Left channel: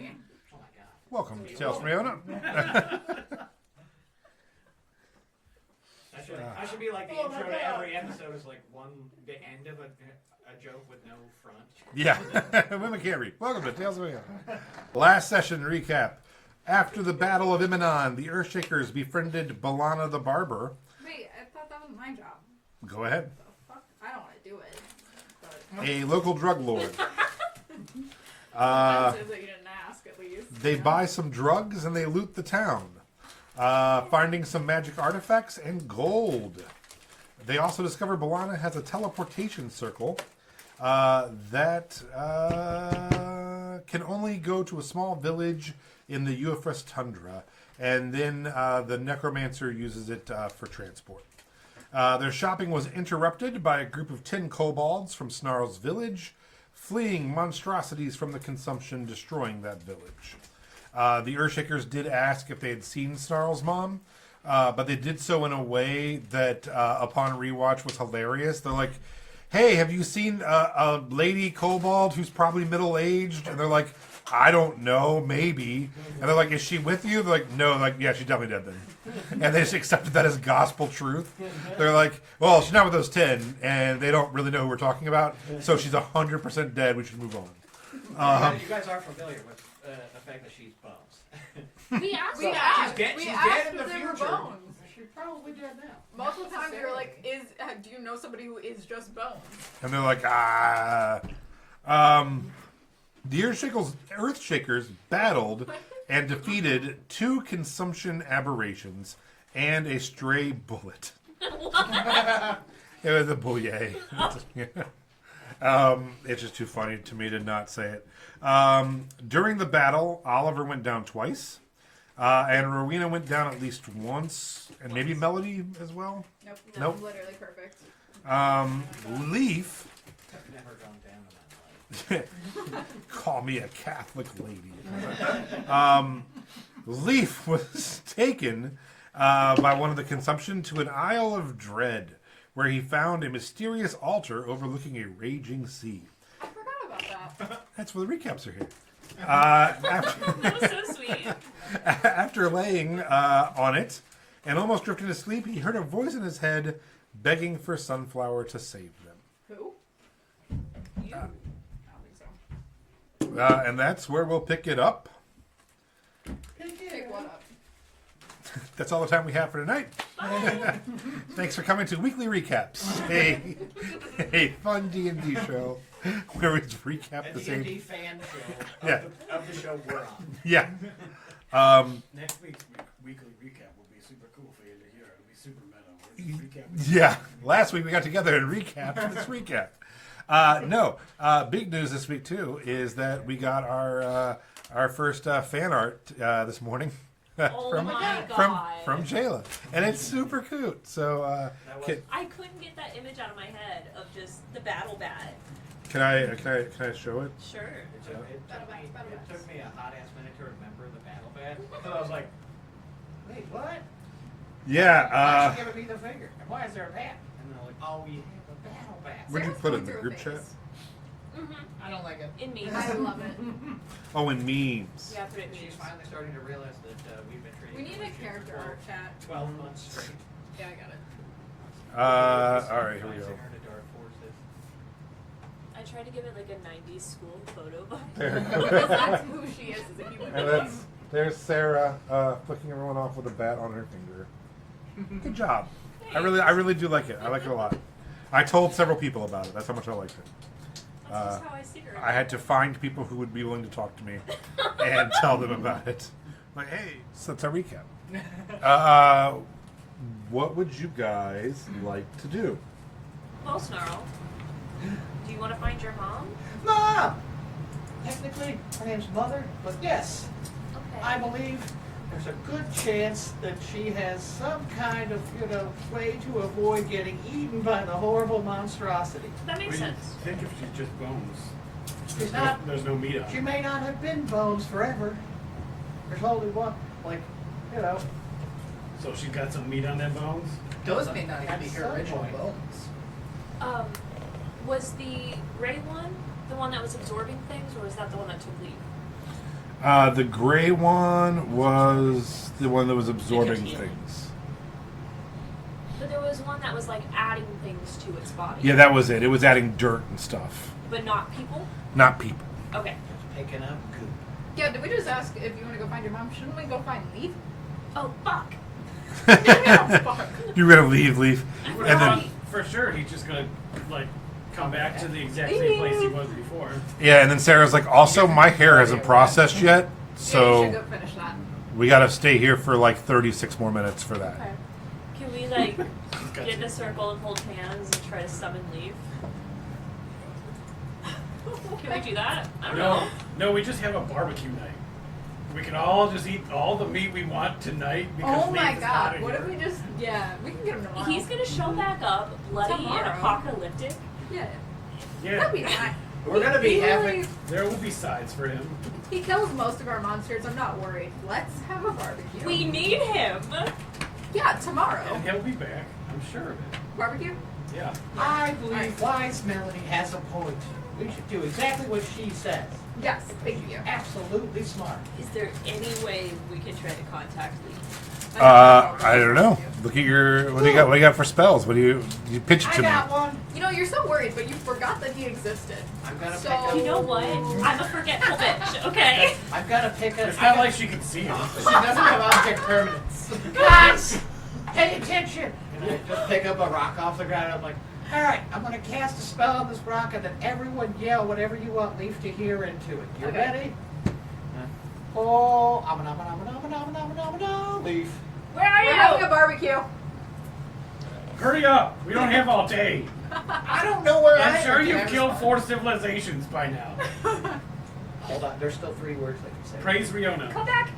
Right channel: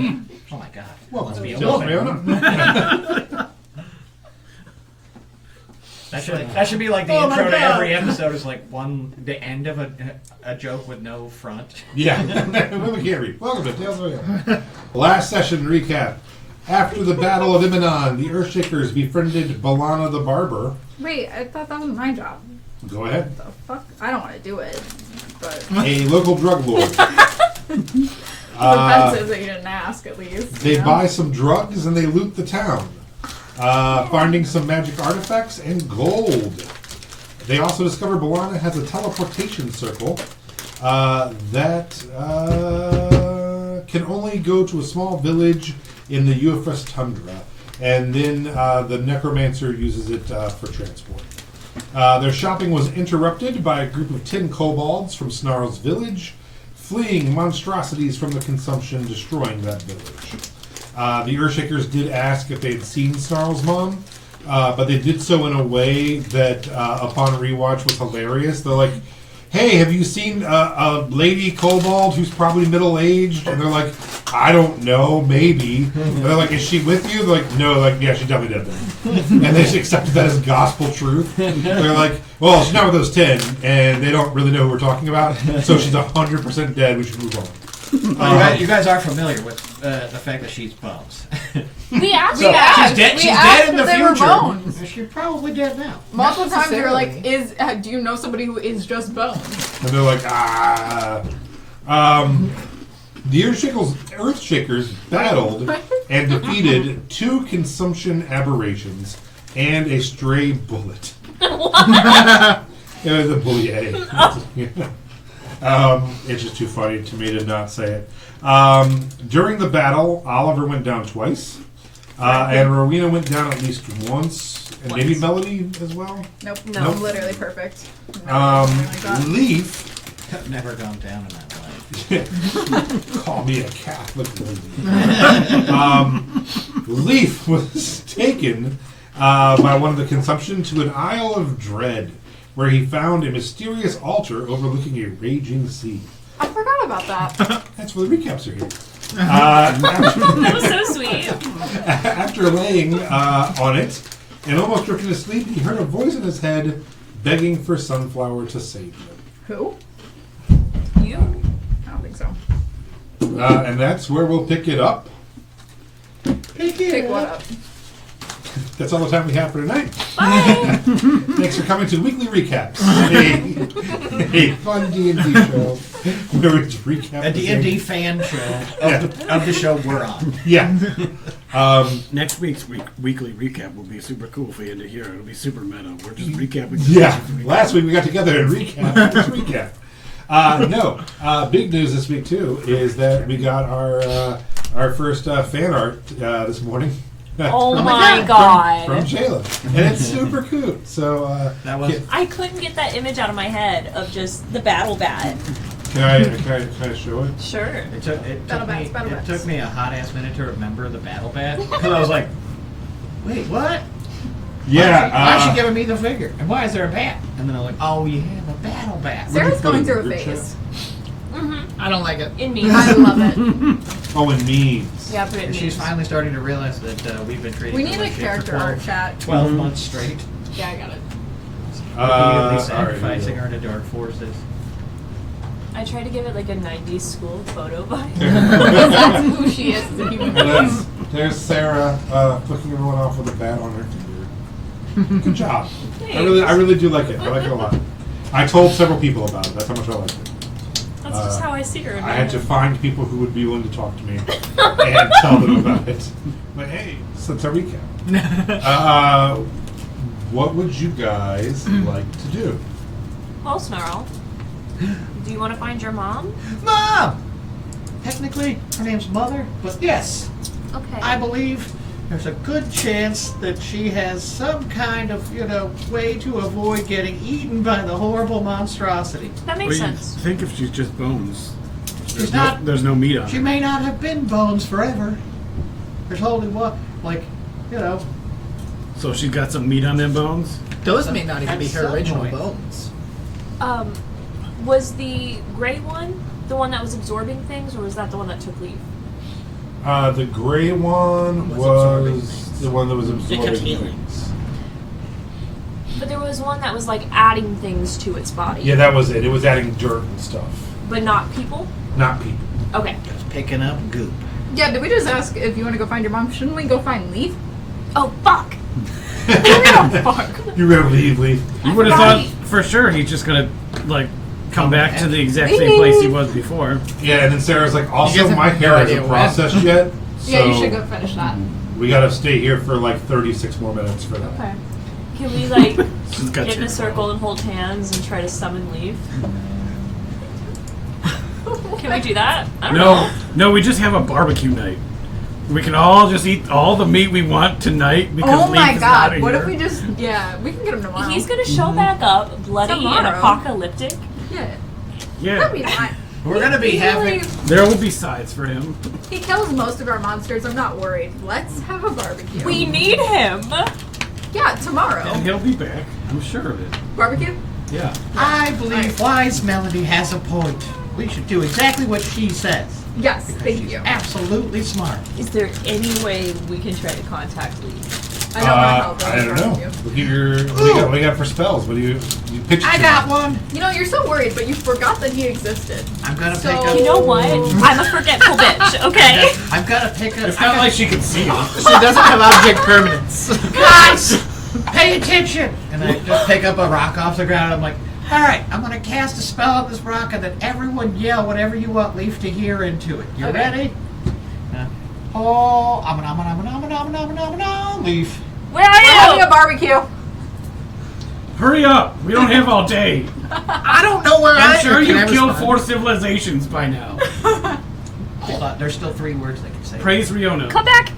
Oh my god. Well, Must be a tell woman. Fiona. That should be like the intro to every episode. Is like the end of a joke with no front. Yeah. Women can't read. Welcome to Tales of Fiona. Last session recap. After the Battle of Imenon, the Earthshakers befriended Balana the Barber. Wait, I thought that was my job. Go ahead. The fuck? I don't want to do it. But A local drug lord. offensive that you didn't ask, at least. They buy some drugs and they loot the town, finding some magic artifacts and gold. They also discover Balana has a teleportation circle that can only go to a small village in the UFS tundra, and then the necromancer uses it for transport. Their shopping was interrupted by a group of 10 kobolds from Snarl's village, fleeing monstrosities from the consumption, destroying that village. The Earthshakers did ask if they had seen Snarl's mom, but they did so in a way that, upon rewatch, was hilarious. They're like, hey, have you seen a lady kobold who's probably middle-aged? And they're like, I don't know, maybe. And they're like, is she with you? They're like, no, like, yeah, she's definitely dead then. And they just accepted that as gospel truth. They're like, well, she's not with those 10, and they don't really know who we're talking about, so she's 100% dead, we should move on. You guys are familiar with the fact that she's bones. We asked. So she's dead. We She's asked dead in the if they were future. bones. She's probably dead now. Multiple times we were like, necessarily. do you know somebody who is just bones? And they're like, the Earthshakers battled and defeated 2 consumption aberrations and a stray bullet. What? The bullier. It's just too funny to me to not say it. During the battle, Oliver went down twice, and Rowena went down at least once, and maybe Melody as well. Nope. No. Nope. Literally perfect. No, something like that. Leaf. I've never gone down in that life. Call me a Catholic lady. Leaf was taken by one of the consumption to an Isle of Dread, where he found a mysterious altar overlooking a raging sea. I forgot about that. That's where the recaps are here. That was so sweet. After laying on it and almost drifting to sleep, he heard a voice in his head begging for Sunflower to save him. Who? You? I don't think so. And that's where we'll pick it up. Pick what up? That's all the time we have for tonight. Bye. Thanks for coming to Weekly Recaps, a fun D&D show where we just recap A the D&D same- fan show of the show we're on. Yeah. Next week's weekly recap will be super cool for you to hear. It'll be super meta. We're just recapping. Yeah. Last week we got together and recap this recap. Big news this week too is that we got our first fan art this morning. Oh my god. From Jayla. And it's super cute. So That was. I couldn't get that image out of my head of just the battle bat. can I show it? Sure. It Battle bats. took me a hot ass minute to remember the battle bat because I was like, wait, what? Yeah. Why is she giving me the figure? And why is there a bat? And then I'm like, oh, you have a battle bat. Sarah's going put through a in the group phase. I don't like it. In me. I love it. Oh, and memes. Yeah, put it in She's me. finally starting to realize that we've been treating We her need a like shit character for art chat. 12 months straight. Yeah, I got it. Repeatedly all sacrificing right. her to dark forces. I tried to give it like a 90s school photo vibe. That's who she is as a human being. There's Sarah flicking everyone off with a bat on her finger. Good job. I really do like it. I like it a lot. I told several people about it. That's how much I liked it. That's just how I see her. In my I had to head. find people who would be willing to talk to me and tell them about it. Like, hey, so it's a recap. What would you guys like to do? Well, Snarl, do you want to find your mom? Mom! Technically, her name's Mother, but yes, Okay. I believe there's a good chance that she has some kind of, way to avoid getting eaten by the horrible monstrosity. That What makes do you sense. think if she's just bones? She's not. There's no meat on She her. may not have been bones forever. There's only one, So she's got some meat on them bones? Those may not even At be her some original point. bones. Was the gray one the one that was absorbing things, or was that the one that took leave? The gray one was the one that was absorbing Nicotine. things. But there was one that was like adding things to its body. Yeah, that was it. It was adding dirt and stuff, But not people? not people. Okay. Just picking up goop. Yeah, did we just ask if you want to go find your mom? Shouldn't we go find Leaf? Oh, fuck. Fuck. You're gonna leave. You would have Right. thought for sure he's just gonna like come Come back back. to the exact same place he was before. Yeah, and then Sarah's like, also guys my have no hair idea isn't where. processed yet, so Yeah, you should go finish that. we gotta stay here for like 36 more minutes for that. Okay. Can we like She's got get in a two. circle and hold hands and try to summon Leaf? Can we do that? I don't know. No, we just have a barbecue night. We can all just eat all the meat we want tonight because Oh my Leaf is not god, what here. if we just, yeah, we can get him tomorrow. He's gonna show back up, bloody and Tomorrow. apocalyptic. Yeah, Yeah, that'd be fine. We're gonna be He having. really- there will be sides for him. He kills most of our monsters, I'm not worried. Let's have a barbecue. We need him. Yeah, tomorrow. And he'll be back. I'm sure of it. Barbecue? Yeah. I believe wise Melody has a point. We should do exactly what she says. Yes, thank She's you. absolutely smart. Is there any way we can try to contact Leaf? I don't know how I don't know. barbecue. Look at your what do you got for spells? What do you pitch it I to got me? one. You know, you're so worried, but you forgot that he existed. I'm gonna So- pick up. You know what? I'm a forgetful bitch, okay? I'm gonna pick up. It's not like she can see it. She doesn't have object permanence. Guys, pay attention! And I just pick up a rock off the ground. I'm like, all right, I'm gonna cast a spell on this rock, and then everyone yell whatever you want Leaf to hear into it. You Okay. ready? Oh, Leaf. Where are We're having a you? barbecue. Hurry up! We don't have all day. I don't know where I'm sure can I you've killed respond? 4 civilizations by now. Hold on, there's still 3 words they can say. Praise Riona. Come back.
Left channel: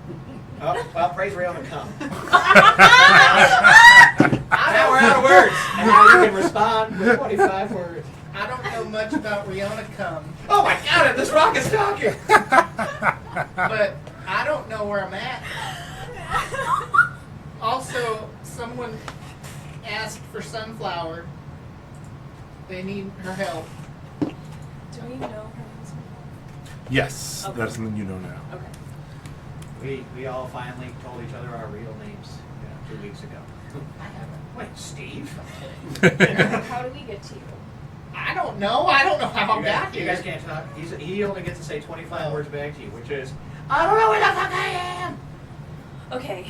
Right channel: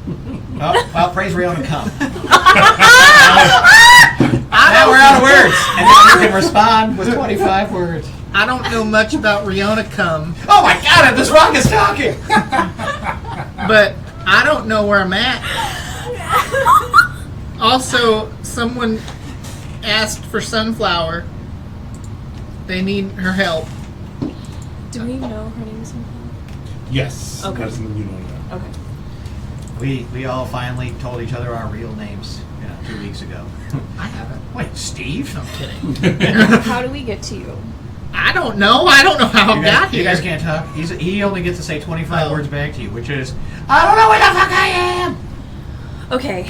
Oh, well, praise Riona, come. Now we're out of words, and now you can respond with 25 words. I don't know much about Riona Come, Oh my God! This rock is talking. but I don't know where I'm at. Also, someone asked for Sunflower. They need her help. Do we know her name is something? Yes, Okay. that's something you know now. Okay. We all finally told each other our real names, 2 weeks ago. I haven't. Wait, Steve? I'm kidding. How do we get to you? I don't know. I don't know how I You got guys, here. you guys can't talk. He only gets to say 25 Oh. words back to you, which is, I don't know where the fuck I am! Okay.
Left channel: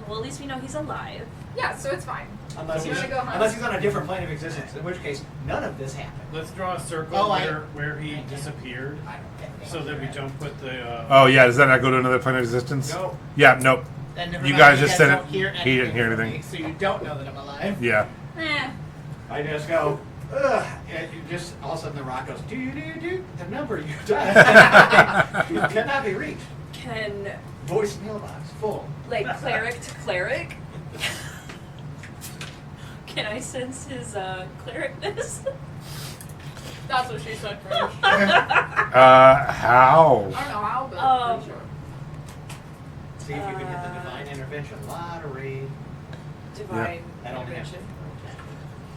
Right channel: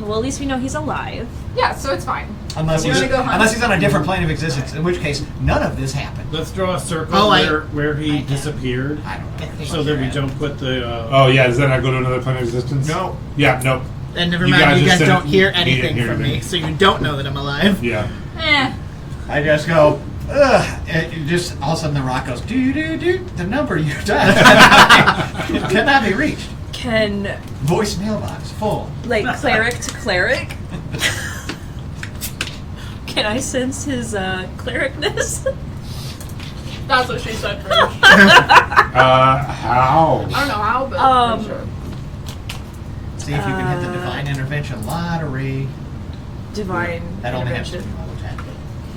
Well, at least we know he's alive. Yeah, so it's fine. Unless We're he's, gonna go hunt. unless he's on a different plane of existence, in which case, none of this happened. Let's draw a circle Oh, where he disappeared, I don't know. so that we don't put the. Oh yeah, does that not go to another plane of existence? No. Yeah, nope. And never You mind, guys you just guys said don't hear he didn't anything hear from me, anything. so you don't know that I'm alive. Yeah. I just go, ugh. It just, all of a sudden the rock goes, do. The number you dialed cannot be reached. Can, Voice mailbox full. like, cleric to cleric? Can I sense his clericness? That's what she said first. How? I don't know how, but Um, for sure. See if you can hit the divine intervention lottery. Divine That only has to be intervention. level 10. But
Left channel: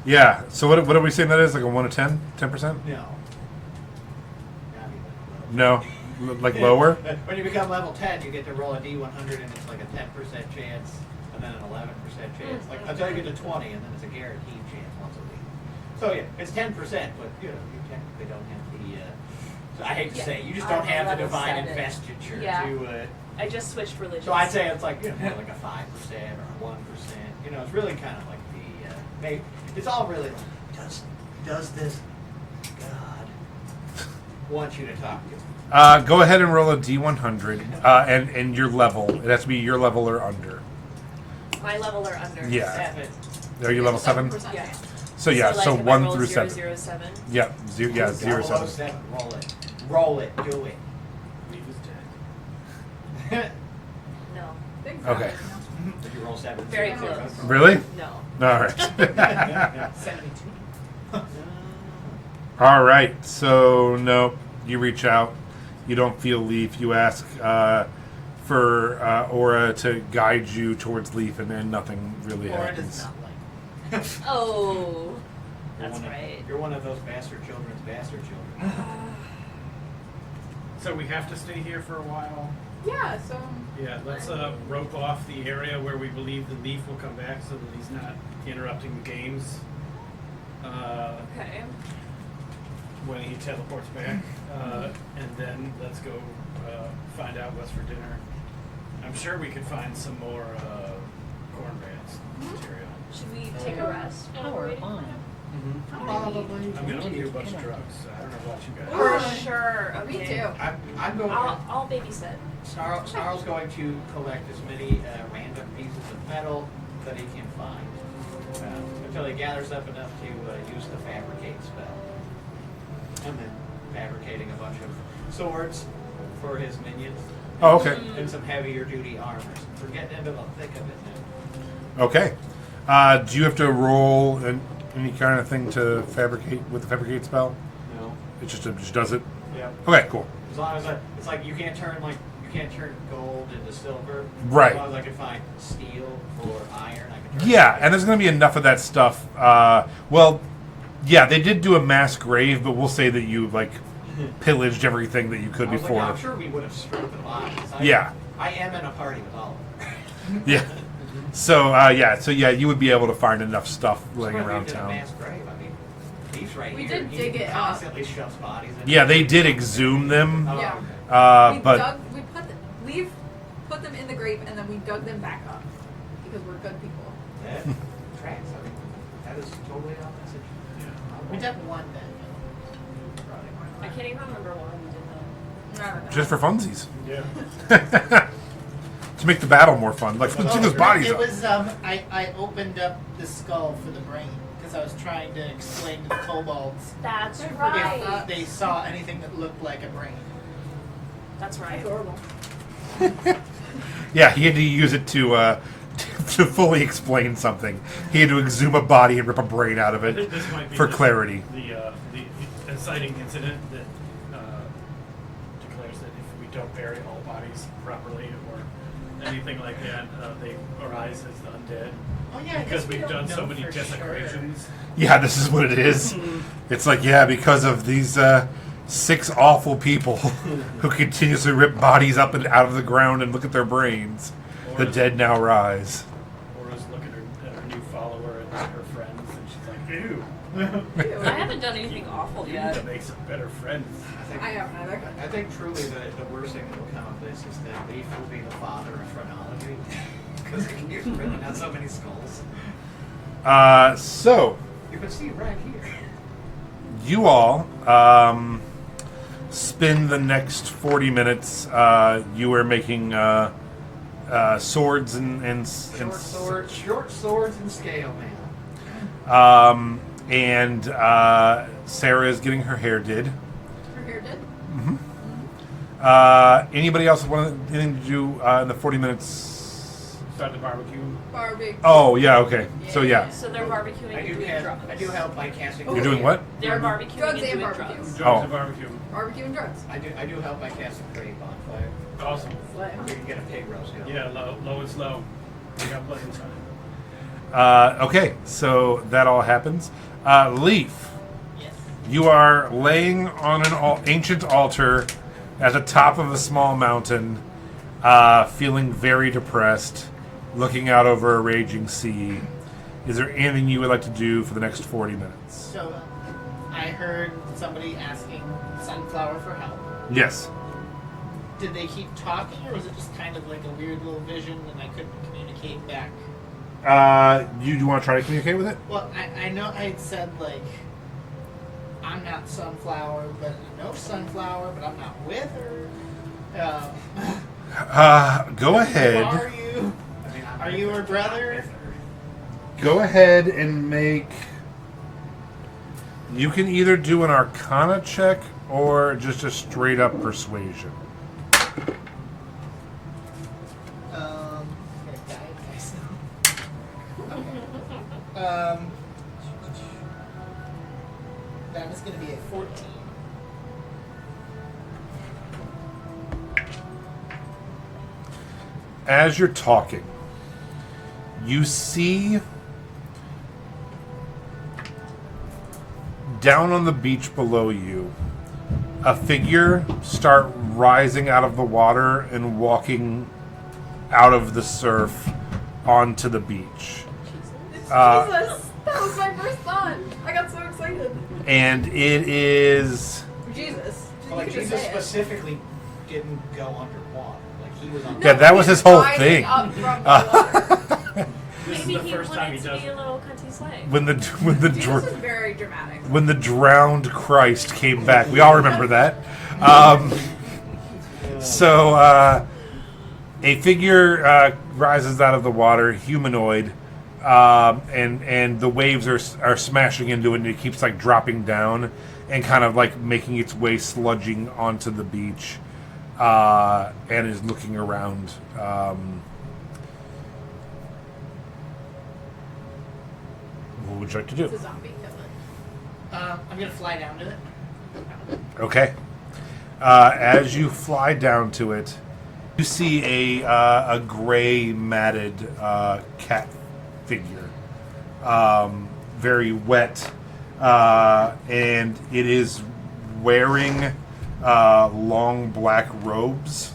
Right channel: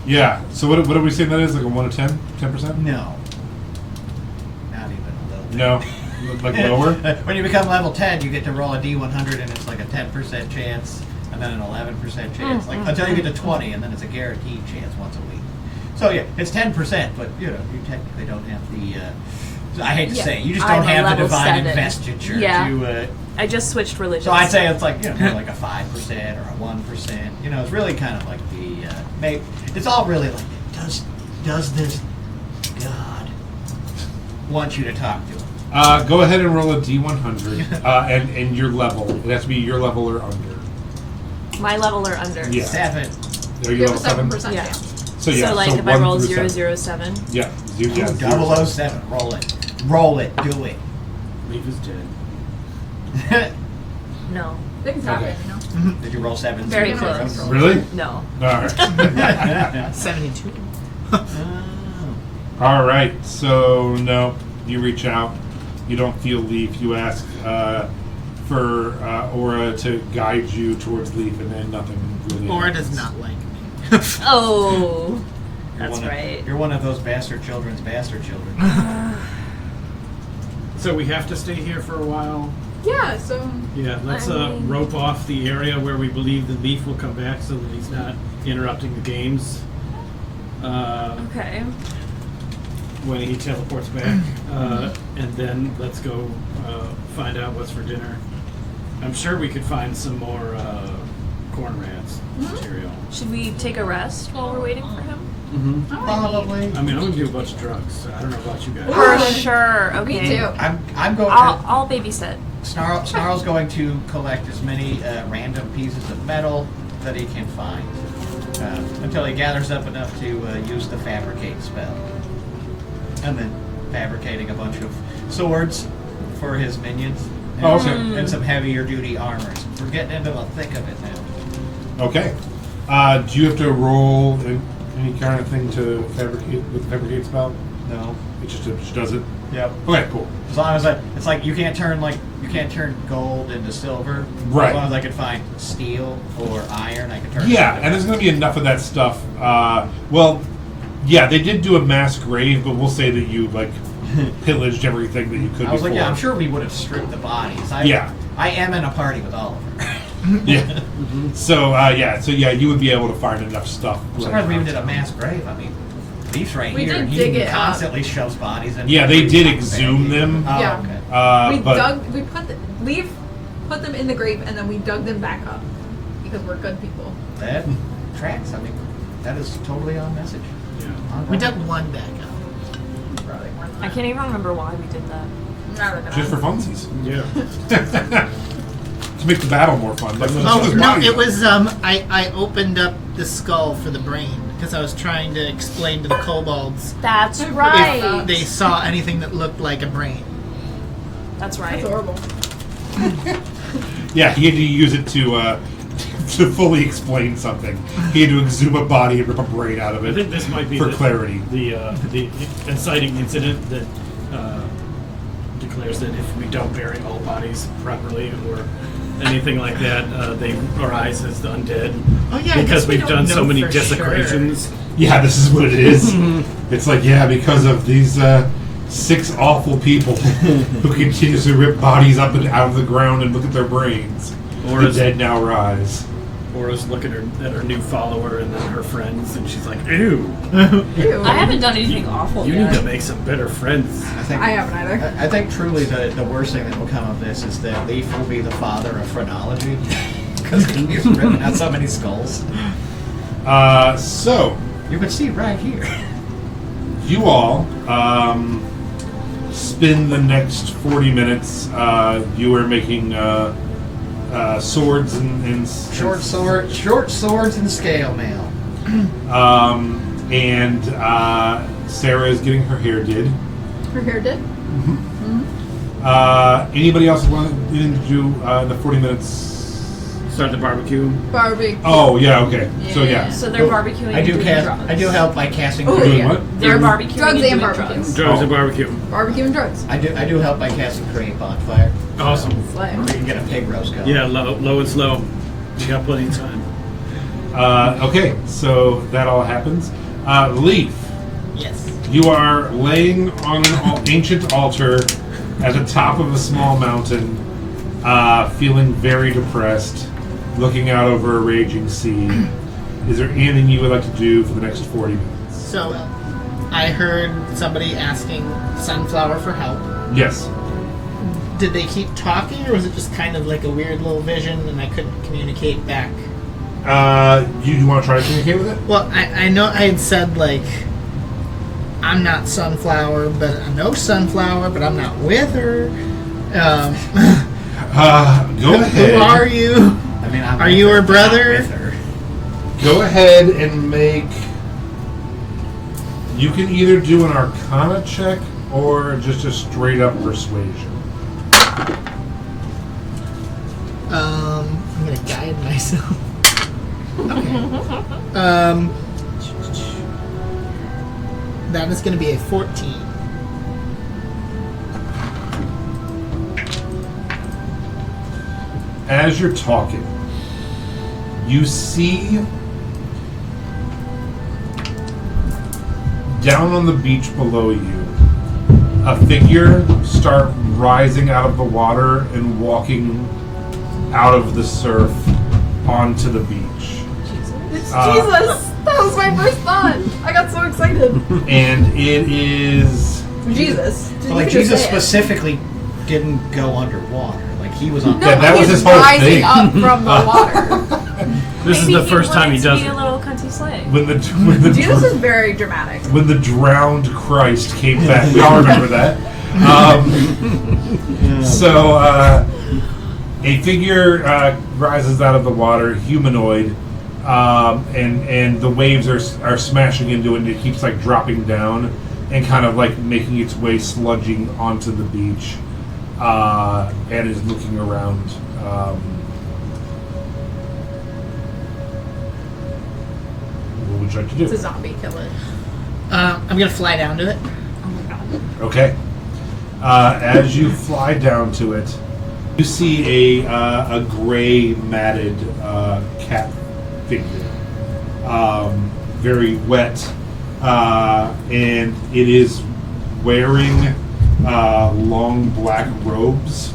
Yeah. So what are we saying that is? Like a 1 to 10? 10%? no. Not even a little. No. Like lower? When you become level 10, you get to roll a D100 and it's like a 10% chance, and then an 11% chance, like until you get to 20, and then it's a guaranteed chance once a week. So yeah, it's 10%, but you technically don't have the. I hate to Yeah. say, you just I'm don't a have the level divine 7. investiture Yeah. to. I just switched religions. So I'd say it's like like a 5% or a 1%. It's really kind of like the. Maybe it's all really like does this God want you to talk to him? Go ahead and roll a D100, and your level. It has to be your level or under. My level or under. Yeah. 7. Are you You level have a 7? 7% Yeah. chance. So yeah, so like if I 1 roll through 7. 007. Yeah, yeah, 007. Roll it. Roll it. Do it. Leaf is dead. No. Things Okay. happen, you know. Did you roll 7? Very 0? close. Really? No. All right. 72. All right. So no, you reach out. You don't feel Leaf. You ask for Aura to guide you towards Leaf, and nothing really. Or happens. does not like. Oh. That's You're right. You're one of those bastard children's bastard children. So So we have to stay here for a while. Yeah, so Yeah, let's I mean- rope off the area where we believe the Leaf will come back so that he's not interrupting the games Okay. when he teleports back. And then let's go find out what's for dinner. I'm sure we could find some more corn rats material. Should we take a rest while we're waiting for him? Probably. I mean, I'm gonna do a bunch of drugs. I don't know about you guys. For sure. me Okay. too. I'm going I'll babysit. to. Snarl's going to collect as many random pieces of metal that he can find until he gathers up enough to use the fabricate spell. And then fabricating a bunch of swords for his minions. And, Oh, okay. and some heavier duty armors. We're getting into the thick of it now. Okay. Do you have to roll any kind of thing to fabricate with the fabricate spell? No. It just does it. Yep. Okay, cool. As long as it's like you can't turn gold into silver. Right. As long as I could find steel or iron, I could turn. Yeah, it and there's going to be enough of that stuff. Well, yeah, they did do a mass grave, but we'll say that you pillaged everything that you could I was before. like, yeah, I'm sure we would have stripped the bodies. Yeah. I am in a party with all of them. Yeah. So you would be able to find enough stuff. I'm surprised we even did a mass grave. I mean, Leaf's right We here, did and dig he it up. constantly shoves bodies in. Yeah, they did exhume them. Oh, Yeah. okay. we put them in the grave and then we dug them back up because we're good people. That tracks. I mean, that is totally on message. Yeah. On We message. dug one back out. Probably more than I that. can't even remember why we did that. Just for funsies. Yeah. To make the battle more fun. Like, let's Oh, shoot those no, bodies it up. was, I opened up the skull for the brain because I was trying to explain to the kobolds That's If right. if they saw anything that looked like a brain. That's right. That's horrible. Yeah, he had to use it to fully explain something. He had to exhume a body and rip a brain out of I it think this might be for clarity. The inciting incident that declares that if we don't bury all bodies properly or anything like that, they arise as the undead. Oh, yeah, I because guess we we've don't done so know many for sure. desecrations. Yeah, this is what it is. It's like, yeah, because of these 6 awful people who continuously rip bodies up and out of the ground and look at their brains. Or The is- dead now rise. Laura's looking at her new follower and then her friends, and she's like, "Ew, Ew. I haven't done anything awful you yet. need to make some better friends." I haven't either. I think truly the worst thing that will come of this is that Leaf will be the father of phrenology because he's ripping out so many skulls. So, You can see right here. you all spend the next 40 minutes. You are making swords and Short swords and scale mail. and Sarah is getting her hair did. Her hair did? Anybody else want anything to do in the 40 minutes? Start the barbecue. Barbie. Oh, yeah, okay. So, yeah. So they're barbecuing I and do doing drugs. I do help by casting. Oh, Doing yeah. what? They're barbecuing Drugs and and doing barbecue. drugs. Drugs Oh. and barbecue. Barbecue and drugs. I do help by casting create bonfire. Awesome. Or we can get a pig roast going. Yeah, low and slow. We got plenty of time. Okay, so that all happens. Leaf, Yes. you are laying on an ancient altar at the top of a small mountain, feeling very depressed, looking out over a raging sea. Is there anything you would like to do for the next 40 minutes? So, I heard somebody asking Sunflower for help. Yes. Did they keep talking, or was it just kind of like a weird little vision and I couldn't communicate back? You want to try to communicate with it? Well, I know I had said, like, I'm not Sunflower, but I know Sunflower, but I'm not with her. Go ahead. Who are you? I mean, I'm Are with you her, her but not brother? with her. Go ahead and make. You can either do an Arcana check or just a straight up persuasion. I'm gonna guide myself. Okay. That is gonna be a 14. As you're talking, you see down on the beach below you a figure start rising out of the water and walking out of the surf onto the beach. It's Jesus! That was my first thought. I got so excited. And it is... Jesus. But like Jesus specifically didn't go underwater. Like he was on. No, Yeah, that but was he's his whole rising thing. up from the water. This Maybe is the first time he does be it. a little cunty slave. When the Jesus is very dramatic. when the drowned Christ came back. We all remember that. So a figure rises out of the water, humanoid, and the waves are smashing into it, and it keeps like dropping down and kind of like making its way sludging onto the beach, and is looking around. What would you like to It's a do? zombie, kill it. I'm gonna fly down to it. Okay. As you fly down to it, you see a gray matted cat figure, very wet, and it is wearing long black robes,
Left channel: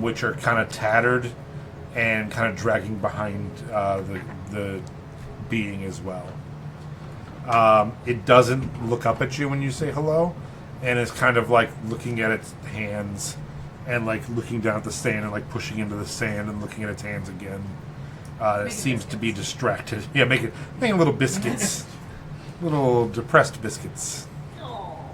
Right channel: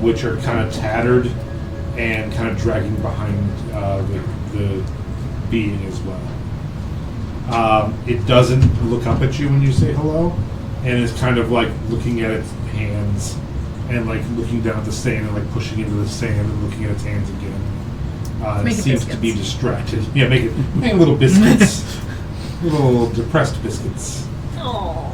which are kind of tattered and kind of dragging behind the being as well. It doesn't look up at you when you say hello, and is kind of like looking at its hands and like looking down at the sand and like pushing into the sand and looking at its hands again. It Making seems to be biscuits. distracted. Yeah, making little biscuits, little depressed biscuits. Oh.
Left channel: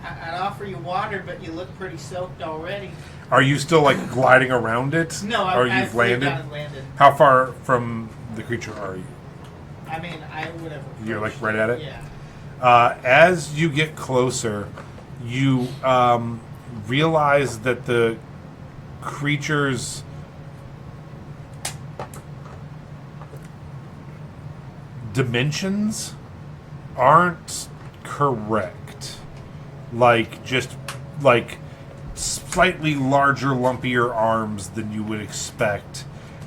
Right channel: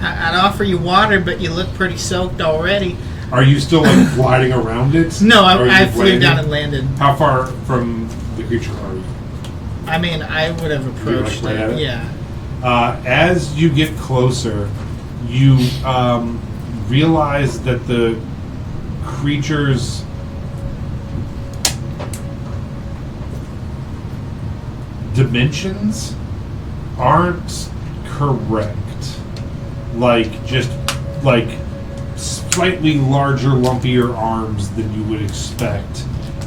I'd offer you water, but you look pretty soaked already. Are you still like gliding around it? No, Or are you I flew landing? down and landed. How far from the creature are you? I mean, I would have You're, like, approached right at it? Yeah. As you get closer, you realize that the creature's dimensions aren't correct. Like, just like slightly larger, lumpier arms than you would expect.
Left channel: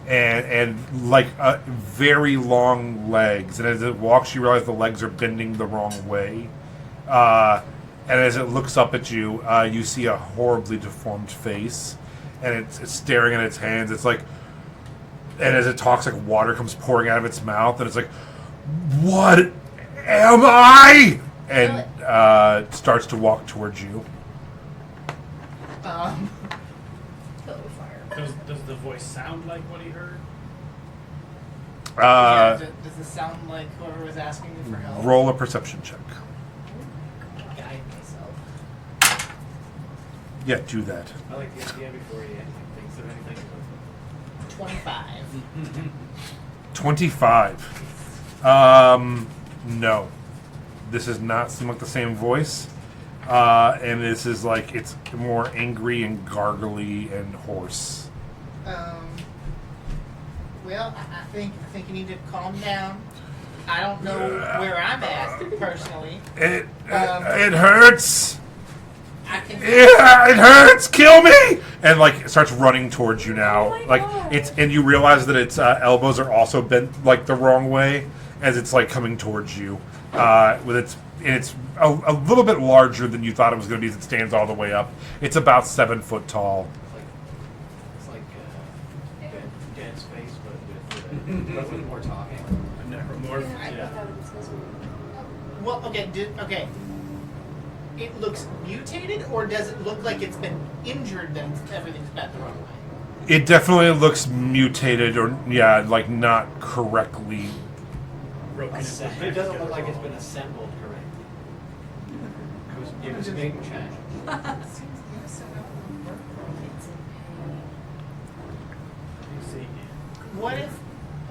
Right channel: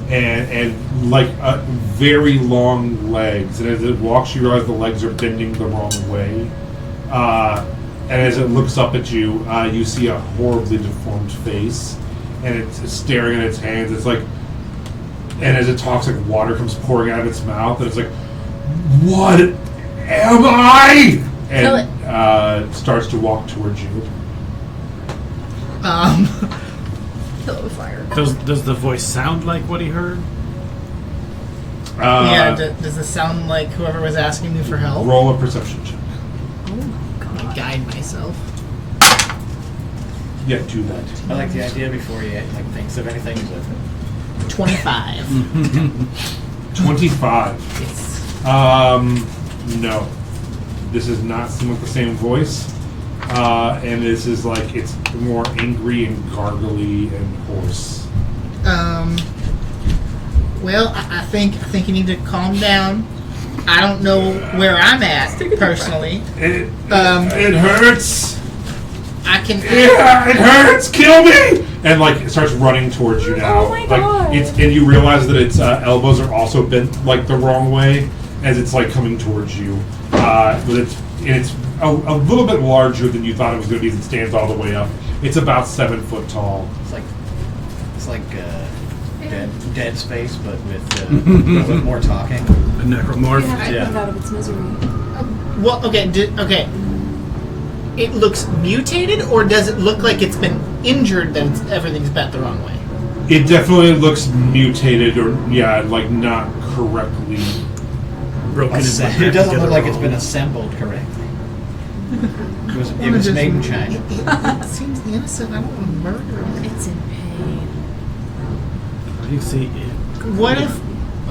And like very long legs, and as it walks, you realize the legs are bending the wrong way. And as it looks up at you, you see a horribly deformed face, and it's staring at its hands. It's like, and as it talks, like water comes pouring out of its mouth, and it's like, "What am I?" Kill And it starts to walk towards you. Kill it with fire. Does the voice sound like what he heard? Yeah. Does this sound like whoever was asking me for help? Roll a perception check. I'm gonna guide myself. Yeah, do that. I like the idea before you like thinks of anything. He's like, 25. 25. Yes. No. This is not someone with the same voice. And this is like, it's more angry and gargly and hoarse. Well, I think you need to calm down. I don't know where I'm at personally. It Um, hurts. I can. Yeah, it hurts. Kill me! And like it starts running towards you now. Oh my like God. and you realize that its elbows are also bent like the wrong way as it's like coming towards you. It's a little bit larger than you thought it was going to be. As it stands all the way up. It's about 7 foot tall. it's like dead space, but with more talking. A necromorph? You have to Yeah. put it out of its misery. Well, okay. It looks mutated, or does it look like it's been injured that everything's bent the wrong way? It definitely looks mutated, or like not correctly. Broken in It half doesn't look together like it's wrong. been assembled correctly. It was made in China. It seems innocent. I don't want to murder him. It's in pain. You see, What if?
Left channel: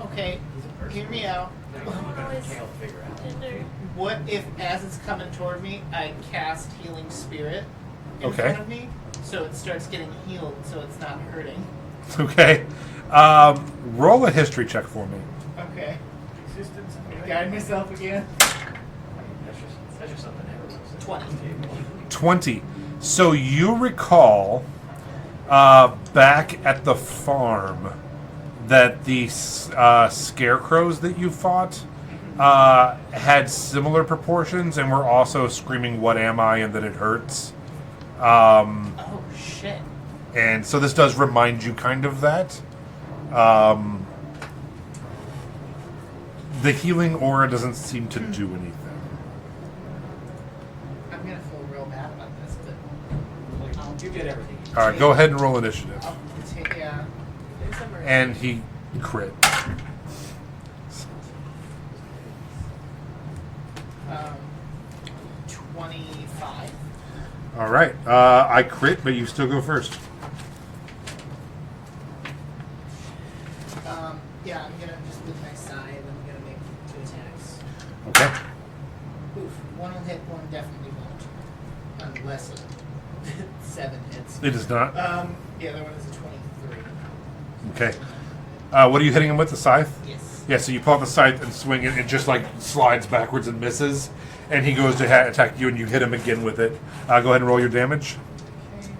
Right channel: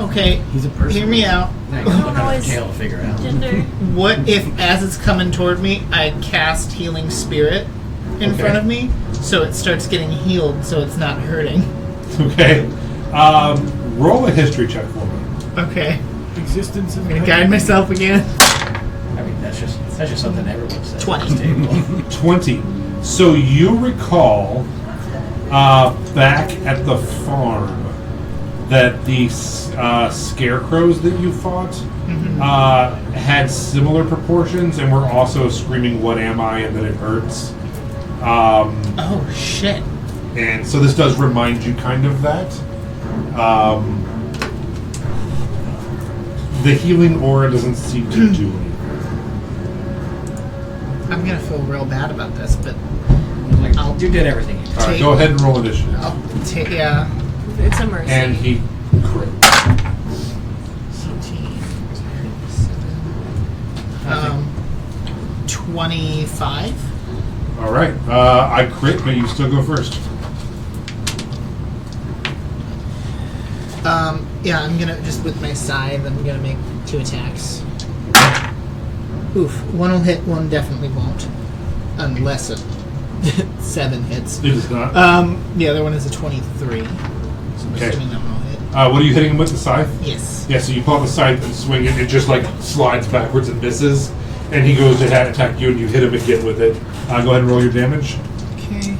Okay, he's a person. hear me out. Now you gotta look Oh, under the it's tail to figure out. Gender. What if, as it's coming toward me, I cast Healing Spirit in Okay. front of me, so it starts getting healed, so it's not hurting? Okay. Roll a history check for me. Okay, Existence is I'm gonna guide myself again. I mean, that's just something everyone says. 20. At this table. 20. So you recall back at the farm that the scarecrows that you fought had similar proportions and were also screaming, "What am I?" and that it hurts. Oh shit. And so this does remind you kind of that. The healing aura doesn't seem to do anything. I'm gonna feel real bad about this, but You did everything. You All right, go ahead and roll initiative. I'll take yeah. It's a mercy. And he crit. 25. All right, I crit, but you still go first. Yeah, I'm gonna just with my scythe. I'm gonna make 2 attacks. Oof, one will hit, one definitely won't, unless it 7 hits. It does not. The other one is a 23. So Okay. assuming that one will hit. What are you hitting him with, the scythe? Yes. Yeah, so you pull out the scythe and swing it, and it just like slides backwards and misses. And he goes to attack you, and you hit him again with it. Go ahead and roll your damage. Okay.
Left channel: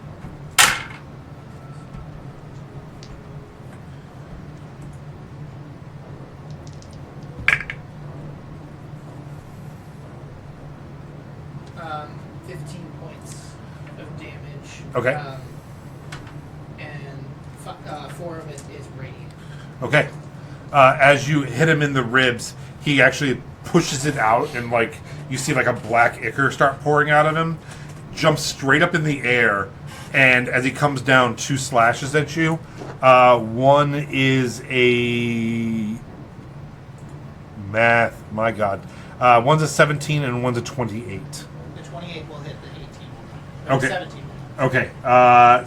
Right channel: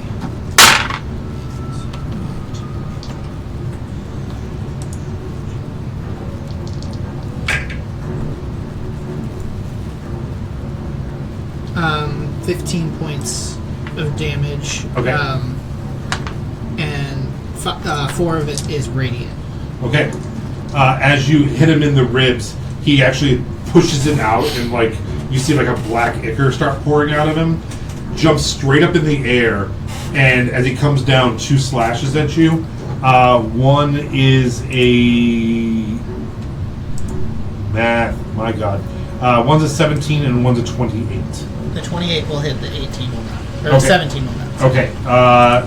Um, 15 points of damage. Okay. And 4 of it is radiant. Okay. As you hit him in the ribs, he actually pushes it out, and like you see like a black ichor start pouring out of him. Jumps straight up in the air, and as he comes down, 2 slashes at you. One is a math. My God. One's a 17 and one's a 28. The 28 will hit, the 18 will not. Or Okay. the 17 will not. Okay.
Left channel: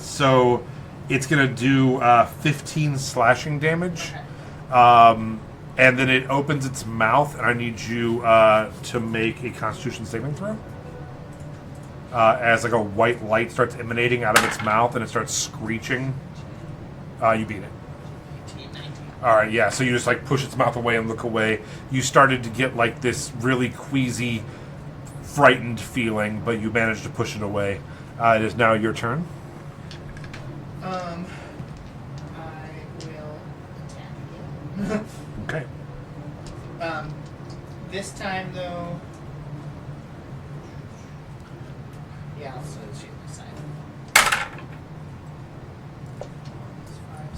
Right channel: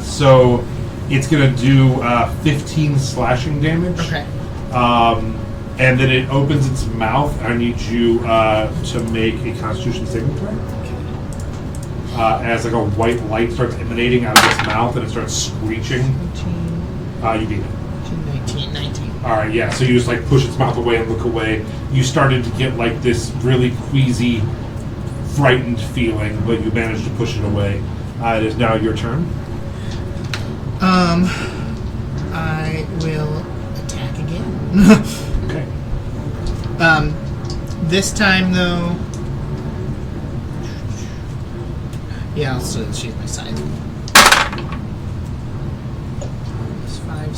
So it's gonna do 15 slashing damage. Okay. And then it opens its mouth. I need you to make a Constitution saving throw. As like a white light starts emanating out of its mouth and it starts screeching. 19, You beat it. 19. All right, yeah. So you just like push its mouth away and look away. You started to get like this really queasy, frightened feeling, but you managed to push it away. It is now your turn. I will attack again. Okay. This time though. Yeah, I'll still use my scythe. It's 5,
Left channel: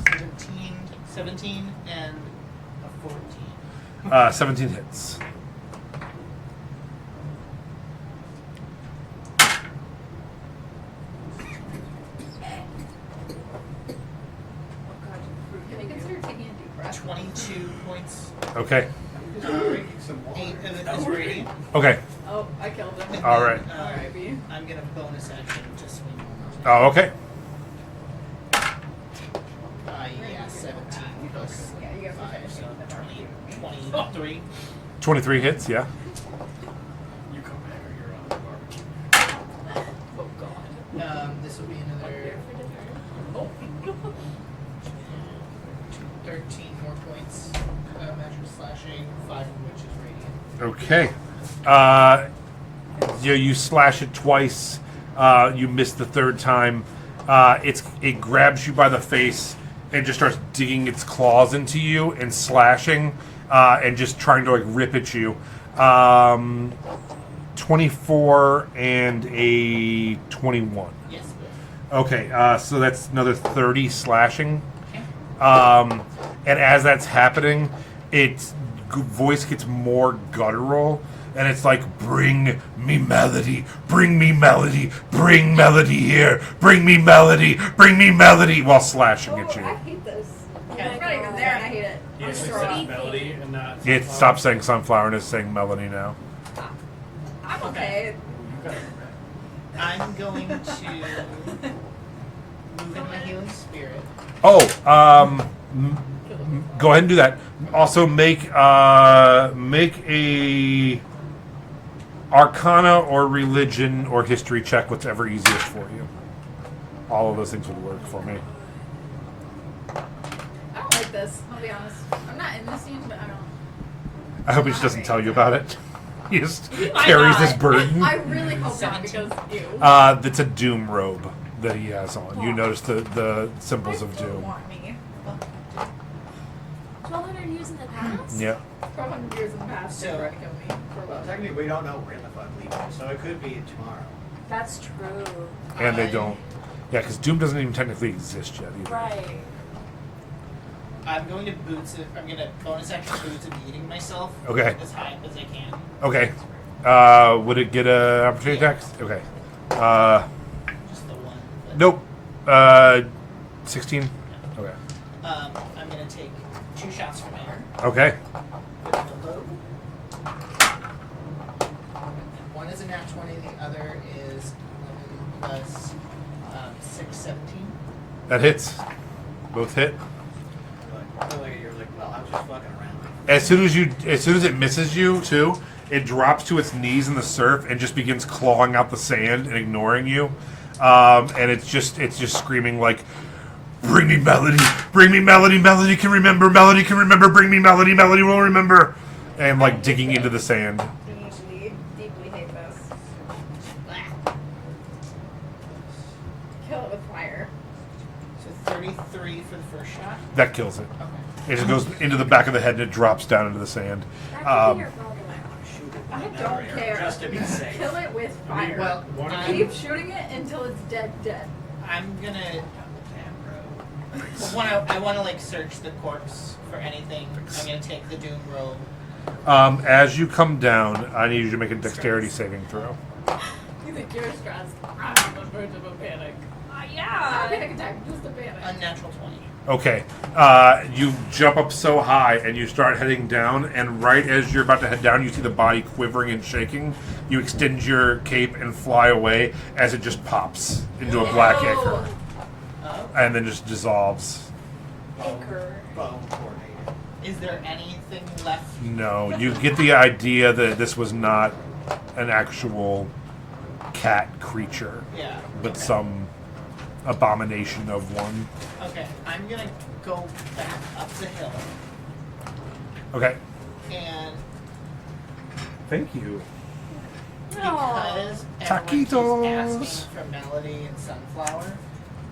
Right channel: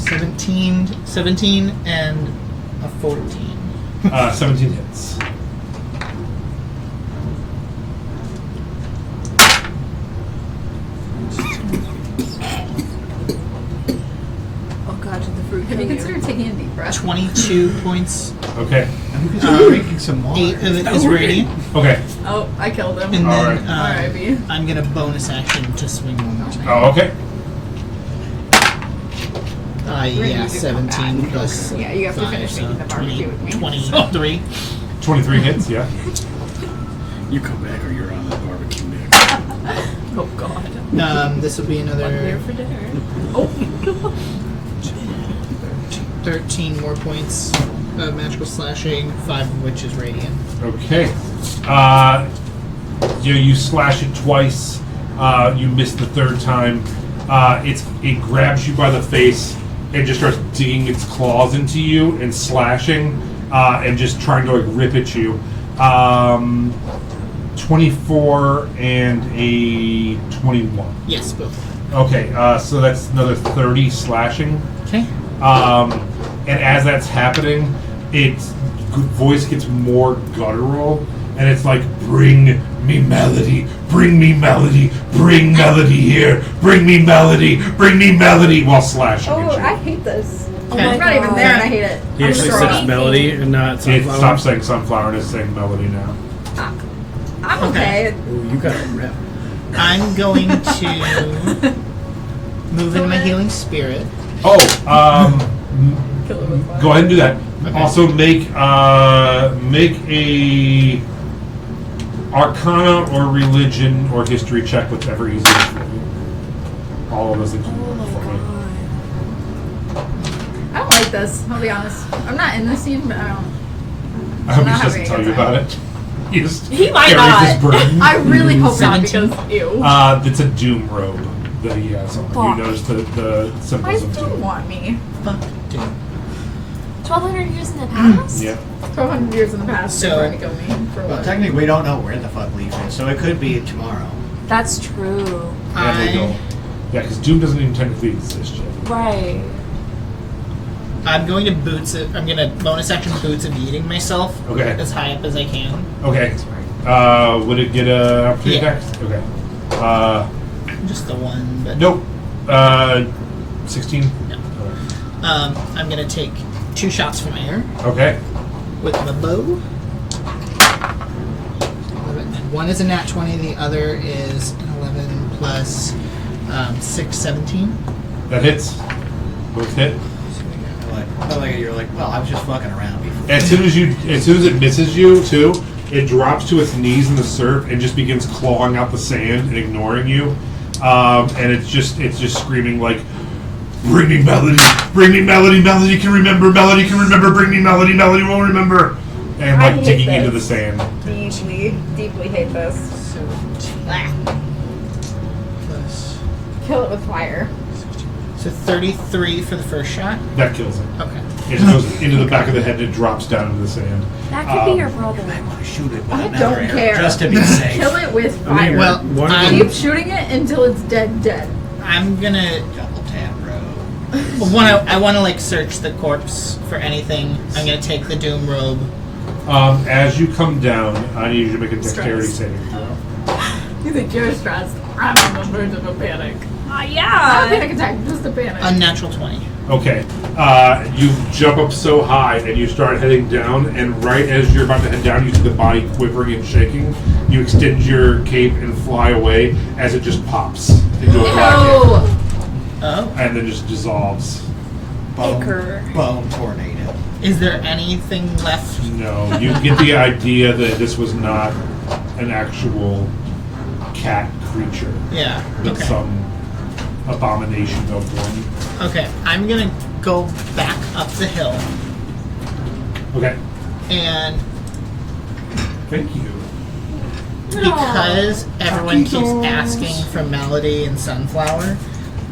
17, and a 14. 17 hits. Oh god, did the fruit Have you kill considered taking a deep breath? 22 points. Okay. drinking some water. 8 of it is radiant. Okay. Oh, I killed him. And All then right. Alright, B. I'm gonna bonus action to swing one more time. Oh, okay. Yeah, Ready to come 17 back. plus Yeah, you have to 5, finish so making the barbecue with me. 23. 23 hits, yeah. You come back or you're on the barbecue next. Oh god. This will be Here another for dinner. 13 more points of magical slashing, 5 of which is radiant. Okay. You slash it twice. You miss the third time. It grabs you by the face and just starts digging its claws into you and slashing and just trying to like rip at you. 24 and a 21. Yes, both. Okay, so that's another 30 slashing. Okay. And as that's happening, its voice gets more guttural, and it's like, "Bring me melody, bring me melody, bring melody here, bring me melody, bring me melody," while slashing Oh, at you. I hate this. Okay. It's not even there and I hate it. He actually I'm says sorry. melody and not It sunflower. stopped saying sunflower and is saying melody now. I'm okay. Ooh, you got a rep. I'm going to move into my healing spirit. Oh, Kill it with go ahead and do that. Also, make a Arcana or Religion or History check, whatever easiest for you. All of those things will work for me. I don't like this, I'll be honest. I'm not in this scene, but I don't. I hope he Not doesn't having tell a you good about time. it. He just He might carries not. this burden. I really hope not 17. because ew. It's a doom robe that he has on. You Fuck. notice the I symbols of don't doom. want me. Fuck, dude. 1,200 years in the past? Yep. 1,200 years in the past, So- they're trying to kill me. For Well, what? technically, we don't know where the fuck Leaf is, so it could be tomorrow. That's true. Yeah, they don't. Yeah, because Doom doesn't even technically exist yet. Right. I'm going to boots it. I'm going to bonus action boots of eating myself Okay. as high up as I can. Okay. Would it get a opportunity Yeah. attack? Okay. Just the one, but Nope. 16. No. I'm going to take 2 shots from air Okay. with the bow. One is a nat 20, the other is an 11 plus 6, 17. That hits. Both hit. You're like, well, I was just fucking around before. As soon as it misses you too, it drops to its knees in the surf and just begins clawing out the sand and ignoring you. And it's just screaming like, "Bring me Melody! Bring me Melody! Melody can remember! Melody can remember! Bring me Melody! Melody won't remember!" And I like hate digging this. into the sand. Deeply hate this. 17 plus. Kill it with fire. So 33 for the first shot. That kills it. Okay. It goes into the back of the head and it drops down into the sand. That could be your brother. I want to shoot it with I another don't arrow, care. just to be safe. Kill it with I mean, fire. Well, one of I'm- them- Keep shooting it until it's dead. I'm going to. Double tap, bro. I want to like search the corpse for anything. I'm going to take the doom robe. As you come down, I need you to make a dexterity Stress. saving throw. You think you're stressed? I'm on the verge of a panic. Not a Yeah. panic attack, just a panic. Unnatural 20. Okay. You jump up so high and you start heading down, and right as you're about to head down, you see the body quivering and shaking. You extend your cape and fly away as it just pops into a black Ew. Oh. and then just dissolves. Icker. Bone tornado. Is there anything left? No, you get the idea that this was not an actual cat creature, Yeah. but Okay. some abomination of one. Okay. I'm going to go back up the hill Okay. and Thank you. because everyone keeps Taquitos. asking for Melody and Sunflower,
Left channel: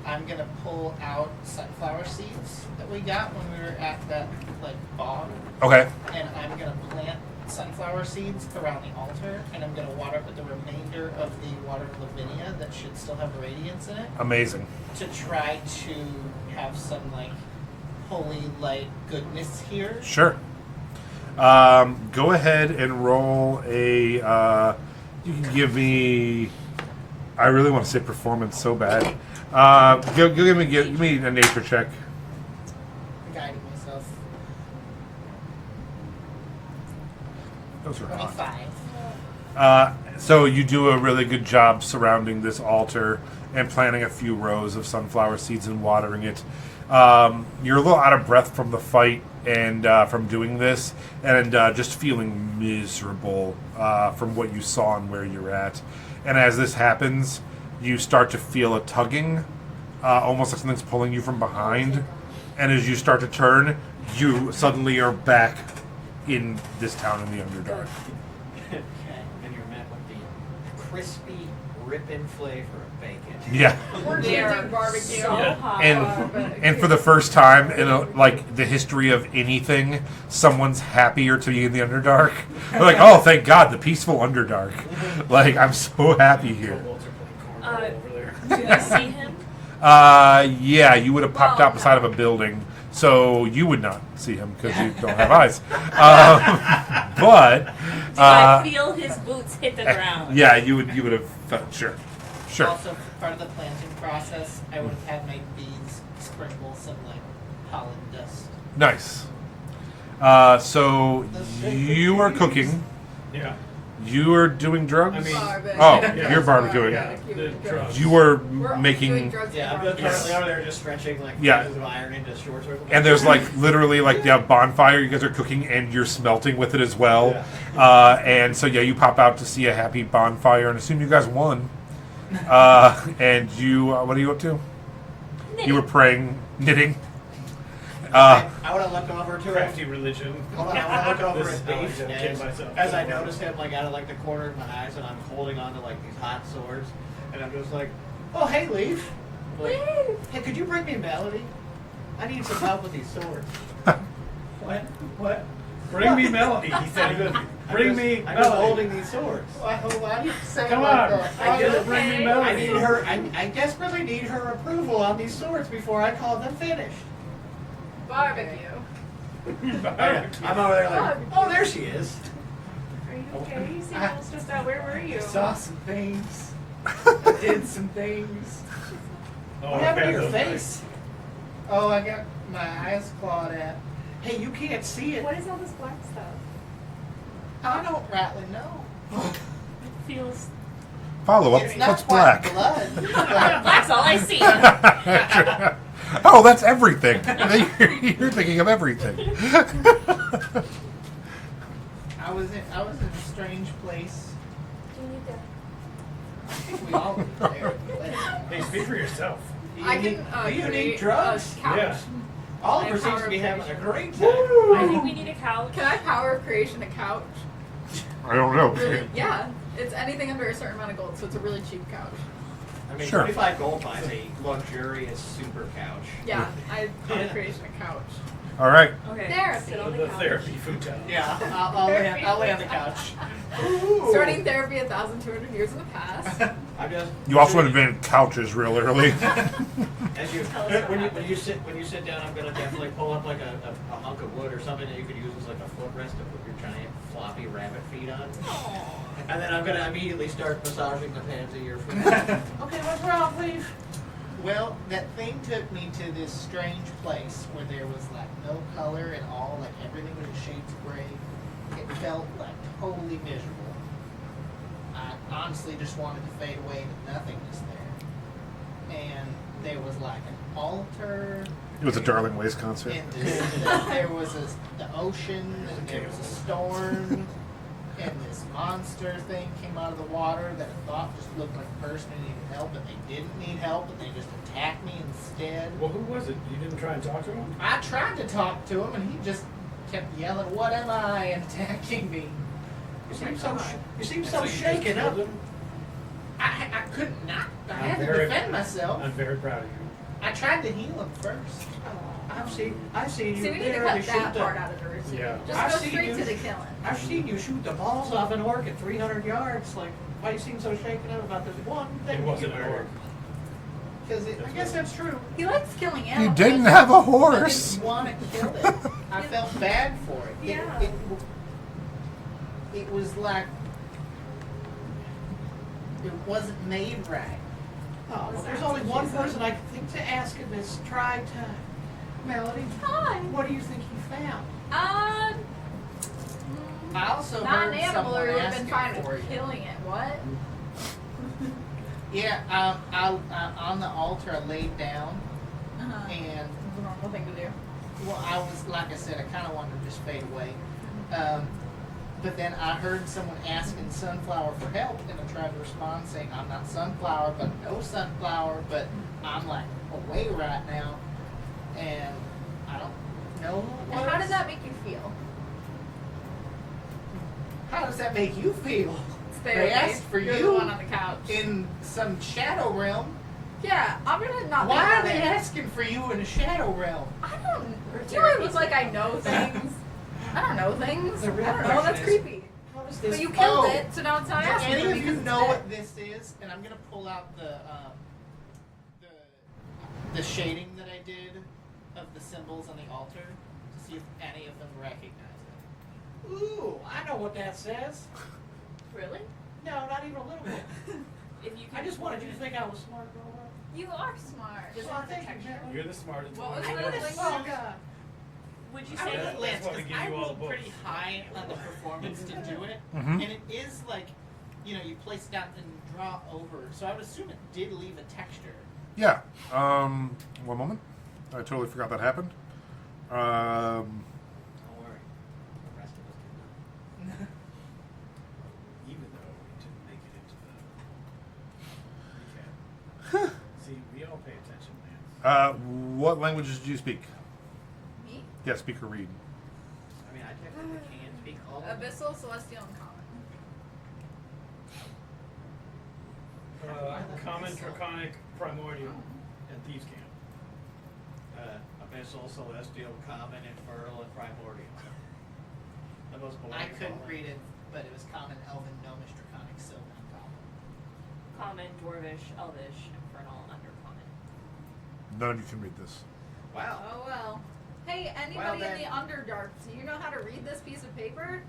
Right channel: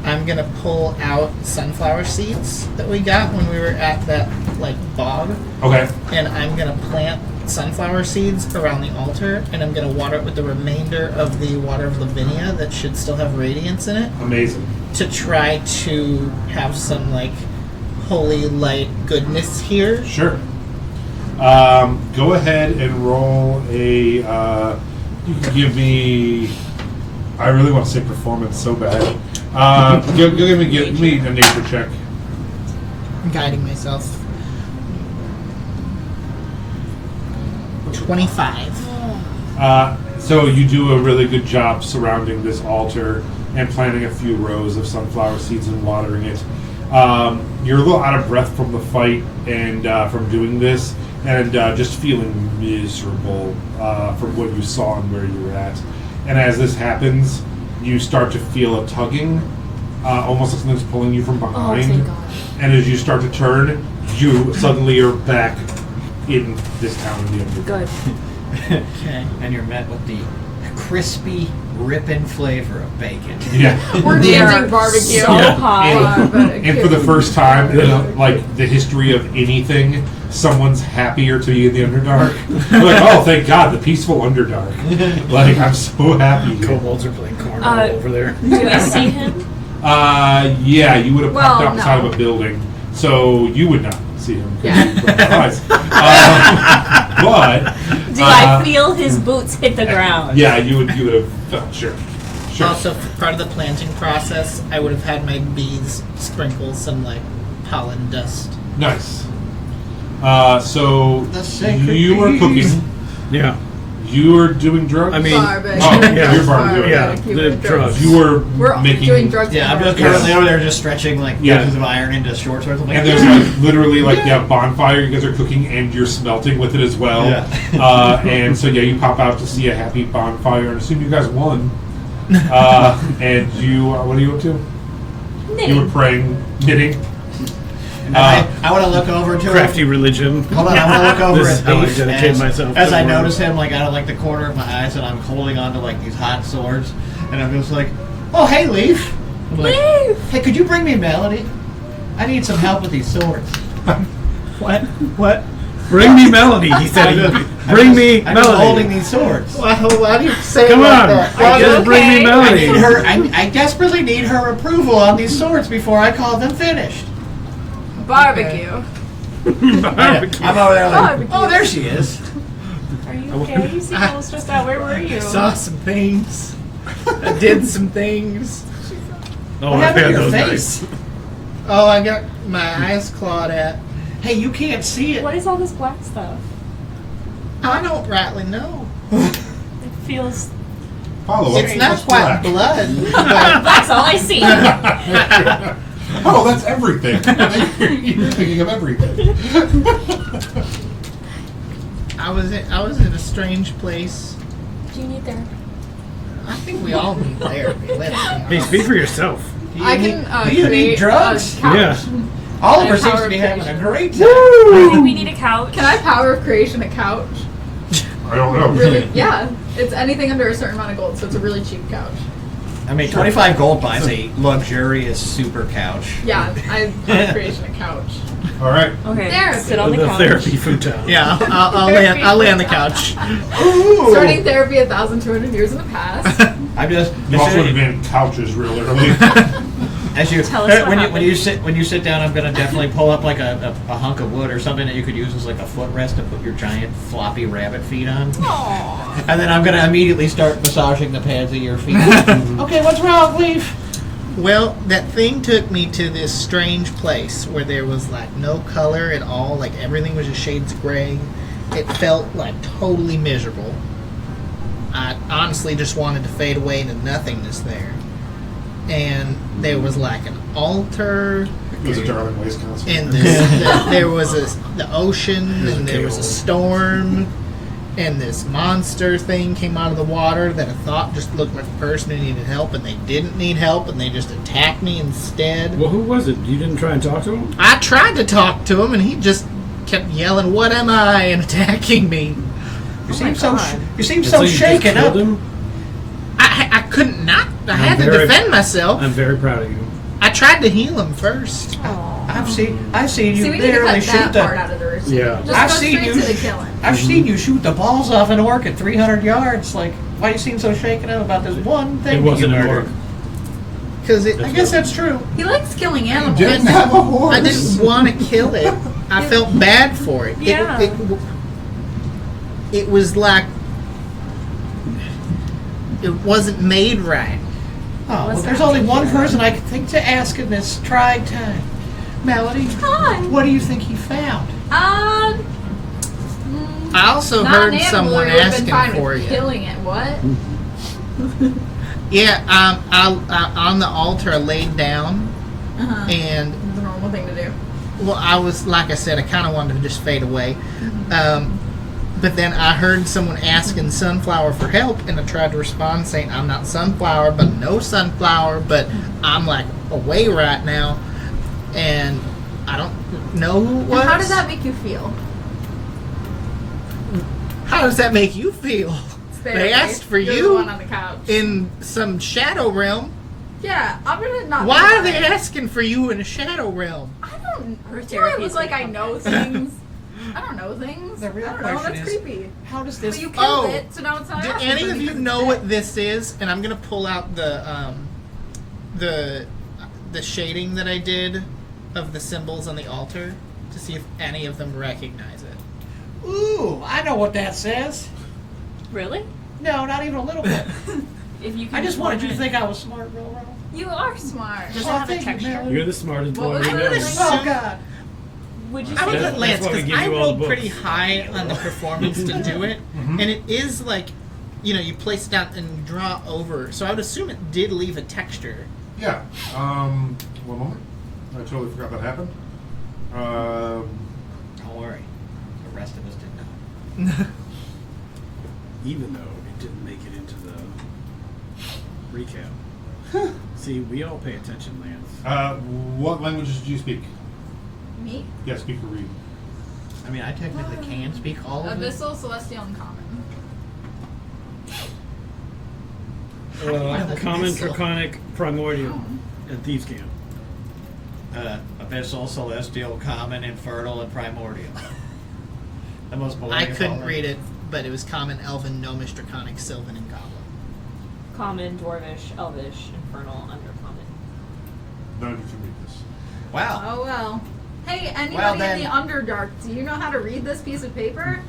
I'm gonna pull out sunflower seeds that we got when we were at that like bog, Okay. and I'm gonna plant sunflower seeds around the altar, and I'm gonna water it with the remainder of the water of Lavinia that should still have radiance in it, Amazing. to try to have some like holy light goodness here. Sure. Go ahead and roll a. You can give me. I really want to say performance so bad. Go give me a nature check. I'm guiding myself. 25. So you do a really good job surrounding this altar and planting a few rows of sunflower seeds and watering it. You're a little out of breath from the fight and from doing this, and just feeling miserable from what you saw and where you were at. And as this happens, you start to feel a tugging, almost like something's pulling you from behind. thank God. And as you start to turn, you suddenly are back in this town in the underground. Good. Okay. And you're met with the crispy, ripping flavor of bacon. Yeah. We're They dancing are barbecue. so Yeah. hot. And for the first time in like the history of anything, someone's happier to be in the Underdark. They're like, oh, thank God, the peaceful Underdark. Like, I'm so happy here. Kobolds are playing cornhole over there. Do I see him? Yeah, you would have popped Well, out outside no. of a building, so you would not see him. 'Cause Yeah. you don't have eyes. But Do I feel his boots hit the ground? yeah, you would have felt sure. Also, for part of the planting process, I would have had my bees sprinkle some like pollen dust. Nice. So The sacred you are bees. cooking. Yeah. You are doing drugs. I mean- Barbecue. Oh, yeah, you're barbecue. Yeah, the drugs. You are We're making. doing drugs. Yeah, I'm with just our- currently over there just stretching like Yeah. pieces of iron into short swords. I'm like, And there's like literally like the bonfire you guys are cooking and you're smelting with it as well. Yeah. And so yeah, you pop out to see a happy bonfire and assume you guys won. And you, what are you up to? You were praying, knitting. I want to look over to Crafty him. religion. Hold on, I want to look over This at is how I Leaf dedicate as, myself as to I the notice him like out of like the corner of my eyes, and I'm holding onto like these hot swords, and I'm just like, oh hey Leaf. I'm like, Leaf! hey, could you bring me Melody? I need some help with these swords. What? Bring me Melody. He said, "Bring me I'm just holding Melody." these swords. Why do you say Come it like on, that? just bring me I Melody. need her. I desperately need her approval on these swords before I call them finished. Barbecue. Barbecue. I'm over there like, Barbecue. oh, there she is. Are you okay? You seem a little stressed out. Where were you? I saw some things. I did some things. Oh, What I happened to had your those face? nights. Oh, I got my eyes clawed at. Hey, you can't see it. What is all this black stuff? I don't rightly know. It feels. Follow up. It's not What's quite black? blood, but That's all I see. Oh, that's everything. You're thinking of everything. I was in a strange place. Do you need therapy? I think we all need therapy. Let's be Hey, honest. speak for yourself. I can Do you need create drugs? a couch. Yeah. Oliver I seems power to be of having a creation. great time. I think we need a couch. Can I power of creation a couch? I don't know. Really? Yeah. It's anything under a certain amount of gold, so it's a really cheap couch. I mean, 25 gold buys a luxurious super couch. Yeah, I power of creation a couch. All right. Okay. Therapy. Sit on the couch. therapy futon. Yeah, I'll lay on the couch. Starting therapy 1,200 years in the past. I'm just. You also would have been couches real early. As you, Tell us what when happened. you sit down, I'm gonna definitely pull up like a hunk of wood or something that you could use as like a footrest to put your giant floppy rabbit feet on. Aww. And then I'm gonna immediately start massaging the pads of your feet. Okay, what's wrong, Leaf? Well, that thing took me to this strange place where there was like no color at all, like everything was just shades of gray. It felt like totally miserable. I honestly just wanted to fade away into nothingness there. And there was like an altar, It was a Darling Ways concert. and there was the ocean, and there was a storm, and this monster thing came out of the water that I thought just looked like a person who needed help, and they didn't need help, and they just attacked me instead. Well, who was it? You didn't try and talk to him? I tried to talk to him, and he just kept yelling, "What am I?" and attacking me. You seem so God. you seem And so you just shaken killed up. him? I couldn't not. I had to very- defend myself. I'm very proud of you. I tried to heal him first. I've seen you See, we need to literally cut shoot that part the. out of the routine. Yeah. Just I've go seen straight you. to the killing. I've seen you shoot the balls off an orc at 300 yards. Like, why do you seem so shaken up about this one thing? It that wasn't you an murdered? orc. Because I guess that's true. He likes killing You animals. didn't have a horse. I didn't want to kill it. I felt bad for it. Yeah. It was like it wasn't made right. Oh, well, Was there's that only one particular? person I can think to ask in this trying time. Melody, Hi. what do you think he found? Mm, I also not heard an animal, someone we would've been asking fine for with you. killing it. What? Yeah, on the altar I laid down, Uh-huh. and It's a normal thing to do. well, I was like I said, I kind of wanted to just fade away. But then I heard someone asking Sunflower for help, and I tried to respond saying, "I'm not Sunflower, but no Sunflower, but I'm like away right now, and I don't know who it was." And how does that make you feel? How does that make you feel? They asked for You're you. the one on the couch. In some shadow realm. Yeah, I'm gonna not. Why think are they about it. asking for you in a shadow realm? I don't. Her Do it therapy's was like I like- know things. I don't know things. The real I don't know. question That's is- creepy. How does this? But you killed Oh. it, so now it's how I Do ask any it of you because know it's what dead. this is? And I'm gonna pull out the shading that I did of the symbols on the altar to see if any of them recognize it. Ooh, I know what that says. Really? No, not even a little bit. If you can I just wanted you to point think I was smart, real well. You are smart. Does it Oh, have a thank you, texture? Melody. You're the smartest What boy was we it? know. Assume- Oh God. Would you I would say? let Lance That's why we because give I you all rolled the pretty books. high on the performance to do it, and it is like, you place it down and draw over. So I would assume it did leave a texture. Yeah. One moment. I totally forgot that happened. Don't worry. The rest of us did not. Even though it didn't make it into the recap. See, we all pay attention, Lance. What languages do you speak? Me? Yeah, speak or read. I mean, I technically can speak all of it. Abyssal, Celestial, and Common. Common, Draconic, Primordial, and Thieves' Camp. Abyssal, Celestial, Common, Infernal, and Primordial. The most boring. I of all couldn't them. read it, but it was common, elven, gnomish, draconic, sylvan, and goblin. Common, dwarvish, elvish, infernal, undercommon. None of you can read this. Wow. Oh well. Hey, anybody Well, in then- the Underdark, do you know how to read this piece of paper?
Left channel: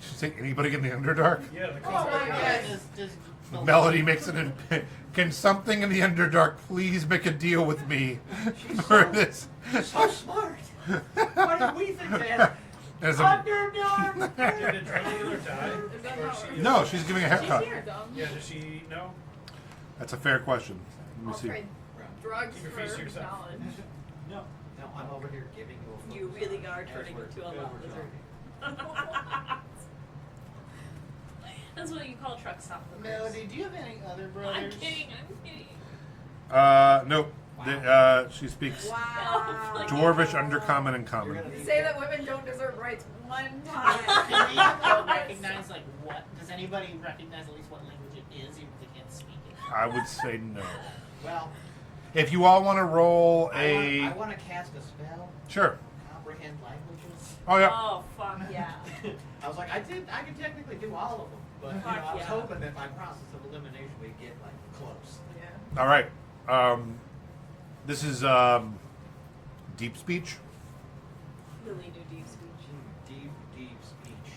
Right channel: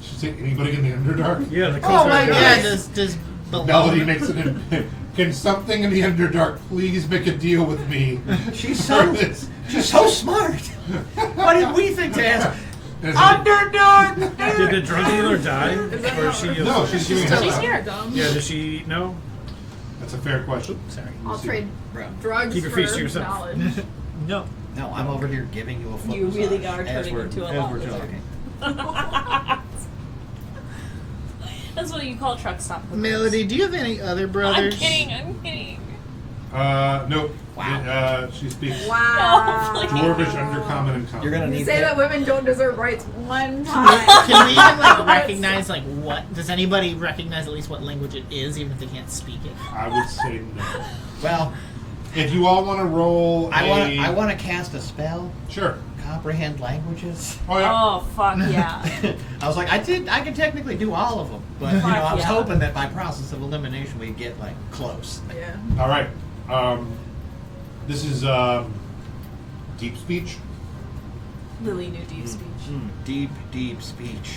Should say anybody in the Underdark? Yeah, the Oh my closer- God. Yeah, does Melody makes it in. Can something in the Underdark please make a deal with me? She's for so this? she's so smart. What did we think to ask? Is it- Underdark. Did the drug dealer die? Or is she? No, she's giving a She's heads up. here. Dumb. Yeah, does she know? That's a fair question. Sorry. I'll see. trade Bro. drugs Keep your for feet to yourself. knowledge. No. No, I'm over here giving you a foot You really massage are as turning we're- into a as lot we're lizard. talking. That's what you call truck stop. hookers. Melody, do you have any other I'm brothers? kidding. I'm kidding. Nope. Wow. She speaks Wow. No, please. Dwarvish, Undercommon, and Common. You're gonna You need say that. that women don't deserve rights one time. Can we even like recognize like what? Does anybody recognize at least what language it is, even if they can't speak it? I would say no. Well, If you all want to roll I want to cast a spell. Sure. Comprehend languages. Oh yeah. Oh fuck yeah. I was like, I can technically do all of them, but you know, I was Yeah. hoping that by process of elimination we'd get like close. Yeah. All right. This is deep speech. Lily knew deep speech. Deep, deep speech.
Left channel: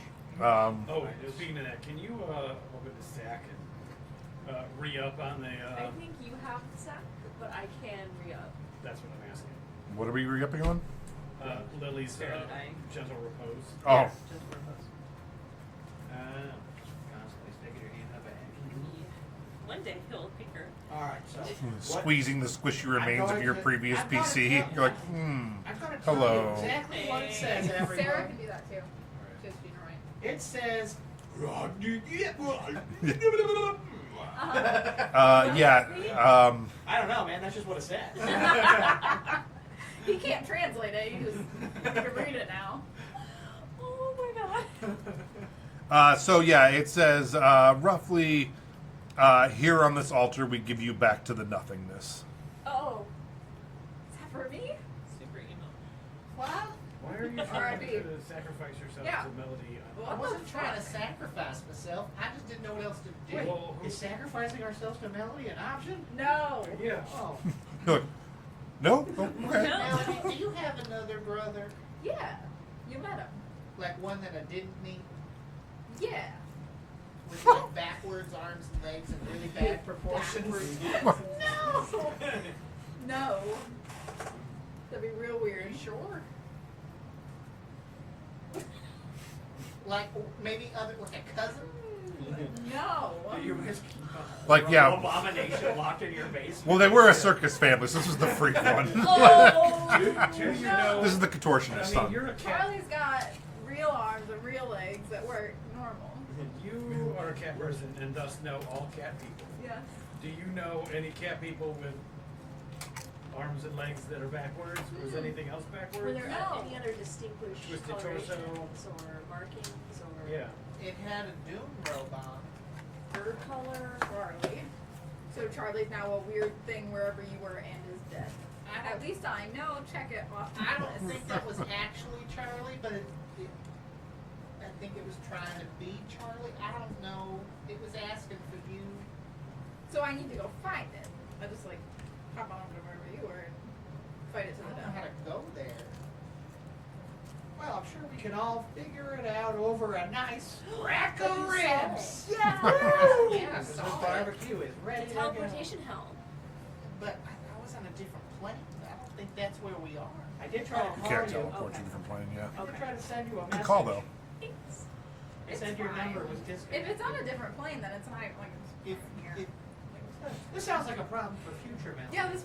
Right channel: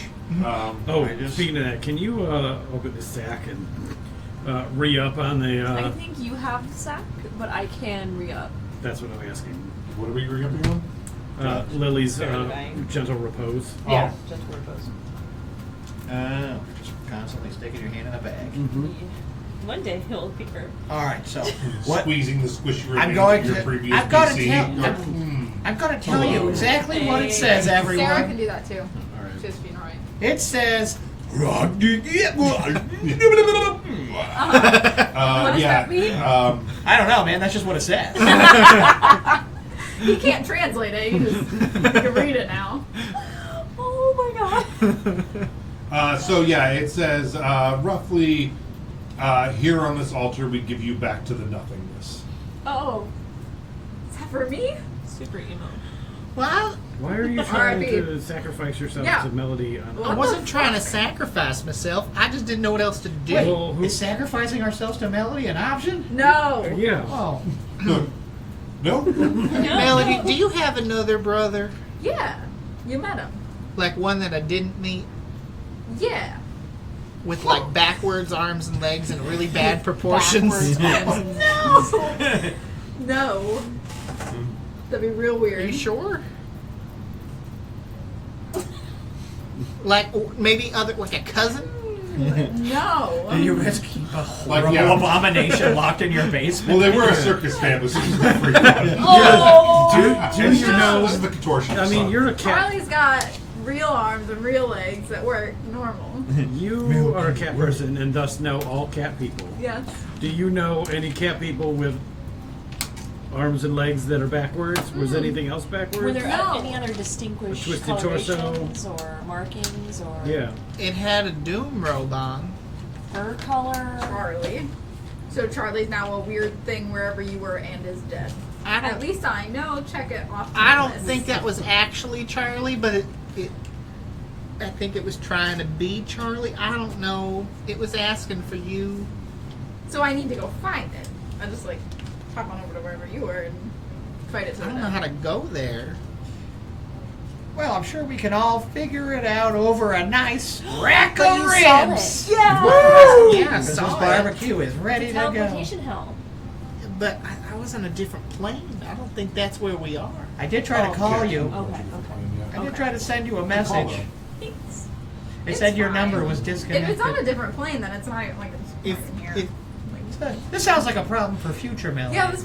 Oh, I just- speaking of that, can you open the sack and re-up on the? I think you have sack, but I can re-up. That's what I'm asking. What are we re-upping on? Lily's Very divine. gentle repose. Oh. Yeah, just repose. Just constantly sticking your hand in a bag. One day he'll appear. All right, so what? Squeezing the squishy I'm remains going of your to. previous I've got to PC. tell. Going, I'm going to tell you Hello. exactly what it says, Sarah everyone. can do that too. All right. Just being right. It says. What does yeah. that mean? I don't know, man. That's just what it says. He can't translate it. You can read it now. Oh my god. So yeah, it says roughly here on this altar we give you back to the nothingness. Oh, Is that for me? super emo. Well, Why are you trying R.I.P. to sacrifice yourself Yeah. to Melody? On I wasn't trying to sacrifice myself. I just didn't know what else to do. Wait, Well, who- is sacrificing ourselves to Melody an option? No. Yeah. Oh, Look. No? Melody, do you have another brother? Yeah. You met him. Like one that I didn't meet? Yeah. With like backwards arms and legs and really bad proportions? Backwards. No. No. That'd be real Are weird. you sure? Like maybe other, like a cousin? No. do you risk keep a Like, horrible yeah. abomination locked in your basement? Well, they were a circus family, so this is the freak one. Oh. Dude, you know, this is the contortionist. I mean, you're a cat. Charlie's got real arms and real legs that work normal. You are a cat person and thus know all cat people. Yes. Do you know any cat people with arms and legs that are backwards? Was anything else backwards? Were there No. any other distinguished A twisted torso. colorations or markings or Yeah. It had a doom robe on. fur color? Charlie. So Charlie's now a weird thing wherever you were and is dead. I At don't, least I know. Check it off. I my don't list. think that was actually Charlie, but I think it was trying to be Charlie. I don't know. It was asking for you. So I need to go find it. I just like hop on over to wherever you were and fight it to I the don't know death. how to go there. Well, I'm sure we can all figure it out over a nice rack But of you saw ribs. it. Yeah, I This saw it. barbecue is ready to go. Teleportation hell. But I was on a different plane. I don't think that's where we are. I did try to call you. Okay. I did try to send you a Call message. them. Thanks. They It's said your fine. number was If disconnected. it's on a different plane, then it's not like it's If, in here. if This sounds like a problem for future Melody. Yeah, this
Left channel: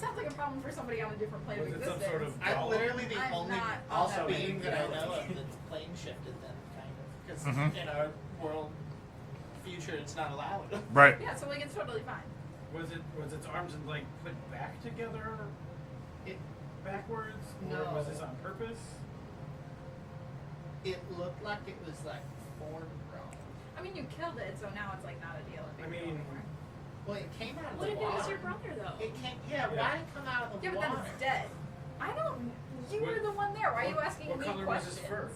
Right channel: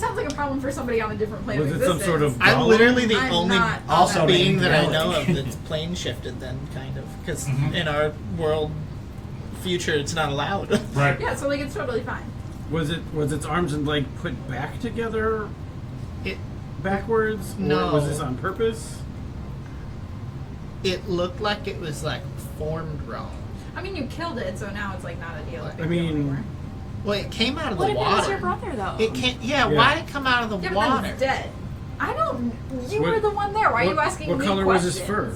sounds like a problem for somebody on a different plane Was of it some existence. sort of I'm golem? literally the I'm only not Also on that being named that I Melody. know of that's plane shifted, then kind of because Mhm. in our world future it's not allowed. Right. Yeah, so like it's totally fine. Was its arms and leg put back together It backwards? No. Or was this on purpose? it looked like it was like formed wrong. I mean, you killed it, so now it's like not a deal. I mean, Well, it came out of What the if it water. was your brother though? It can't. Yeah, Yeah. why did it come out of the Yeah, but water? then it's dead. I don't. You What- were the one there. Why are you what- asking what me color was questions? his fur?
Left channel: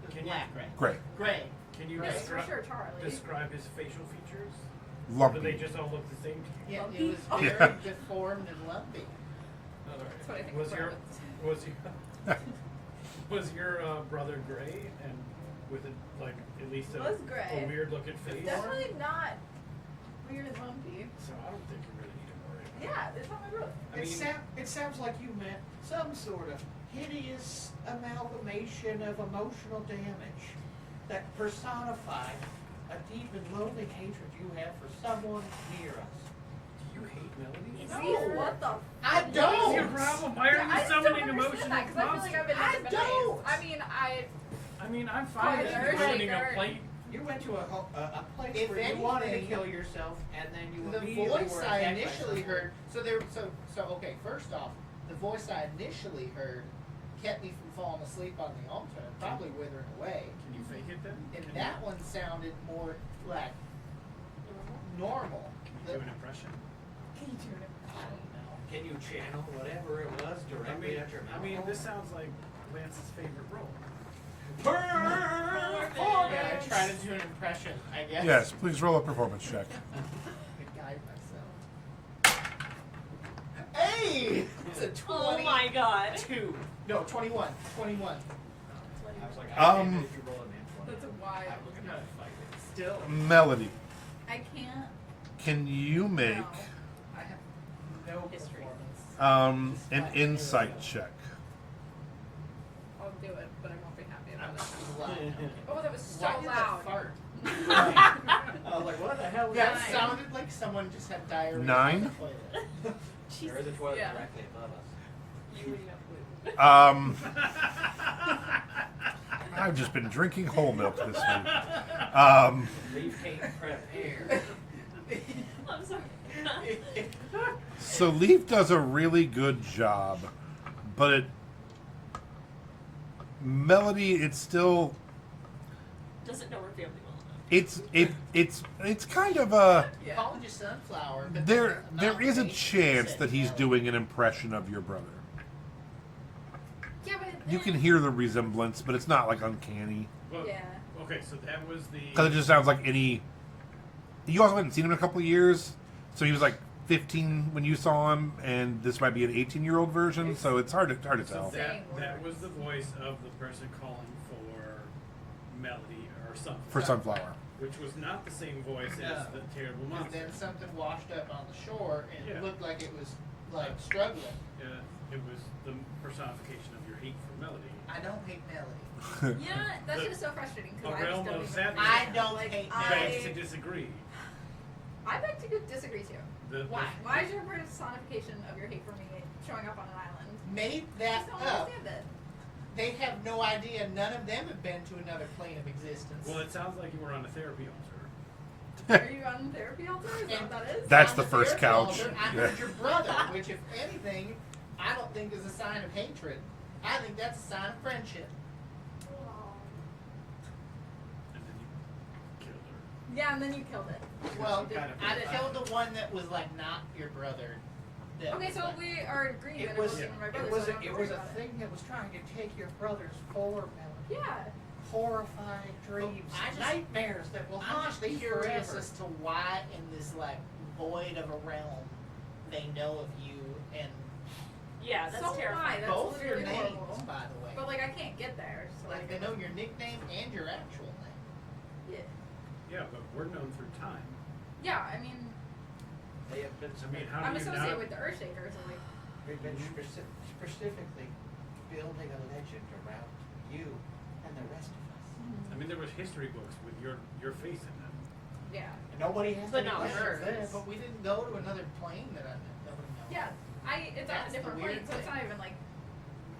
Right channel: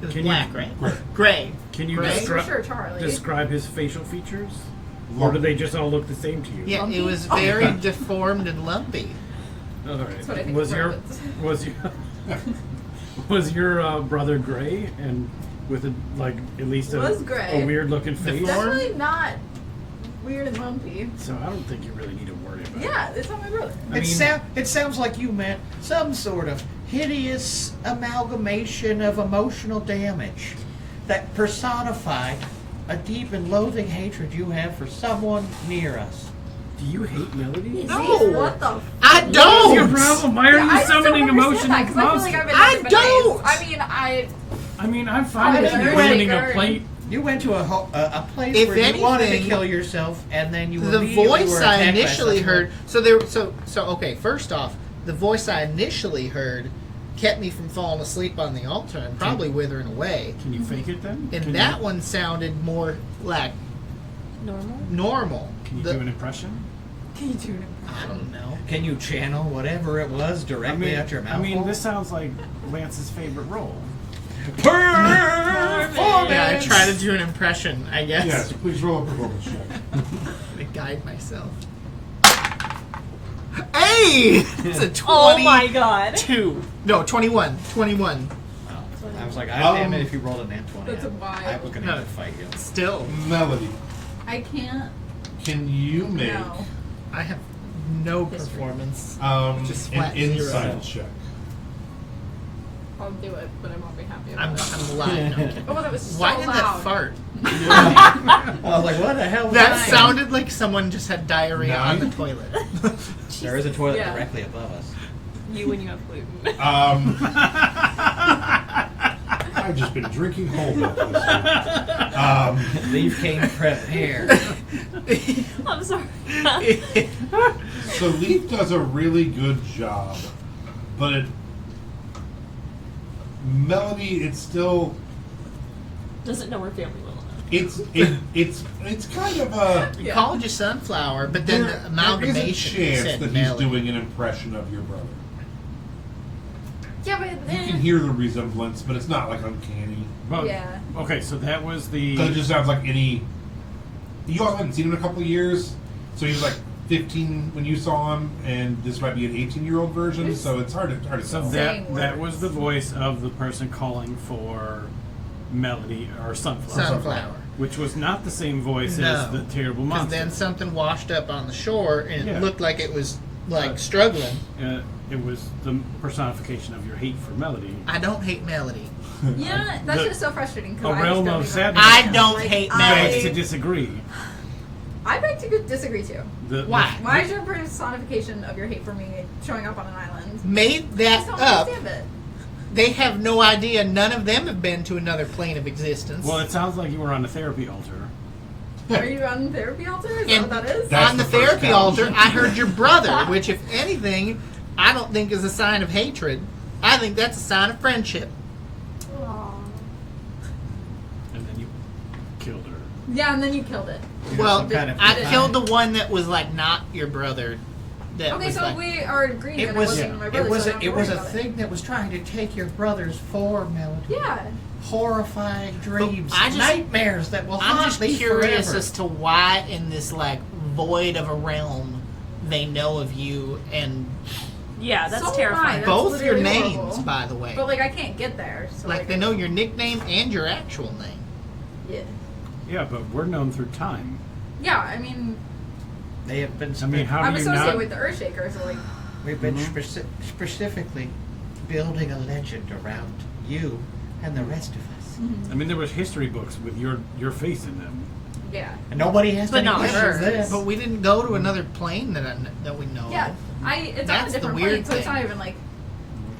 It was Can you- black, right? Gray. Gray. Can you Gray? Yes, for descri- sure, Charlie. describe his facial features? Or do they just all look the same to you? Yeah, Lumpy? it was very deformed and lumpy. All right. That's what I think Was of your rabbits. was your brother gray and with a, like at least Was gray. a weird looking face? Deformed? Definitely not weird and lumpy. So I don't think you really need to worry about it. Yeah, it's not my brother. I mean, It sounds like you meant some sort of hideous amalgamation of emotional damage that personified a deep and loathing hatred you have for someone near us. do you hate Melody? No. What the? I What's your don't. problem? Why are Yeah, I you just don't summoning understand emotional that, 'cause I feel like monsters? I've been I nothing but nice. don't. I mean, I mean, I'm fine I with you know, sending a Shaker. plate. You went to a place If where you wanted to anything, kill yourself, and then you The immediately voice were I attacked by initially someone. heard. So okay. First off, the voice I initially heard kept me from falling asleep on the altar and probably withering away. Can you fake it then? And Can that you, one sounded more like Normal? normal. Can you The- do an impression? can you do it? I don't know. Can you channel whatever it was directly out your mouth? I mean, this sounds like Lance's favorite role. Yeah, I try to do an impression. I guess. Yes, please roll a performance check. To guide myself. Hey, it's a 22. Oh my god. No, 21. 21. I was like, Um, damn it, if you rolled a nat 20, That's a I was going to have to fight you. Still, Melody, I can't. can you make No. I have no History. performance. an Just flat zero. insight check? I'll do it, but I won't be happy I'm, about it. I'm lying. No, I'm kidding. Oh, that was so Why did loud. that fart? I was like, what the hell was That that? sounded like someone just had diarrhea on the 9? toilet. There is a toilet Yeah. directly above us. You when you have gluten. I've just been drinking whole milk this week. Leaf came prepared. I'm sorry. So Leaf does a really good job, but Melody, it's still Doesn't know her family well enough. it's kind of a You called you sunflower, but then there the is a amalgamation chance said that he's Melody. doing an impression of your brother. Yeah, but You can hear the resemblance, but it's not like uncanny. But, Yeah. Okay, so that was the. Because it just sounds like any. You also haven't seen him in a couple of years, so he was like 15 when you saw him, and this might be an 18-year-old version, so it's hard to So tell. Saying that words. was the voice of the person calling for Melody or Sunflower, Sunflower. which was not the same voice No. as the terrible Because monster. then something washed up on the shore, and Yeah. it looked like it was like struggling. It was the personification of your hate for Melody. I don't hate Melody. Yeah, that's The- just so frustrating. 'Cause a I just realm don't of even- sadness. I don't Like, hate I- Begs Melody. to disagree. I beg to disagree too. Why? Why is your personification of your hate for me showing up on an island? Made I that just don't up. understand it. They have no idea. None of them have been to another plane of existence. Well, it sounds like you were on a therapy altar. Are you on the therapy altar? Is that And what that is? That's on the the first therapy couch. altar, I heard your brother, which, if anything, I don't think is a sign of hatred. I think that's a sign of friendship. Aw. And then you killed her. Yeah, and then you killed it. Well, some kind of I design. killed the one that was like not your brother. That Okay, was so like, we are agreeing that It it was wasn't my brother. it was so I a, don't it have to was worry a about thing that was trying to take your brother's form, Melody. Yeah. Horrifying dreams, I just- nightmares that will I'm haunt just me curious forever. as to why in this like void of a realm they know of you and Yeah, that's So am I. terrifying. That's both your literally names, horrible. by the way. But like I can't get there. So Like they know your nickname and your actual name. Yeah. Yeah, but we're known through time. Yeah, I mean, They have been. I mean, how I'm do you associated not? with the Earthshaker, so like, We've been Mhm. specifically building a legend around you and the rest of us. I mean, there was history books with your face in them. yeah. And nobody has But any not questions hers. this. But we didn't go to another plane that we know Yeah, of. it's on That's a the different weird plane, so it's thing. not even like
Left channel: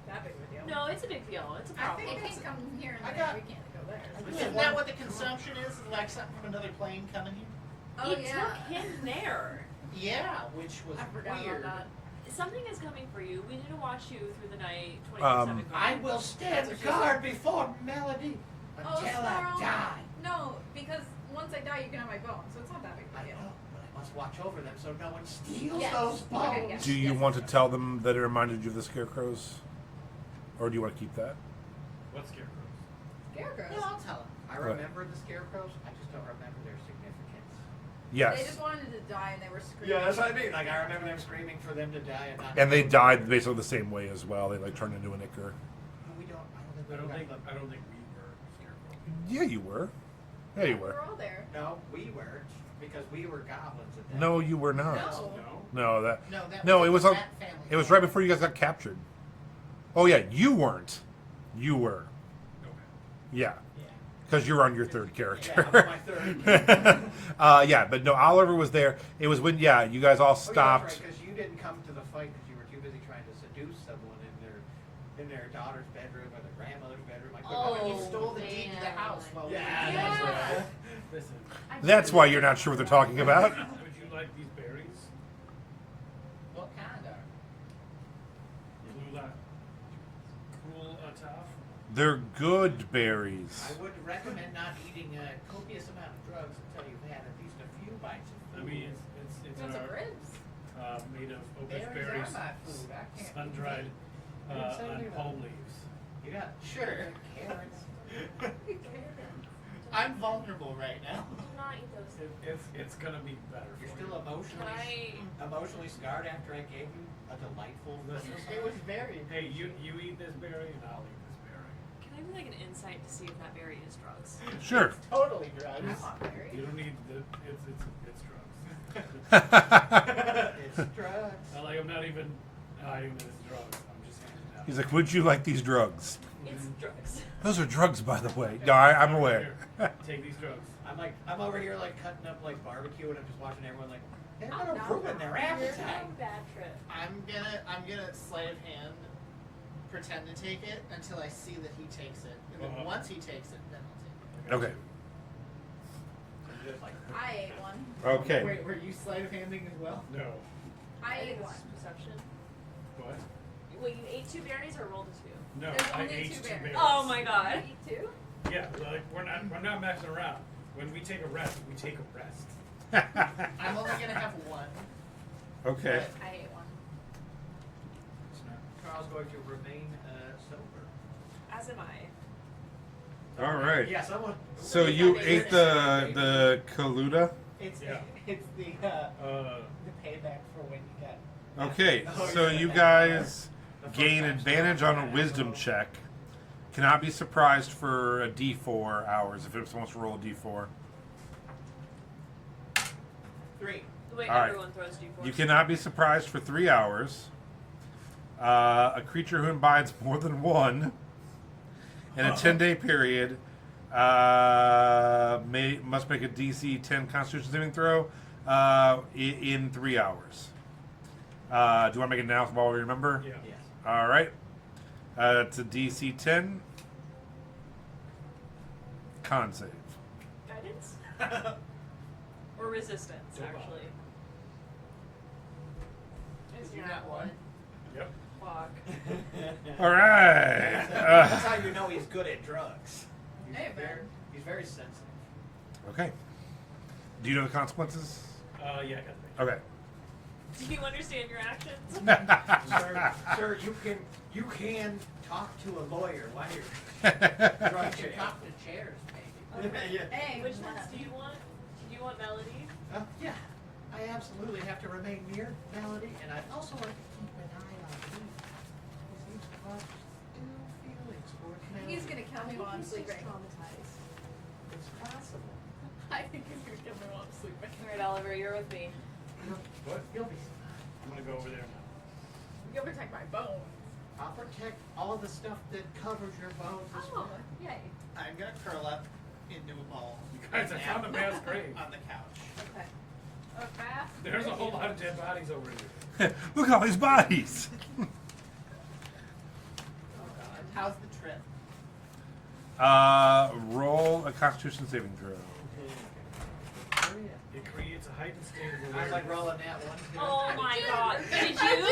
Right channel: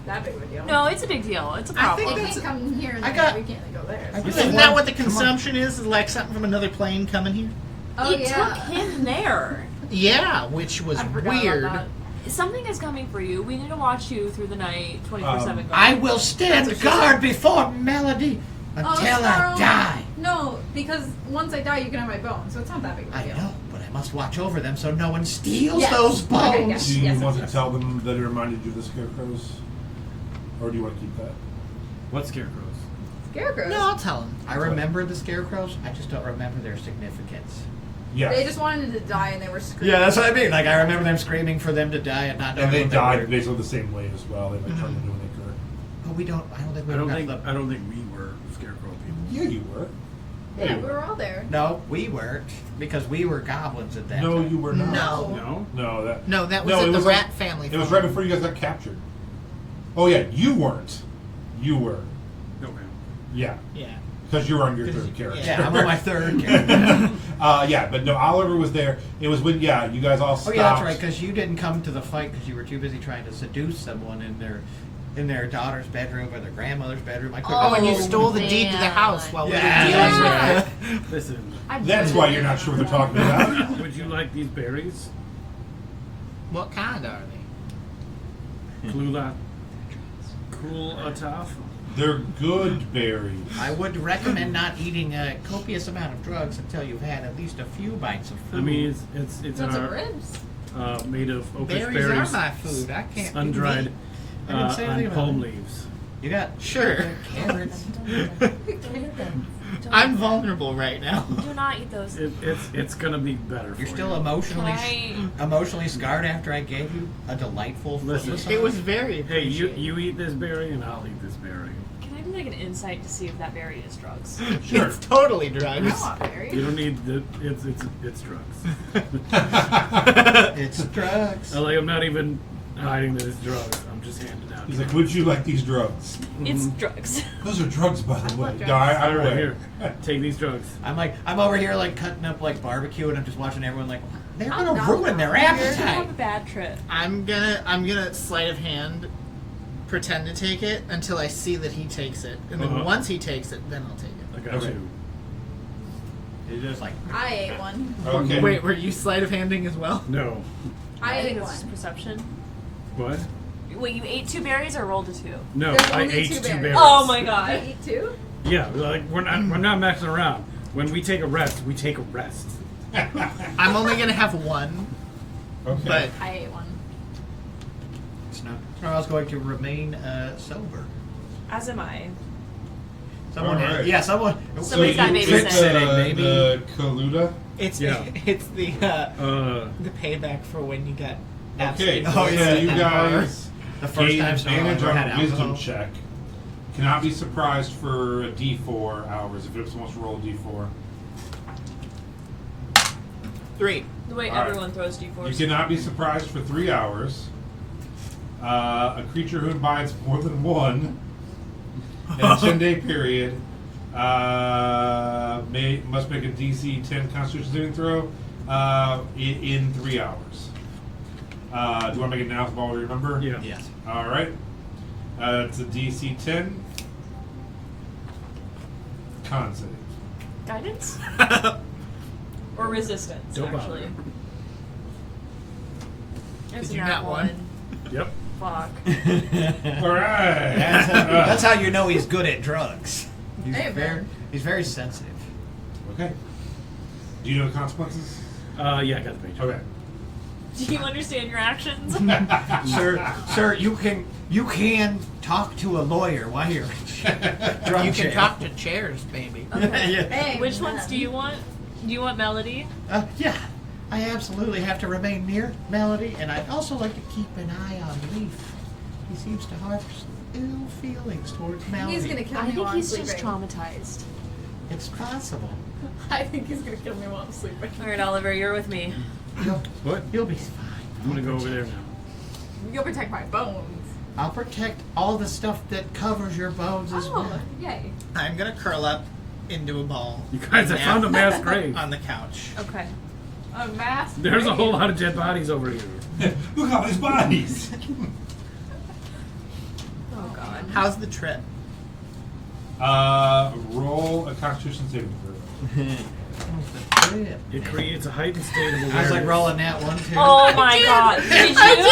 that big of a deal. No, it's a big deal. It's a I problem. think They that's can't come here and I there, got- we can't go there. I so- just- Isn't that what the Come on. consumption is? Is like something from another plane coming here? Oh it yeah. took him there. Yeah, which was I forgot weird. About that. Something is coming for you. We need to watch you through the night, 24/7. I will stand That's what she guard before Melody Until Scarl. I die. No, because once I die, you can have my bones, so it's not that big of a I deal. know, but I must watch over them so no one steals Yes. those bones. Okay, yes. Do you yes, want yes. to tell them that it reminded you of the scarecrows? Or do you want to keep that? What scarecrows? Scarecrows. No, I'll tell him. I remember the scarecrows. I just don't remember their significance. Yes. They just wanted to die and they were screaming. Yeah, that's what I mean. Like I remember them screaming for them to die and not. And knowing they what died were. basically the same way as well. They like turned into an ichor. But we don't. I don't think we I don't got think the- I don't think we were scarecrow people. Yeah, you were. Yeah, you we were all there. No, we weren't because we were goblins at that No, time. you were not. No. No. No, that. No, that was No, at it the was rat like- family. It was farm. right before you guys got captured. Oh yeah, you weren't. You were. Okay. Yeah, Yeah. because you were on your 'Cause third you- character. Yeah, I'm on my third character. Yeah, but no, Oliver was there. It was when you guys all Oh stopped. yeah, that's right. Because you didn't come to the fight because you were too busy trying to seduce someone in their daughter's bedroom or their grandmother's bedroom. I couldn't Oh, and you remember. stole the deed to the man. house while we were Yeah. dealing Yeah. with it. Listen. That's why you're not sure what they're talking about. Would you like these berries? What kind are they? Klula. Cool ataf. They're good berries. I would recommend not eating a copious amount of drugs until you've had at least a few bites of food. I mean, it's Want some ribs? made of opus Berries berries, are my food. I can't. do sun-dried meat. I didn't say anything on about palm it. leaves. You got Sure. carrots. I'm vulnerable right now. Do not eat those. It's gonna be better. You're for still you. emotionally Can emotionally scarred after I gave you a delightful Listen. massage? It was very. Hey, you appreciated. eat this berry and I'll eat this berry. Can I do like an insight to see if that berry is drugs? Sure. It's totally I drugs. want berries. You don't need the. It's drugs. It's drugs. I'm not even hiding that it's drugs. I'm just handing out. He's like, would you like these drugs? It's drugs. Those are drugs, by the way. drugs. No, I'm All right, aware. here, take these drugs. I'm over here like cutting up like barbecue and I'm just watching everyone like they're I'm gonna not ruin their wrong. You're gonna have appetite. a bad trip. I'm gonna sleight of hand, pretend to take it until I see that he takes it, and then Uh-huh. once he takes it, then I'll take I it. got Okay. you. It's just like I ate one. Okay. Wait, were you sleight of handing as well? No. I think ate this is one. perception. What? Wait, you ate 2 berries or rolled a 2? No, There's I only ate 2 two berries. berries. Oh my I god. eat two. Yeah, like we're not messing around. When we take a rest, we take a rest. I'm only gonna have one, Okay. but I ate one. Snarl's going to remain sober. As am I. Someone, All right. yeah, someone. so Somebody's you got picked babysit. the Kaluda. it's Yeah. it's the payback for when you got. Okay, absolutely Oh, so roasted yeah. at you that bar. guys The first gain time Snarl advantage ever on had a wisdom alcohol. check. Cannot be surprised for a D4 hours if it's supposed to roll a D4. 3. The way All right. everyone throws d4s. You cannot be surprised for 3 hours. A creature who imbibes more than one in a 10-day period must make a DC 10 Constitution saving throw in 3 hours. Do you want to make it now so I'll remember? Yeah. Yes. All right. It's a DC 10. Con save. Guidance? Or resistance, Don't bother. actually. There's Did you a not nat one? Yep. Fuck. All right. That's how you know he's good at drugs. He's Hey, very, man. he's very sensitive. Okay. Do you know the consequences? Yeah, I got the page. Okay. Do you understand your actions? Sir, you can talk to a lawyer while you're drunk. You can jail. talk to chairs, baby. Yeah. Hey, Which man. ones do you want? Do you want Melody? Yeah, I absolutely have to remain near Melody, and I'd also like to keep an eye on Leaf. He seems to harbor some ill feelings towards Melody. He's gonna kill I me think while he's I'm just sleeping. traumatized. It's possible. I think he's gonna kill me while I'm sleeping. Alright, Oliver, you're with me. What? You'll be fine. I'm gonna go over there now. You'll protect my bones. I'll protect all the stuff that covers your bones as Oh, well. yay. I'm gonna curl up into a ball. You guys, I and found a nap mass grave. on the couch. Okay. A mass. There's a grave. whole lot of dead bodies over here. Look at all these bodies. Oh god. How's the trip? Roll a Constitution saving throw. It creates a heightened state of awareness. I was like rolling that one too. Oh my god. Did you?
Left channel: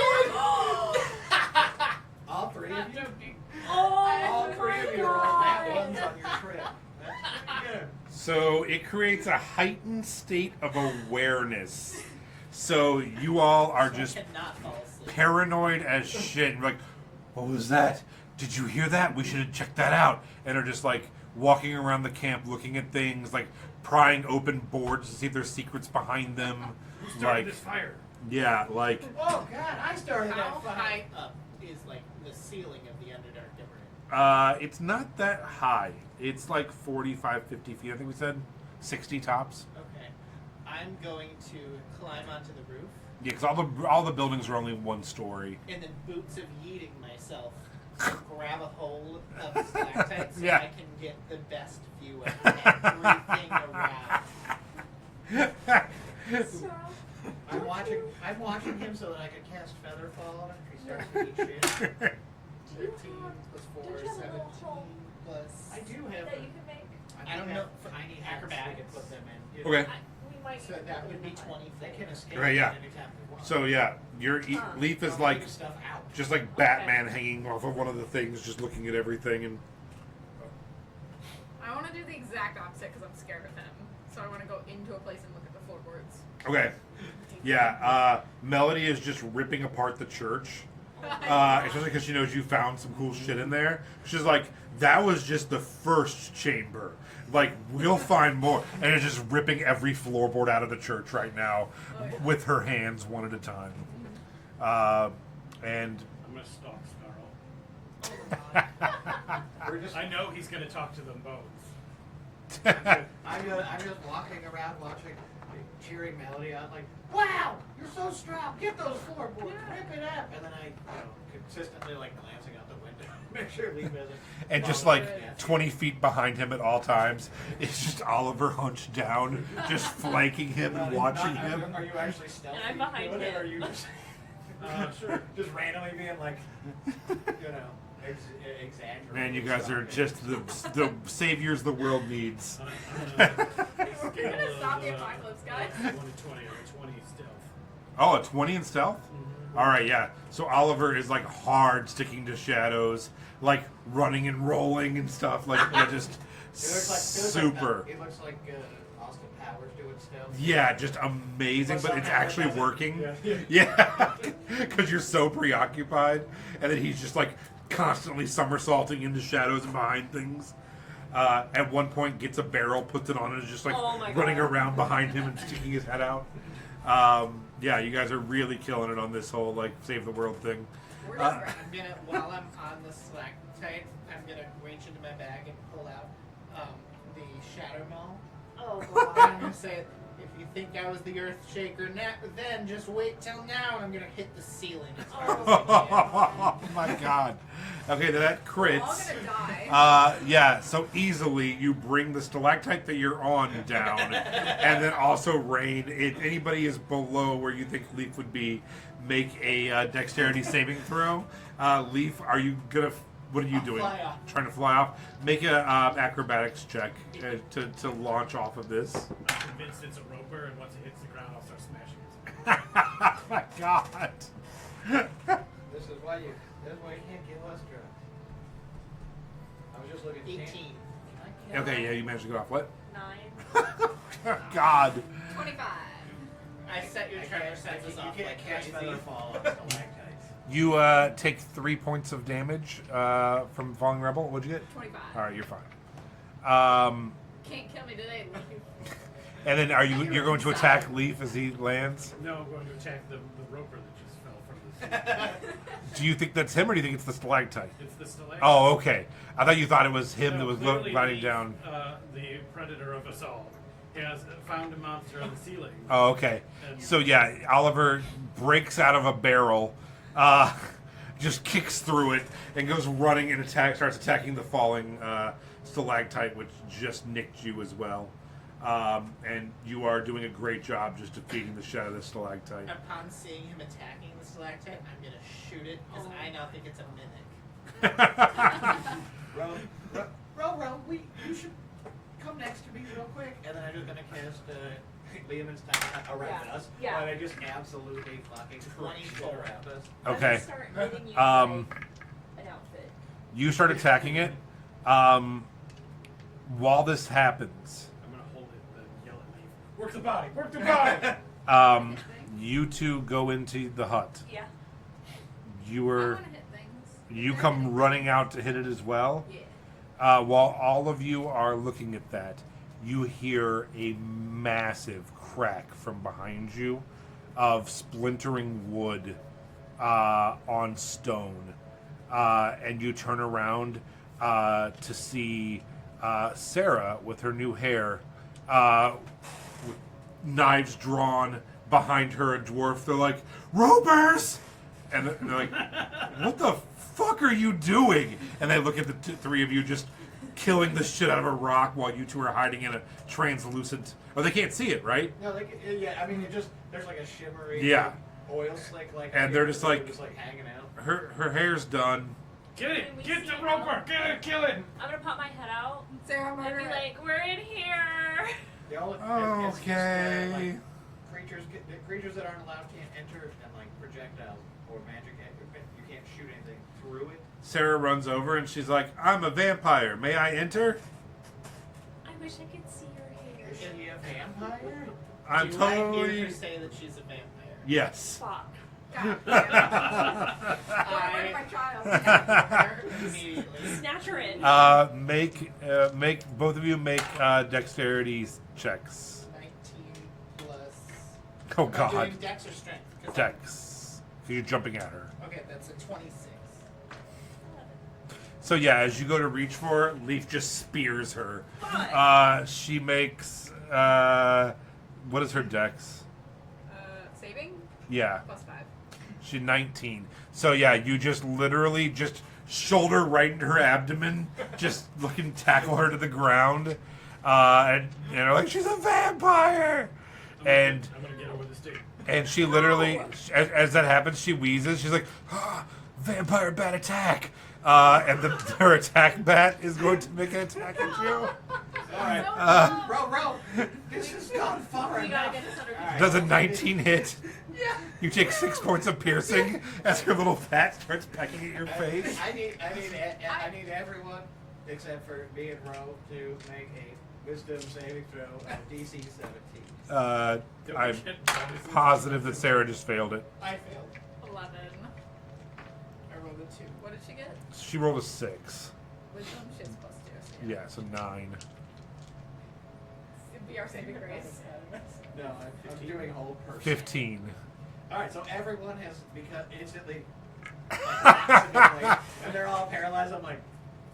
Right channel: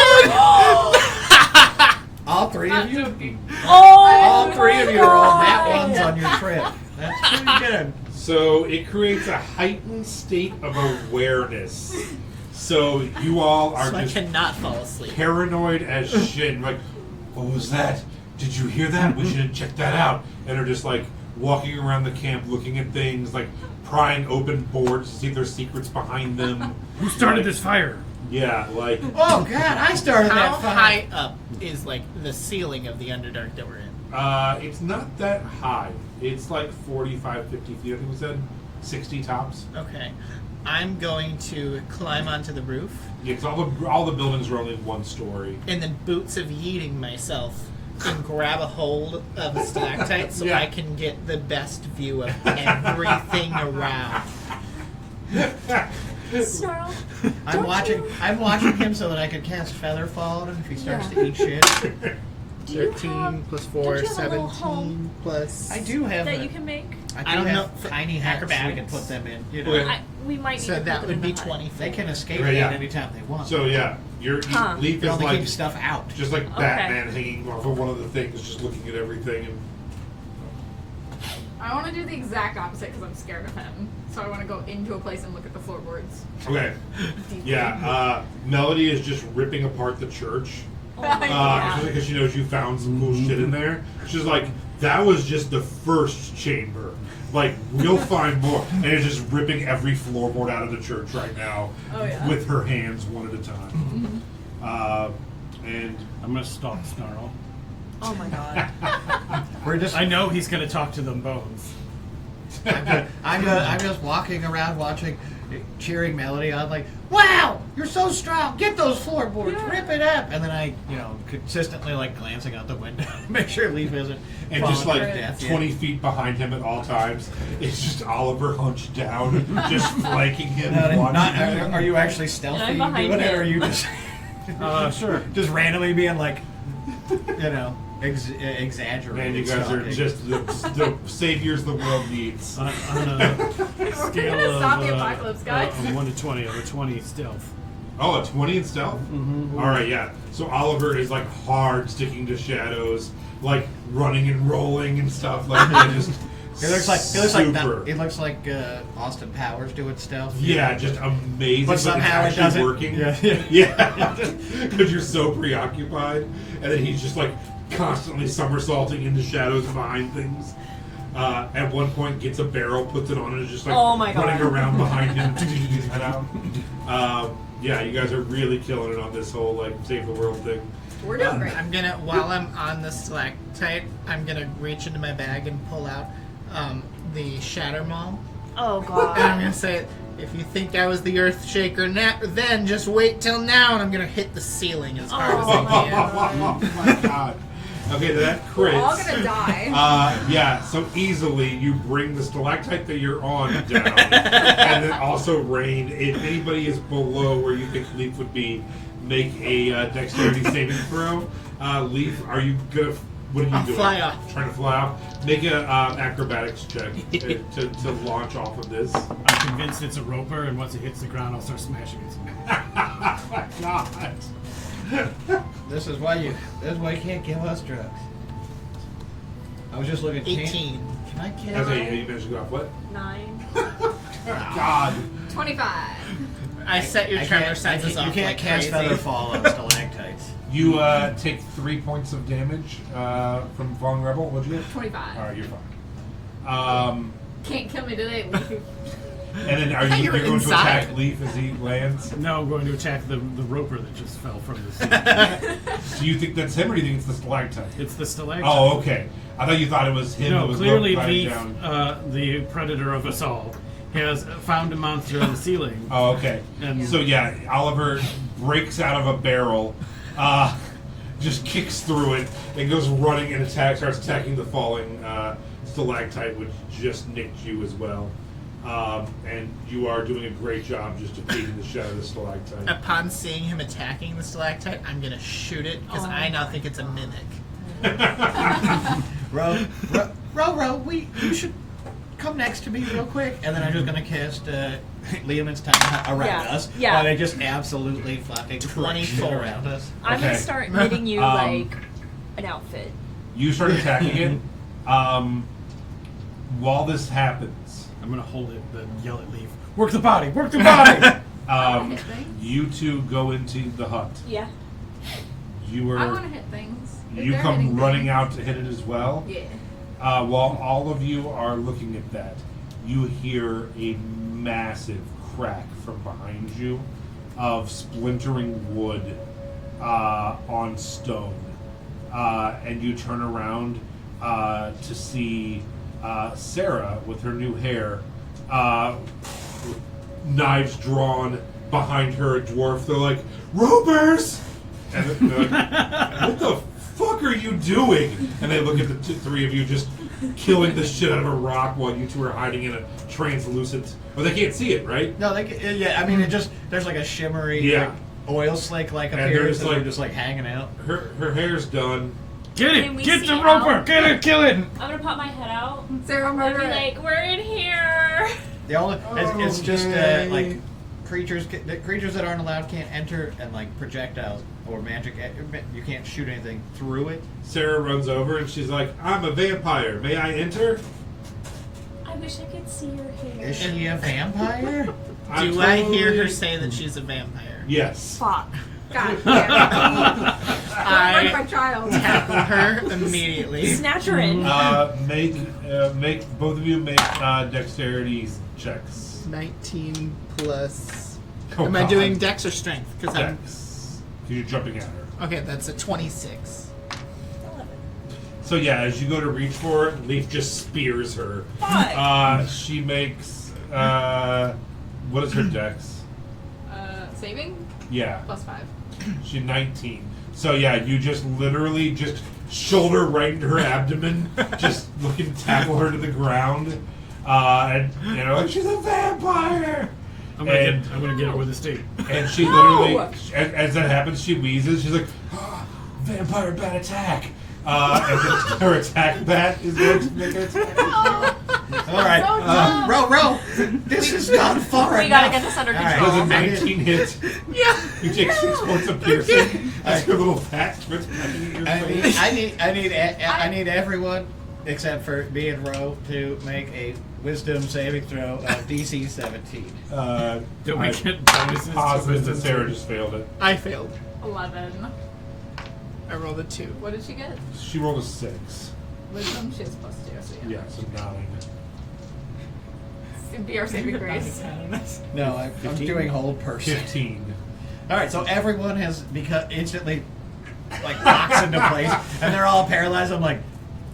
all three Not of you. joking. All Oh, three of my you rolled nat God. ones on your trip. That's pretty good. So it creates a heightened state of awareness. So you all are So I just cannot fall asleep. paranoid as shit. You're like, what was that? Did you hear that? We should have checked that out. And are just like walking around the camp looking at things, like prying open boards to see if there's secrets behind them. Who started this fire? Yeah, like Oh God, I started How that fire. high up is like the ceiling of the Underdark that we're in? it's not that high. It's like 45, 50 feet, I think we said. 60 tops. Okay. I'm going to climb onto the roof Yeah, because all the buildings are only one story. and then boots of yeeting myself and grab a hold of a stalactite so Yeah. I can get the best view of everything around. Snarl. I'm watching him so that I can cast Featherfall on him if he starts to eat shit. Do you 13 have, plus don't 4, you have a little 17 home plus... I do have that a- you can make? I don't do know have for tiny hats so we can acrobatics. put them in. You know, Okay. We might need So to that put them would in be the hut. 24. they can escape Right, it yeah. anytime they want. So yeah, Huh. Leaf they is only like keep stuff out. just like Okay. Batman hanging off of one of the things, just looking at everything. And I want to do the exact opposite because I'm scared of him. So I want to go into a place and look at the floorboards. okay, Deeply. yeah. Melody is just ripping apart the church, Oh my God. especially because she knows you found some cool shit in there. She's like, that was just the first chamber. Like, we'll find more. And it's just ripping every floorboard out of the church right now Oh, yeah. with her hands one at a time. And I'm gonna stalk Snarl. Oh my God. We're just. I know he's gonna talk to them bones. I'm just walking around watching, cheering Melody on, like, wow, you're so strong. Get those floorboards, Yeah. rip it up. And then I, consistently like glancing out the window, make sure Leaf isn't. and just falling like to death yet. 20 feet behind him at all times, it's just Oliver hunched down, just flanking him, watching. Are you actually stealthy I'm doing behind it, or him. are you just Sure. just randomly being like, exaggerating? Man, you guys are stalking? just the saviors the world needs. On a scale gonna of stop the apocalypse, guys. From 1 to 20, I'm a 20 stealth. Oh, a 20 in stealth? Mm-hmm. All right, yeah. So Oliver is like hard sticking to shadows, like running and rolling and stuff. Like they're just It looks like super. it looks like Austin Powers doing stuff. Yeah, just amazing. But But it's somehow it actually doesn't- working. Yeah. Yeah. Because you're so preoccupied. And then he's just like constantly somersaulting into shadows behind things. At one point gets a barrel, puts it on, and is just like Oh my running God. around behind him, sticking his head out. Yeah, you guys are really killing it on this whole like save the world thing. We're doing great. I'm gonna, while I'm on the stalactite, I'm gonna reach into my bag and pull out the Shatter Maul. Oh And I'm God. gonna say, if you think I was the Earth Shaker then just wait till now, and I'm gonna hit the ceiling as hard as I can. Oh my god. Okay, that crits. We're all gonna die. Yeah, so easily you bring the stalactite that you're on down, and then also Rain. If anybody is below where you think Leaf would be, make a dexterity saving throw. Leaf, are you gonna? What are you I'll doing? fly off. Trying to fly off. Make a acrobatics check to launch off of this. I'm convinced it's a roper, and once it hits the ground, I'll start smashing it. God. This is why you can't give us drugs. I was just looking. 18. Can I get? Okay, yeah, you managed to go off what? 9. God. 25. I set your tremor You senses off can't like cast crazy. Featherfall on stalactites. You take 3 points of damage from Falling Rebel. What'd you get? 25. All right, you're fine. Can't kill me today, Leaf. And then thought you you're were going to inside. attack Leaf as he lands? No, I'm going to attack the roper that just fell from the ceiling. Do you think that's him or do you think it's the stalactite? It's the stalactite. Oh, okay. I thought you thought it was him that No, was clearly lying Leaf, down. the predator of us all, has found a monster on the ceiling. Oh, okay. And So yeah, Oliver breaks out of a barrel, just kicks through it, and goes running and starts attacking the falling stalactite, which just nicked you as well. And you are doing a great job just defeating the shadow of the stalactite. Upon seeing him attacking the stalactite, I'm gonna shoot it because Oh I now think it's a mimic. Ro, you should come next to me real quick, and then I'm just gonna cast Liamon's Tiny Hut around Yeah, us. yeah. While they just absolutely fucking 24 around us. I'm gonna Okay. start hitting you Um, like an outfit. You start attacking it. While this happens, I'm gonna hold it, then yell at Leaf. Work the body! Work the body! Hit things. you two go into the hut. Yeah. You I are want to hit things. If you they're come hitting running things. out to hit it as well. Yeah. While all of you are looking at that, you hear a massive crack from behind you of splintering wood on stone. And you turn around to see Sarah with her new hair, knives drawn, behind her a dwarf. They're like, Ropers! And they're like, what the fuck are you doing? And they look at the three of you just killing the shit out of a rock while you two are hiding in a translucent. Well, they can't see it, right? No, yeah. I mean, it just there's like a shimmery Yeah. like, oil slick like And they're appears, just and like- they're just like hanging out. Her hair's done. Get Can it! we Get see the out? roper! Get it! Kill it! I'm gonna pop my head out. Sarah I'd murder be it. like, we're in here. The only it's just Okay. like creatures that aren't allowed can't enter, and like projectiles or magic. You can't shoot anything through it. Sarah runs over and she's like, I'm a vampire. May I enter? I wish I could see your hair. Is she a vampire? I'm Do I hear totally- her say that she's a vampire? Yes. Fuck. God damn it. I- Don't hurt my child. Tackle her immediately. Snatch her in. Make both of you make dexterity checks. 19 plus. Oh, Am I God. doing dex or strength? Because I'm. Dex. 'Cause you're jumping at her. Okay, that's a 26. So yeah, as you go to reach for it, Leaf just spears her. Fuck. She makes what is her dex? Saving Yeah, +5. she 19. So yeah, you just literally just shoulder right into her abdomen, just looking to tackle her to the ground, and they're like, she's a vampire. I'm And gonna get her with a stake. and she literally, as that happens, she wheezes. She's like, vampire bat attack. And then her attack bat is going to make an attack. All right, row. This is not far We gotta enough. get this under All right. control. Does a 19 hit? Yeah. You take 6 points of piercing as her little bat starts pecking at your face. I need everyone except for me and Ro to make a wisdom saving throw of DC 17. Don't we I'm get bonuses? positive that Sarah just failed it. I failed. 11. I rolled a 2. What did she get? She rolled a 6. Wisdom. She has +2. So Yeah, so 9. It'd be our saving grace. No, I'm doing hold person. 15. All right, so everyone has instantly like locks into place, and they're all paralyzed. I'm like,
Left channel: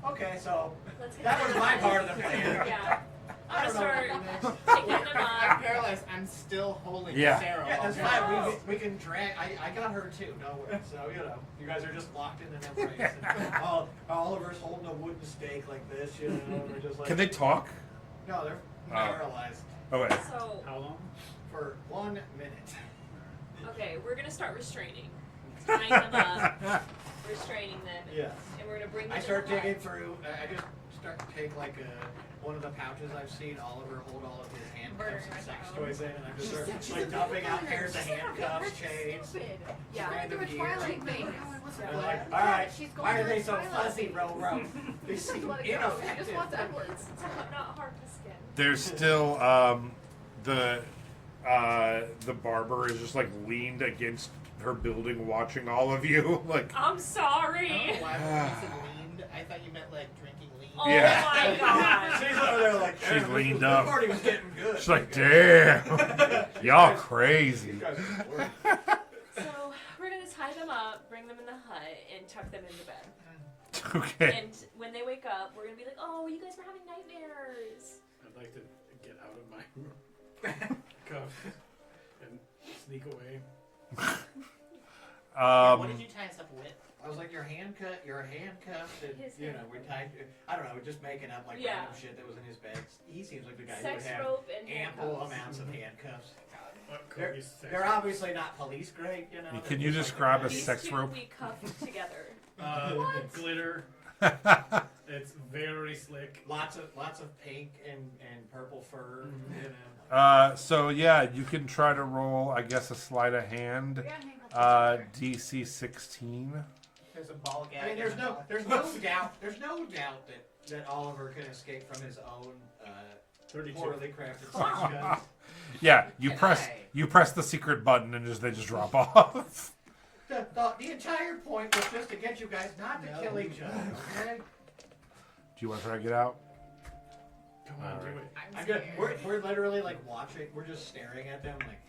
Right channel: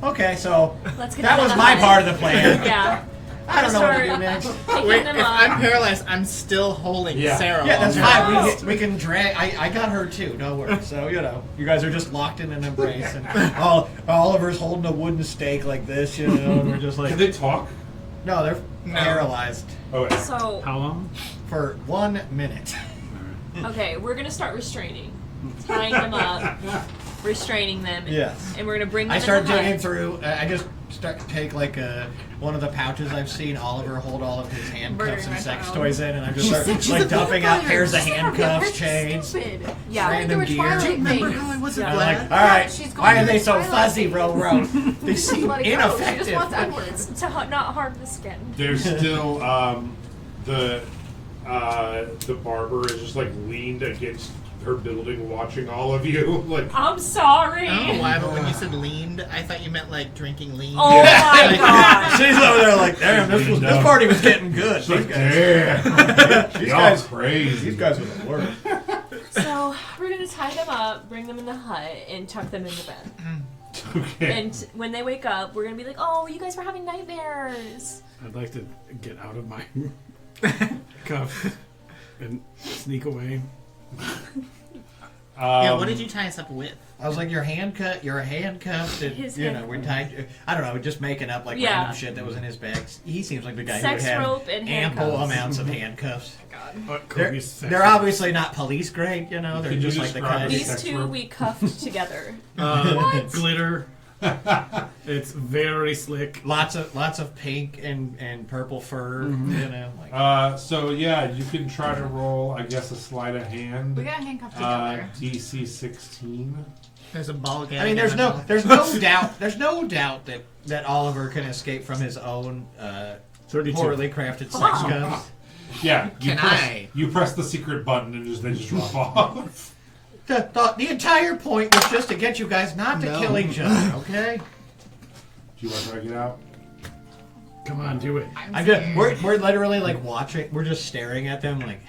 okay, so Let's get that them was in my the part hut. of the plan. Yeah. I don't know what to do Start next. Picking Wait, them if up. I'm paralyzed, I'm still holding Yeah. Sarah. Yeah, that's on her. fine. We can drag. I got her too. Don't worry. So you guys are just locked in an embrace, and Oliver's holding a wooden stake like this. And we're just like, Can they talk? no, they're paralyzed Okay. So, How long? for 1 minute. okay, we're gonna start restraining. Tying them up, restraining them. Yes. And we're gonna bring them I in start the hut. digging through. I just start to take like one of the pouches I've seen Oliver hold all of his handcuffs Murdering and my sex child. toys in, and I'm just She start said she's like a dumping out vampire. pairs of Sarah, handcuffs, that's chains. Stupid. Yeah. Random Like, they gear. were Twilight Remember things. how I wasn't Yeah. glad? Like, all right, She's why going are they to so Twilight fuzzy, things. Ro? They seem Let it go. She just ineffective. wants Edward. To not harm the skin. There's still the barber is just like leaned against her building watching all of you. Like I'm sorry. Oh, why? But when you said leaned, I thought you meant like drinking lean. Oh my god. She's over there like, damn, She's this party was getting good. she's like, These guys- damn, These y'all guys- crazy. These guys are the worst. So we're gonna tie them up, bring them in the hut, and tuck them in the bed. Okay. And when they wake up, we're gonna be like, "Oh, you guys were having nightmares." I'd like to get out of my cuffs and sneak away. Yeah, what did you tie us up with? I was like, you're handcuffed, and, His we're handcuffs. tied. I don't know, just making up like Yeah. random shit that was in his bag. He seems like the guy Sex who would have rope and ample handcuffs. amounts of handcuffs. What They're, copious sex they're rope? obviously not police grade, They're Can you just like the describe kind. it? These Sex two rope. we cuffed together. Glitter. It's very slick. Lots of pink and purple fur, like, So yeah, you can try to roll, I guess, a sleight of hand. We got handcuffed together. DC 16. There's a ball gag. I mean, there's in no, my mouth. there's no doubt that Oliver can escape from his own 32. poorly crafted sex cups. Yeah, Can you press the secret button and they just drop off. The entire point was just to get you guys not to No. kill each other, okay? Do you want to try to get out? Come on, do it. We're literally like watching. We're just staring at them like.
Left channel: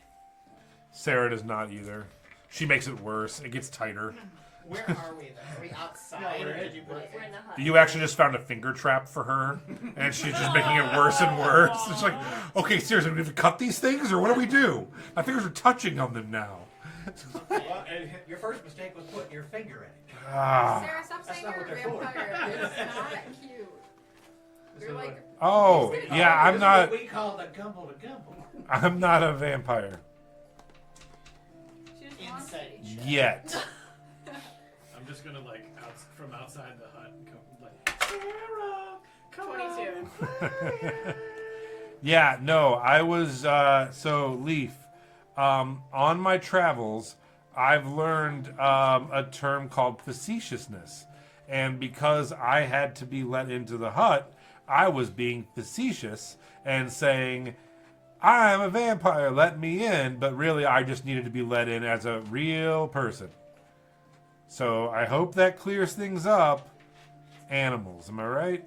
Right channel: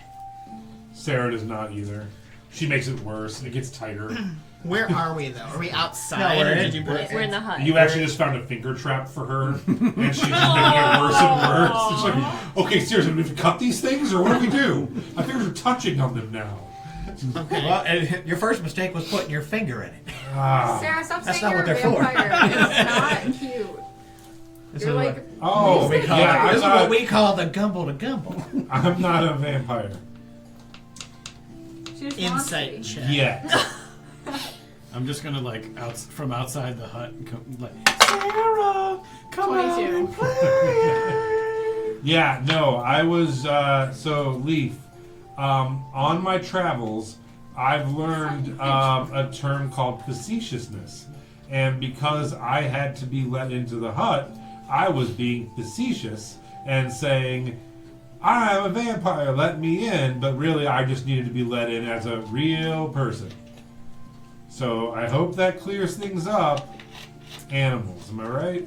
Sarah does not either. She makes it worse. It gets tighter. Where are we though? Are we outside? No, we're or in- did you put us We're in the hut. You actually just found a finger trap for her, and she's just making it worse and worse. It's like, okay, seriously, we have to cut these things, or what do we do? My fingers are touching on them now. Okay. Well, your first mistake was putting your finger in it. Ah. Sarah, stop That's saying not you're a what they're for. vampire. It's not cute. This You're is like, Oh, what we call, yeah, this is I'm what not. we call the gumble to gumble. I'm not a vampire she just wants to Insight be. check. yet. I'm just gonna like from outside the hut and come like Sarah, come out 22. and play. Yeah, no, I was so Leaf. On my travels, I've learned a term called facetiousness, and because I had to be let into the hut, I was being facetious and saying, "I'm a vampire, let me in," but really, I just needed to be let in as a real person. So I hope that clears things up. Animals, am I right?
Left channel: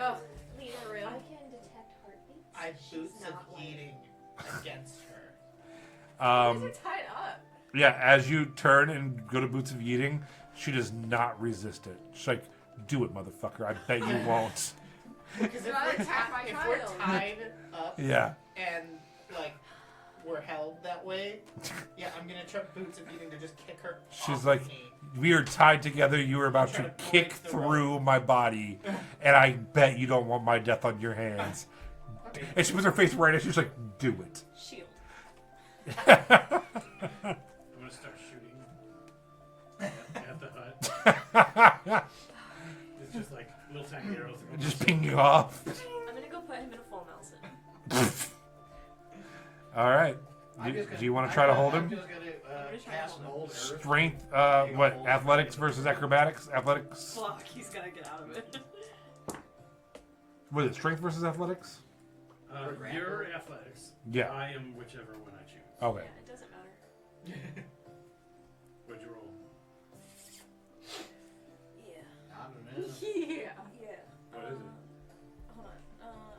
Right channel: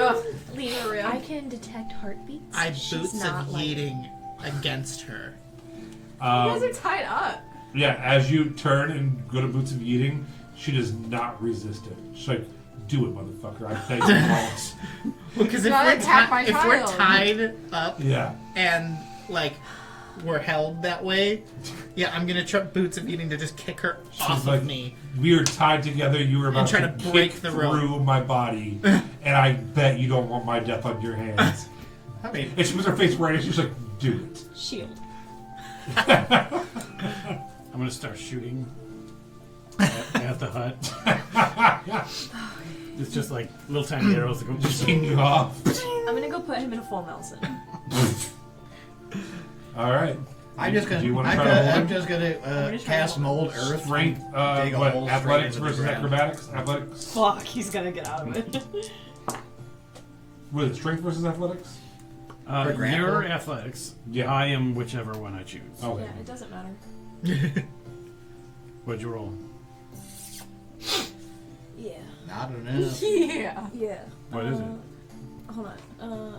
Ugh, Leaf, for real. I can detect heartbeats. I She's boots not of like- yeeting against her. You guys are tied up. Yeah, as you turn and go to Boots of Eating, she does not resist it. She's like, "Do it, motherfucker. I bet you won't." Because if, Gotta attack my if we're child. tied up Yeah. and like we're held that way, yeah, I'm gonna try Boots of Eating to just kick her She's off like, of me. "We are tied together. You are about trying to to break kick the rope." through my body, and I bet you don't want my death on your hands." I mean, And she puts her face right in. She's like, "Do it." Shield. I'm gonna start shooting at the hut. It's just like little tiny arrows that go. Just ping you off. I'm gonna go put him in a full Nelson. All right. I'm just gonna. Do you want to try to hold I'm him? just gonna gonna try to cast hold mold earth. Strength. Dig a What? hole straight Athletics into the versus ground. acrobatics. Athletics. Fuck, he's gonna get out of it. What is it? Strength versus athletics? For grapple? Your athletics. Yeah. I am whichever one I choose. Okay. Yeah, it doesn't matter. What'd you roll? Yeah. Not enough. Yeah. Yeah. What is it? Hold on.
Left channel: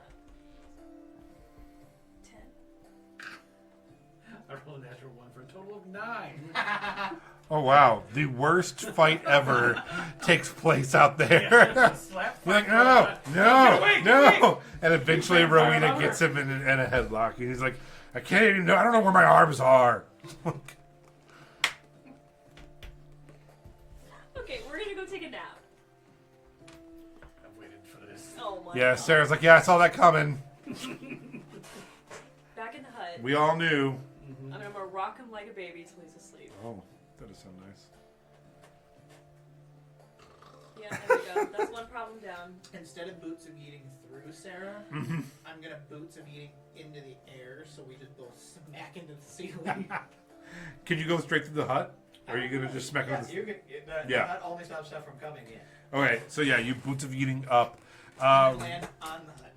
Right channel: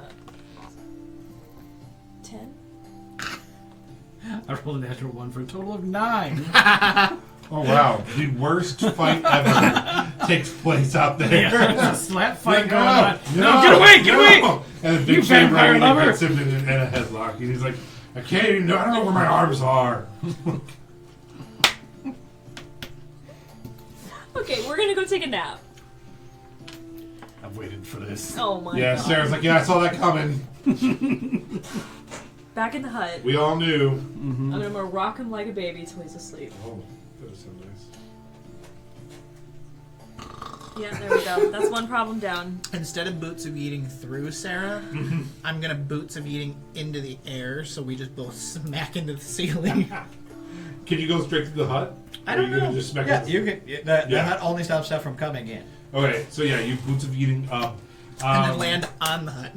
10? I rolled a natural 1 for a total of 9. Oh wow, the worst fight ever takes place out there. Yeah, there's a slap fight No, going on. no, Get away, get away! no. And the big You Shane vampire Riley lover. hits him in a headlock, and he's like, "I can't even know. I don't know where my arms are." Okay, we're gonna go take a nap. I've waited for this. Oh my Yeah, god. Sarah's like, "Yeah, I saw that coming. Back in the hut. We all knew." I'm gonna rock him like a baby till he's asleep. Oh, that is so nice. Yeah, there we go. That's one problem down. Instead of Boots of Eating through Sarah, I'm gonna Boots of Eating into the air, so we just both smack into the ceiling. Can you go straight through the hut? I Or don't are you gonna know. just smack Yeah, it? you can. The Yeah. hut only stops stuff from coming in. Okay, so yeah, you Boots of Eating up. and then land on the hut.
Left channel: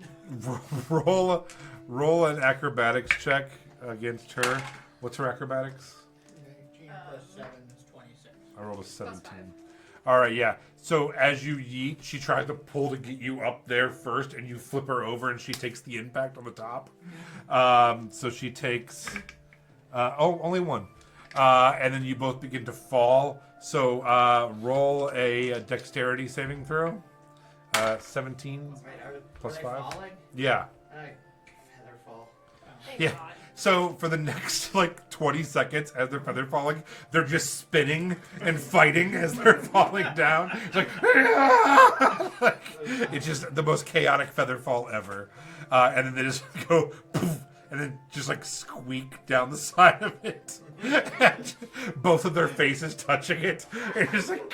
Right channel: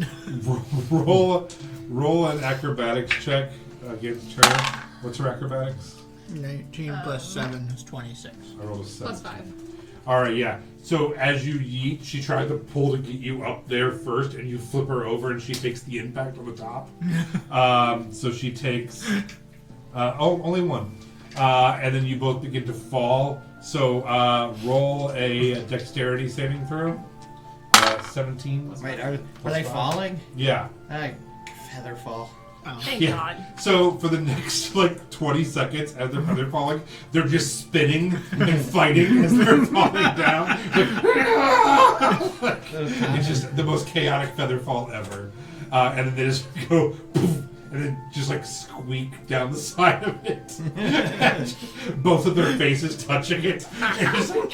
Roll an acrobatics check against her. What's her acrobatics? 19 plus 7 is 26. I rolled a 7. +5. All right, yeah. So as you yeet, she tries to pull to get you up there first, and you flip her over, and she takes the impact on the top. So she takes only one, and then you both begin to fall. So roll a dexterity saving throw. 17. Wait, are they +5. falling? Yeah. I feather fall. Thank Yeah. God. So for the next like 20 seconds, as they're falling, they're just spinning and fighting as they're falling down. Like, it's just the most chaotic feather fall ever. And then they just go poof, and then just like squeak down the side of it. And both of their faces touching it. And just like,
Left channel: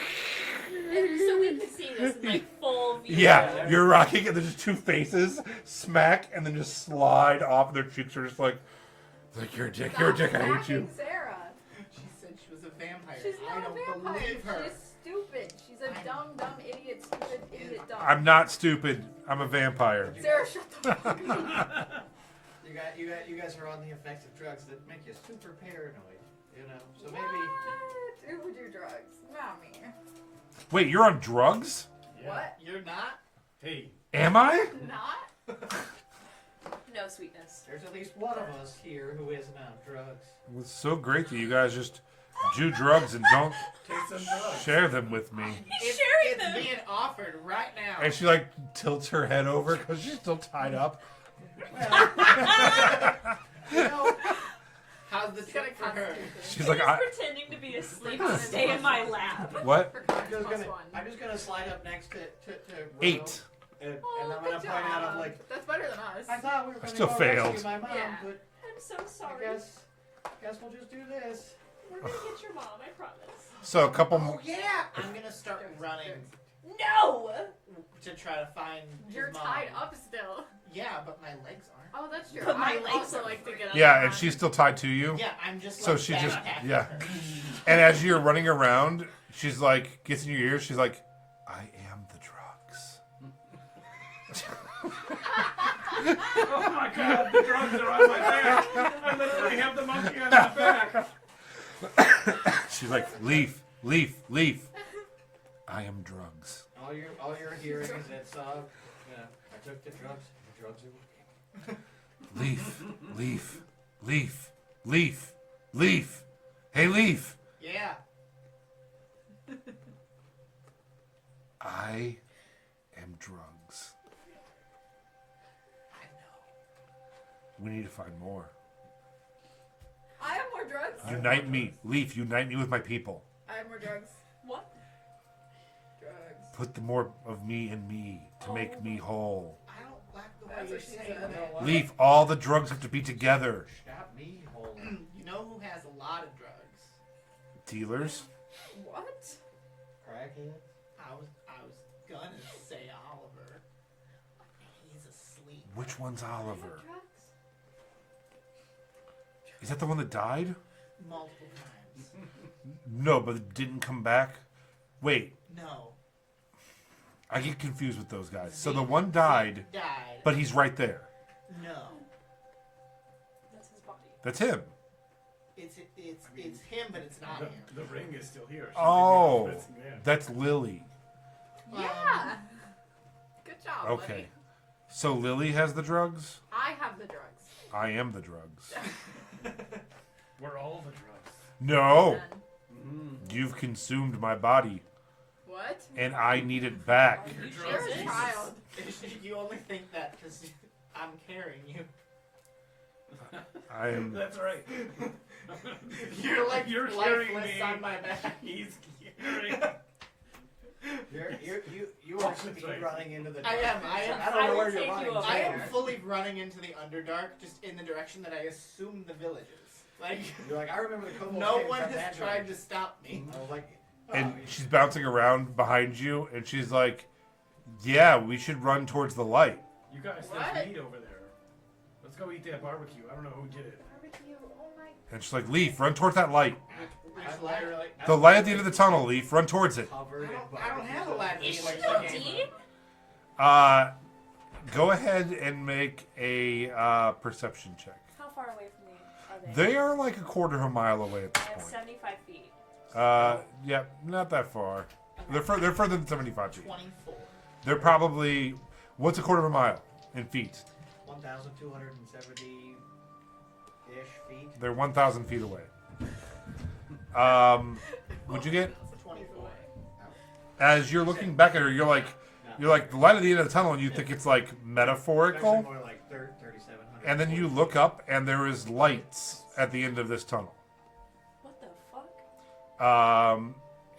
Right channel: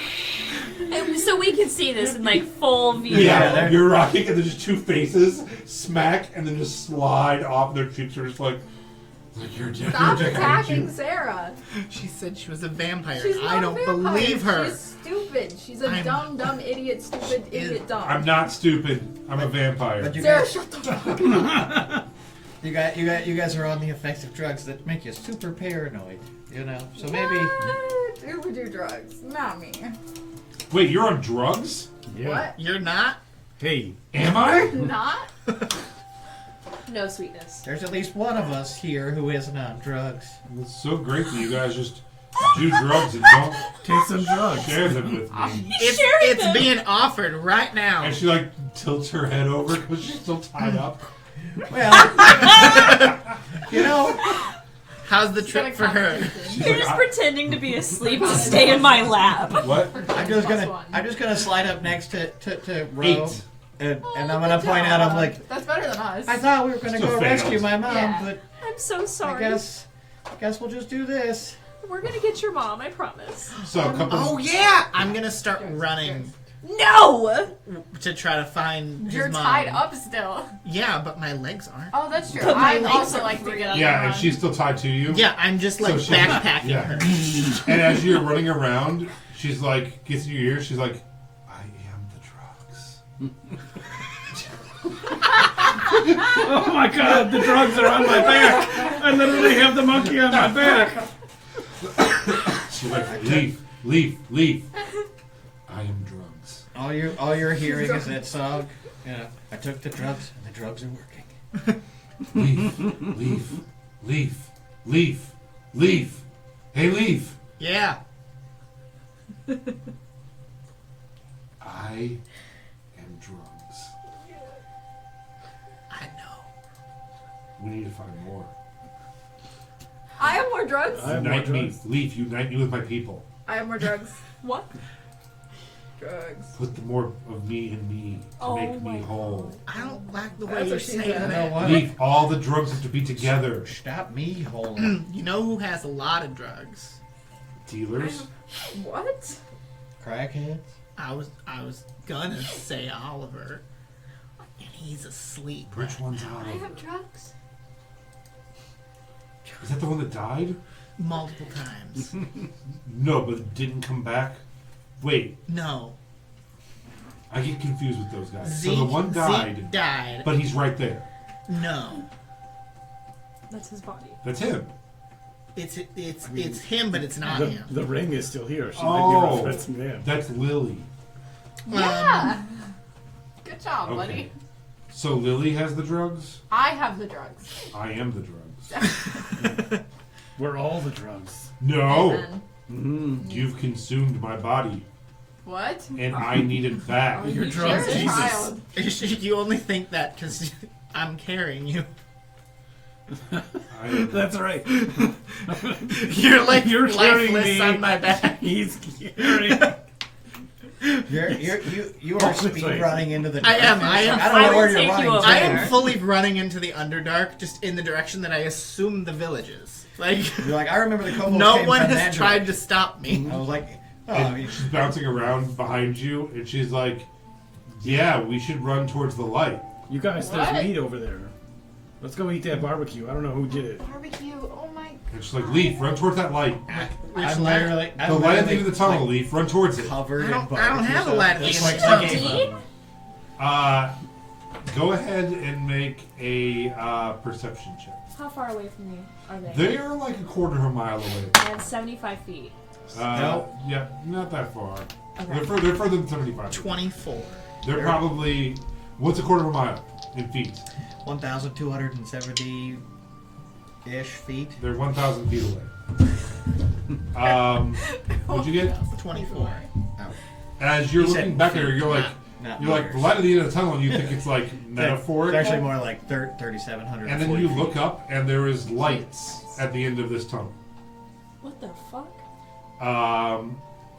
And so we can see this in like full view. yeah, they're- you're rocking, and there's just two faces smack, and then just slide off. Their cheeks are just like you're a dick, you're a Stop dick, I hate attacking you. Sarah. She said she was a vampire. She's not I don't a vampire. believe her. She's stupid. stupid. She's a dumb, idiot, stupid, idiot, dumb. I'm not stupid. I'm a vampire. But you Sarah, guys, shut the fuck up. you guys are on the effects of drugs that make you super paranoid. You know, so maybe. Who would do drugs? Not me. Wait, you're on drugs? Yeah. What? You're not? Hey. Am I? Not? No sweetness. There's at least one of us here who isn't on drugs. It's so great that you guys just do drugs and don't Take some drugs. share them with me. It's being offered right now. And she like tilts her head over because she's still tied up. Well, you know, How's the She's got a trip for her? constitution. She's You're like, just pretending to be asleep to stay in my lap. what? I'm just gonna slide up next to Ro, 8. and Oh, I'm gonna good point out. I'm job. like, That's better than us. I thought we were gonna Still go fails. rescue my mom, Yeah. but I'm so I sorry. guess we'll just do this. We're gonna get your mom, I promise. So a couple. Oh yeah! I'm gonna start running No! to try to find his You're mom. tied up still. Yeah, but my legs aren't. Oh, that's true. But my I legs also are like to get up. Yeah, and run. she's still tied to you. Yeah, I'm just like So she's- backpacking yeah. her. And as you're running around, she's like, gets in your ear. She's like, I am the drugs. Oh my god, the drugs are on my back. I literally have the monkey on my back. She's like, leaf. I am drugs. All you're hearing is that song. You know, I took the drugs, and the drugs are working. Leaf. Hey, Leaf. Yeah. I am drugs. I know. We need to find more. I have more drugs. I have more Unite me. drugs. Leaf, unite me with my people. I have more drugs. What? Drugs. Put the more of me in me to Oh make me my whole. I don't like the way That's you're what she saying said. You know that. what? Leaf, all the drugs have to be together. Stop me whole. You know who has a lot of drugs? Dealers? What? Crackheads. I was gonna say Oliver, and he's asleep. Which one's I Oliver? have drugs. Is that the one that died? Multiple times. No, but it didn't come back. Wait, No. I get confused with those guys. Zeke, So the one died, Zeke died. but he's right there. No. That's his body. That's him. It's him, but it's not him. The ring is still here. She Oh, that's him. that's Lily. Yeah. Good job, Okay. buddy. So Lily has the drugs. I have the drugs. I am the drugs. We're all the drugs. No, Amen. Mm. you've consumed my body, What? and I need it back. You're You're drugs, a Jesus. child. You only think that because I'm carrying you. I am, That's right. You're like You're carrying lifeless me. on my back. He's carrying. You are Oh, speed wait. running into the. I am. I don't know will where you're take you running. over to. I am there. fully running into the Underdark, just in the direction that I assume the village is. Like, You're like, I remember the kobolds no came one from has that tried direction. to stop me. I was like, oh, and you she's bouncing around behind you, and she's like, "Yeah, we should run towards the light." You guys, What? there's meat over there. Let's go eat that barbecue. I don't know who did it. Barbecue. Oh my. And she's like, "Leaf, run towards that light. I'm literally The light at the end of the tunnel. Leaf, run towards it." covered I in don't have a barbecue light at the sauce. end That's of like the the tunnel. game. Go ahead and make a perception check. How far away from me are they? They are like a quarter of a mile away. And 75 feet. Yeah, not that far. Okay. They're further than 75. 24. They're probably, what's a quarter of a mile in feet? 1,270-ish feet. They're 1,000 feet away. What'd you get? 24. As you're He said looking back at her, you're like, Not the meters. light at the end of the tunnel, and you think it's like metaphorical. It's actually more like 3,700. And then you look up, and there is lights at the end of this tunnel. What the fuck?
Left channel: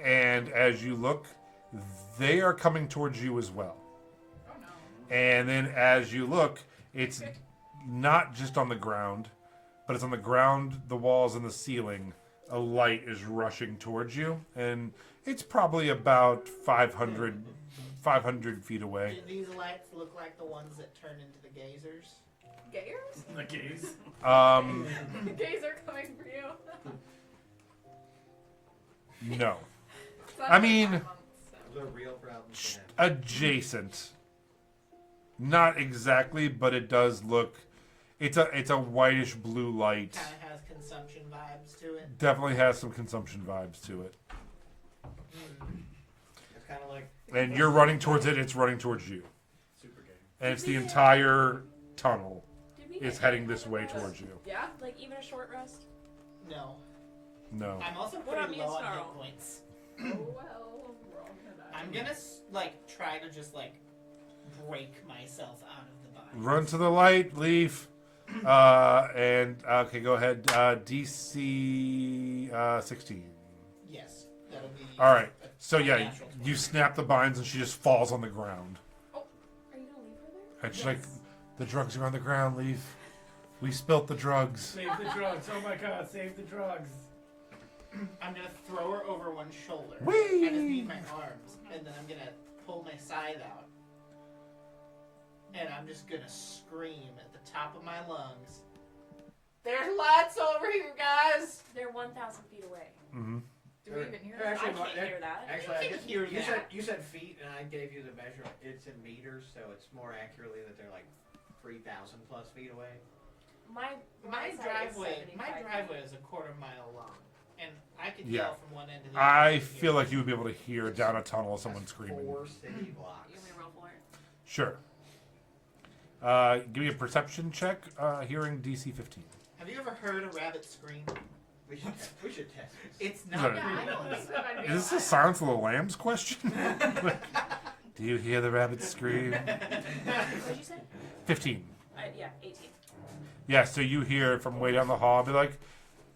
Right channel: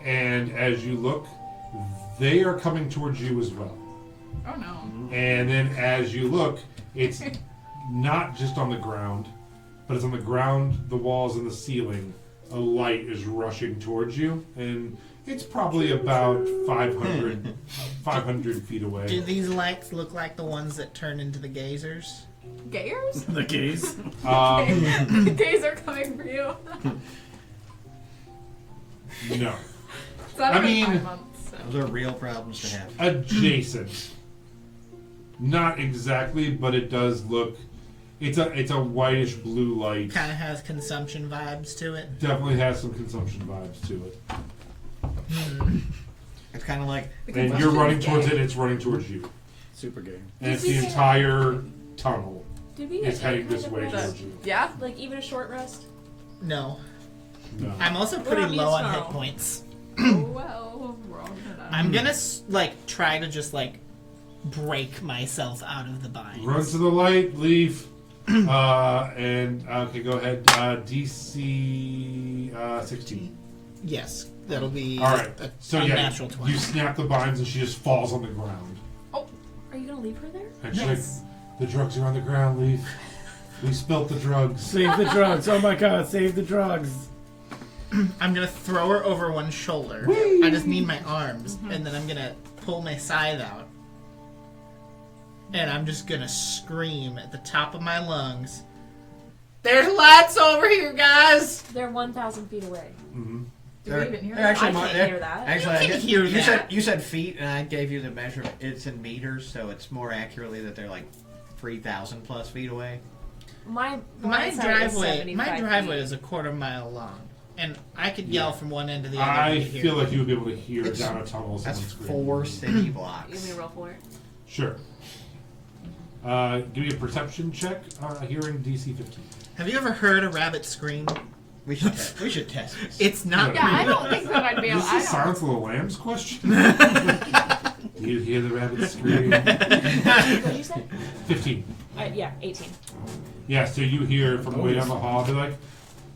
And as you look, they are coming towards you as well. Oh no. And then as you look, it's not just on the ground, but it's on the ground, the walls, and the ceiling. A light is rushing towards you, and it's probably about 500 feet Do away. these lights look like the ones that turn into the gazers? Gayers? The gays. The gays are coming for you. No. So that I took mean- 5 months. Those are real problems to have. Adjacent. Not exactly, but it does look. It's a whitish blue light. Kind of has consumption vibes to it. Definitely has some consumption vibes to it. It's kind of like. And you're running towards it. It's running towards you. Super game. And it's the entire tunnel. Did we It's get heading any this kind way of towards rest? you. Yeah. Like even a short rest? No. No. I'm also What pretty about me low and on hit Snarl? points. Well, wrong for that. I'm gonna try to just break myself out of the bind. Run to the light, leave. And okay, go ahead. DC 16. Yes, that'll be. All right. A So yeah, unnatural 20. you snap the binds and she just falls on the ground. Are you gonna leave her there? And she's Yes. like, "The drugs are on the ground, leave. We spilt the drugs." Save the drugs. Oh my god, save the drugs. I'm gonna throw her over one shoulder. Whee! I just need my arms, and then I'm gonna pull my scythe out, and I'm just gonna scream at the top of my lungs. There's lights over here, guys. They're 1,000 feet away. Mm-hmm. Do we even hear they're that? actually I more- can't they're- hear that. Actually, You I can guess hear you that. said feet, and I gave you the measure. It's in meters, so it's more accurately that they're like 3,000 plus feet away. My My side is driveway, 75 my driveway feet. is a quarter mile long, and I could yell Yeah. from one end to the other. I and hear feel it. like you would be able to hear It's- down a tunnel That's someone screaming. 4 city You blocks. want me to roll for it? Sure. Give me a perception check. Hearing DC 15. Have you ever heard a rabbit scream? We should test this. It's not. Yeah, I don't think that I'd be able. Is I this the don't. Silence of the Lambs question? Do you hear the rabbit scream? What did you say? 15. Yeah, 18. Yeah, so you hear from way down the hall, be like,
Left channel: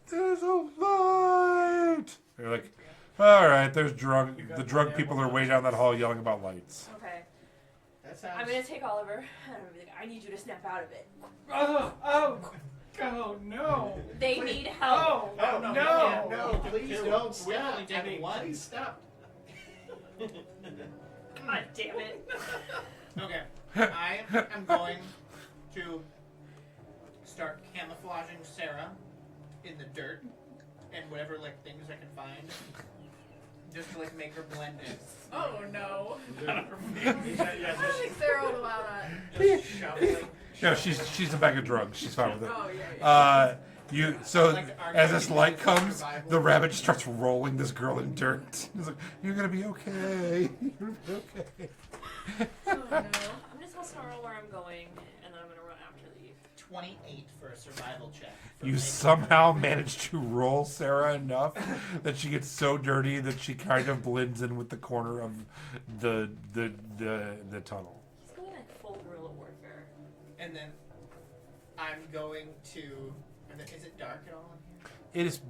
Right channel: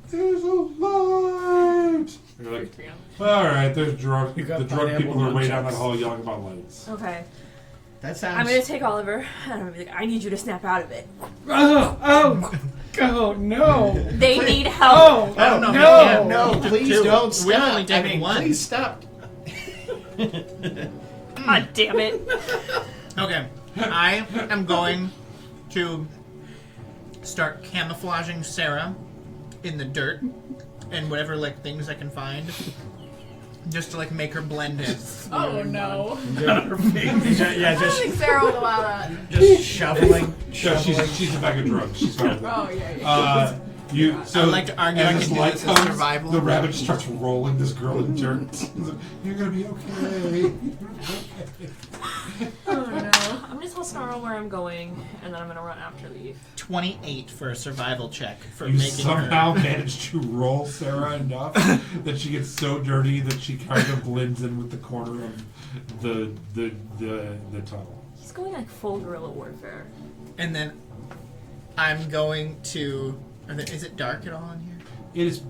"There's a light!" You're like, "Alright, there's drug. You got The drug people pineapple are way down that nunchucks. hall yelling about lights." Okay. That sounds. I'm gonna take Oliver and I'm gonna be like, I need you to snap out of it. Oh no. They need help. Oh, no, no. No, please Two. don't We're stop. only taking I mean, one. Please stop. God damn it. Okay, I am going to start camouflaging Sarah in the dirt and whatever things I can find, just to make her blend in. Oh no. Yeah, I don't think Sarah would allow that. just shoveling. No, she's a bag of drugs. She's fine with it. Oh yeah. I would like to argue I as can this do light this as comes, survival. the rabbit just starts rolling this girl in dirt. He's like, "You're gonna be okay. You're gonna be okay." Oh no. I'm gonna tell Snarl where I'm going and then I'm gonna run after Leaf. 28 for a survival check for You making somehow her. managed to roll Sarah enough that she gets so dirty that she kind of blends in with the corner of the tunnel. He's going full guerrilla warfare. And then I'm going to. Is it dark at all in here? It is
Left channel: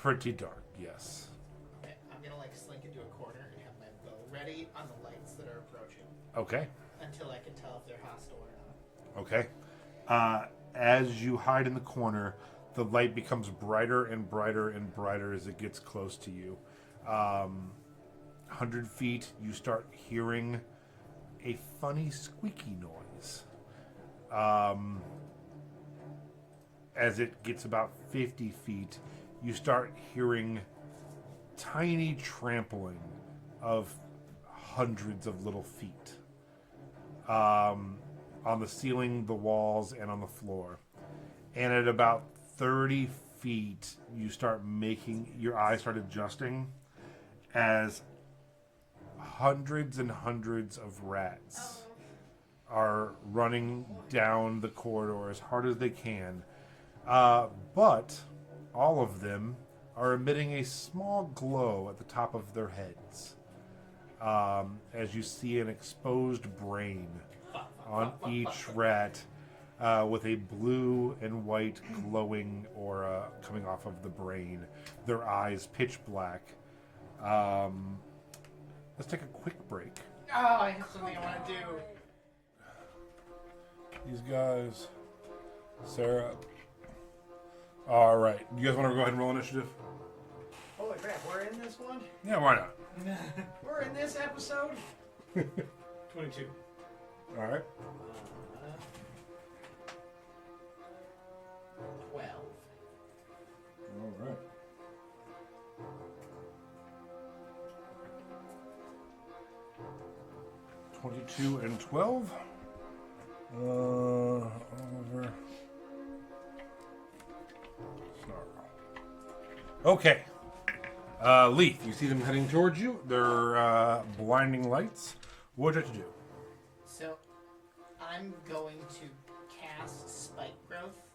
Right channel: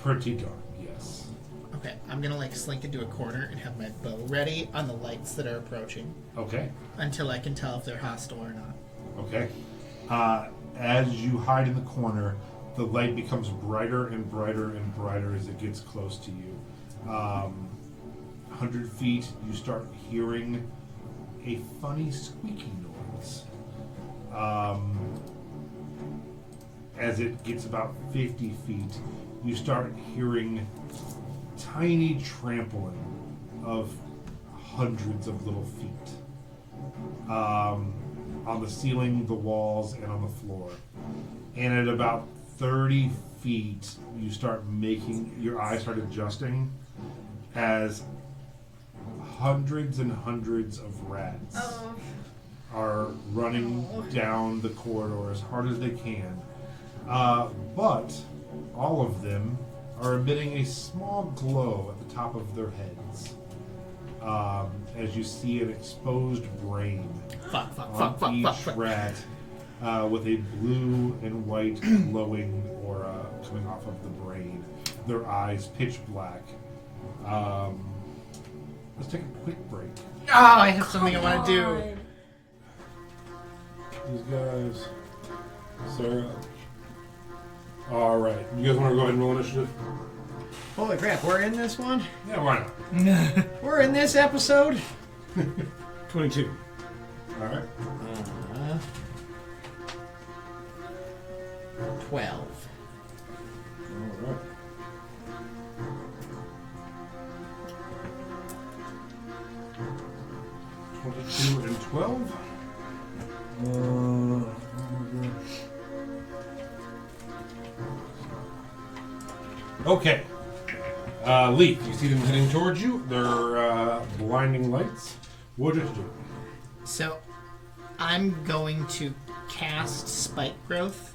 pretty dark, yes. Okay, I'm gonna slink into a corner and have my bow ready on the lights that are approaching Okay. until I can tell if they're hostile or not. Okay. As you hide in the corner, the light becomes brighter and brighter and brighter as it gets close to you. 100 feet, you start hearing a funny squeaky noise. As it gets about 50 feet, you start hearing tiny trampling of hundreds of little feet. On the ceiling, the walls, and on the floor. And at about 30 feet, you start your eyes start adjusting as hundreds and hundreds of rats are running down the corridor as hard as they can. But all of them are emitting a small glow at the top of their heads. As you see an exposed brain on each rat with a blue and white glowing aura coming off of the brain. Their eyes pitch black. Let's take a quick break. Oh, I have something I want to do. These guys, Sarah. All right, you guys want to go ahead and roll initiative? Holy crap, we're in this one? Yeah, why not? We're in this episode? 22. All right. 12. All right. 22 and 12. Okay. Leaf, you see them heading towards you. They're blinding lights. What did you do? So, I'm going to cast Spike Growth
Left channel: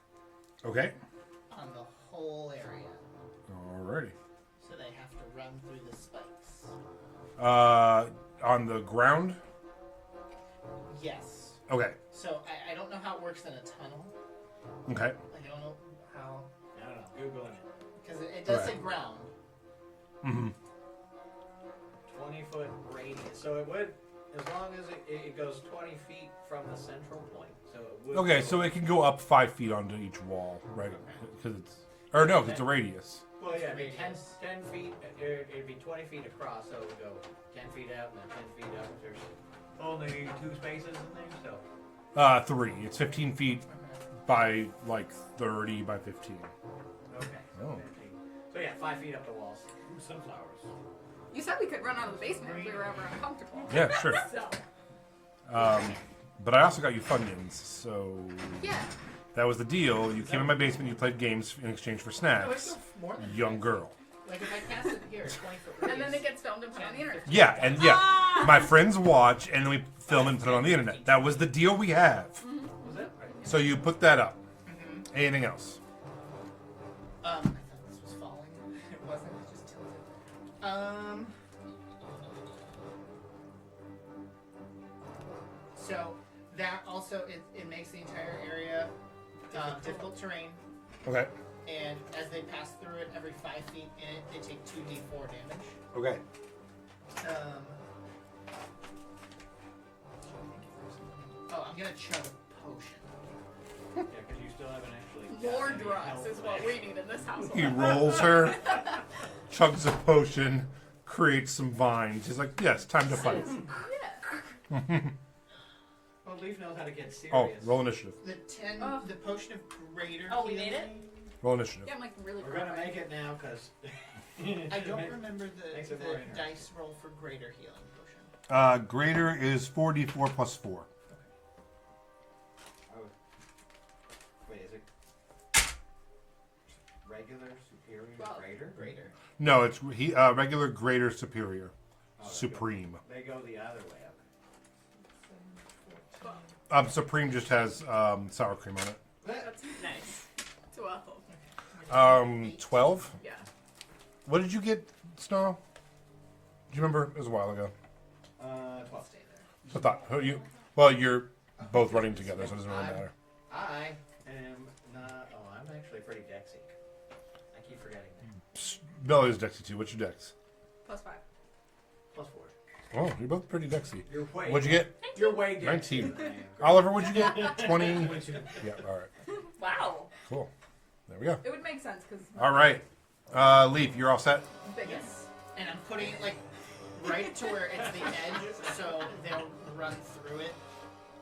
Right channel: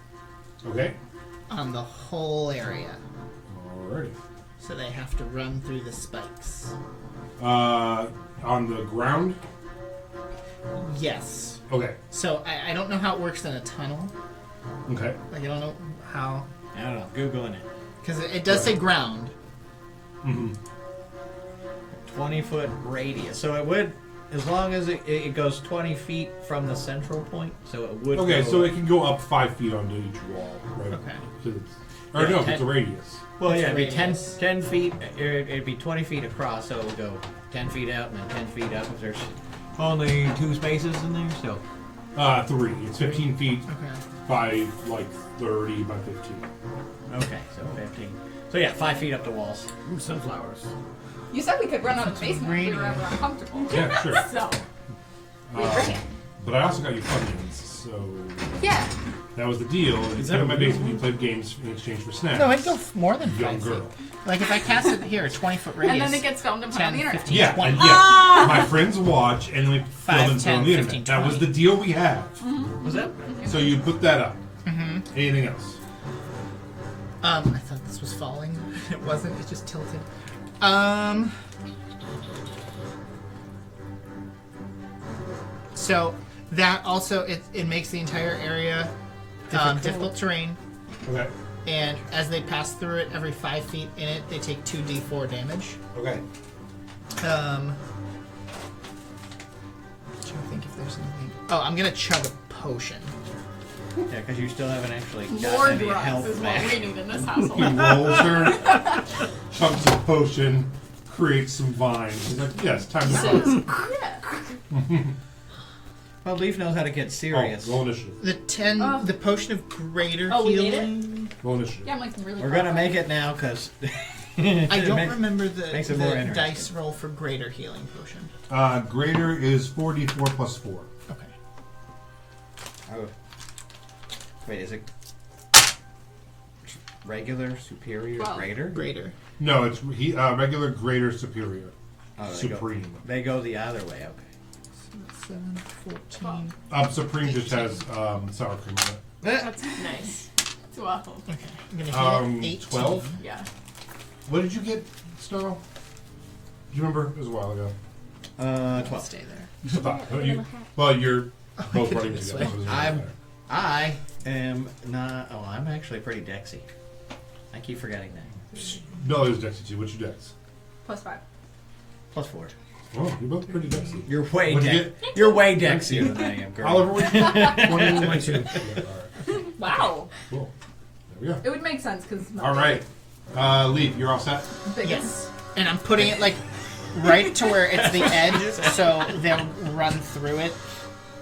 Okay. on the whole area. Alrighty. So they have to run through the spikes. On the ground? Yes. Okay. So I don't know how it works in a tunnel. Okay. Like I don't know how, I don't know. Googling it. because it does say ground. Mm-hmm. 20-foot radius. So it would, as long as it goes 20 feet from the central point. So it would. Okay, go, so it can go up 5 feet onto each wall, right? Okay. 'Cause it's, or Yeah, no, if 10 it's a radius. Well, It's yeah, the it'd be 10 radius. feet. It'd be 20 feet across. So it would go 10 feet out and then 10 feet up. If there's only 2 spaces in there, so 3. It's 15 feet Okay. by like 30 by 15. okay, so 15. So yeah, 5 feet up the walls. Ooh, sunflowers. You said we could run out of the basement if we were radiant. ever uncomfortable. Yeah, sure. So, Um, but I also got you Funyuns, so yeah. that was the deal. You Is came in that my real? basement, you played games in exchange for snacks. No, I'd go more than Young 5 girl. feet. Like if I cast it here, 20-foot radius. And then it gets filmed and put on 10, the internet. 15, Yeah, 20. and yeah, my friends watch, and then we film 5, and put it on 10, the internet. 15, That was the 20. deal we have. Was that? So you put that up. Mm-hmm. Anything else? I thought this was falling. It wasn't. It just tilted. So that also it makes the entire area difficult terrain, Okay. and as they pass through it, every 5 feet in it, they take 2d4 damage. Okay. Trying to think if there's anything. Oh, I'm gonna chug a potion. Yeah, because you still haven't actually More gotten any drugs health is back. what we need in this He household. rolls her, chugs a potion, creates some vines. He's like, yes, time to fight. Well, Leaf knows how to get serious. Oh, roll initiative. The potion of greater Oh, we made it? healing. Roll initiative. Yeah, I'm like really We're proud gonna of make it. it now because I don't remember makes the it more interesting. dice roll for greater healing potion. Greater is 4d4 plus 4. Okay. Oh. Wait, is it regular, superior, Well, greater? Greater. No, it's regular, greater, superior, Oh, supreme. They go the other way. Okay. 7, 14. Supreme just has sour cream on it. That's Nice. 12. Okay. I'm gonna hit 18. 12. Yeah. What did you get, Snow? Do you remember? It was a while ago. 12. Stay there. I thought- well, you're both could running do this together. way. so it doesn't really I'm- matter. I am not. Oh, I'm actually pretty dexy. I keep forgetting that. No, there's Dexy too. What's your Dex? +5. +4. Oh, you're both pretty Dexy. You're way What'd you dex. You're way dexier than I am, girl. Oliver, what'd you get? 22. Yeah, all right. Wow. Cool. There we go. It would make sense because. All right. Leaf, you're all set? Yes. And I'm putting it like right to where it's the edge, so they'll run through it.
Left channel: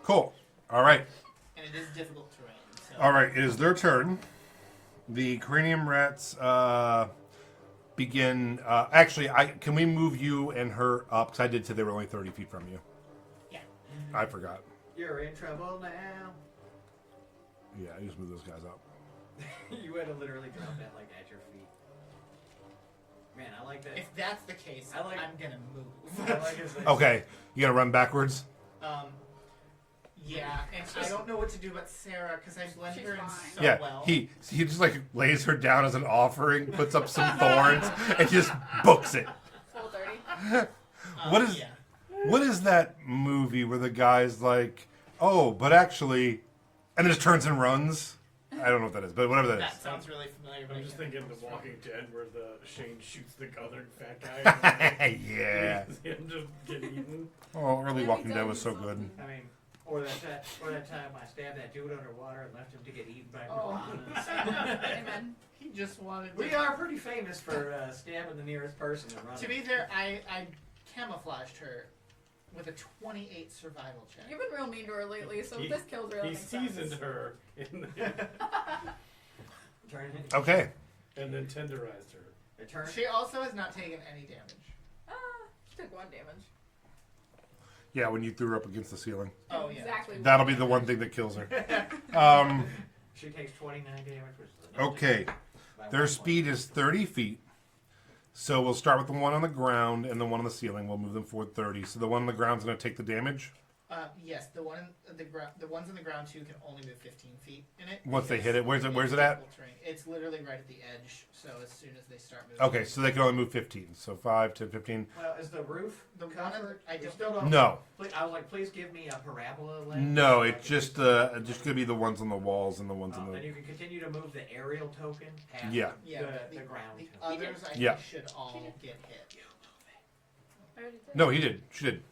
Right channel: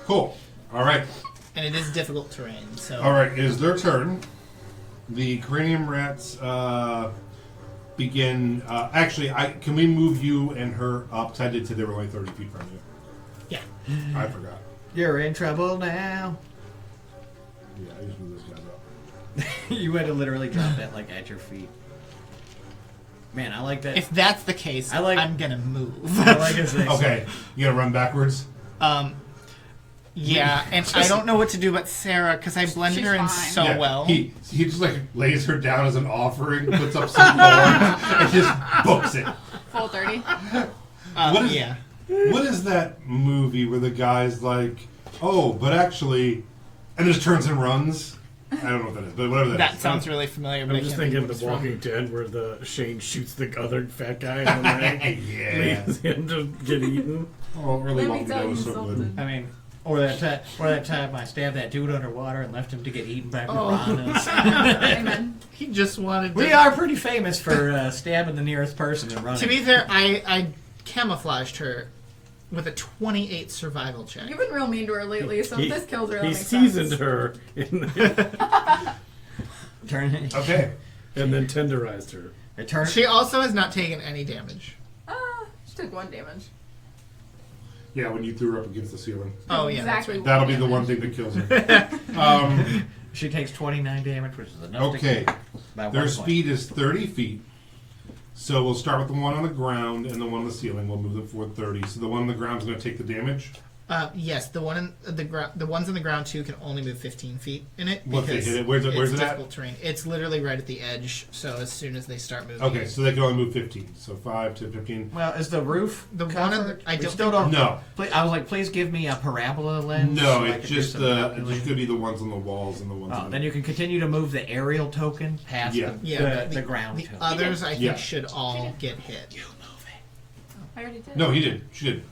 Cool. All right. And it is difficult terrain, so. All right. It is their turn. The cranium rats begin. Actually, can we move you and her up? Because I did say they were only 30 feet from you. Yeah. I forgot. You're in trouble now. Yeah, I just moved those guys up. You had to literally drop that like at your feet. Man, I like that. If that's the case, I like- I'm gonna move. I like his thing. Okay. You gotta run backwards. Yeah, and I don't know what to do but Sarah because I blended She's her in fine. so Yeah, well. He just like lays her down as an offering, puts up some thorns, and just books it. Full 30. What is- yeah. What is that movie where the guy's like, oh, but actually, and just turns and runs? I don't know what that is, but whatever that That is. sounds really familiar, but I'm I just can't thinking think of of The what it's Walking Dead where the Shane shoots the other fat guy in the leg, Yeah. leaves him to get eaten. Oh, early Let me Walking tell Dead you was so good. something. I mean, or that time I stabbed that dude underwater and left him to get eaten by Oh. piranhas. Amen. He just wanted to. We are pretty famous for stabbing the nearest person and running. To be fair, I camouflaged her with a 28 survival check. You've been real mean to her lately, so if this kills her, that He makes seasoned sense. her in the, Turn. Okay. and then tenderized her. It turns. She also has not taken any damage. She took 1 damage. Yeah, when you threw her up against the ceiling. Oh yeah, Exactly. that's That'll be the one thing that kills her. She takes 29 damage, which is enough. Okay. By Their 1 point. speed is 30 feet. So we'll start with the one on the ground and the one on the ceiling. We'll move them forward 30. So the one on the ground is going to take the damage. Yes, the one in the ground, the ones on the ground too can only move 15 feet in it. Once they because hit it, where's it it's at? difficult terrain. It's literally right at the edge. So as soon as they start moving, Okay, so they can only move 15. So 5 to 15. Well, is the roof The one on the- covered? I We don't still think- don't. No. I was like, please give me a parabola lens. No, so I it's could do just some it's calculating. just going to be the ones on the walls and the ones on the Then you can continue to move the aerial token past Yeah. yeah, the ground The token. others, I think, Yeah. should all get hit. You move it. I already did. No, he did. She did.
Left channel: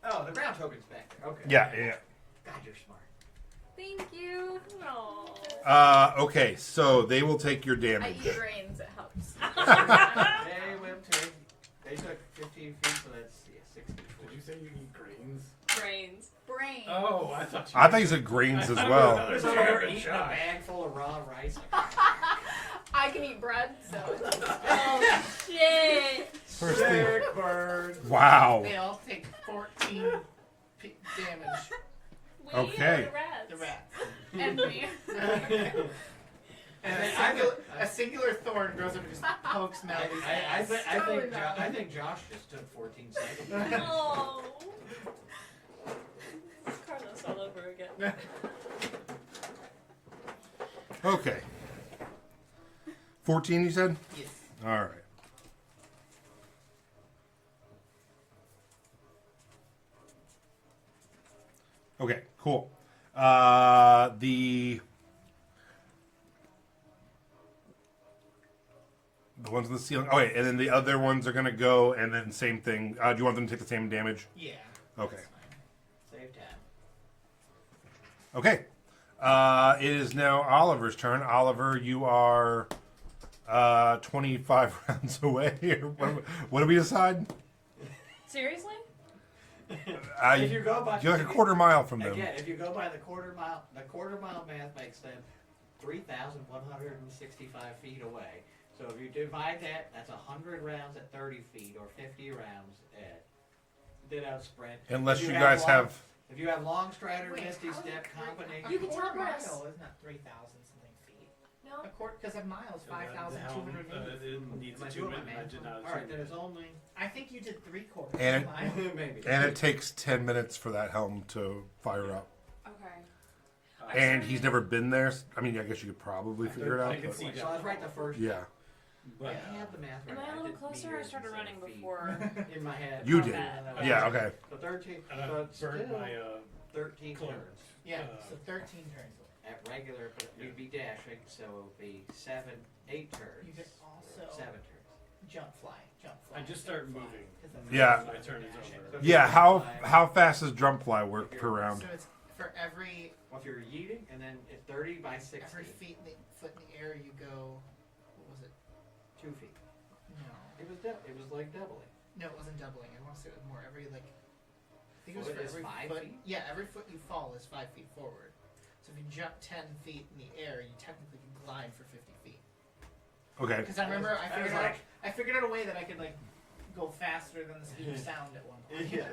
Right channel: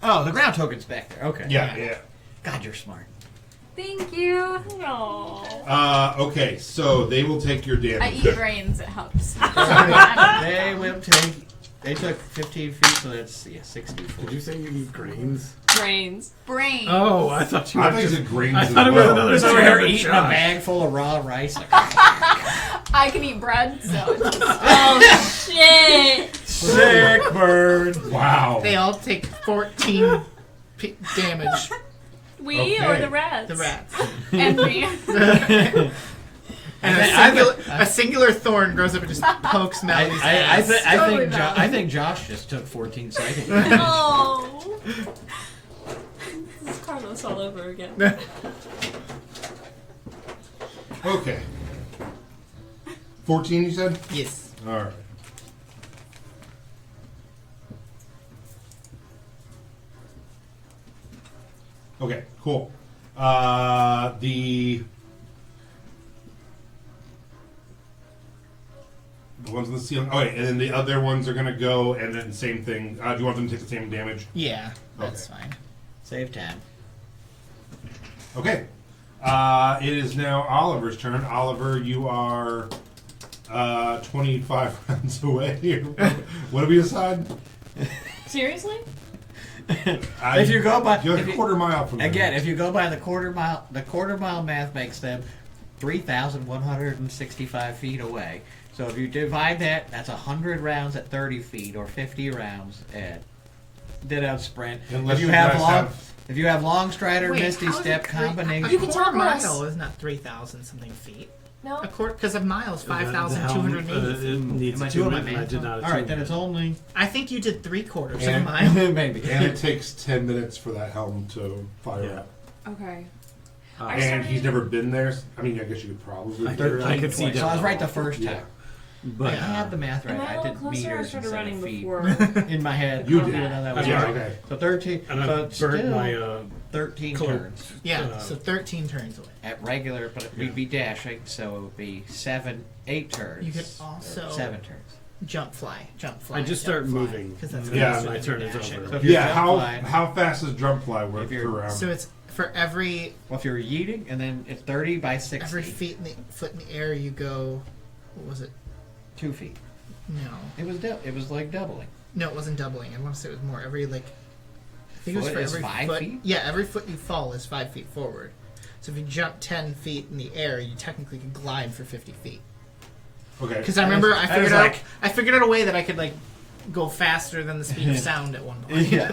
Oh, the ground token's back there. Okay. Yeah. God, you're smart. Thank you. No. Okay, so they will take your I damage. eat grains. It helps. They will take. They took 15 feet, so that's 64. Did you say you eat grains? Brains. Brains. Oh, I thought you. I were think just- it's grains I as thought it was well. another Just over here stab at eating a Josh. bag full of raw rice. I can eat bread, so it's just Oh shit! Sick bird. Wow. They all take 14 damage. We Okay. or the rats? The rats. and me. And a singular thorn grows up and just pokes Melody's ass. Totally I think Josh just took 14 seconds. No. This is Carlos all over again. Okay. 14, you said? Yes. All right. Okay, cool. The ones on the ceiling. Okay, and then the other ones are gonna go, and then same thing. Do you want them to take the same damage? Yeah, that's Okay. fine. Save time. Okay. It is now Oliver's turn. Oliver, you are 25 rounds away. What do we decide? Seriously? If you go by You're like a quarter mile from there. again, if you go by the quarter mile math makes them 3,165 feet away. So if you divide that, that's 100 rounds at 30 feet, or 50 rounds at dead-out sprint. Unless if you you have guys long, have- if you have long strider, Wait, misty how is step it combination. You can talk Quarter to us. mile is not 3,000 something feet. No. A quarter, because a mile is The helm, 5,280. it needs Am I two doing my minutes, and I math? did not. All right, then it's only I think you did 3/4 of a And- mile. maybe. And it takes 10 minutes for that helm to fire Yeah. up. Okay. And he's never been there. I mean, I guess you could probably I figure it could- I out. could see So I was that. right the first Yeah. time. But I had the math right. Am I a I little did closer? I meters started instead running of feet. before. In my head. You I'll did. figure that out Yeah, later. okay. So 13. and I so burnt still my 13 cloak. turns Yeah, so 13 turns away. at regular, but we'd be dashing, so it would be 8 turns. You could or also 7 turns. jump fly. I just start moving. Because that's Yeah, faster my than turn is dashing. over. So if you're Yeah, jump how flying- how fast does drum fly work If you're- per round? So it's for every Well, if you're yeeting, and then it's 30 by 60. every foot in the air you go. What was it? 2 feet. No, It was like doubling. no, it wasn't doubling. I want to say it was more. Every I think it was Foot for is every 5 foot. feet? Yeah, every foot you fall is 5 feet forward. So if you jump 10 feet in the air, you technically can glide for 50 feet. Okay. Because I remember I that figured is out like- I figured out a way that I could go faster than the speed of sound at one point. Yeah.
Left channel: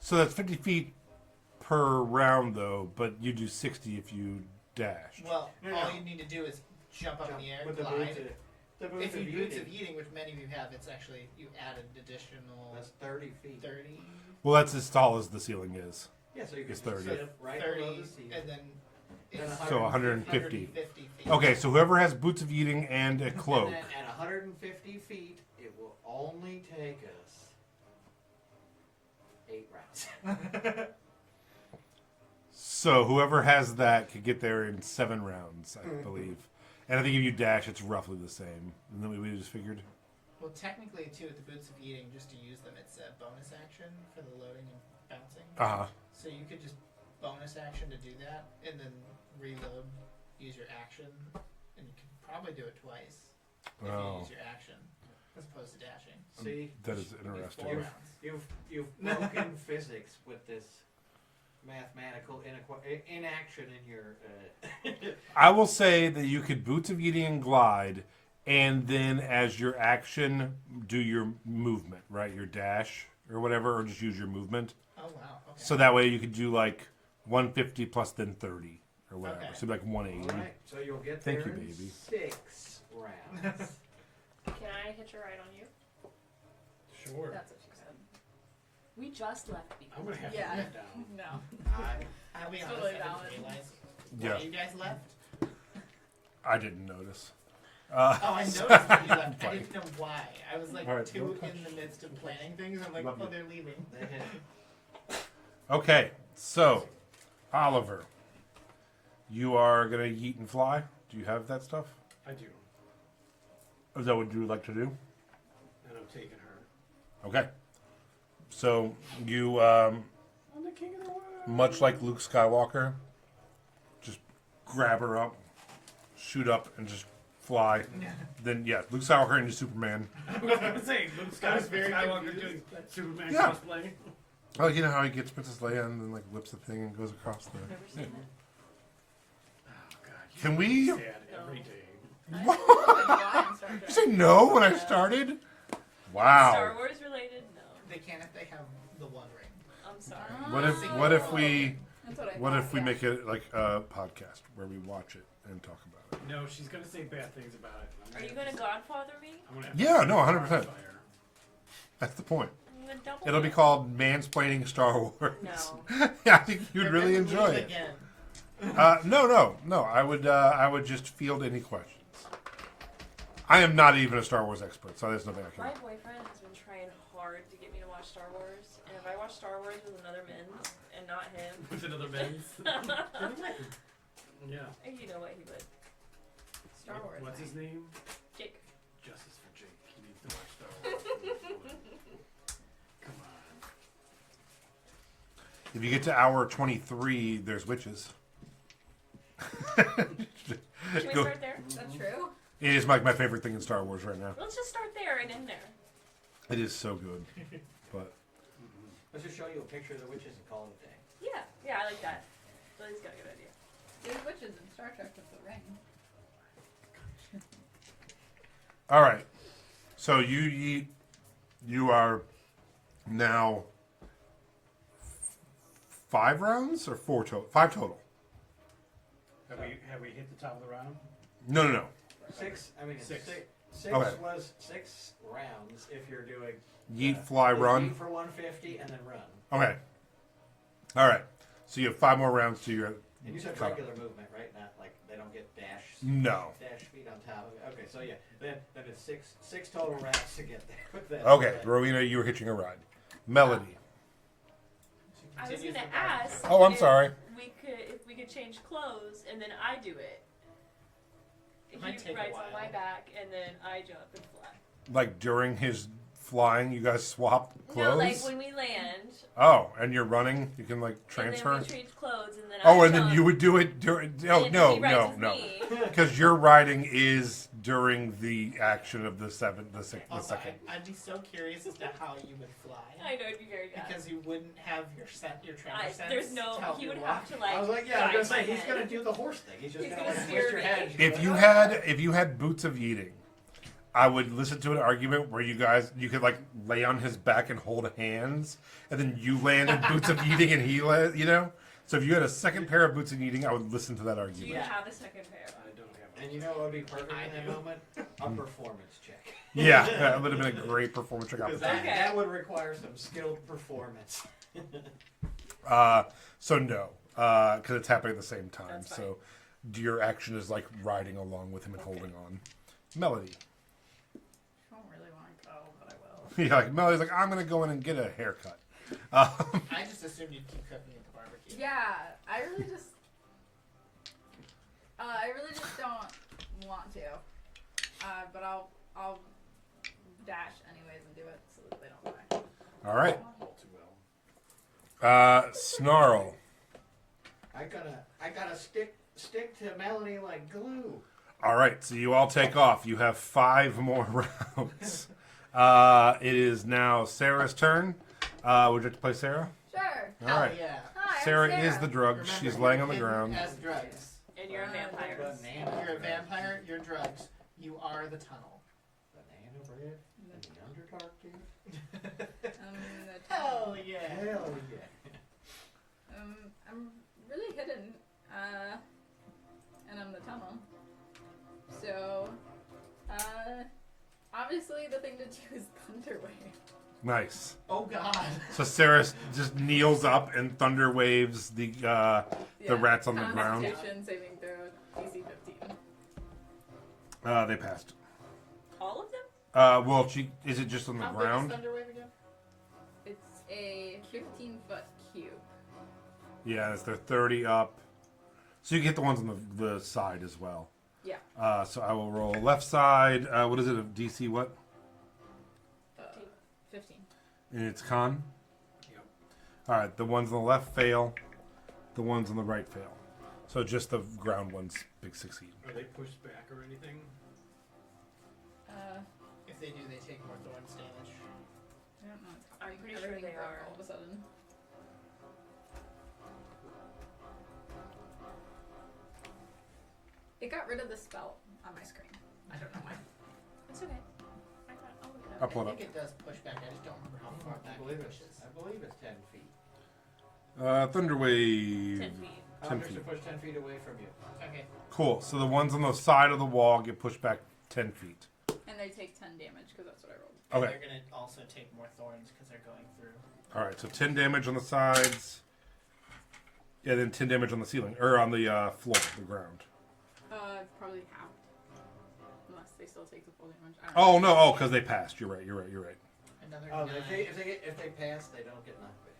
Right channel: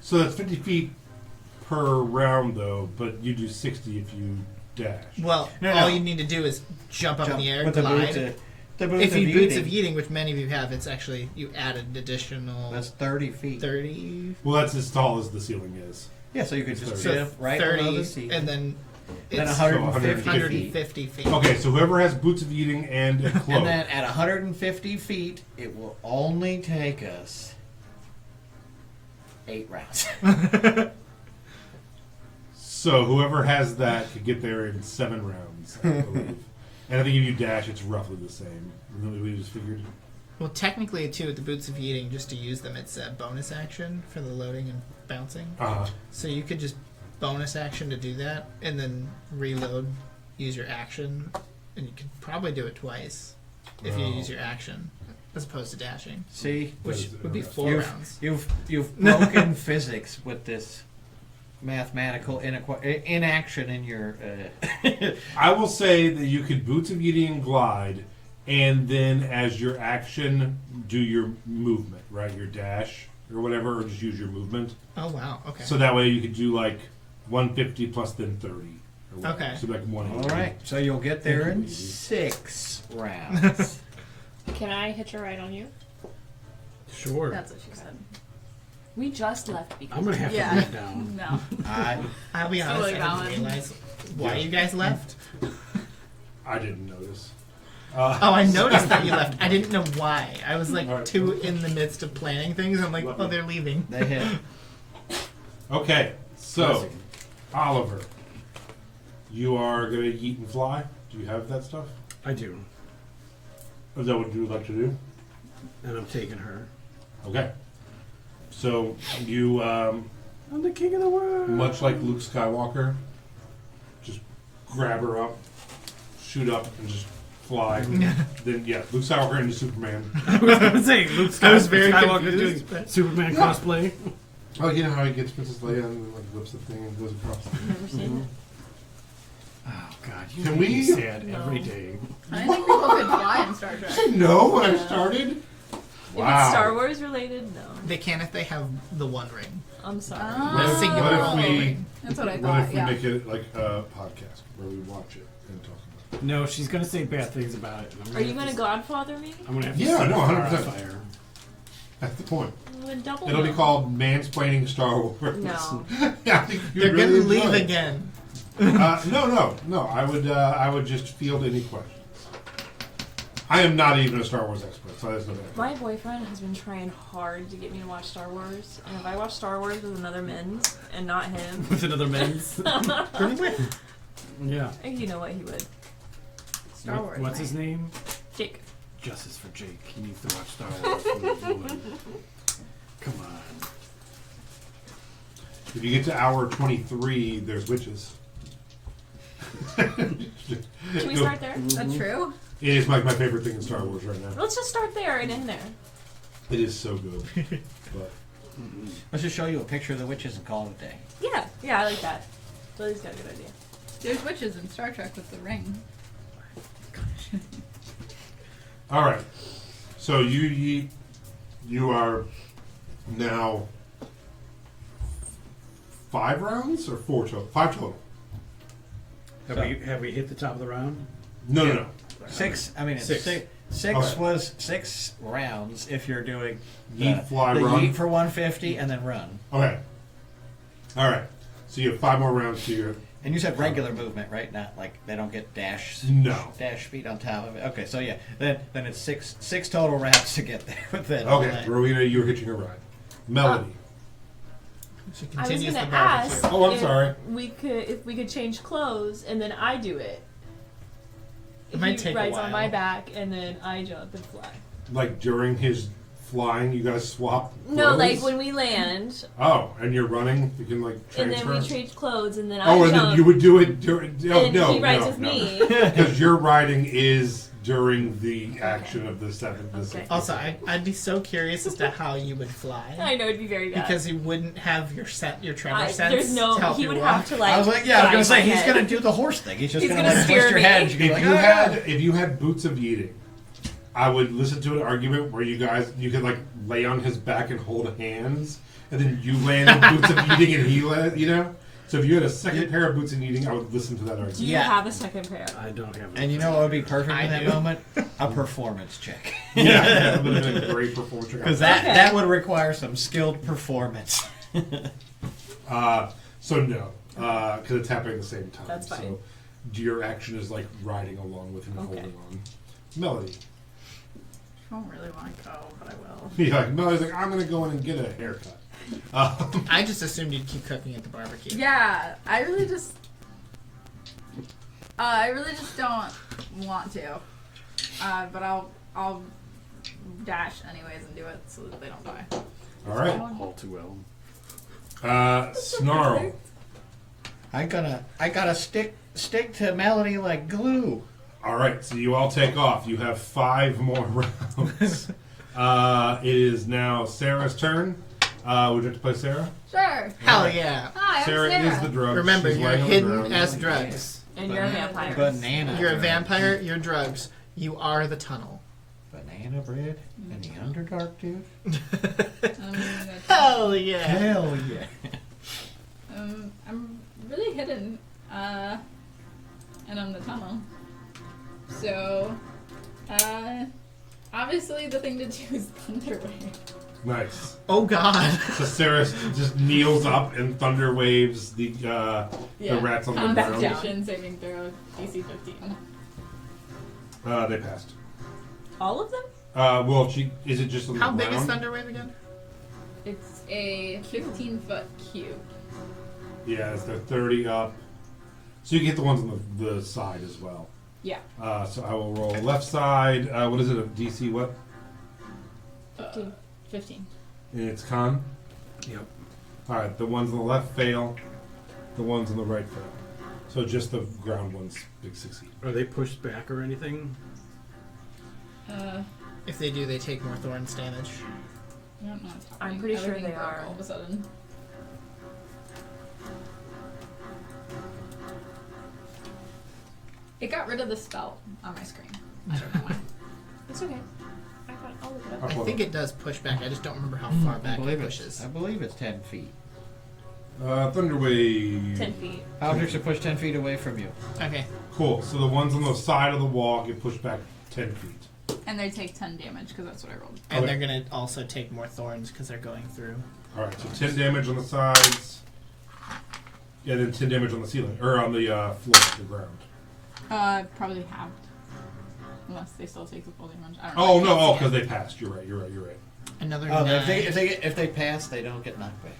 So that's 50 feet per round, though, but you do 60 if you dash. Well, No, all no. you need to do is jump up in the air, with the glide. boots If of you boots yeeting, of eating, which many of you have, it's actually you added additional that's 30 feet. 30. Well, that's as tall as the ceiling is. Yeah, so you could just So sit right below 30, the seat. and then then it's 150 feet. 150 feet. Okay, so whoever has boots of eating and a cloak. And then at 150 feet, it will only take us 8 rounds. So whoever has that could get there in 7 rounds, I believe. And I think if you dash, it's roughly the same. We just figured. Well, technically, too, with the boots of eating, just to use them, it's a bonus action for the loading and bouncing. So you could just bonus action to do that, and then reload, use your action, and you could probably do it twice if you Oh. use your action, as opposed to dashing, See, which would be 4 You've- rounds. you've broken physics with this mathematical inaction in your. I will say that you could boots of eating and glide, and then as your action, do your movement, right? Your dash. or whatever, or just use your movement. Oh wow. Okay. So that way you could do like 150 plus then 30. Or whatever. Okay. So like 180. All right, so you'll get there Thank you, in baby. 6 rounds. Can I hitch a ride on you? Sure. That's what she said. We just left because I'm gonna have Yeah. to write down. No. I'll be honest. Totally I didn't valid. realize why Yeah. you guys left. I didn't notice. Oh, I noticed that you left. I didn't know why. I was like Right. too in the midst of planning things. I'm like, Lovely. oh, they're leaving. They hit. Okay, so Oliver, you are gonna yeet and fly. Do you have that stuff? I do, Is that what you would like to do? and I'm taking her. Okay. So you, I'm the king of the world. much like Luke Skywalker, just grab her up, shoot up, and just fly. Then yeah, Luke Skywalker into Superman. I was gonna say Luke I was very Skywalker confused, doing but- Superman Yeah. cosplay. Oh, you know how he gets Princess Leia and then like whips the thing and goes across. Never seen Oh God, you Can make me we- sad No. every day. I didn't think people could fly in Star Trek. Did I say no when I started? it. If Wow. it's Star Wars related, no. They can if they have the One Ring. I'm sorry. What The if, singular what if all we? ring. That's what I What thought. if we Yeah. make it like a podcast where we watch it and talk about it? No, she's gonna say bad things about it. and I'm Are you have gonna to- Godfather me? I'm gonna have to Yeah, set no, the car 100%. on fire. That's the point. Well, then double It'll be no. called Mansplaining Star Wars. No. Yeah, I think you'd They're really gonna leave enjoy it. again. No. I would just field any questions. I am not even a Star Wars expert, so that's no matter. My boyfriend has been trying hard to get me to watch Star Wars, and if I watch Star Wars with another men's and not him, With another men's. Yeah. you know what he would. Star Wars. What's his name? Jake. Justice for Jake. He needs to watch Star Wars with a woman. Come on. If you get to hour 23, there's witches. Can we Go- start there? Is that true? It is my favorite thing in Star Wars right now. Let's just start there and end there. It is so good. But Let's just show you a picture of the witches and call it a day. Yeah, I like that. Lily's got a good idea. There's witches in Star Trek with the ring. all right, so you are now 5 rounds or 4 total? 5 total. Have we hit the top of the round? No. 6. I mean, it's Six. six Okay. was 6 rounds if you're doing Yeet, fly, the run. yeet for 150 and then run. Okay. All right. So you have 5 more rounds to your. And you said regular movement, right? Not like they don't get dash No. speed on top of it. Okay, so yeah, then it's six total rounds to get there with it. Okay, Rowena, you were hitching a ride. Melody. She I was continues gonna the barbecue. ask Oh, I'm if sorry. if we could change clothes and then I do it. It might He take a rides on while. my back and then I jump and fly. Like during his flying, you guys swap clothes? No, like when we land Oh, and you're running, you can like and transfer? then we change clothes and then I Oh, and jump then you would do it during. Oh, and no, he rides no, with no. me. Because your riding is during the action of the 7th. Okay. Also, I'd be so curious as to how you would fly. I know it'd be very bad. Because you wouldn't have your tremor I, sense. there's no. to help He you would walk. have to like. I was like, yeah, I was guide gonna say my he's head. gonna do the horse thing. He's just He's gonna gonna like steer twist your me. head. And If you're like, you "Ah." had boots of eating, I would listen to an argument where you could like lay on his back and hold hands, and then you land in boots of eating and he land, you know? So if you had a second pair of boots of eating, I would listen to that Do argument. you Yeah. have a second pair? I don't have. And you know what would be perfect I in that do. moment? A performance check. Yeah, that would have been a great performance. Because Okay. that would require some skilled performance. So no, because it's happening at the same time. That's fine. So your action is like riding along with him and Okay. holding on. Melody. I don't really want to go, but I will. Yeah, like Melody's like, I'm gonna go in and get a haircut. I just assumed you'd keep cooking at the barbecue. Yeah, I really just don't want to. But I'll dash anyways and do it so that they don't die. All right. All too well. Snarl. I gotta stick to Melody like glue. All right, so you all take off. You have 5 more rounds. It is now Sarah's turn. Would you like to play Sarah? Sure. Hell Alright. yeah. Hi, I'm Sarah Sarah. is the drug. Remember, She's you're laying on the hidden ground. as drugs. And you're a vampire. Banana. You're a bread. vampire, you're drugs. You are the tunnel. Banana bread in the Underdark, dude. I'm gonna yeah. Hell yeah. I'm really hidden, and I'm the tunnel. So, obviously the thing to do is Thunder Wave. Nice. Oh God. So Sarah just kneels up and thunder waves the rats on the ground. Constitution saving throw, DC 15. They passed. All of them? Well, is it just on the How ground? big is Thunderwave again? It's a 15-foot cube. Yeah, it's the 30 up. So you get the ones on the side as well. Yeah. So I will roll left side. What is it? A DC what? 15. And it's con. Yep. All right, the ones on the left fail. The ones on the right fail. So just the ground ones big succeed. Are they pushed back or anything? If they do, they take more thorns damage. I don't know what's happening. I'm pretty sure Everything they broke are. all of a sudden. It got rid of the spell on my screen. I don't know why. It's okay. I got all of it. Up I on think the- it does push back. I just don't remember how far back it pushes. I believe it's 10 feet. Thunder wave. 10 feet. Objects are pushed 10 feet away from you. Okay. Cool. So the ones on the side of the wall get pushed back 10 feet. And they take 10 damage because that's what I rolled. And Okay. they're gonna also take more thorns because they're going through. All right, so 10 damage on the sides. Yeah, then 10 damage on the ceiling or on the floor, the ground. Probably halved. Unless they still take the full damage. I don't Oh know. no! Oh, because they passed. You're right. Another Oh, 9. if they pass, they don't get knocked back.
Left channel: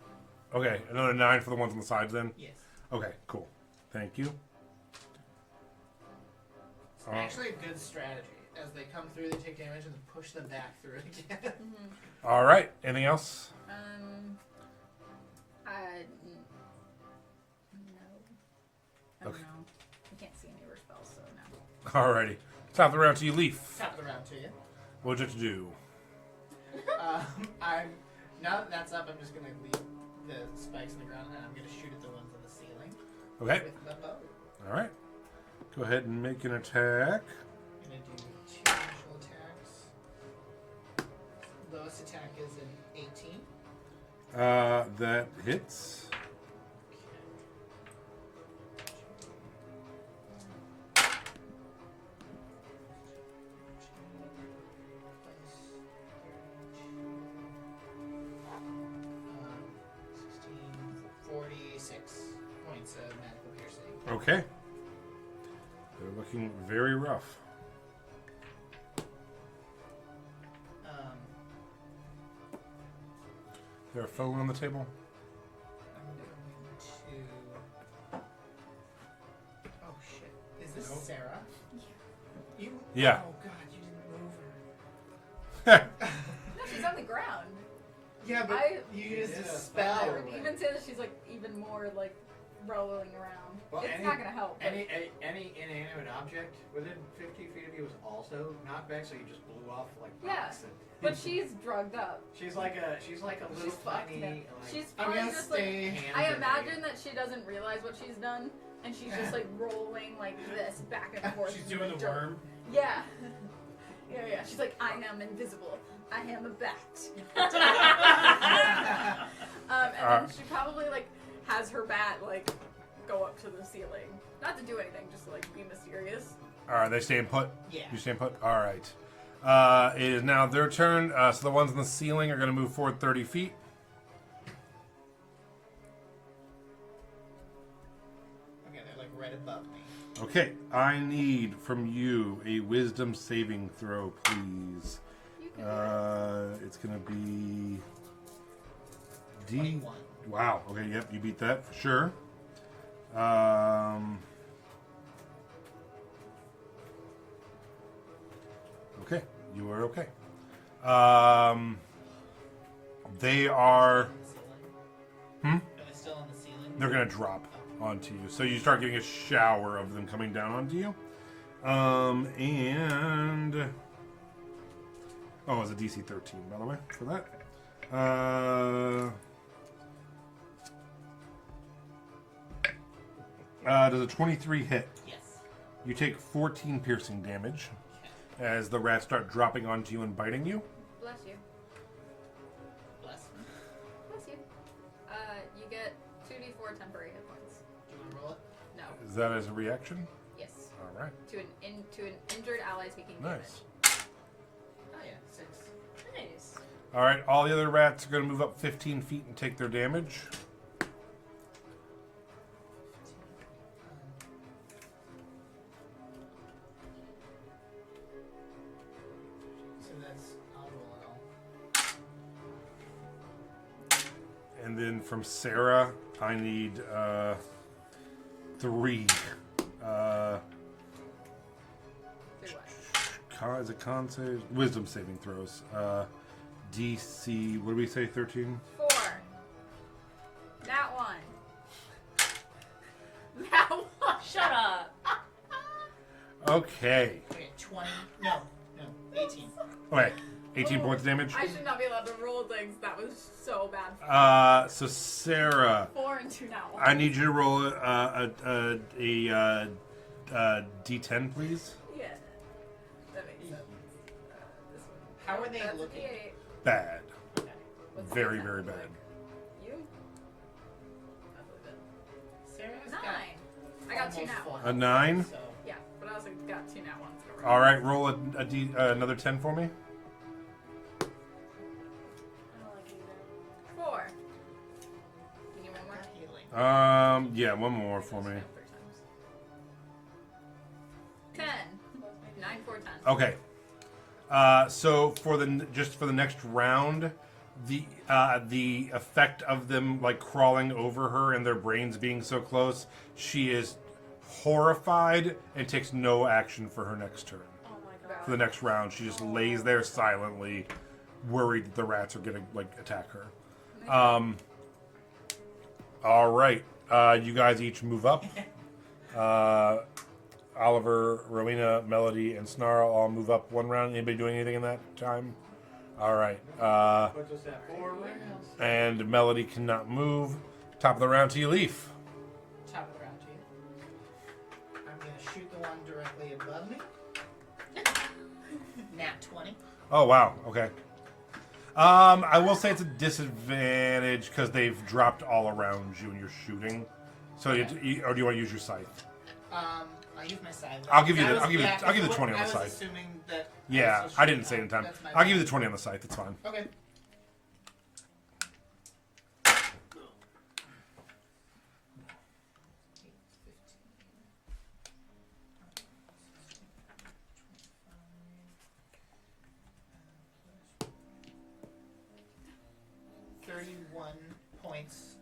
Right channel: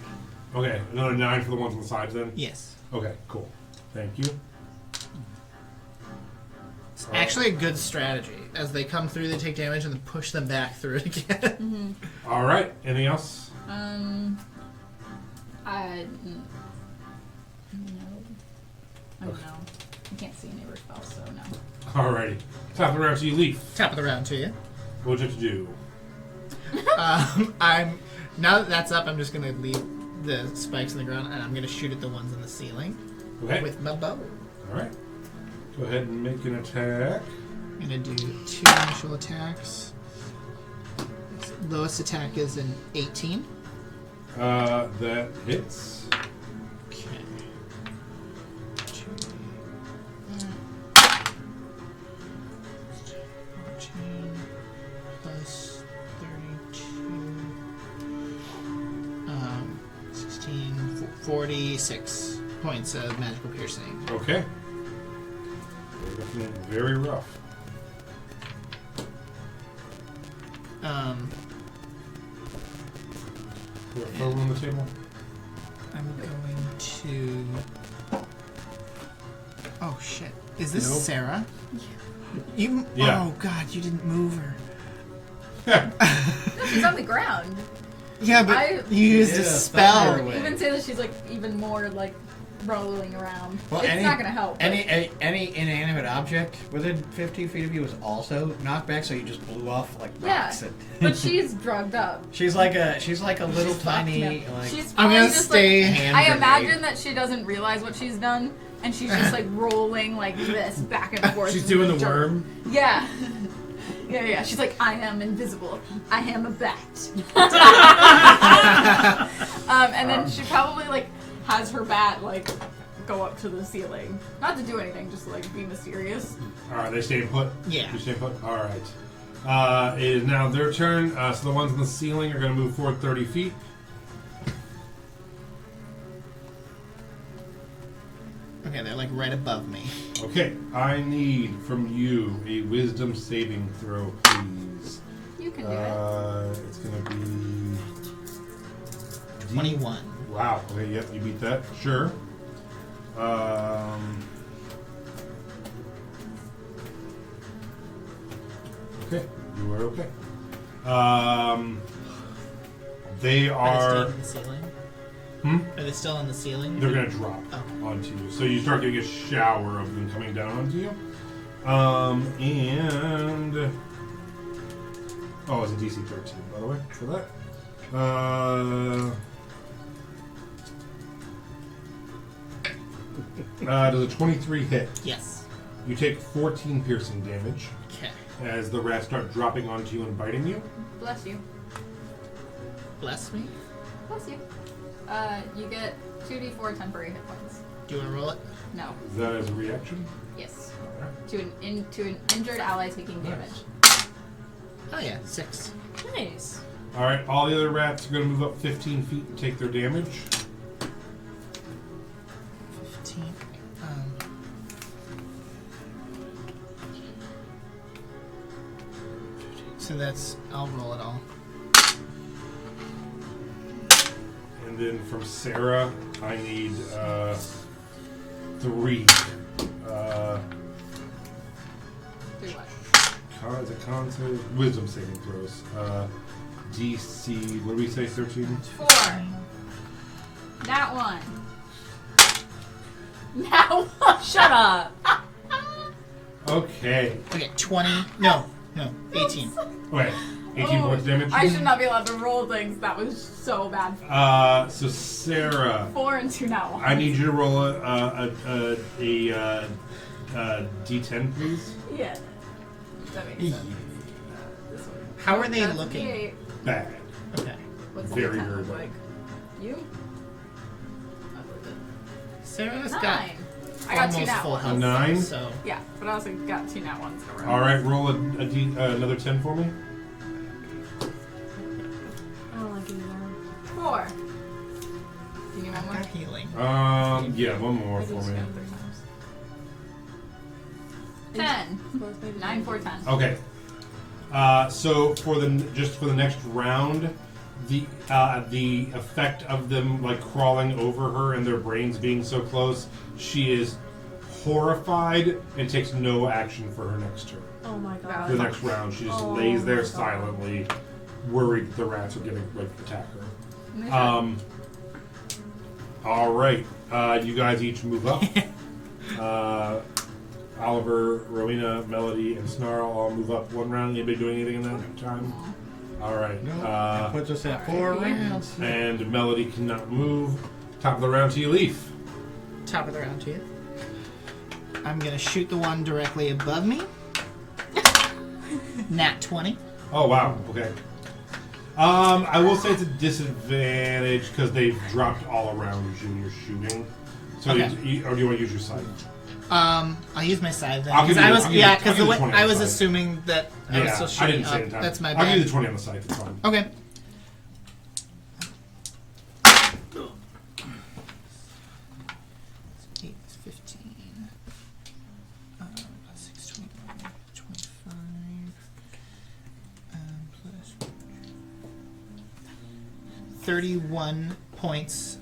Okay, another 9 for the ones on the sides then. Yes. Okay, cool. Thank you. It's actually a good strategy. As they come through, they take damage and then push them back through it again. All right. Anything else? No. I don't know. I can't see any other spells, so no. Alrighty. Top of the round to you, Leaf. Top of the round to you. What'd you have to do? I'm now that that's up. I'm just gonna leave the spikes in the ground and I'm gonna shoot at the ones on the ceiling Okay. with my bow. All right. Go ahead and make an attack. I'm gonna do 2 initial attacks. Lowest attack is an 18. That hits. Okay. 14 plus 32. 16, 46 points of magical piercing. Okay. They're looking very rough. Is there a photo on the table? I'm going to. Oh shit! Is this Nope. Sarah? You? Yeah. Oh god! You didn't move her. She's on the ground. Yeah, but I- you used Yeah, a thunder spell. wave. Even say that she's like even more like rolling around. Well, it's not gonna help. but- Any inanimate object within 15 feet of you is also knocked back, so you just blew off like Yeah, rocks. but she's drugged up. She's like a little tiny Yeah. like. She's I'm probably gonna just stay. Like, hand I grenade. imagine that she doesn't realize what she's done, and she's just like rolling like this back and forth. She's in doing the dirt. worm. Yeah. Yeah. She's like, I am invisible. I am a bat. And then she probably like has her bat like go up to the ceiling, not to do anything, just to like be mysterious. All right, they staying put. Yeah. You staying put. All right. It is now their turn. So the ones on the ceiling are going to move forward 30 feet. Okay, they're like right above me. Okay, I need from you a wisdom saving throw, please. You can do it. It's going to be 21. Wow. Okay. Yep. You beat that. Sure. Okay. You were okay. They Are are. they still on the ceiling? Hmm? Are they still on the ceiling? They're gonna drop Oh. onto you. So you start getting a shower of them coming down onto you. And it's a DC 13, by the way, for that. Does a 23 hit? Yes. You take 14 piercing damage Okay. as the rats start dropping onto you and biting you. Bless you. Bless me. bless you. You get 2d4 temporary hit points. Do you want to roll it? No. Is that as a reaction? Yes. All right. To an injured ally taking Nice. damage. Oh yeah, 6. Nice. All right. All the other rats are going to move up 15 feet and take their damage. 15. So that's, I'll roll it all. And then from Sarah, I need 3. 3 what? Con save, wisdom saving throws. DC, what do we say, 13? 4. That one. That one. Shut up. Okay. Okay, 20. No, 18. Wait, 18 Oh, points damage? I should not be allowed to roll things. That was so bad. So Sarah, 4 and 2 now. I need you to roll a D10, please. Yeah. That makes sense. How are they That's looking? 8. Bad. Okay. What's the Very, D10 very look bad. like? You? Sarah's 9. got I got 2 almost nat full ones. A health. 9? So Yeah, but I also got 2 nat ones in a row. All right, roll another 10 for me. I don't like it either. 4. Do you need one I've more? got healing. Yeah, one more I for just me. got 3 times. 10. Well, maybe 9, 4, 10. Okay. So for the next round, the effect of them like crawling over her and their brains being so close, she is horrified and takes no action for her next turn. Oh my For god. the next round, she just Oh lays there my God. silently, worried that the rats are gonna like attack her. And they should. All right, you guys each move up. Oliver, Rowena, Melody, and Snarl all move up one round. Anybody doing anything in that time? All right. That puts us at 4 rounds. And Melody cannot move. Top of the round to you, Leaf. Top of the round to you. I'm gonna shoot the one directly above me. Nat 20. Oh wow. Okay. I will say it's a disadvantage because they've dropped all around you when you're shooting. So, Okay. or do you want to use your scythe? I'll use my scythe then. I'll give 'cause you I the- was, I'll give you- yeah, I'll because give you the 20 on I the was side. assuming that I was Yeah, still I shooting didn't say it in up. time. That's my I'll bad. give you the 20 on the scythe. It's fine. Okay. Eight, 15. 6, 25. Plus 31 points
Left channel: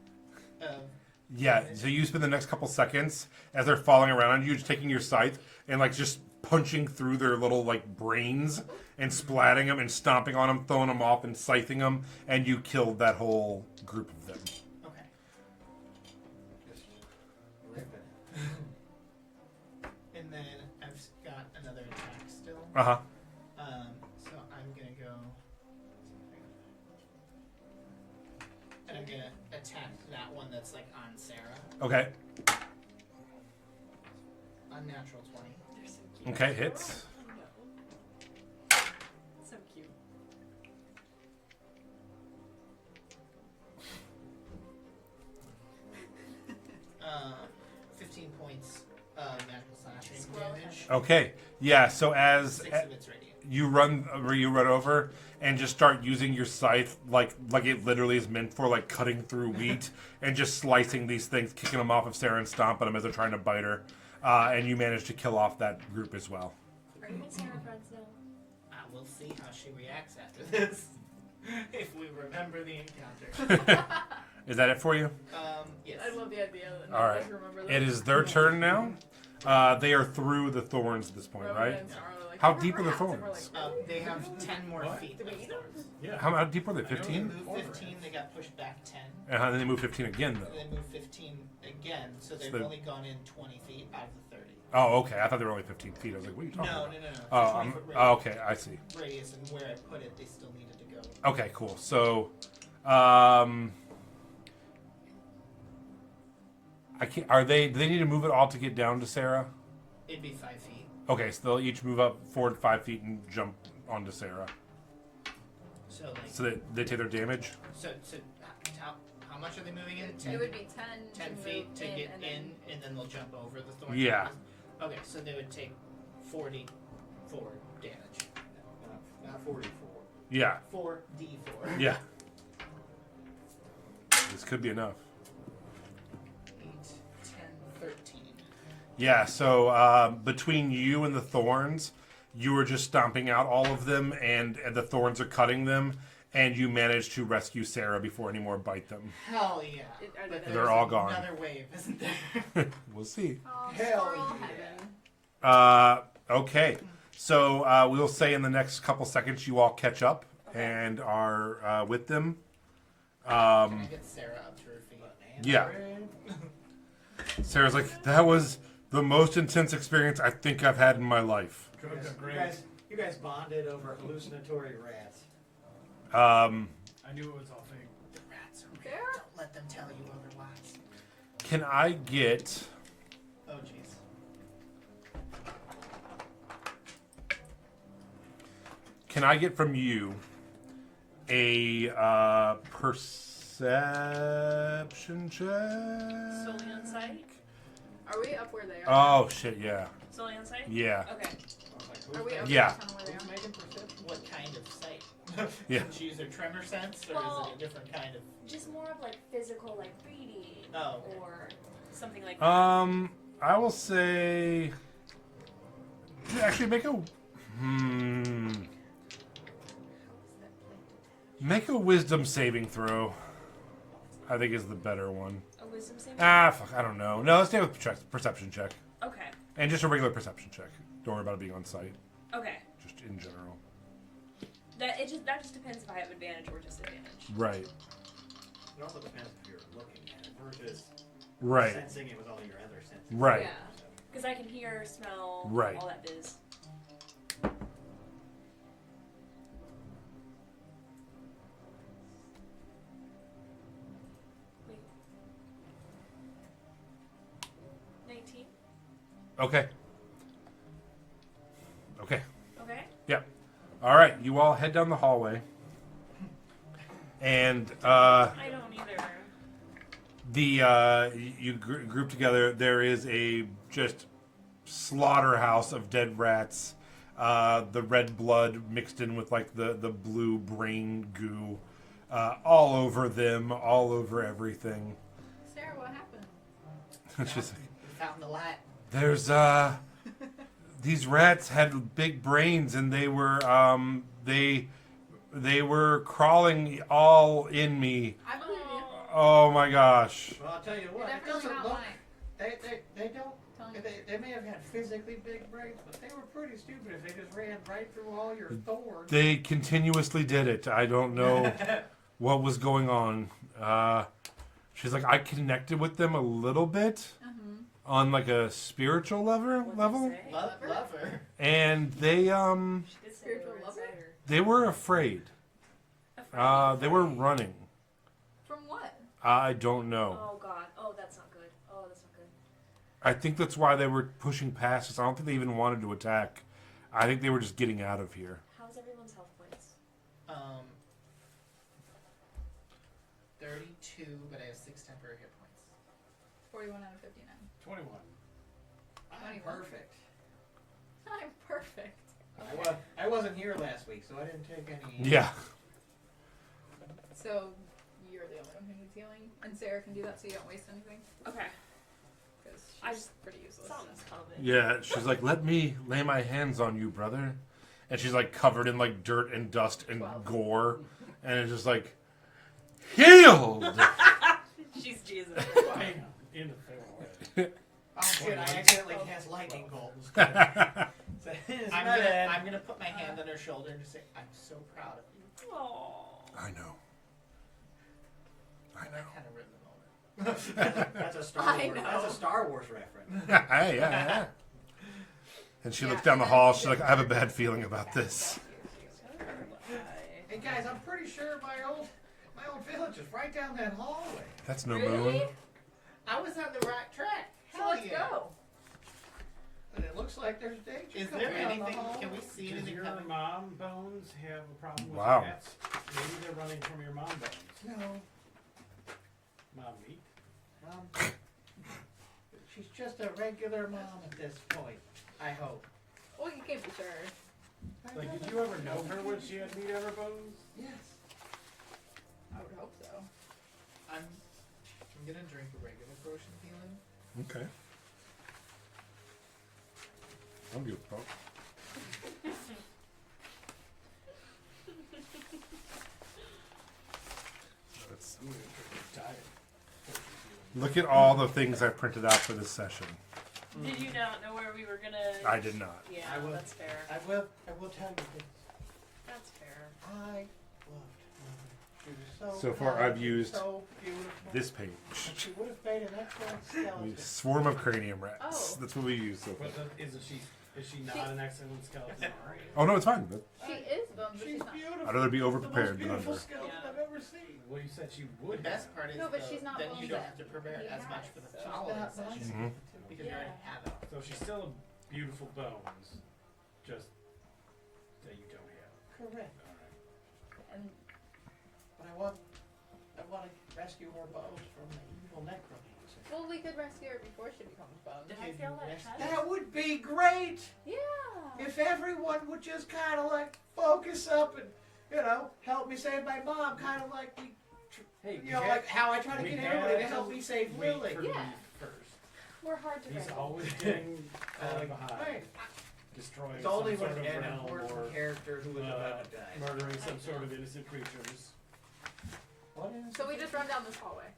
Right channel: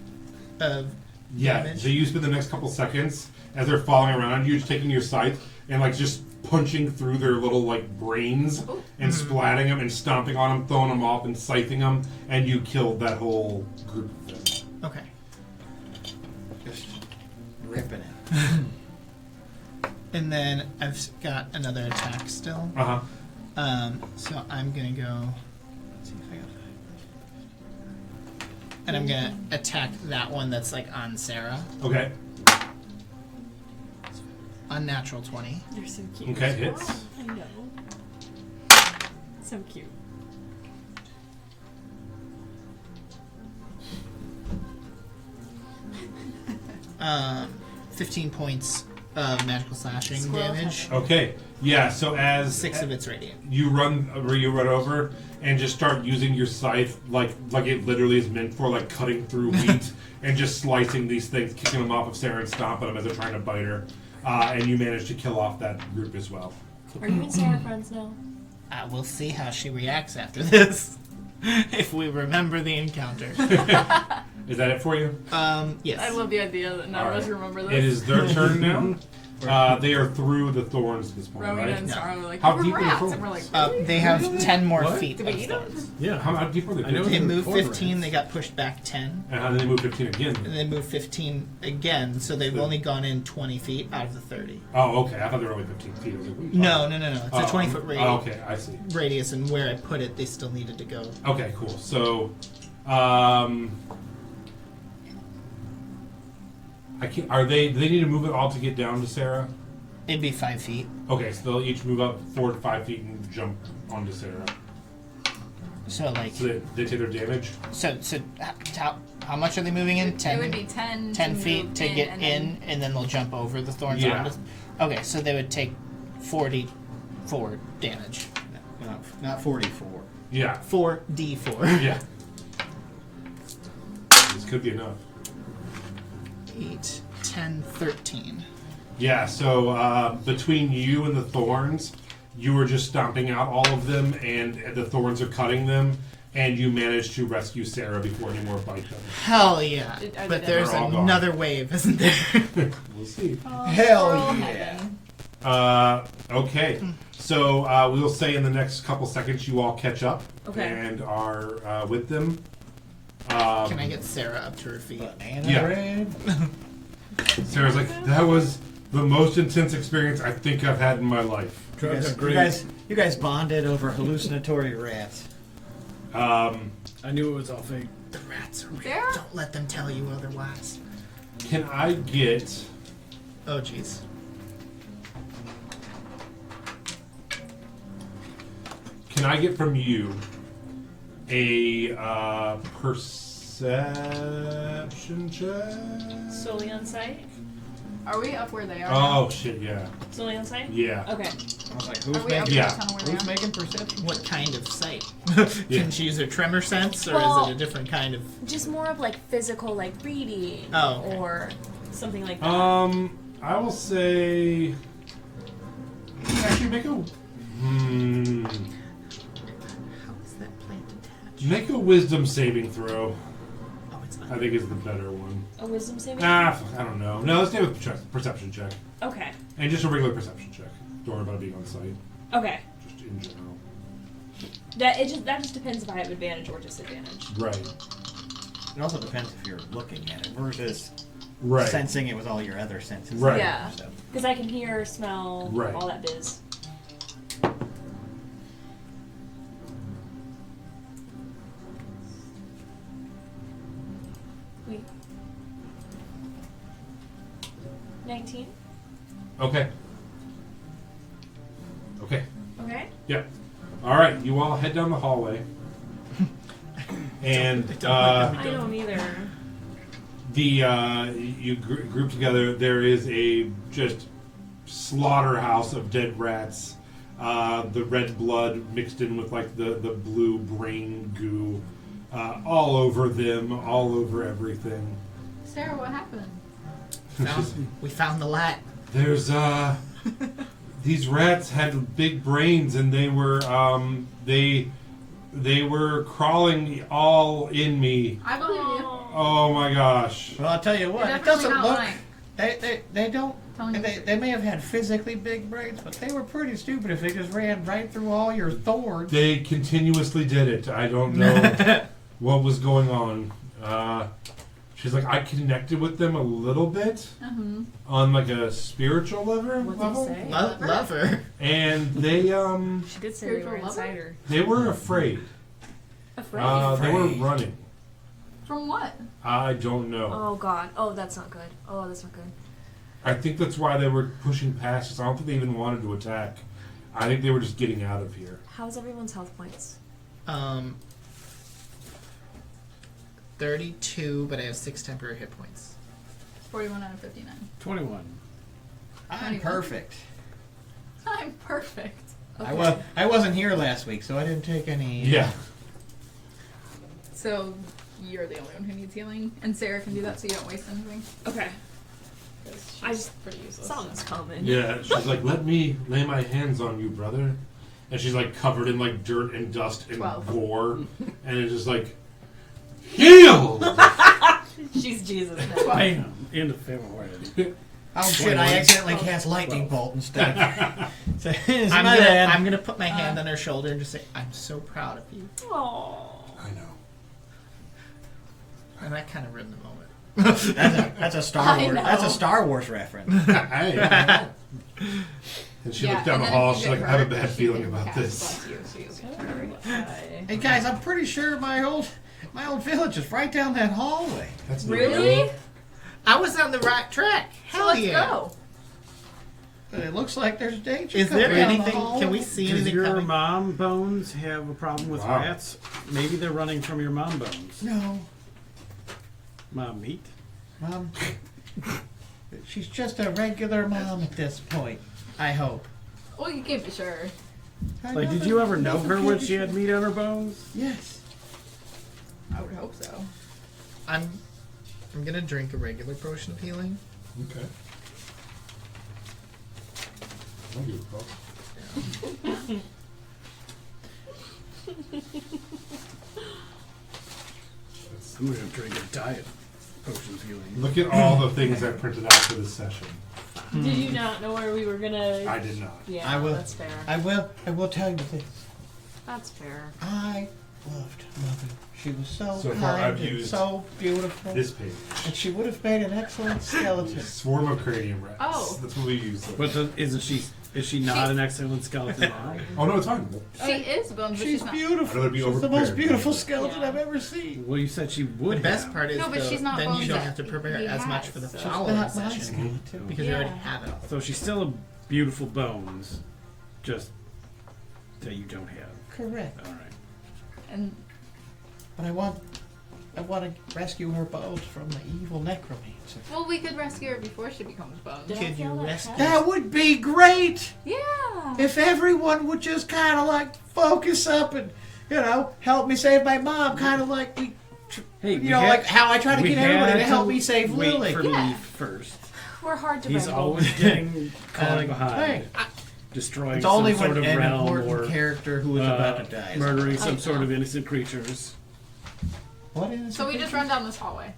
of Yeah, damage. so you spend the next couple seconds as they're falling around you, just taking your scythe and like just punching through their little like brains and splatting them and stomping on them, throwing them off and scything them, and you killed that whole group of them. Okay. Just ripping it. And then I've got another attack still. Uh huh. So I'm gonna go. Let's see if I got. And I'm gonna attack that one that's like on Sarah. Okay. Unnatural 20. You're so cute. Okay, hits. I know. So cute. 15 points of magical slashing Squirrel damage. Okay. Yeah. So as 6 of it's radiant. you run over and just start using your scythe like it literally is meant for, like cutting through wheat and just slicing these things, kicking them off of Sarah and stomping them as they're trying to bite her. And you manage to kill off that group as well. Are you and Sarah friends now? We'll see how she reacts after this. If we remember the encounter. Is that it for you? Yes. I love the idea that none of us remember this. It is their turn now. They are through the thorns at this point, Rowena right? and Sarah were like, How "We're deep are the rats," thorns? and we're like, They have 10 more What? feet Did of we eat 'em? thorns. Yeah. How deep are they? I know 15? They they're moved corn 15, rats. they got pushed back 10. And then they move 15 again. And they moved 15 again, so they've So- only gone in 20 feet out of the 30. Oh, okay. I thought they were only 15 feet. I was like, what are you No, talking no, no, no. It's about? a 20-foot Oh, radius. okay, I see. Radius, and where I put it, they still needed to go. Okay, cool. So, I can't. Are they? Do they need to move it all to get down to Sarah? It'd be 5 feet. Okay, so they'll each move up 4 to 5 feet and jump onto Sarah. So like, So they take their damage. so how much are they moving in? 10. It would be 10. 10 to feet move to get and in, then- and then they'll jump over the thorns. Yeah. Okay, so they would take 44 damage. Not 44. Yeah. 4d4. Yeah. This could be enough. 8, 10, 13. Yeah, so between you and the thorns, you were just stomping out all of them, and the thorns are cutting them, and you managed to rescue Sarah before any more bite them. Hell yeah. I But did there's They're all gone. another wave, isn't there? We'll see. Hell Oh, yeah. heaven. Okay, so we'll say in the next couple seconds you all catch up Okay. and are with them. Can I get Sarah up to her feet? Banana Yeah. bread. Sarah's like, that was the most intense experience I think I've had in my life. You you guys bonded over hallucinatory rats. I knew it was all fake. The rats are real. There? Don't let them tell you otherwise. Can I get... Oh, jeez. Can I get from you a perception check? Solely on sight? Are we up where they are? Oh shit! Yeah, Solely on sight? yeah. Okay. I was like, Are who's we up making, Yeah. kind of where they who's are? making perception? What kind of sight? Yeah. Can she use her tremor sense, or Well- is it a different kind of... Just more of like physical, like reading. Oh, okay. Or something like that. I will say. Actually, make a. How is that plant attached? Make a wisdom saving throw. Oh, it's I think is the better one. A wisdom saving? I don't know. No, let's do a perception check. Okay. And just a regular perception check. Don't worry about it being on site. Okay. Just in general. That just depends if I have advantage or disadvantage. Right. It also depends if you're looking at it versus Right. sensing it with all your other senses. Right. Yeah. So, Because I can hear, smell, Right. all that biz. Wait. 19? Okay. Okay. Okay. Yep. All right. You all head down the hallway. And I don't either. you group together. There is a just slaughterhouse of dead rats. The red blood mixed in with like the blue brain goo, all over them, all over everything. Sarah, what happened? We found the light. There's these rats had big brains, and they were they were crawling all in me. I believe you. Oh my gosh. well, I'll tell you what. They're It definitely doesn't not look. lying. They don't. Telling you. They may have had physically big brains, but they were pretty stupid if they just ran right through all your thorns. They continuously did it. I don't know what was going on. She's like, I connected with them a little bit on like a spiritual level. What'd you say? Love her. And they She did say they were Spiritual lover? inside her. they were afraid. Afraid? They were running. From what? I don't know. Oh god. Oh, that's not good. Oh, that's not good. I think that's why they were pushing past us. I don't think they even wanted to attack. I think they were just getting out of here. How's everyone's health points? 32, but I have 6 temporary hit points. 41 out of 59. 21. I'm perfect. I'm perfect. I wasn't here last week, so I didn't take any. Yeah. So you're the only one who needs healing, and Sarah can do that, so you don't waste anything. Okay. 'Cause I she's just pretty useless. saw this coming. Yeah. She's like, let me lay my hands on you, brother. And she's like covered in like dirt and dust and 12. gore. And it's just like, heal! She's Jesus. Bam! Into February. Oh shit! I accidentally cast lightning bolt instead. So, it's I'm my bad. gonna put my hand on her shoulder and just say, I'm so proud of you. Aww. I know. And I kind of ruined the moment. That's a Star I Wars. know. That's a Star Wars reference. And she Yeah, looked down and the then hall. if you She's like, get I have a hurt, bad she feeling can about cast this. bless you, so you'll get very Hey guys, I'm pretty sure my old village is right down that hallway. That's no Really? good. I was on the right track. So Hell let's yeah. go. It looks like there's danger. Is there coming down the anything? hall. Can we see Does anything your coming? mom bones have a problem with Wow. rats? Maybe they're running from your mom bones. No, Mom meat? Mom. She's just a regular mom at this point. I hope. Well, you can't be sure. I Like, did never- you ever know never her can when be she had sure. meat on her bones? Yes. I would hope so. I'm gonna drink a regular potion of healing. Okay. I'll give it a pop. I'm gonna drink a diet potion of healing. Look at all the things I printed out for this session. Did you not know where we were gonna? I did not. Yeah, I will- that's fair. I will tell you this. That's fair. I loved Mother. She was so, So far, kind I've and used so beautiful. This page. And she would have made an excellent skeleton. Swarm of cranium rats. Oh. That's what we use. But is she not an excellent skeleton now? Oh no, it's fine. She is bones, but She's she's not. beautiful. I'd rather be She's the overprepared. most beautiful skeleton Yeah. I've ever seen. Well, you said she would The best have. part is No, but though, she's not then bones you don't that have to prepare he as much has, for the so- following Not my session skeleton. because you already have it. So she's still a beautiful bones, just that you don't have. Correct. All right. And But I want to rescue her bones from the evil necromancer. well, we could rescue her before she becomes bones. Did I Could you feel that rescue- heavy? That would be great Yeah. if everyone would just kind of like focus up and, help me save my mom. Kind of like we, Hey, like how I try to we get everybody had to help me save wait Lily. for Yeah. me first. We're hard to He's wrangle. always getting caught behind, Hey, destroying it's some only sort when of an realm important or character who is about to die. is- murdering I some sort know. of innocent creatures. What is So we just run down this hallway.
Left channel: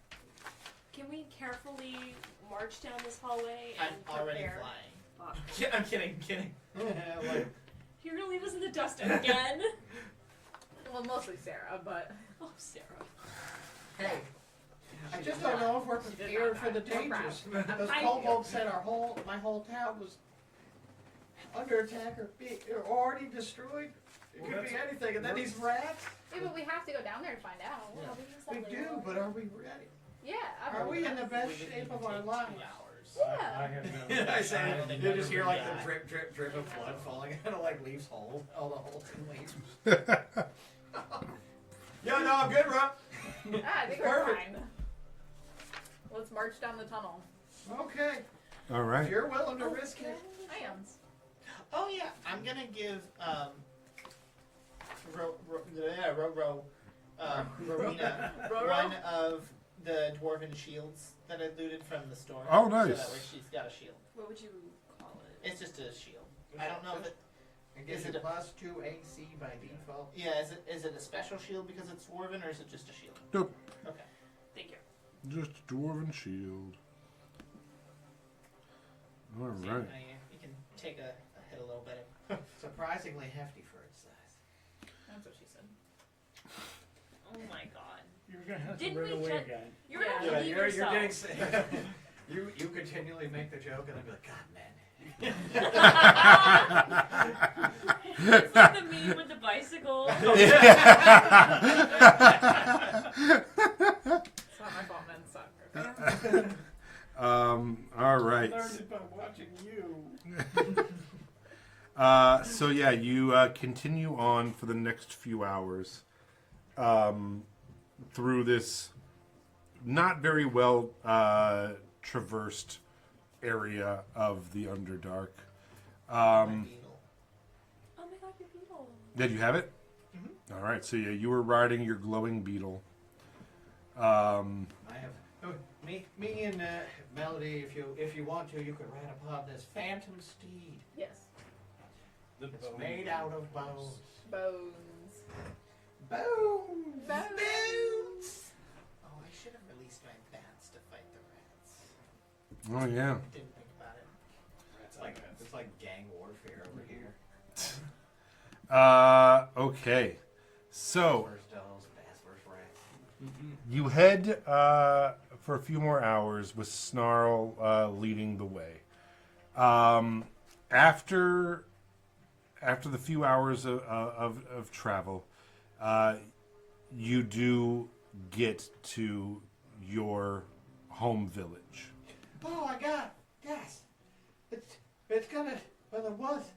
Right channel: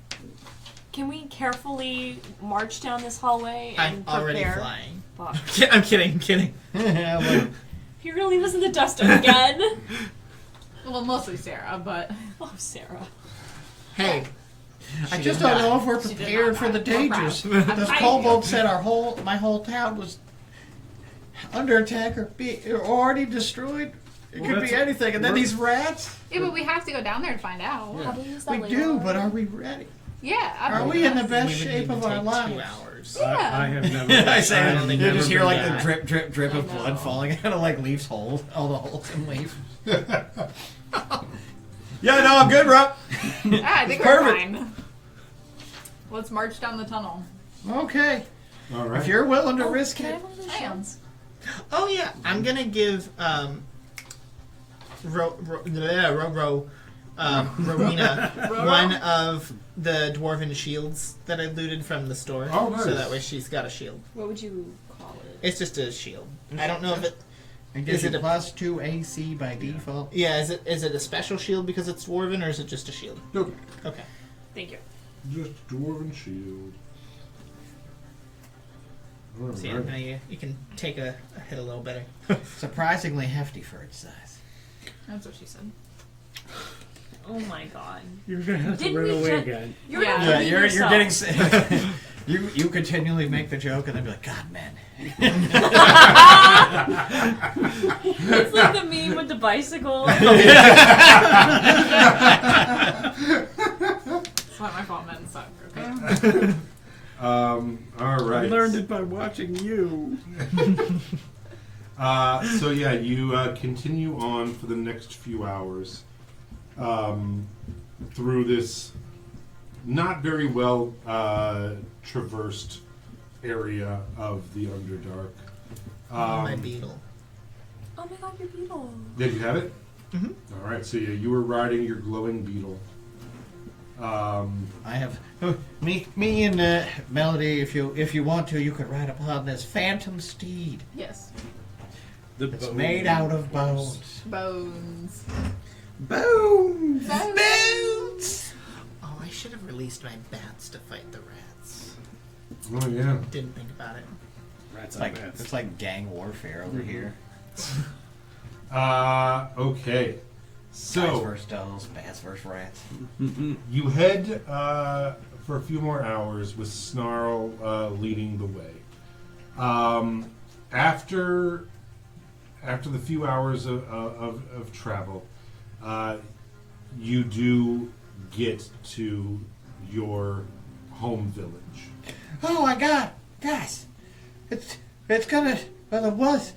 Can we carefully march down this hallway I'm and already prepare? flying. Fuck. I'm kidding. Well, You're gonna leave us in the dust again? Well, mostly Sarah, but Oh, Sarah. Hey, I she just did don't not. know if we're She did prepared not for the die. We're dangers. proud. Those I- kobolds said my whole town was under attack or already destroyed. It Well, could be that's- anything. And then we're- these rats. yeah, but we have to go down there to find out. Yeah. Have we used that We later do, already? but are we ready? Yeah, I Are believe we in the us. best we would shape need of to our take lives? 2 hours. Yeah. I have never. I say, don't think you I've just ever hear like been the back. drip, drip, drip of I know. blood falling out of like Leaf's hole, all the holes in Leaf. Yeah, no, I'm good, bro. I think we're Perfect. fine. Let's march down the tunnel. Okay, All right. if you're willing to Oh, risk can I it. have one of those I am. shields? Oh yeah, I'm gonna give Rowena one of the dwarven shields that I looted from the store. Oh, nice. So that way she's got a shield. What would you call it? It's just a shield. I don't know if it. It Is gives it you a- plus 2 AC by default. Yeah, is it a special shield because it's dwarven, or is it just a shield? Nope. Okay. Thank you. Just dwarven shield. All So right. yeah, you can take a hit a little better. Surprisingly hefty for its size. That's what she said. Oh my god. You're gonna have to Didn't run we away ju- again. You're Yeah. gonna leave yourself. You continually make the joke and then be like, God, man. It's like the meme with the bicycle. It's not my fault, men suck. Okay. All I right. learned it by watching you. So yeah, you continue on for the next few hours through this not very well traversed area of the Underdark. My beetle. Oh my god, your beetle. Did you have it? Mhm. All right. So yeah, you were riding your glowing beetle. I have me and Melody. If you want to, you could ride upon this phantom steed. Yes. It's made out of bones. Bones. Bones. Bones. Oh, I should have released my bats to fight the rats. Oh yeah. Didn't think about it. Rats It's like on beds. it's like gang warfare over here. Okay. Guys So versus dolls, bats versus rats. you head for a few more hours with Snarl leading the way. After the few hours of travel, you do get to your home village. Oh my God, guys! It's gonna. Well, it was.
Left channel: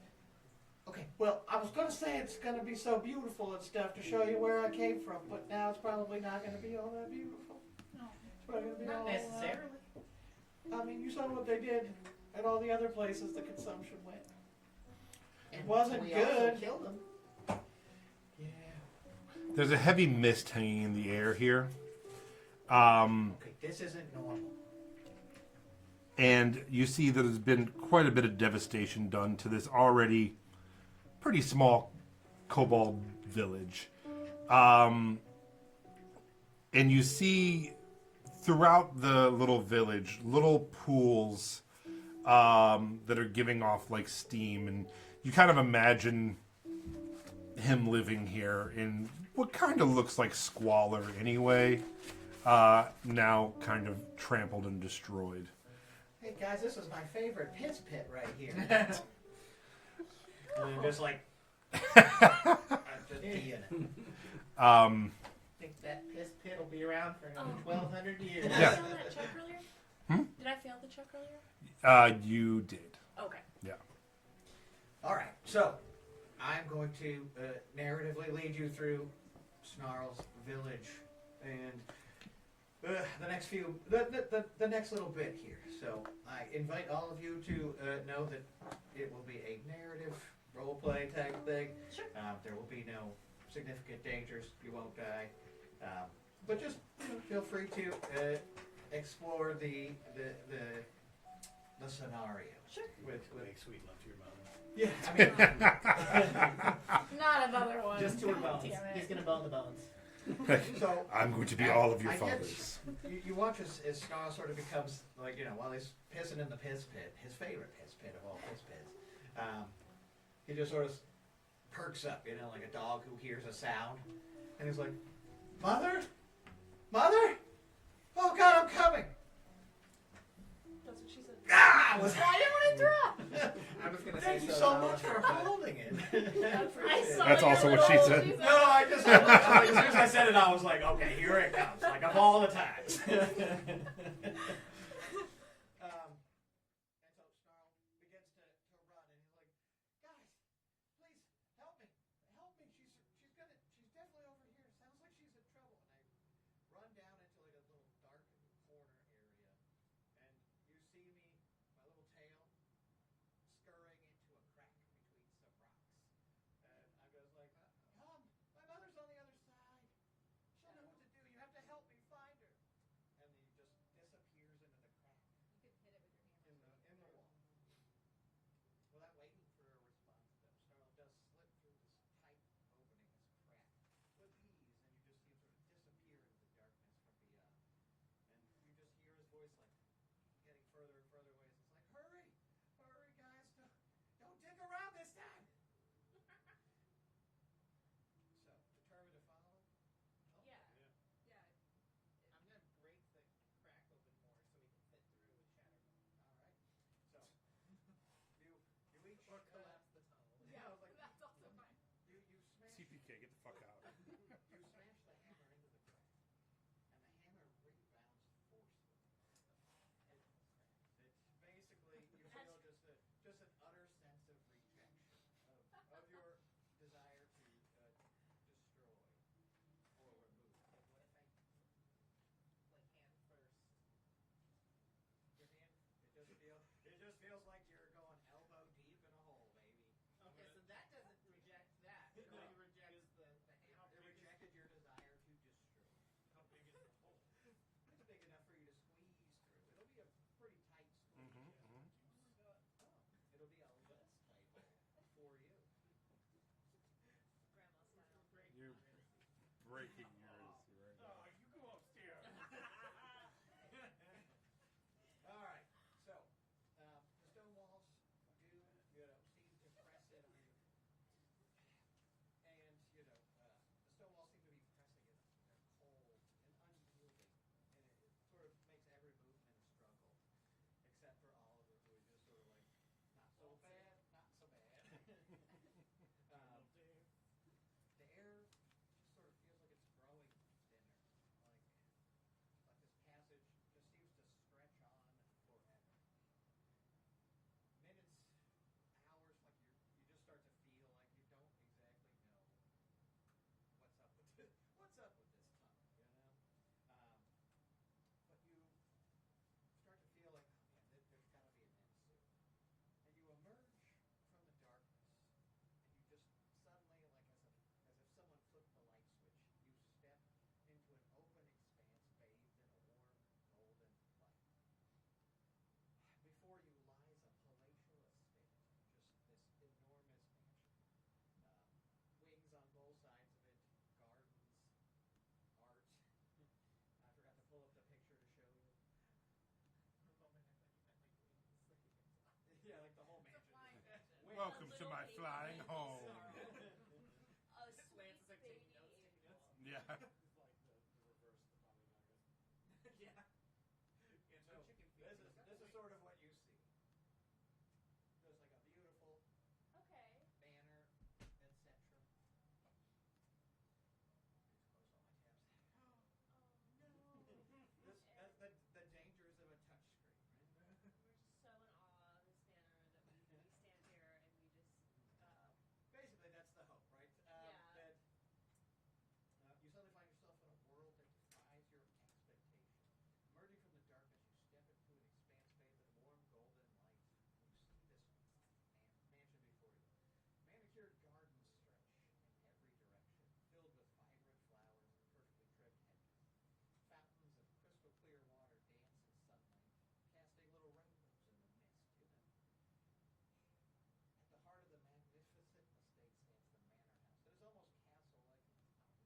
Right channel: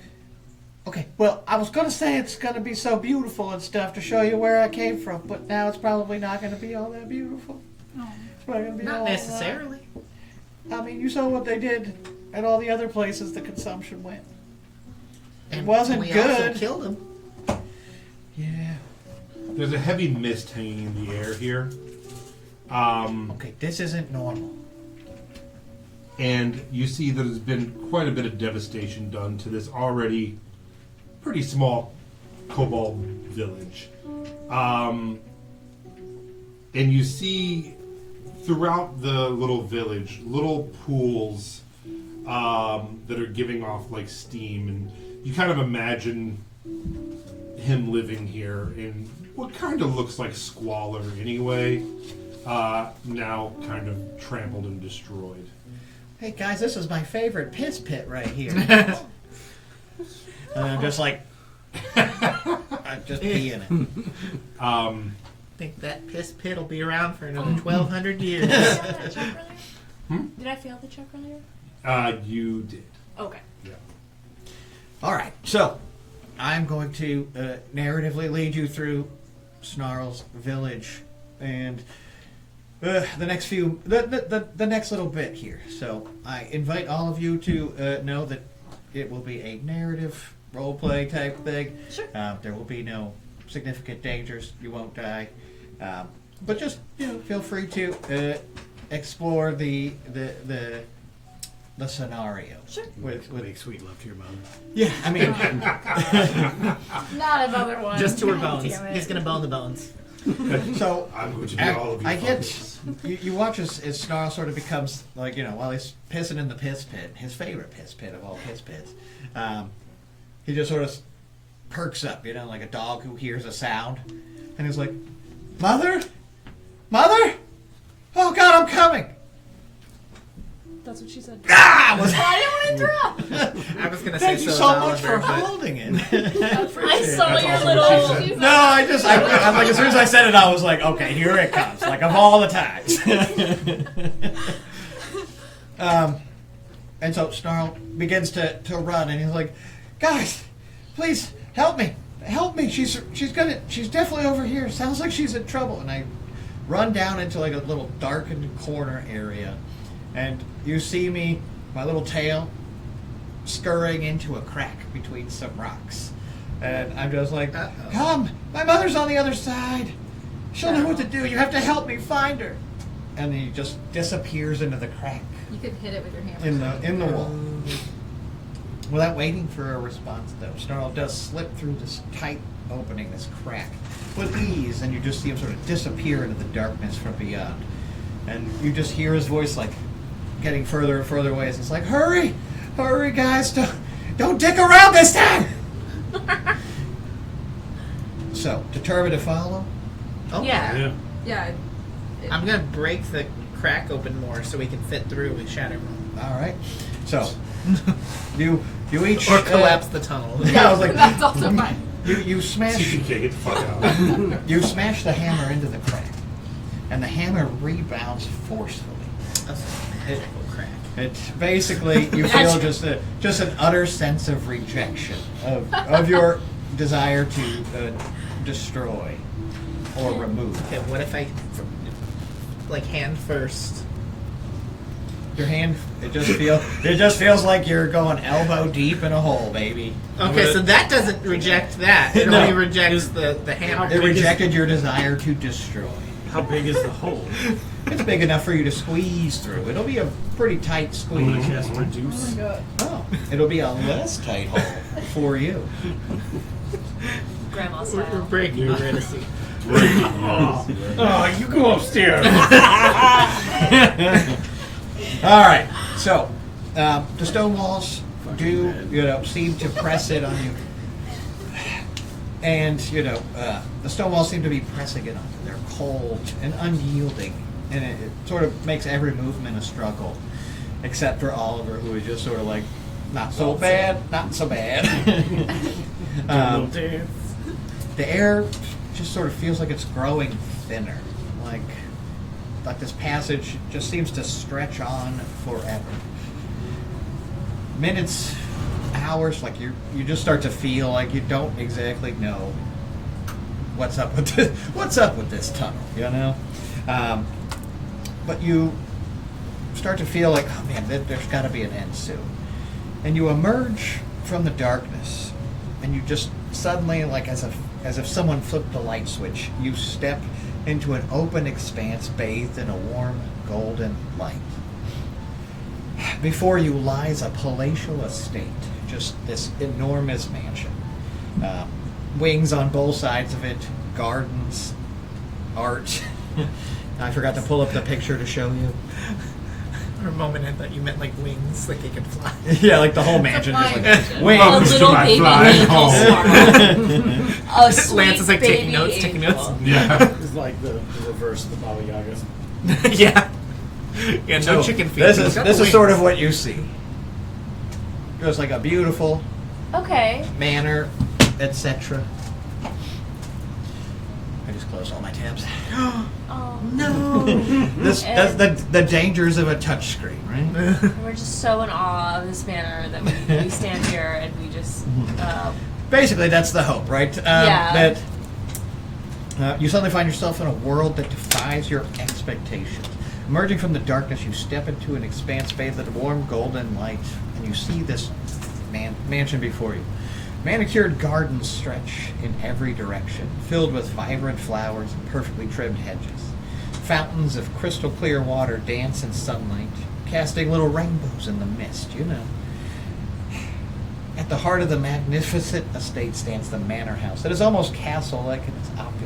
Okay, well, I was gonna say it's gonna be so beautiful and stuff to show you where I came from, but now it's probably not gonna be all that beautiful. It's probably gonna be Not all, necessarily. I mean, you saw what they did at all the other places the consumption went. And wasn't we good. also killed him. Yeah. There's a heavy mist hanging in the air here. Okay, this isn't normal. And you see that there's been quite a bit of devastation done to this already pretty small kobold village. And you see throughout the little village little pools that are giving off like steam, and you kind of imagine him living here in what kind of looks like squalor anyway, now kind of trampled and destroyed. Hey guys, this is my favorite piss pit right here. And I'm just like, I'm just peeing it. Think that piss pit will be around for another 1,200 years. Did I fail that check earlier? Did I fail the check earlier? You did. Okay. Yeah. All right, so I'm going to narratively lead you through Snarl's village and the next few, the next little bit here. So I invite all of you to know that it will be a narrative role-play type thing. Sure. There will be no significant dangers. You won't die, but just feel free to explore the scenario. Sure. With Make sweet love to your mother. yeah, I mean. Not another one. Just to her God bones. damn it. He's gonna bone the bones. So I'm going to be all of your I get fathers. you watch as Snarl sort of becomes like while he's pissing in the piss pit, his favorite piss pit of all piss pits. He just sort of perks up, like a dog who hears a sound, and he's like, "Mother, mother, oh God, I'm coming!" That's what she said. Ah, I didn't want to interrupt. I was gonna say thank you so, so is much for Oliver, but holding it. I saw That's your also little. what she said. No, I'm like, as soon as I said it, I was like, okay, here it comes. Like, of all the times. And so Snarl begins to run, and he's like, guys, please, help me. Help me. She's definitely over here. Sounds like she's in trouble. And I run down into like a little darkened corner area, and you see me, my little tail, scurrying into a crack between some rocks. And I'm just like, Uh-oh. come, my mother's on the other side. She'll know what to do. You have to help me find her. And he just disappears into the crack You could hit it with your hammer. in the wall. Without waiting for a response, though, Snarl does slip through this tight opening, this crack, with ease, and you just see him sort of disappear into the darkness from beyond. And you just hear his voice, like, getting further and further away as he's like, hurry! Hurry, guys! Don't dick around this time! So, determined to follow? Oh, Yeah. Yeah. I'm gonna break the crack open more so we can fit through with Shadow Room. All right. So, you each... Or collapse the tunnel. Yeah, I was like, That's also fine. you smash... CPK, get the fuck out. You smash the hammer into the crack, and the hammer rebounds forcefully. That's a magical crack. It's basically you feel just an utter sense of rejection of your desire to destroy or remove. Okay, what if I, like, hand first? Your hand it just feels like you're going elbow deep in a hole, baby. Okay, so that doesn't reject that. It No. only rejects the hammer. It rejected your desire to destroy. How big is the hole? It's big enough for you to squeeze through. It'll be a pretty tight I'm gonna squeeze. cast reduce. God. Oh, it'll be a less tight hole for you. Grandma We're style. breaking Renaissance. Oh, you go upstairs. All right. So, the stone walls do, seem to press it on you, and the stone walls seem to be pressing it on you. They're cold and unyielding, and it sort of makes every movement a struggle, except for Oliver, who is just sort of like, not so bad, not so bad. Little dance. The air just sort of feels like it's growing thinner, like this passage just seems to stretch on forever. minutes, hours, like you just start to feel like you don't exactly know what's up with this tunnel, you know. But you start to feel like, oh man, there's got to be an end soon. And you emerge from the darkness, and you just suddenly, like as if someone flipped a light switch, you step into an open expanse bathed in a warm golden light. Before you lies a palatial estate, just this enormous mansion. Wings on both sides of it, gardens, art. I forgot to pull up the picture to show you. For a moment, I thought you meant like wings, like they could fly. Yeah, like the whole mansion is like mansion. A wings. to little my baby flying angel home. star. A sweet Lance is like taking baby notes, taking angel. notes. Yeah. It's like the reverse of the Baba Yagas. Yeah. Yeah, no So, chicken feet. This He's is got this the is sort wings. of what you see. Just like a beautiful Okay. manor, etc. I just closed all my tabs. Oh, No. That's the dangers of a touchscreen, right? we're just so in awe of this manor that we stand here and we just. Basically, that's the hope, right? Yeah. That you suddenly find yourself in a world that defies your expectations. Emerging from the darkness, you step into an expanse bathed in warm golden light, and you see this mansion before you. Manicured gardens stretch in every direction, filled with vibrant flowers and perfectly trimmed hedges. Fountains of crystal clear water dance in sunlight, casting little rainbows in the mist, you know. At the heart of the magnificent estate stands the manor house. It is almost castle-like in its opulence.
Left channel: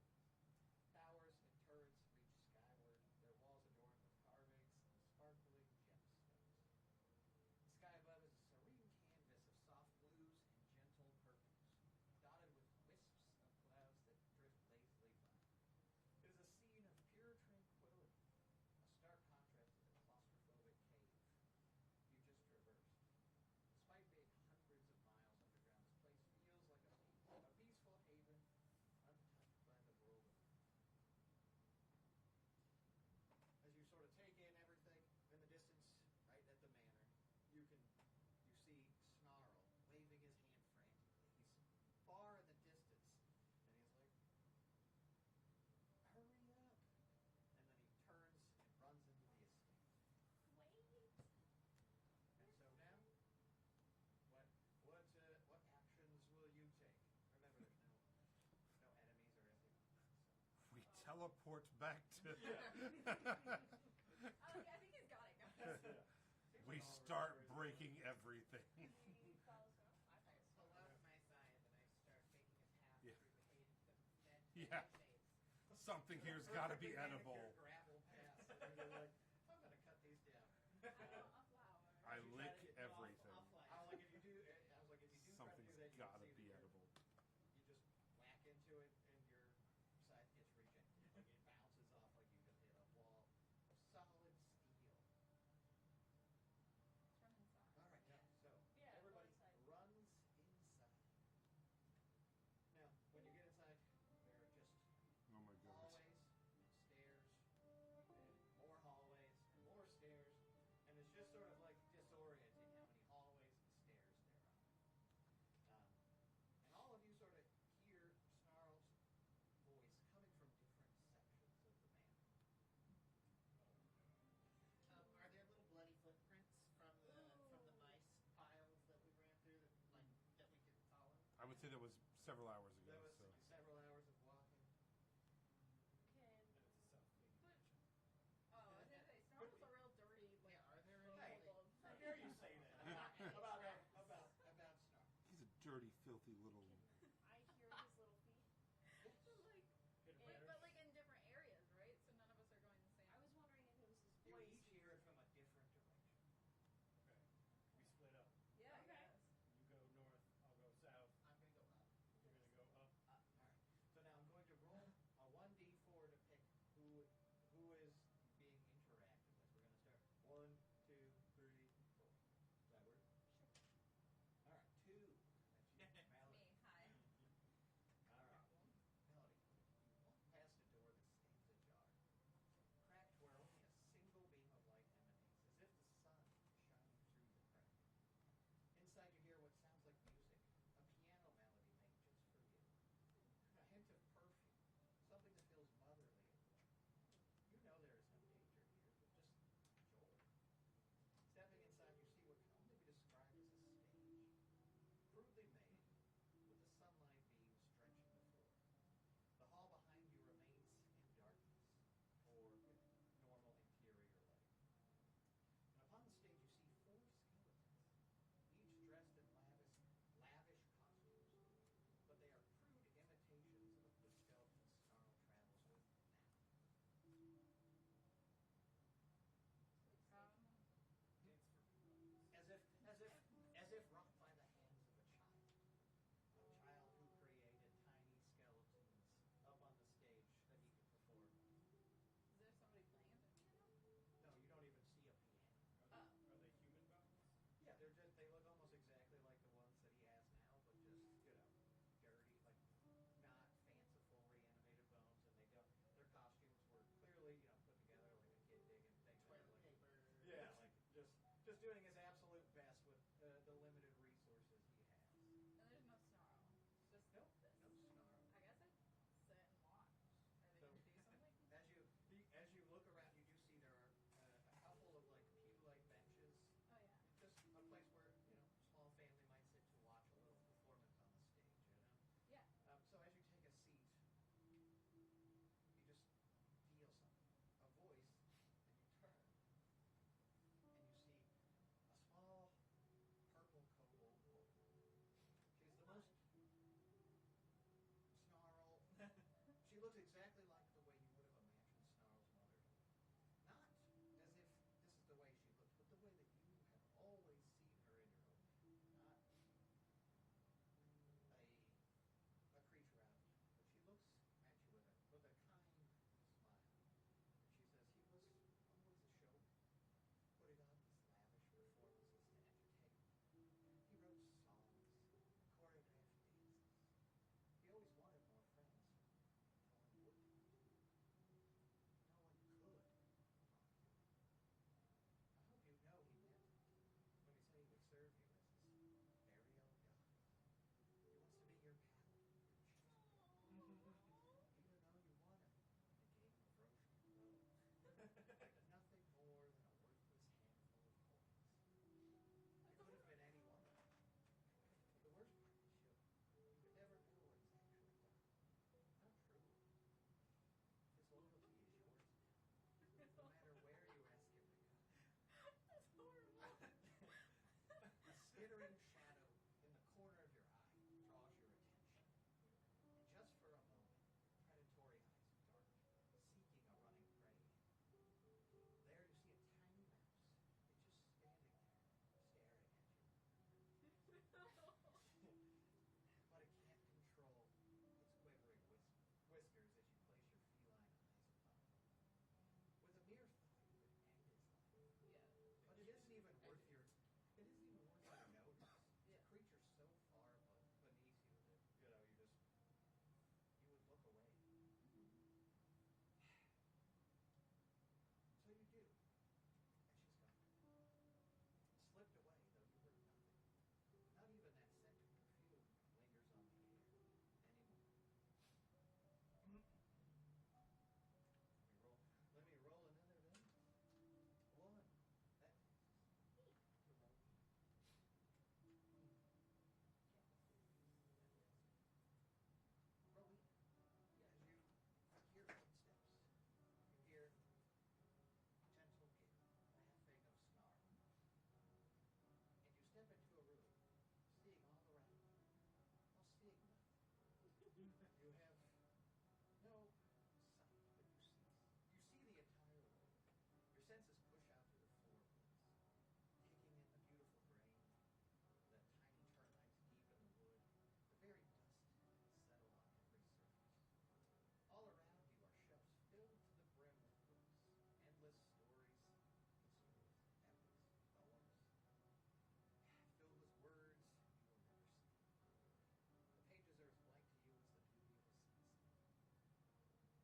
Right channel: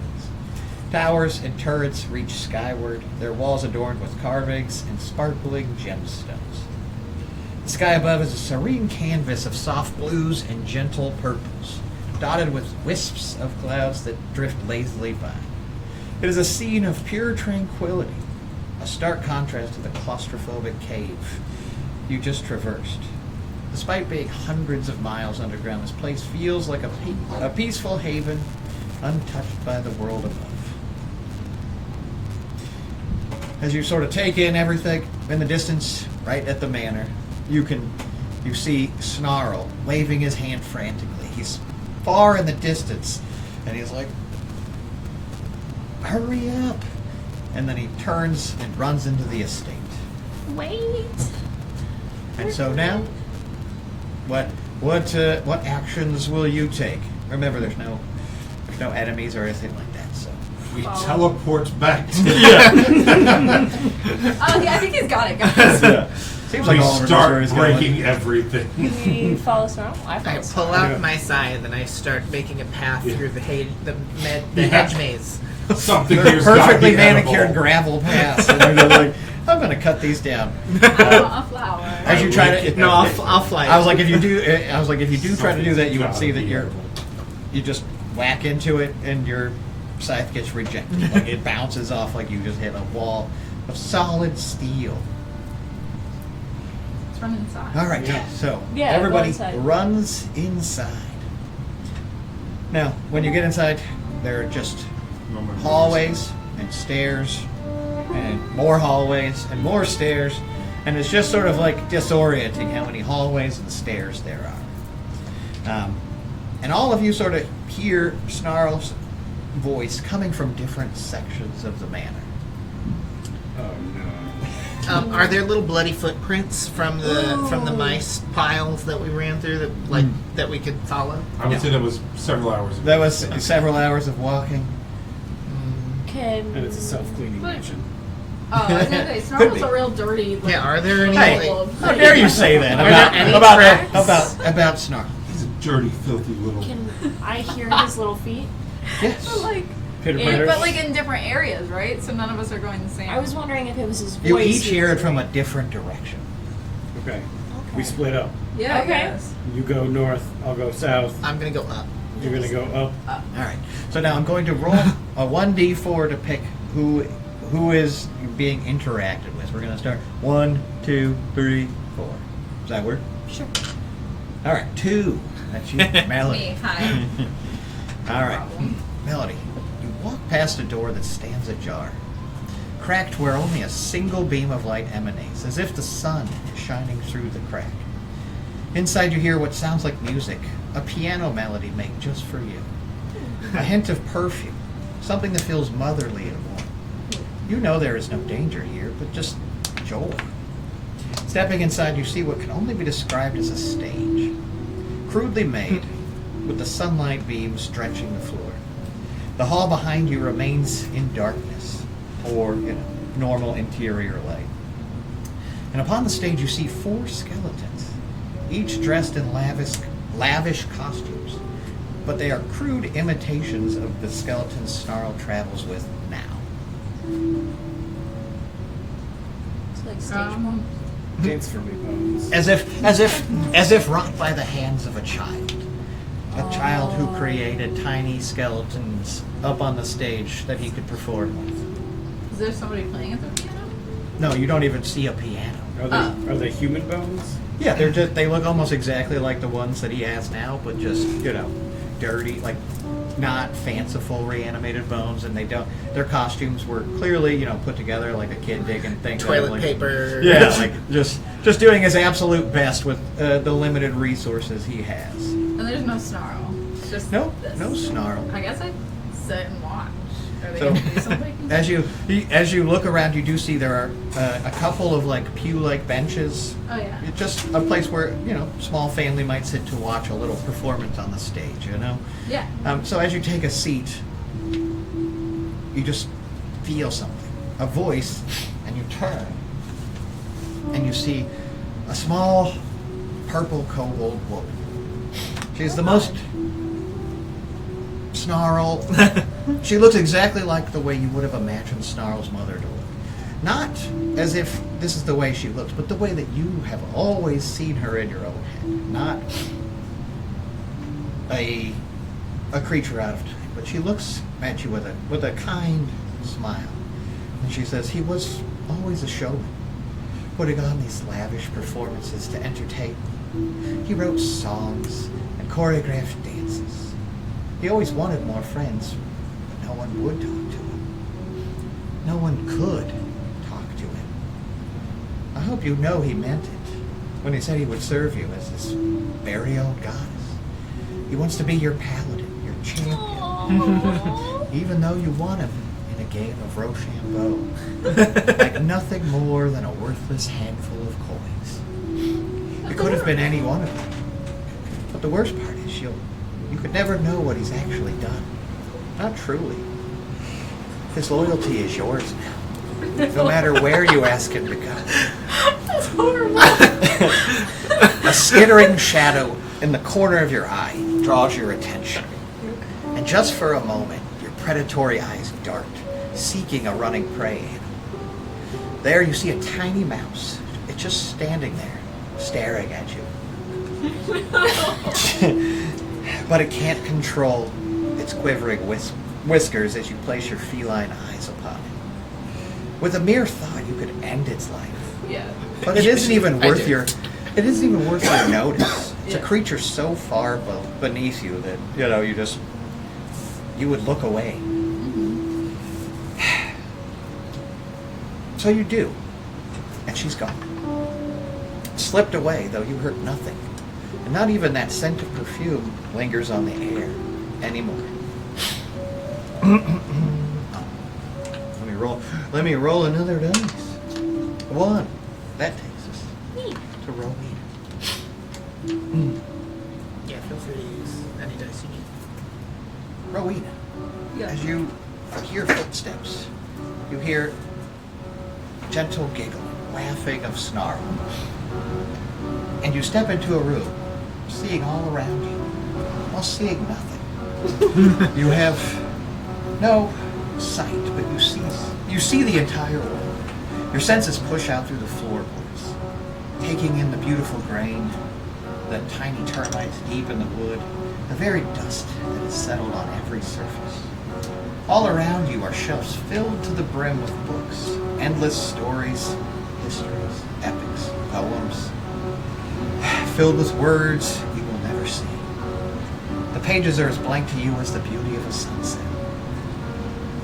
Towers and turrets reach skyward, their walls adorned with carvings and sparkling gemstones. The sky above is a serene canvas of soft blues and gentle purples, dotted with wisps of clouds that drift lazily by. It is a scene of pure tranquility, a stark contrast to the claustrophobic cave you just traversed. Despite being hundreds of miles underground, this place feels like a peaceful haven, untouched by the world above. As you sort of take in everything in the distance, right at the manor, you see Snarl waving his hand frantically. He's far in the distance, and he's like, "Hurry up!" And then he turns and runs into the estate. Wait. And so now, what actions will you take? Remember, there's no enemies or anything like that. So We Follow. teleport back to Oh, yeah, I think he's got it, guys. seems We like all of our start stories going. breaking everything. We follow Snarl? I I follow pull Snarl. out my scythe and I start making a path Yeah. through the Yeah. hedge maze. Something They're here's gotta perfectly be manicured edible. gravel paths, and they're just like, "I'm going to cut these down." I want a flower. As you try to, No, I'll fly. I was like, if you do try to do that, you would Something's see that gotta be you just whack into it, and your scythe gets rejected. Like it bounces off, like you just hit a wall of solid steel. Let's run inside. All right, Yeah. so Yeah, go everybody inside. runs inside. Now, when you get inside, there are just hallways and stairs and more hallways and more stairs, and it's just sort of like disorienting how many hallways and stairs there are. And all of you sort of hear Snarl's voice coming from different sections of the manor. Oh no. Are there little bloody footprints from the mice piles that we ran through that we could follow? I would say that was several hours ago. That was several hours of walking. Can And it's a self-cleaning But- mansion. Oh, I was gonna say, Could Snarl's be. a real dirty. Like, Yeah, are there any? Hey, Well, how dare you say that Are there any tracks? about Snarl? He's a dirty, filthy little. can I hear his little feet? Yes. But like, Pitter Yeah, patter. but like in different areas, right? So none of us are going the same. I was wondering if it was his voice. You each he hear was it from a hearing. different direction. Okay. We split up. Yeah, Okay. I guess. You go north, I'll go south. I'm gonna go up. You're gonna go up. All right. So now I'm going to roll a 1d4 to pick who is being interacted with. We're going to start 1, 2, 3, 4. Does that work? Sure. All right. 2. That's you, Melody. Me, hi. All right, Melody. You walk past a door that stands ajar, cracked where only a single beam of light emanates, as if the sun is shining through the crack. Inside you hear what sounds like music, a piano melody made just for you. A hint of perfume, something that feels motherly and warm. You know there is no danger here, but just joy. Stepping inside, you see what can only be described as a stage. Crudely made, with the sunlight beams drenching the floor. The hall behind you remains in darkness, or normal interior light. And upon the stage you see 4 skeletons, each dressed in lavish costumes, but they are crude imitations of the skeletons Snarl travels with now. It's like stage one. Dance for me, Bones. As if wrought by the hands of a child. A child who created tiny skeletons up on the stage that he could perform with. Is there somebody playing at the piano? No, you don't even see a piano. Are they human bones? Yeah, they look almost exactly like the ones that he has now, but just, dirty, like not fanciful reanimated bones, and their costumes were clearly, put together like a kid digging things. Toilet like, paper. Yeah, like just doing his absolute best with the limited resources he has. And there's no snarl. It's just No, this. no snarl. I guess I'd sit and watch. Are they So, gonna do something? as you look around, you do see there are a couple of like pew-like benches. Oh yeah. It's just a place where small family might sit to watch a little performance on the stage. Yeah. So as you take a seat, you just feel something, a voice, and you turn, and you see a small purple kobold woman. She's the most Snarl. She looks exactly like the way you would have imagined Snarl's mother to look. Not as if this is the way she looks, but the way that you have always seen her in your own head. Not a creature out of time, but she looks at you with a kind smile. And she says, he was always a showman, putting on these lavish performances to entertain. He wrote songs and choreographed dances. He always wanted more friends, but no one would talk to him. No one could talk to him. I hope you know he meant it when he said he would serve you as his very own goddess. He wants to be your paladin, your champion, even though you won him in a game of Rochambeau, like nothing more than a worthless handful of coins. It could have been any one of them. But the worst part is you could never know what he's actually done. Not truly. His loyalty is yours now. No matter where you ask him to go. That's horrible. A skittering shadow in the corner of your eye draws your attention. And just for a moment, your predatory eyes dart, seeking a running prey animal. There you see a tiny mouse. It's just standing there, staring at you. But it can't control its quivering whiskers as you place your feline eyes upon it. With a mere thought, you could end its life. Yeah. But it isn't even I worth do. your notice. It's a Yeah. creature so far beneath you that you would look away. Mm-hmm. So you do, and she's gone. Slipped away, though you heard nothing, and not even that scent of perfume lingers on the air anymore. Let me roll another dice. 1. That takes us to Rowena. Yeah, feel free to use any dice you need. Rowena, Yeah. as you hear footsteps, you hear gentle giggling, laughing of Snarl. And you step into a room, seeing all around you, while seeing nothing. You have no sight, but you see the entire world. Your senses push out through the floorboards, taking in the beautiful grain, the tiny termites deep in the wood, the very dust that has settled on every surface. All around you are shelves filled to the brim with books, endless stories, histories, epics, poems, filled with words you will never see. The pages are as blank to you as the beauty of a sunset.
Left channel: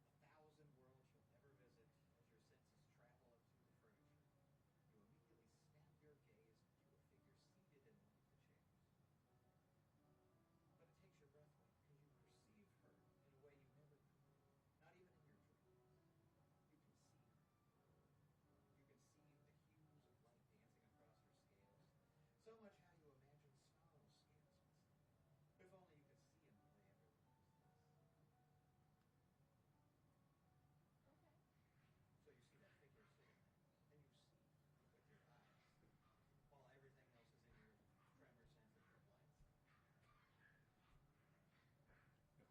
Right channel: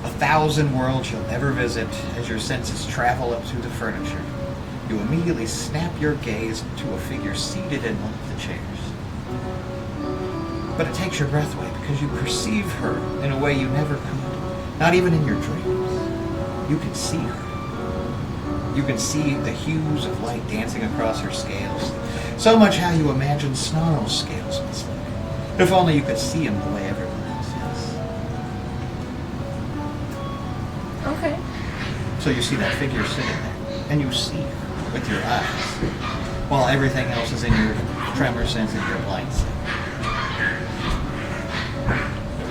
1,000 worlds you'll never visit as your senses travel up through the furniture, You immediately snap your gaze to a figure seated in one of the chairs. But it takes your breath away because you perceive her in a way you never could, not even in your dreams. You can see her. You can see the hues of light dancing across her scales. So much how you imagine Snarl's scales must look. If only you could see them the way everyone else is. Okay. So you see that figure sitting there, and you see her with your eyes, while everything else is in your tremor sense and your blind sense.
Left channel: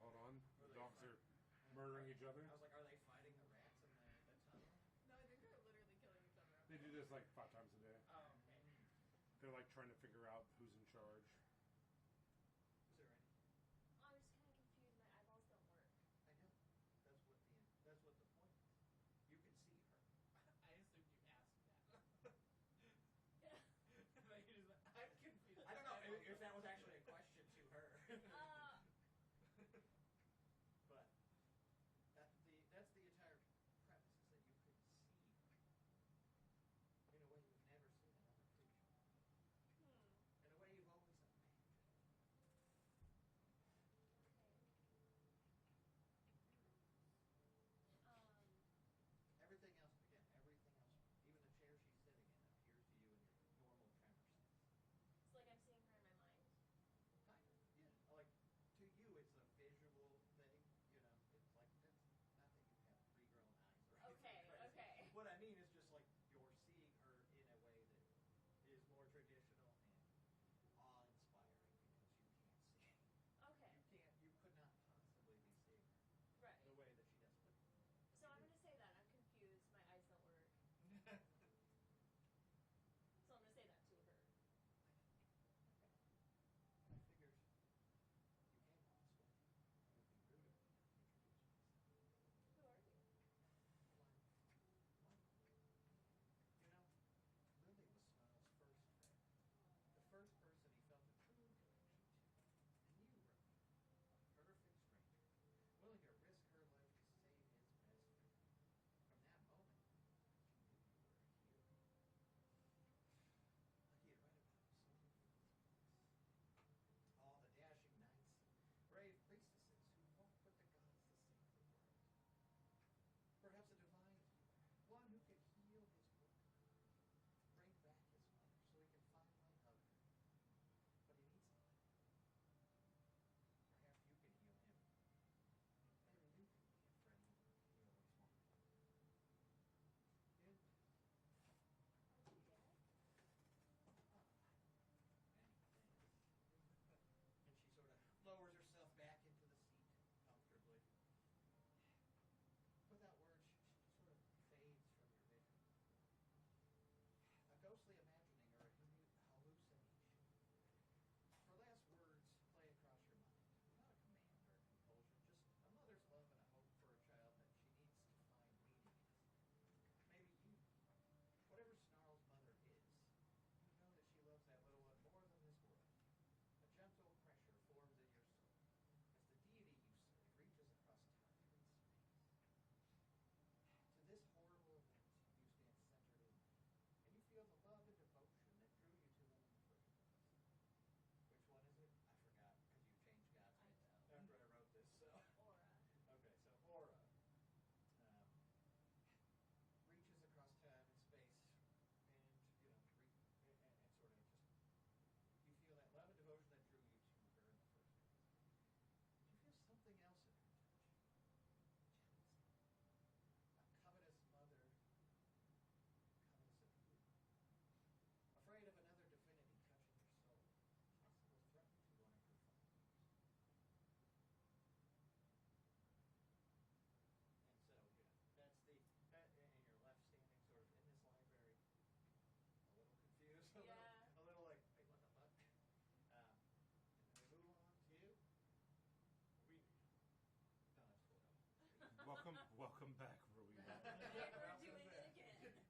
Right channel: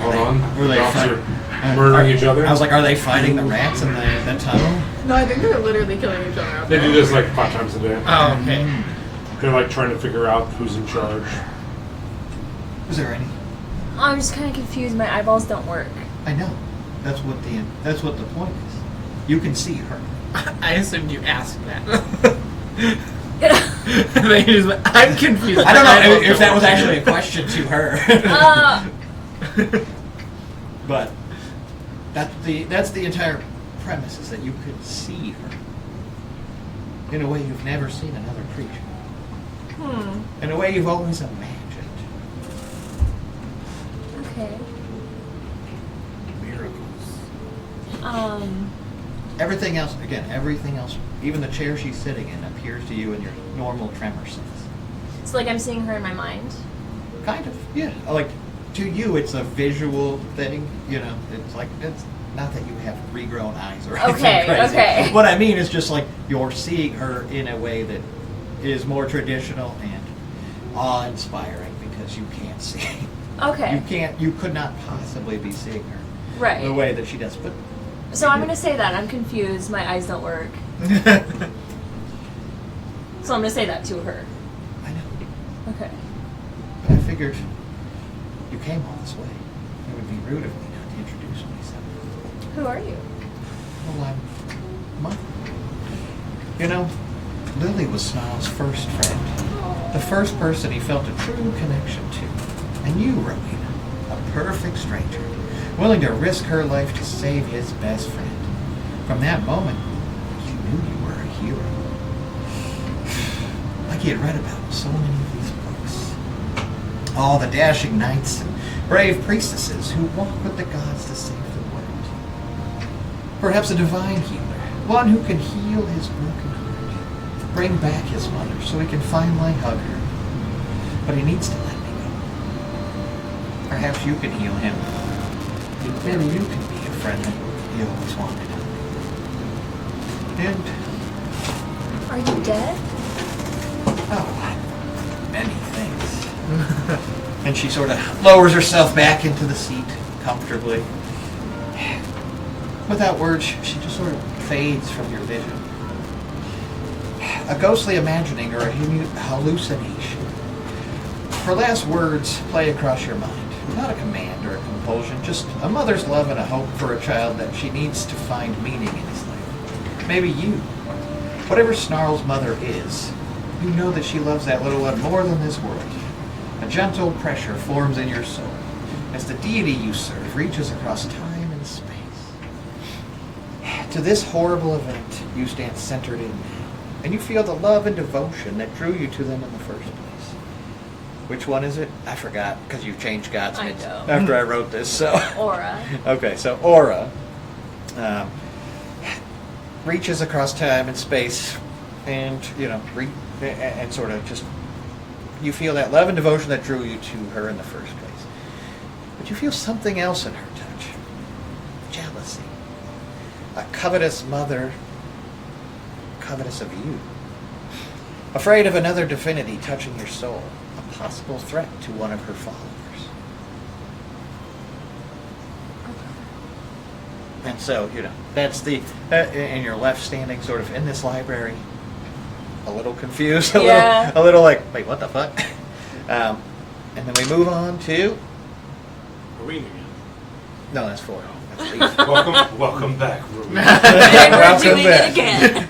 Hold on. Were they Officer fight- murdering each other? I was like, are they fighting the rats in the tunnel? No, I think they're literally killing each other out They there. do this like 5 times a day. Oh, okay. They're like trying to figure out who's in charge. Is there any? I'm just kind of confused. My eyeballs don't work. I know. That's what the point is. You can see her. I assumed you asked that. And then you just went, I'm confused. I don't know My if that eyeballs was don't actually a work. question to her. Uh, But that's the entire premise, is that you could see her in a way you've never seen another creature. In a way you've always imagined. okay. Miracles. Everything else, even the chair she's sitting in, appears to you in your normal tremor sense. So like I'm seeing her in my mind. Kind of, yeah. Like, to you, it's a visual thing. You know, it's not that you have regrown eyes or anything Okay, crazy. okay. What I mean is just like you're seeing her in a way that is more traditional and awe-inspiring because you can't see. Okay. You could not possibly be seeing her Right. the way that she does. But So I'm gonna say that I'm confused. My eyes don't work. So I'm gonna say that to her. I know. Okay. But I figured you came all this way. It would be rude of me not to introduce myself. Who are you? Well, I'm Mike. You know, Lily was Snarl's first friend. The first person he felt a true connection to. And you, Rowena, a perfect stranger, willing to risk her life to save his best friend. From that moment, you knew you were a hero. Like he had read about in so many of these books. All the dashing knights and brave priestesses who walk with the gods to save the world. Perhaps a divine healer, one who can heal his broken heart, bring back his mother so he can finally hug her. But he needs to let me go. Perhaps you can heal him. Maybe you can be a friend that he always wanted. And, Are you dead? oh, many things. And she sort of lowers herself back into the seat comfortably. Without words, she just sort of fades from your vision. A ghostly imagining or a hallucination. Her last words play across your mind. Not a command or a compulsion, just a mother's love and a hope for a child that she needs to find meaning in his life. Maybe you. Whatever Snarl's mother is, you know that she loves that little one more than this world. A gentle pressure forms in your soul as the deity you serve reaches across time and space. To this horrible event, you stand centered in now, and you feel the love and devotion that drew you to them in the first place. Which one is it? I forgot, because you changed God's I names know. after I wrote this. So Aura. okay, so Aura reaches across time and space, and and sort of just you feel that love and devotion that drew you to her in the first place. But you feel something else in her touch: jealousy. A covetous mother, covetous of you, afraid of another divinity touching your soul. A possible threat to one of her followers. And so, that's the, and you're left standing sort of in this library, a little confused, Yeah. a little like, wait, what the fuck? And then we move on to, Arena again. no, that's 4. That's Leaf. Welcome back, Ruby. And we're Welcome doing back. it again.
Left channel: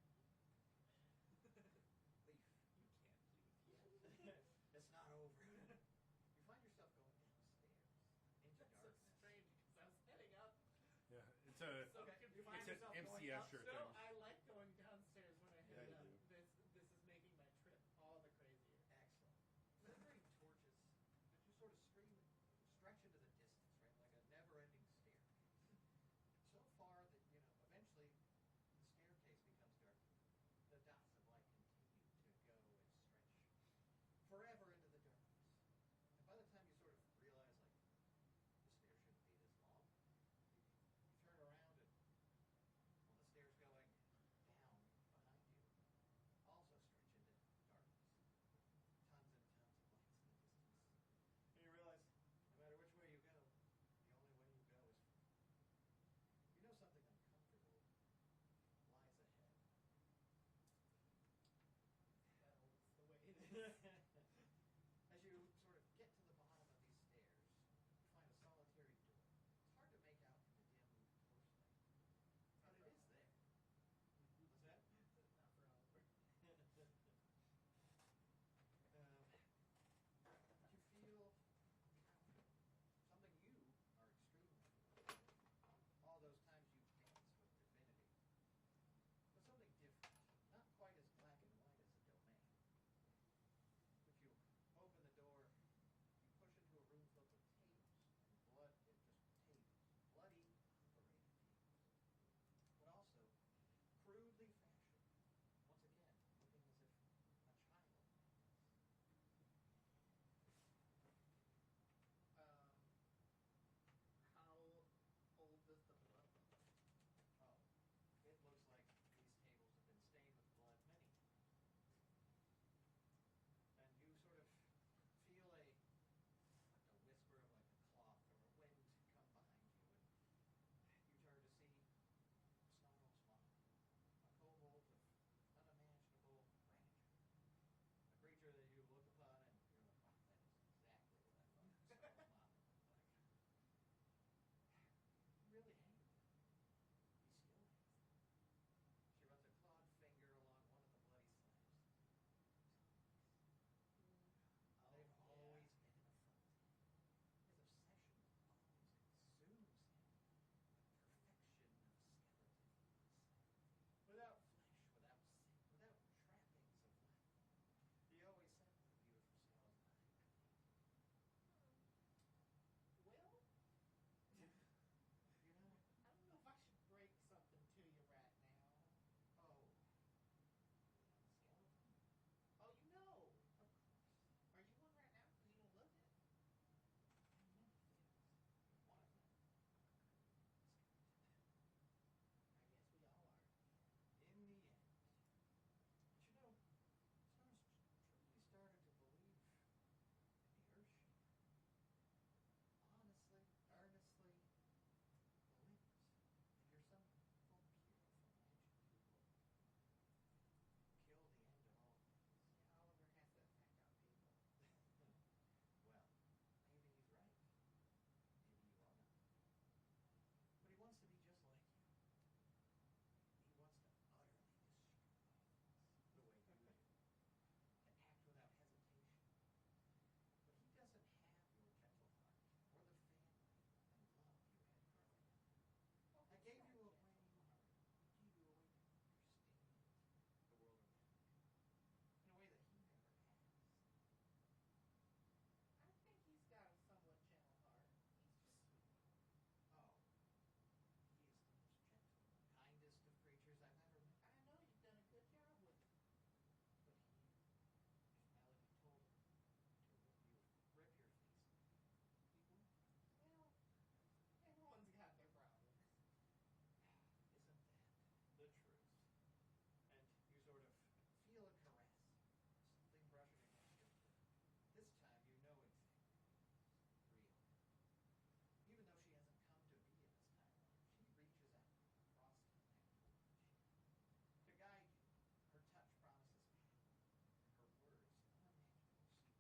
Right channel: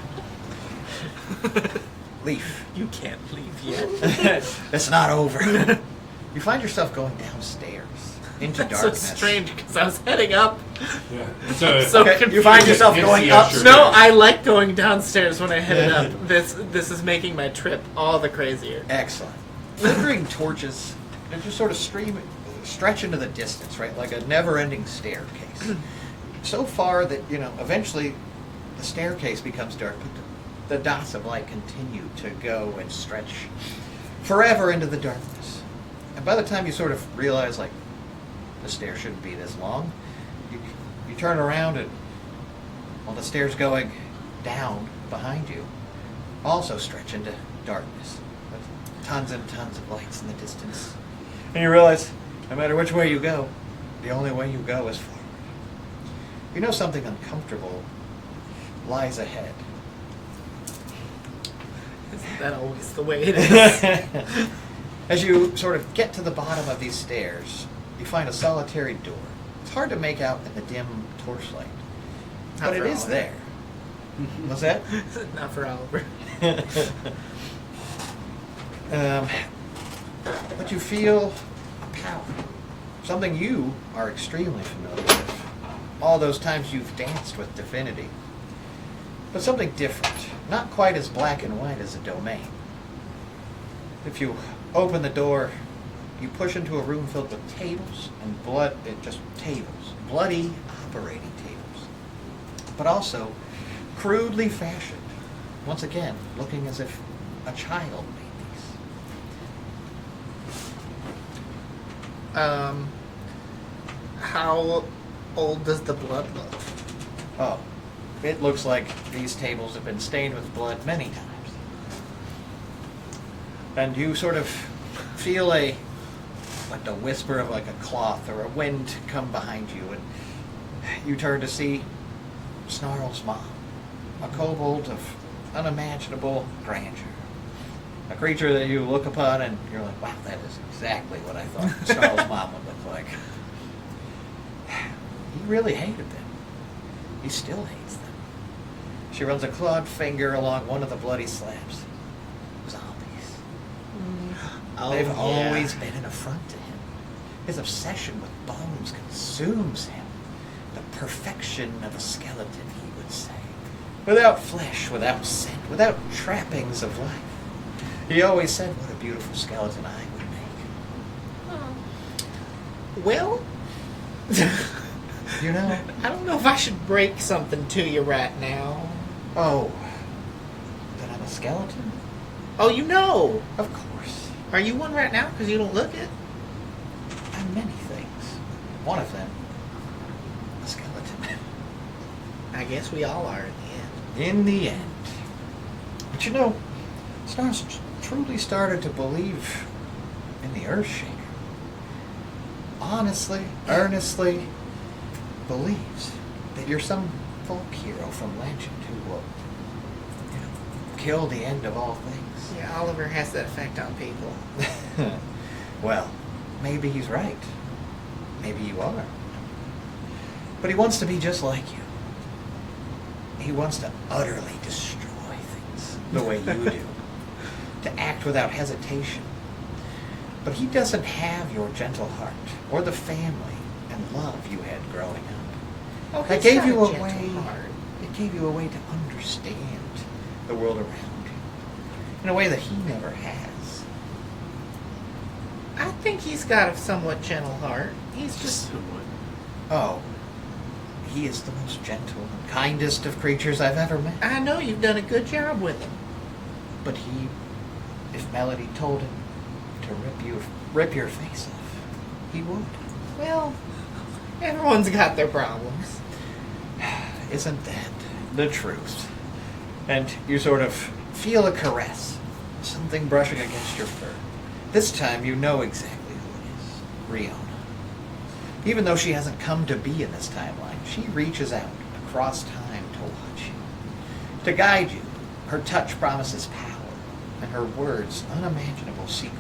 Leaf. You can't leave yet. It's not over. You find yourself going downstairs into That's darkness. so strange because I was heading up. Yeah. So, So Okay, you confused. find yourself It's going the up. usher. No, I like going downstairs when I headed up. This is making my trip all the crazier. Excellent. Flickering torches, they just sort of stretch into the distance, right? Like a never-ending staircase. So far that, eventually the staircase becomes dark, but the dots of light continue to go and stretch forever into the darkness. And by the time you sort of realize, like, the stairs shouldn't be this long, you turn around and, well, the stairs going down behind you also stretch into darkness. With tons and tons of lights in the distance. And you realize, no matter which way you go, the only way you go is forward. You know something uncomfortable lies ahead. Isn't that always the way it is? As you sort of get to the bottom of these stairs, you find a solitary door. It's hard to make out in the dim torchlight, Not but it for is Oliver. there. What's that? Not for Oliver. But you feel a power, something you are extremely familiar with. All those times you've danced with divinity. But something different, not quite as black and white as a domain. If you open the door, you push into a room filled with tables and bloody operating tables. But also crudely fashioned, once again, looking as if a child made these. How old does the blood look? Oh, it looks like these tables have been stained with blood many times. And you sort of feel like the whisper of like a cloth or a wind come behind you, and you turn to see Snarl's mom, a kobold of unimaginable grandeur. A creature that you look upon and you're like, wow, that is exactly what I thought Snarl's mom would look like. He really hated them. He still hates them. She runs a clawed finger along one of the bloody slabs. Zombies. They've yeah. always been an affront to him. His obsession with bones consumes him. The perfection of a skeleton, he would say. Without flesh, without scent, without trappings of life. He always said what a beautiful skeleton I would make. Well, You know? I don't know if I should break something to you right now. Oh. That I'm a skeleton? Oh, you know. Of course. Are you one right now? Because you don't look it. I'm many things. One of them, a skeleton. I guess we all are in the end. In the end. But you know, Stars truly started to believe in the Earthshaker. Honestly, earnestly believes that you're some folk hero from legend who will, kill the end of all things. Yeah, Oliver has that effect on people. Well, maybe he's right. Maybe you are. But he wants to be just like you. He wants to utterly destroy things the way you do. To act without hesitation. But he doesn't have your gentle heart or the family and love you had growing up. Oh, It he's gave got you a gentle way. heart. It gave you a way to understand the world around you in a way that he never has. I think he's got a somewhat gentle heart. He's just... Somewhat. Oh, he is the most gentle and kindest of creatures I've ever met. I know you've done a good job with him. But he, if Melody told him to rip your face off, he would. Well, everyone's got their problems. Isn't that the truth? And you sort of feel a caress, something brushing against your fur. This time you know exactly who it is. Riona. Even though she hasn't come to be in this timeline, she reaches out across time to watch you, to guide you. Her touch promises power, and her words unimaginable secrets.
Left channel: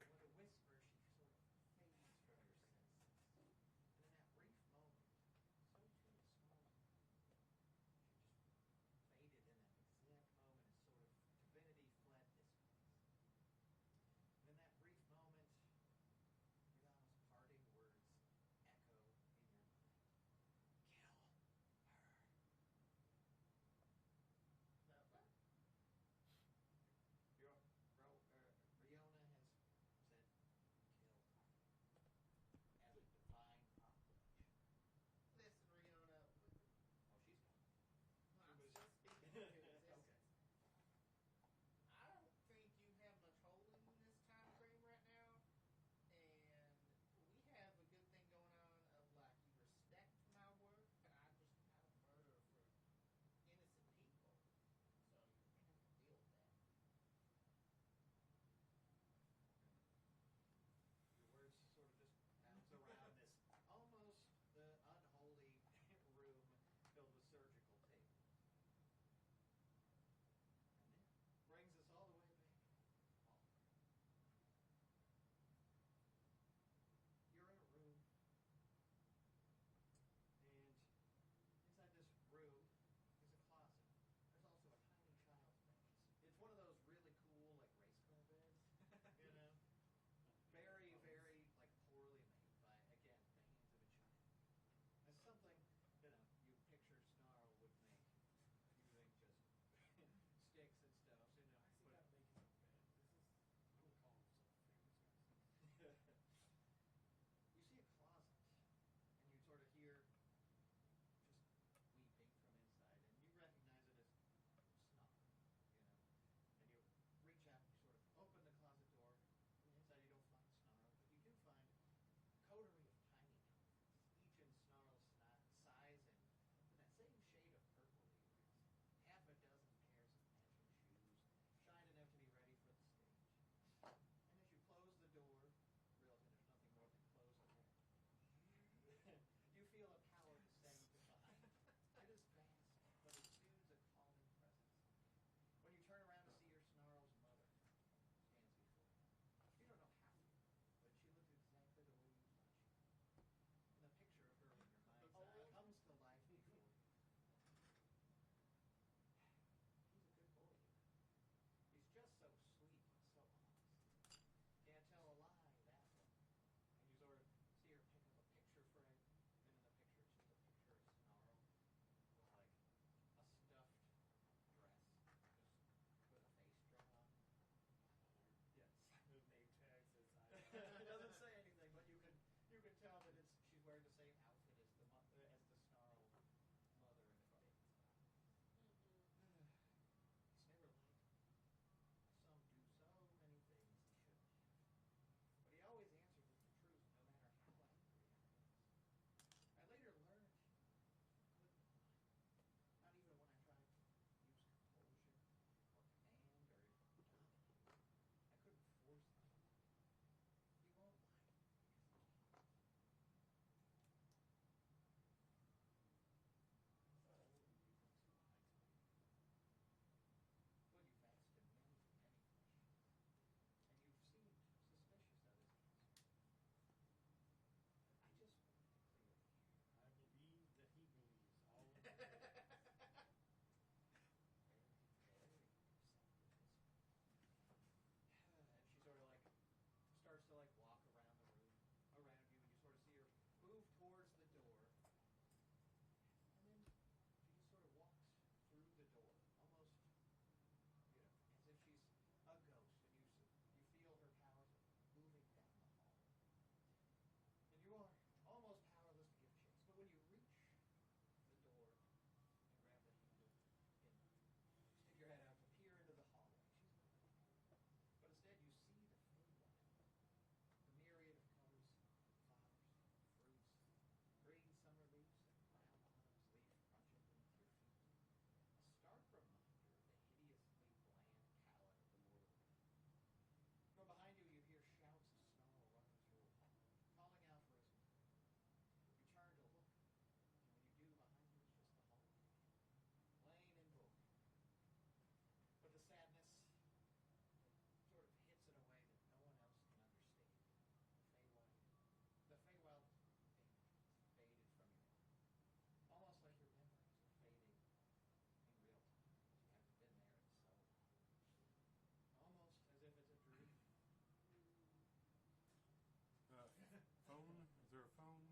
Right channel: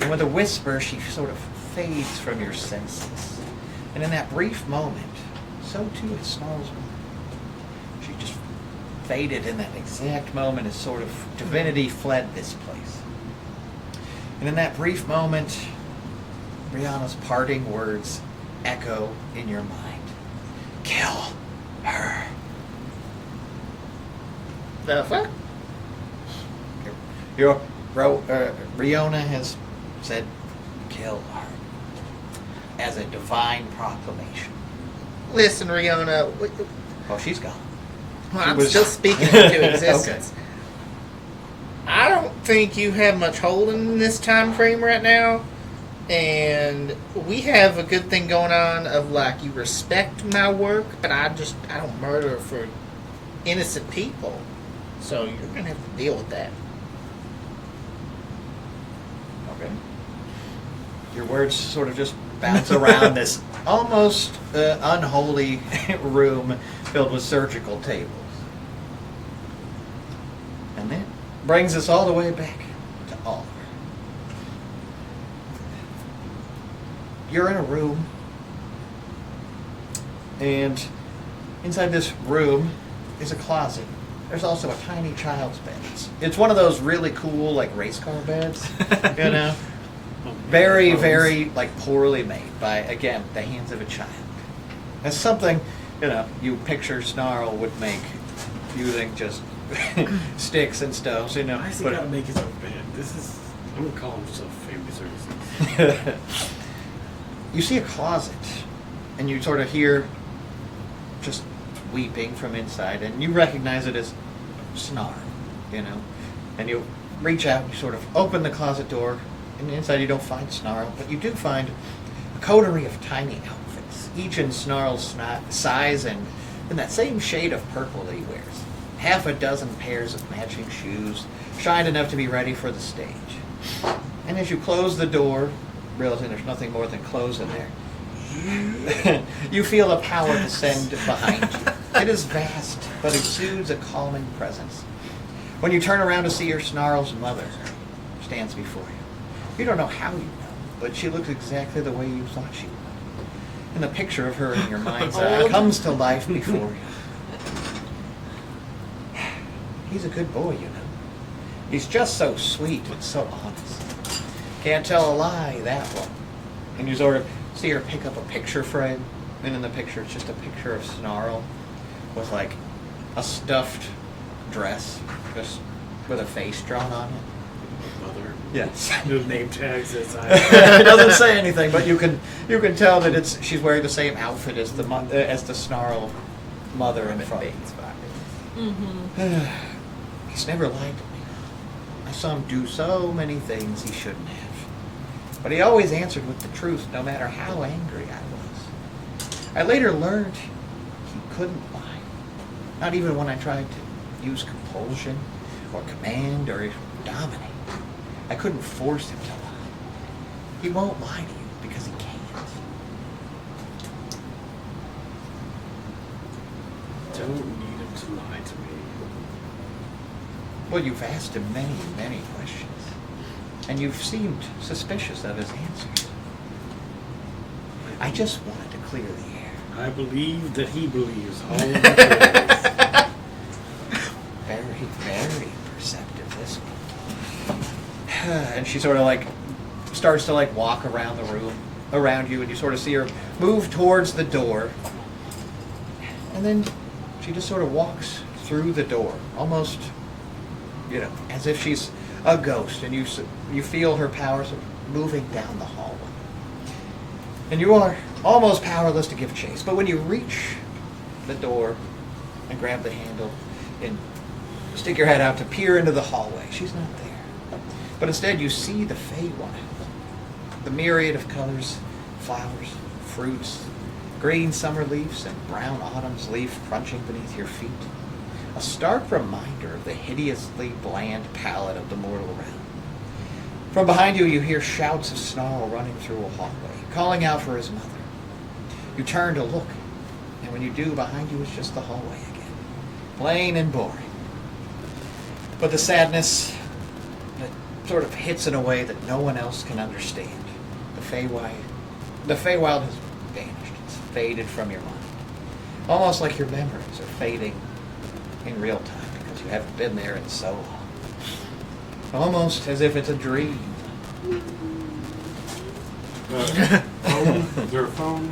And with a whisper, she sort of fades from your senses. And in that brief moment, so too has Snarl's mom. She just faded in that exact moment as sort of divinity fled this place. And in that brief moment, Rihanna's parting words echo in your mind. Kill her. The fuck? Rihanna has said, kill her, as a divine proclamation. Listen, Rihanna. Oh, she's gone. Well, I'm was- still speaking into existence. Okay. I don't think you have much hold in this time frame right now. And we have a good thing going on of like you respect my work, but I don't murder for innocent people. So you're gonna have to deal with that. Okay. Your words sort of just bounce around this almost unholy room filled with surgical tables. And that brings us all the way back to Oliver. You're in a room, and inside this room is a closet. There's also a tiny child's bed. It's one of those really cool, like, race car beds, you know? Very, very, like, poorly made by, again, the hands of a child. It's something, you know, you picture Snarl would make using just sticks and stones, you know. Why has he but- got to make his own bed? I'm going to call himself Family Services. You see a closet, and you sort of hear just weeping from inside, and you recognize it as Snarl, you know. And you reach out, and you sort of open the closet door, and inside you don't find Snarl, but you do find a coterie of tiny outfits, each in Snarl's size and in that same shade of purple that he wears. Half a dozen pairs of matching shoes, shined enough to be ready for the stage. And as you close the door, realizing there's nothing more than clothes in there, you feel a power descend behind you. It is vast, but exudes a calming presence. When you turn around to see your Snarl's mother stands before you. You don't know how you know, but she looks exactly the way you thought she would. And the picture of her in your mind's eye comes to life before you. He's a good boy, you know. He's just so sweet and so honest. Can't tell a lie, that one. And you sort of see her pick up a picture frame, and in the picture it's just a picture of Snarl with like a stuffed dress, just with a face drawn on it. Mother. Yes. No name tags as It doesn't say anything, but you can tell that she's wearing the same outfit as the Snarl mother in front. He's never lied to me. I saw him do so many things he shouldn't have. But he always answered with the truth, no matter how angry I was. I later learned he couldn't lie. Not even when I tried to use compulsion or command or dominate. I couldn't force him to lie. He won't lie to you because he can't. Don't need him to lie to me. Well, you've asked him many, many questions. And you've seemed suspicious of his answers. I just wanted to clear the air. I believe that he believes all of the Very, very perceptive, this one. And she sort of like starts to like walk around the room around you, and you sort of see her move towards the door. And then she just sort of walks through the door, almost, you know, as if she's a ghost, and you feel her power sort of moving down the hallway. And you are almost powerless to give chase, but when you reach the door and grab the handle and stick your head out to peer into the hallway, she's not there. But instead you see the Feywild, the myriad of colors, flowers, fruits, green summer leaves and brown autumn's leaf crunching beneath your feet. A stark reminder of the hideously bland palette of the mortal realm. From behind you, you hear shouts of Snarl running through a hallway, calling out for his mother. You turn to look, and when you do, behind you is just the hallway again. Plain and boring. But the sadness that sort of hits in a way that no one else can understand. The Feywild has vanished. It's faded from your mind. Almost like your memories are fading in real time because you haven't been there in so long. Almost as if it's a dream. Phone? Is there a phone?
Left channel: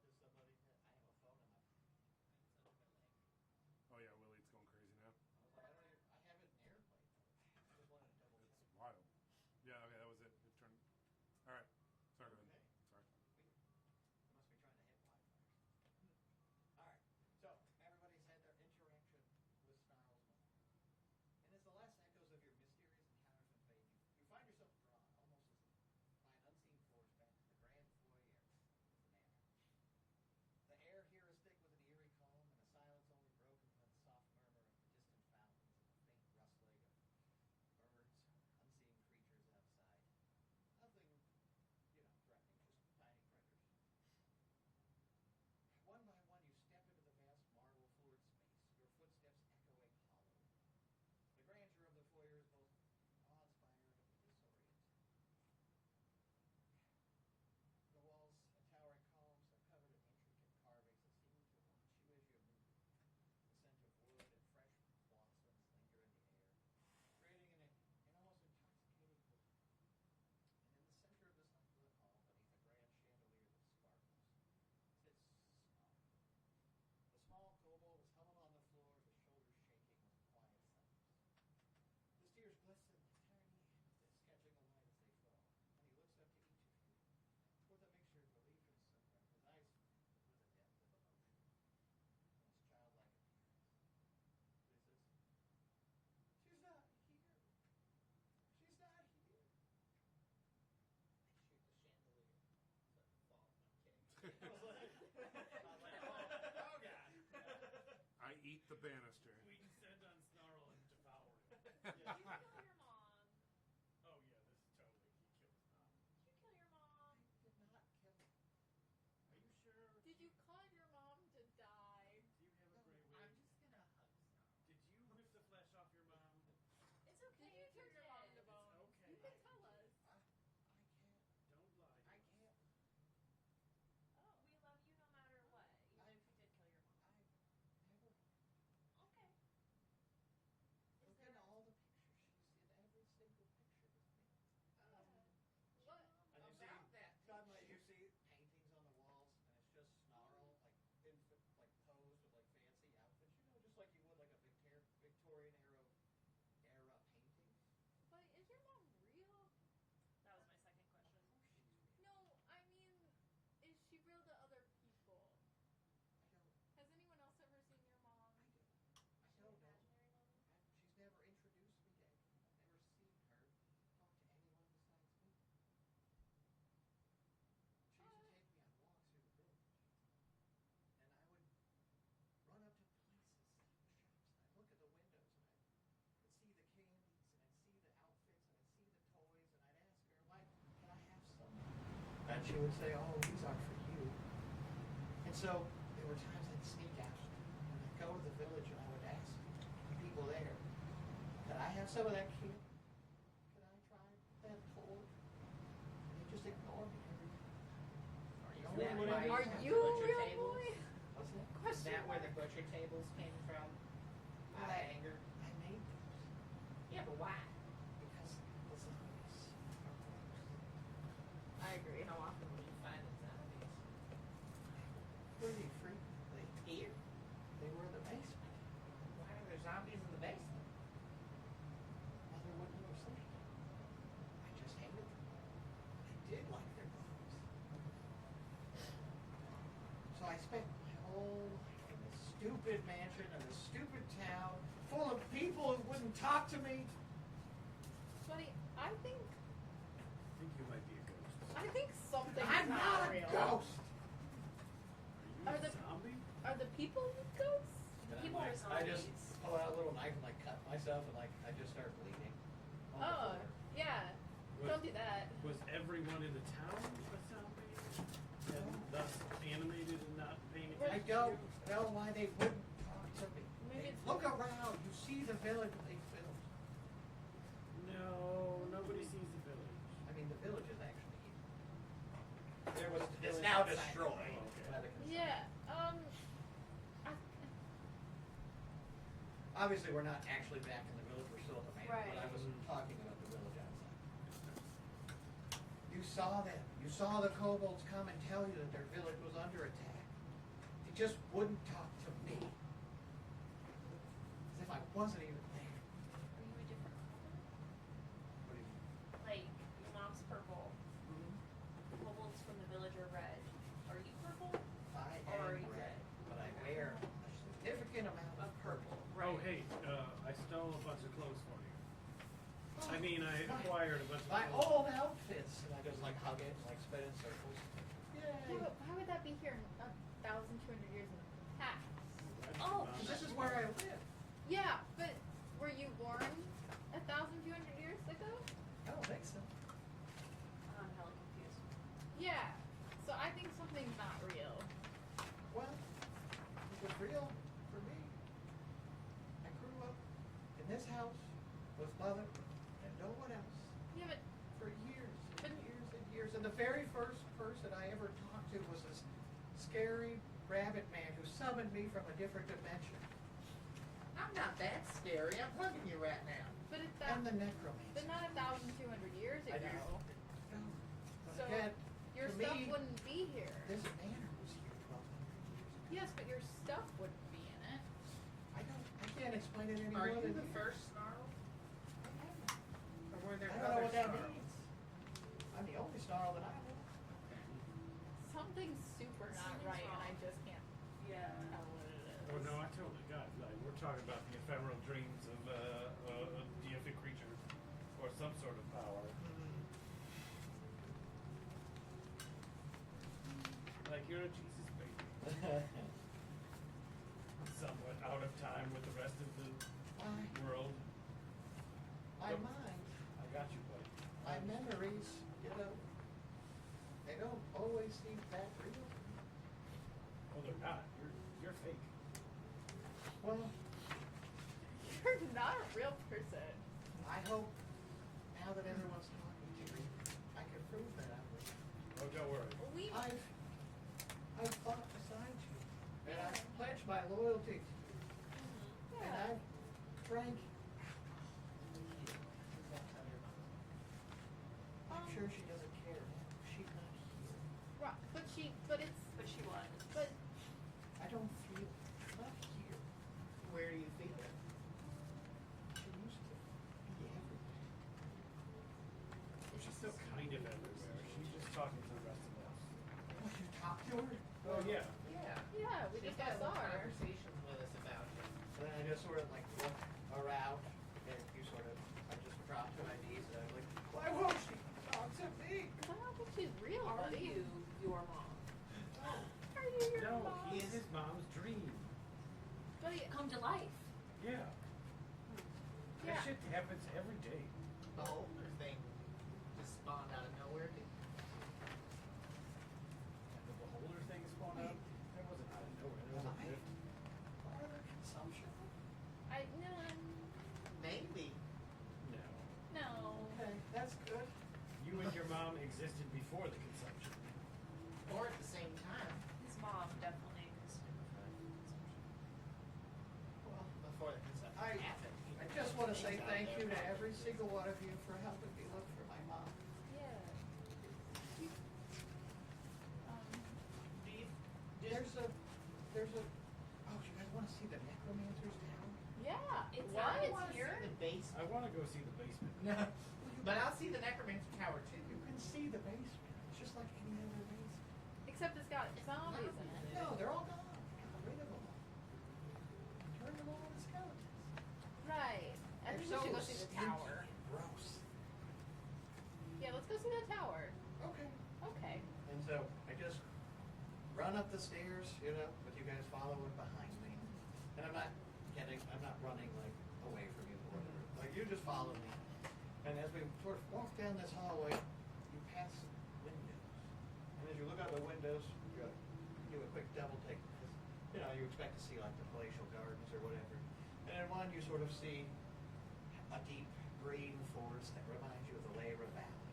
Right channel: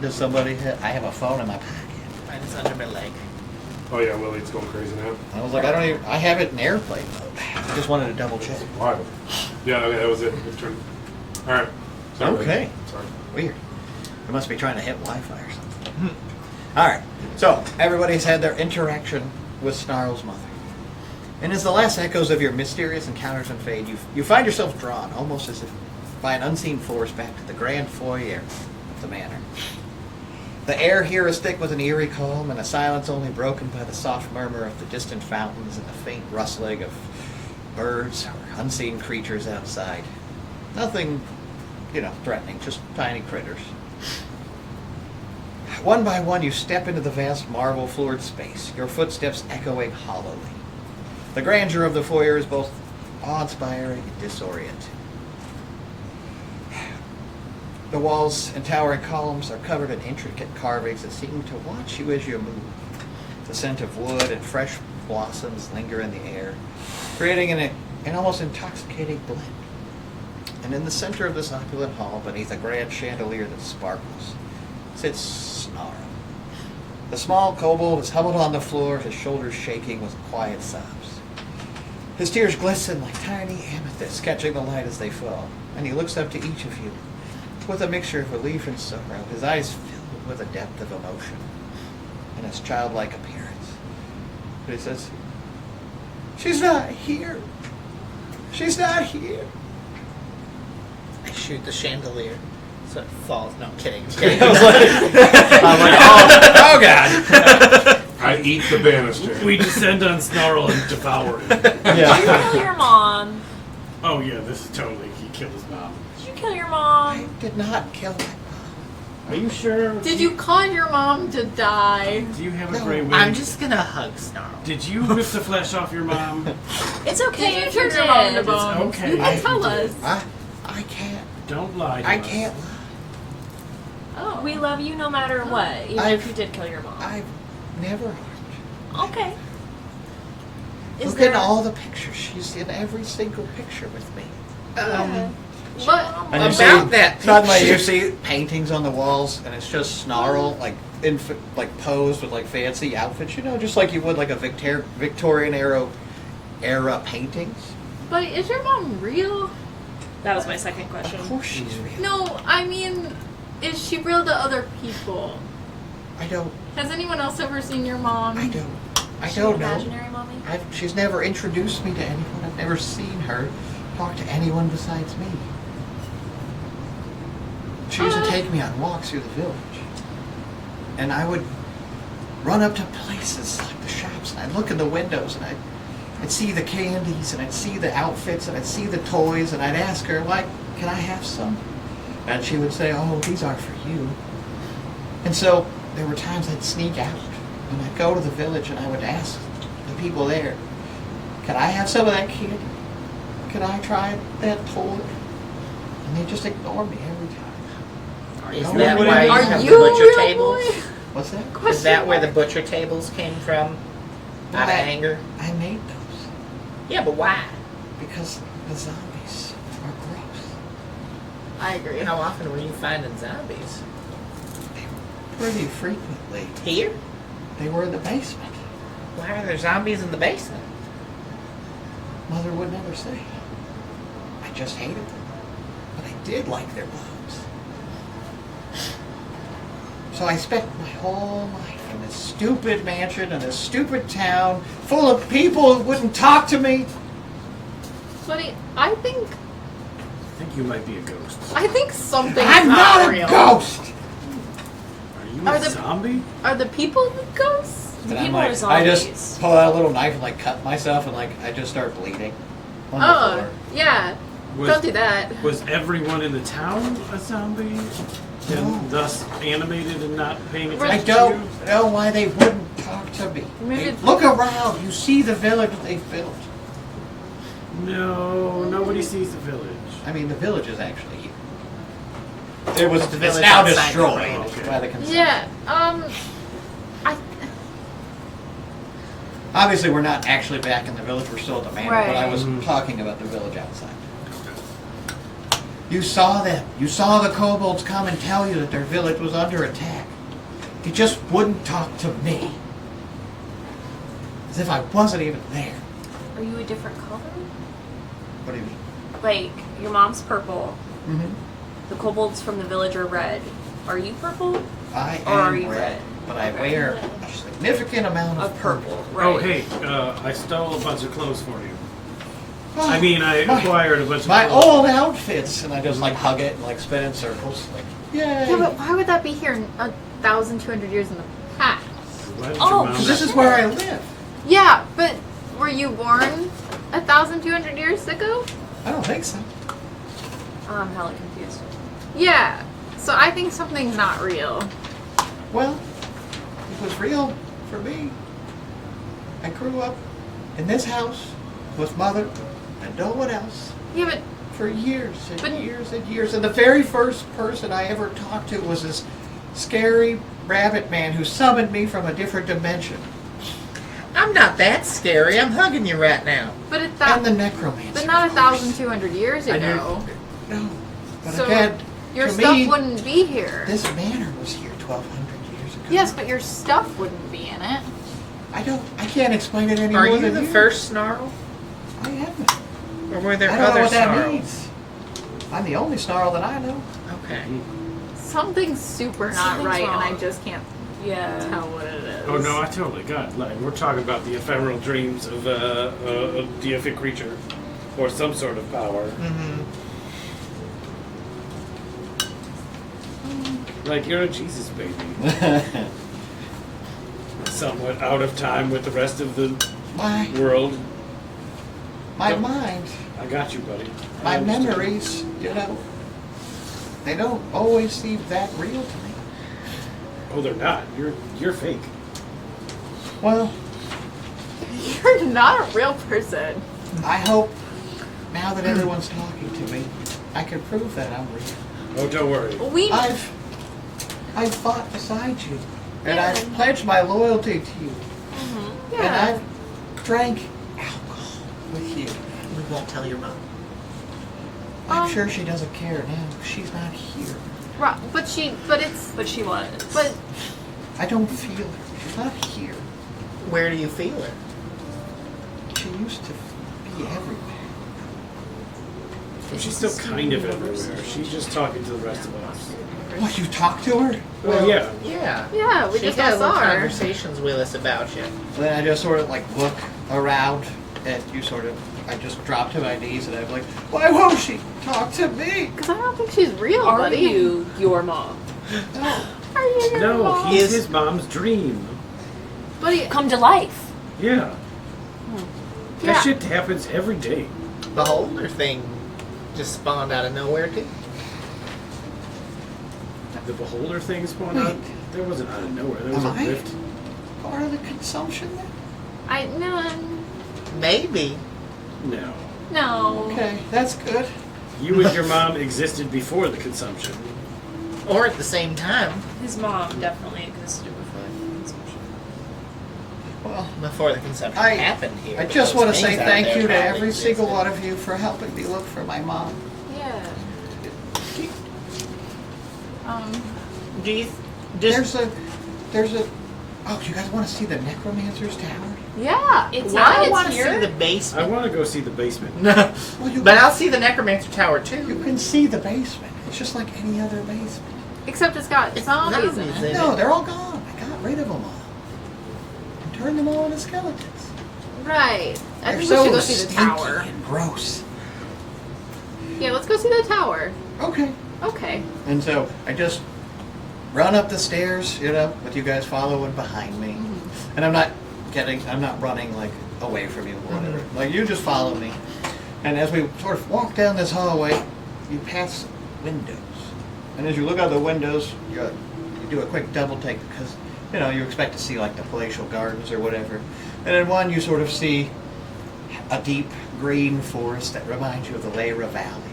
Does somebody I have a phone in my pocket. Mine's under my leg. Oh yeah, Lily's going crazy now. I was like, I have it in airplane mode. I just wanted to double check. Wild. Yeah, okay, that was it. Good turn. All right. Sorry, Lily. Okay. Sorry. Weird. They must be trying to hit Wi-Fi or something. All right. So everybody's had their interaction with Snarl's mother. And as the last echoes of your mysterious encounters unfade, you find yourself drawn, almost as if by an unseen force, back to the grand foyer of the manor. The air here is thick with an eerie calm, and a silence only broken by the soft murmur of the distant fountains and the faint rustling of birds or unseen creatures outside. Nothing, threatening, just tiny critters. One by one, you step into the vast marble-floored space, your footsteps echoing hollowly. The grandeur of the foyer is both awe-inspiring and disorienting. The walls and towering columns are covered in intricate carvings that seem to watch you as you move. The scent of wood and fresh blossoms linger in the air, creating an almost intoxicating blend. And in the center of this opulent hall, beneath a grand chandelier that sparkles, sits Snarl. The small kobold is huddled on the floor, his shoulders shaking with quiet sobs. His tears glisten like tiny amethysts, catching the light as they fall, and he looks up to each of you with a mixture of relief and sorrow, his eyes filled with a depth of emotion and his childlike appearance. But he says, "She's not here. She's not here." I shoot the chandelier so it falls. No, I'm kidding. I was like, oh God. I eat the banister. We descend on Snarl and devour him. Did you kill your mom? Oh yeah, this is totally, he killed his mom. Did you kill your I mom? did not kill my mom. Are you sure? Did you cause your mom to die? Do you have a No, gray wig? I'm just gonna hug Snarl. Did you rip the flesh off your mom? It's okay Did if you you turn your mom into did. bones? okay. You I can tell did. us. I can't. Don't lie to I us. can't. Oh. We love you no matter what, even I've- if you did kill your mom. I've never harmed Okay. her. Is Look there at all the pictures. She's in every single picture with me. But And you see, About that suddenly you picture. see paintings on the walls, and it's just Snarl, like posed with like fancy outfits, just like you would like a Victorian era paintings. but is your mom real? That was my second question. Of course she's real. No, I mean, is she real to other people? I don't. Has anyone else ever seen your mom? I don't. I Is she don't an know. imaginary mommy? She's never introduced me to anyone. I've never seen her talk to anyone besides me. She used to take me on walks through the village. And I would run up to places like the shops, and I'd look in the windows, and I'd see the candies, and I'd see the outfits, and I'd see the toys, and I'd ask her, like, can I have some? And she would say, oh, these are for you. And so there were times I'd sneak out, and I'd go to the village, and I would ask the people there, can I have some of that candy? Can I try that toy? And they just ignore me every time. Is No, that what why do you Are have the you a butcher real tables? boy? What's that? Is that where the mark. butcher tables came from? Out of Why? anger? I made those Yeah, but why? because the zombies are gross. I agree. How often were you finding zombies? Pretty frequently. Here? They were in the basement. Why are there zombies in the basement? Mother would never say. I just hated them. But I did like their bones. So I spent my whole life in this stupid mansion in this stupid town full of people who wouldn't talk to me. Buddy, I think I think you might be a ghost. something's I'm not real. a ghost! Are you Are a the- zombie? Are the people the ghosts? The And people I'm are I zombies. just pull out a little knife and like cut myself and like I just start bleeding on the Oh, floor. yeah. Was, Don't do that. Was everyone in the town a zombie? No. And thus animated and not paying attention I to don't you? know why they wouldn't talk to me. Maybe Hey, it's- look around. You see the village they've built. No, nobody sees the village. I mean, the village is actually here. It was The it's village now outside the destroyed range. Okay. by the consent. Yeah. I. Obviously, we're not actually back in the village. We're still at the manor, but I was Right. talking about the village outside. You saw them. You saw the kobolds come and tell you that their village was under attack. You just wouldn't talk to me. As if I wasn't even there. Are you a different color? What do you mean? Like, your mom's purple. Mm-hmm. The kobolds from the village are red. Are you purple? I Or are am you red, red? but I Okay. wear a significant amount Of purple, right? Oh, hey, I stole a bunch of clothes for you. Oh, I mean, I my- acquired a bunch of My clothes. old outfits, and I just like hug it and like spin in circles, like yay! Yeah, but why would that be here 1,200 years in the past? Why did Oh, your mom Because this is where I live. Yeah, but were you born 1,200 years ago? I don't think so. I'm hella confused. Yeah. So I think something's not real. Well, it was real for me. I grew up in this house with mother and no one else Yeah, but for years and But- years and years. And the very first person I ever talked to was this scary rabbit man who summoned me from a different dimension. I'm not that scary. I'm hugging you right now. but And the necromancer. but not 1,200 years I knew- ago. No. But So again, your to stuff me, wouldn't be here. this manor was here 1,200 years ago. Yes, but your stuff wouldn't be in it. I can't explain it any Are more you than the you. first snarl? I am. Or were there I don't know other what that snarls? means. I'm the only snarl that I know. Okay. Something's super not Something's right, and I wrong. just can't Yeah. tell what it is. Oh no, I totally got. Like, we're talking about the ephemeral dreams of a deific creature, or some sort of power. Mm-hmm. Like, you're a Jesus baby, somewhat out of time with the rest of the my world. my mind, I got you, buddy. I my understand. memories, they don't always seem that real to me. Oh, they're not. You're fake. Well, You're not a real person. I hope now that everyone's talking to me, I can prove that I'm real. Oh, don't worry. We I've fought beside you, and Yeah. I've pledged my loyalty to you, and yeah. I've drank alcohol with you. We won't tell your mom. I'm Um, sure she doesn't care now. She's not here. But But she was. but I don't feel her. She's not here. Where do you feel her? She used to be everywhere. She's still kind of everywhere. She's just talking to the rest of us. What, you talked to her? Well, yeah. Yeah. yeah, we She just had all little saw her. conversations with us about you. Then I just sort of like look around and I just drop to my knees and I'm like, why won't she talk to me? Because I don't think she's real, Are buddy. you your mom? No. Are you your No, mom? he's Is- his mom's dream. Buddy, Come to life. Yeah. yeah. That shit happens every day. Beholder thing just spawned out of nowhere too. The beholder thing spawned Wait. out. There wasn't out of nowhere. There was Am a I? rift. Part of the consumption then? I no Maybe. No. no. Okay, that's good. You and your mom existed before the consumption. Or at the same time, His mom definitely existed before the consumption. Well, before the consumption I- happened here. I just Those want to say things out thank there you to probably every single existed. one of you for helping me look for my mom. Yeah. Do you There's a, oh, you guys want to see the Necromancer's Tower? Yeah. It's Well, I not want to here. see the I basement. want to go see the basement. No, Well, you but can- I'll see the Necromancer Tower You too. can see the basement. It's just like any other basement. Except it's got It's zombies in zombies it. in No, they're all gone. I got rid of them all. And turned them all into skeletons. Right. I They're think so we should go see the stinky tower. and gross. Yeah, let's go see the tower. Okay. Okay. And so I just run up the stairs, with you guys following behind me. And I'm not running like away from you or whatever. Like you just follow me. And as we sort of walk down this hallway, you pass windows. And as you look out the windows, you do a quick double take because, you expect to see like the palatial gardens or whatever. And in one you sort of see a deep green forest that reminds you of the Leyra Valley,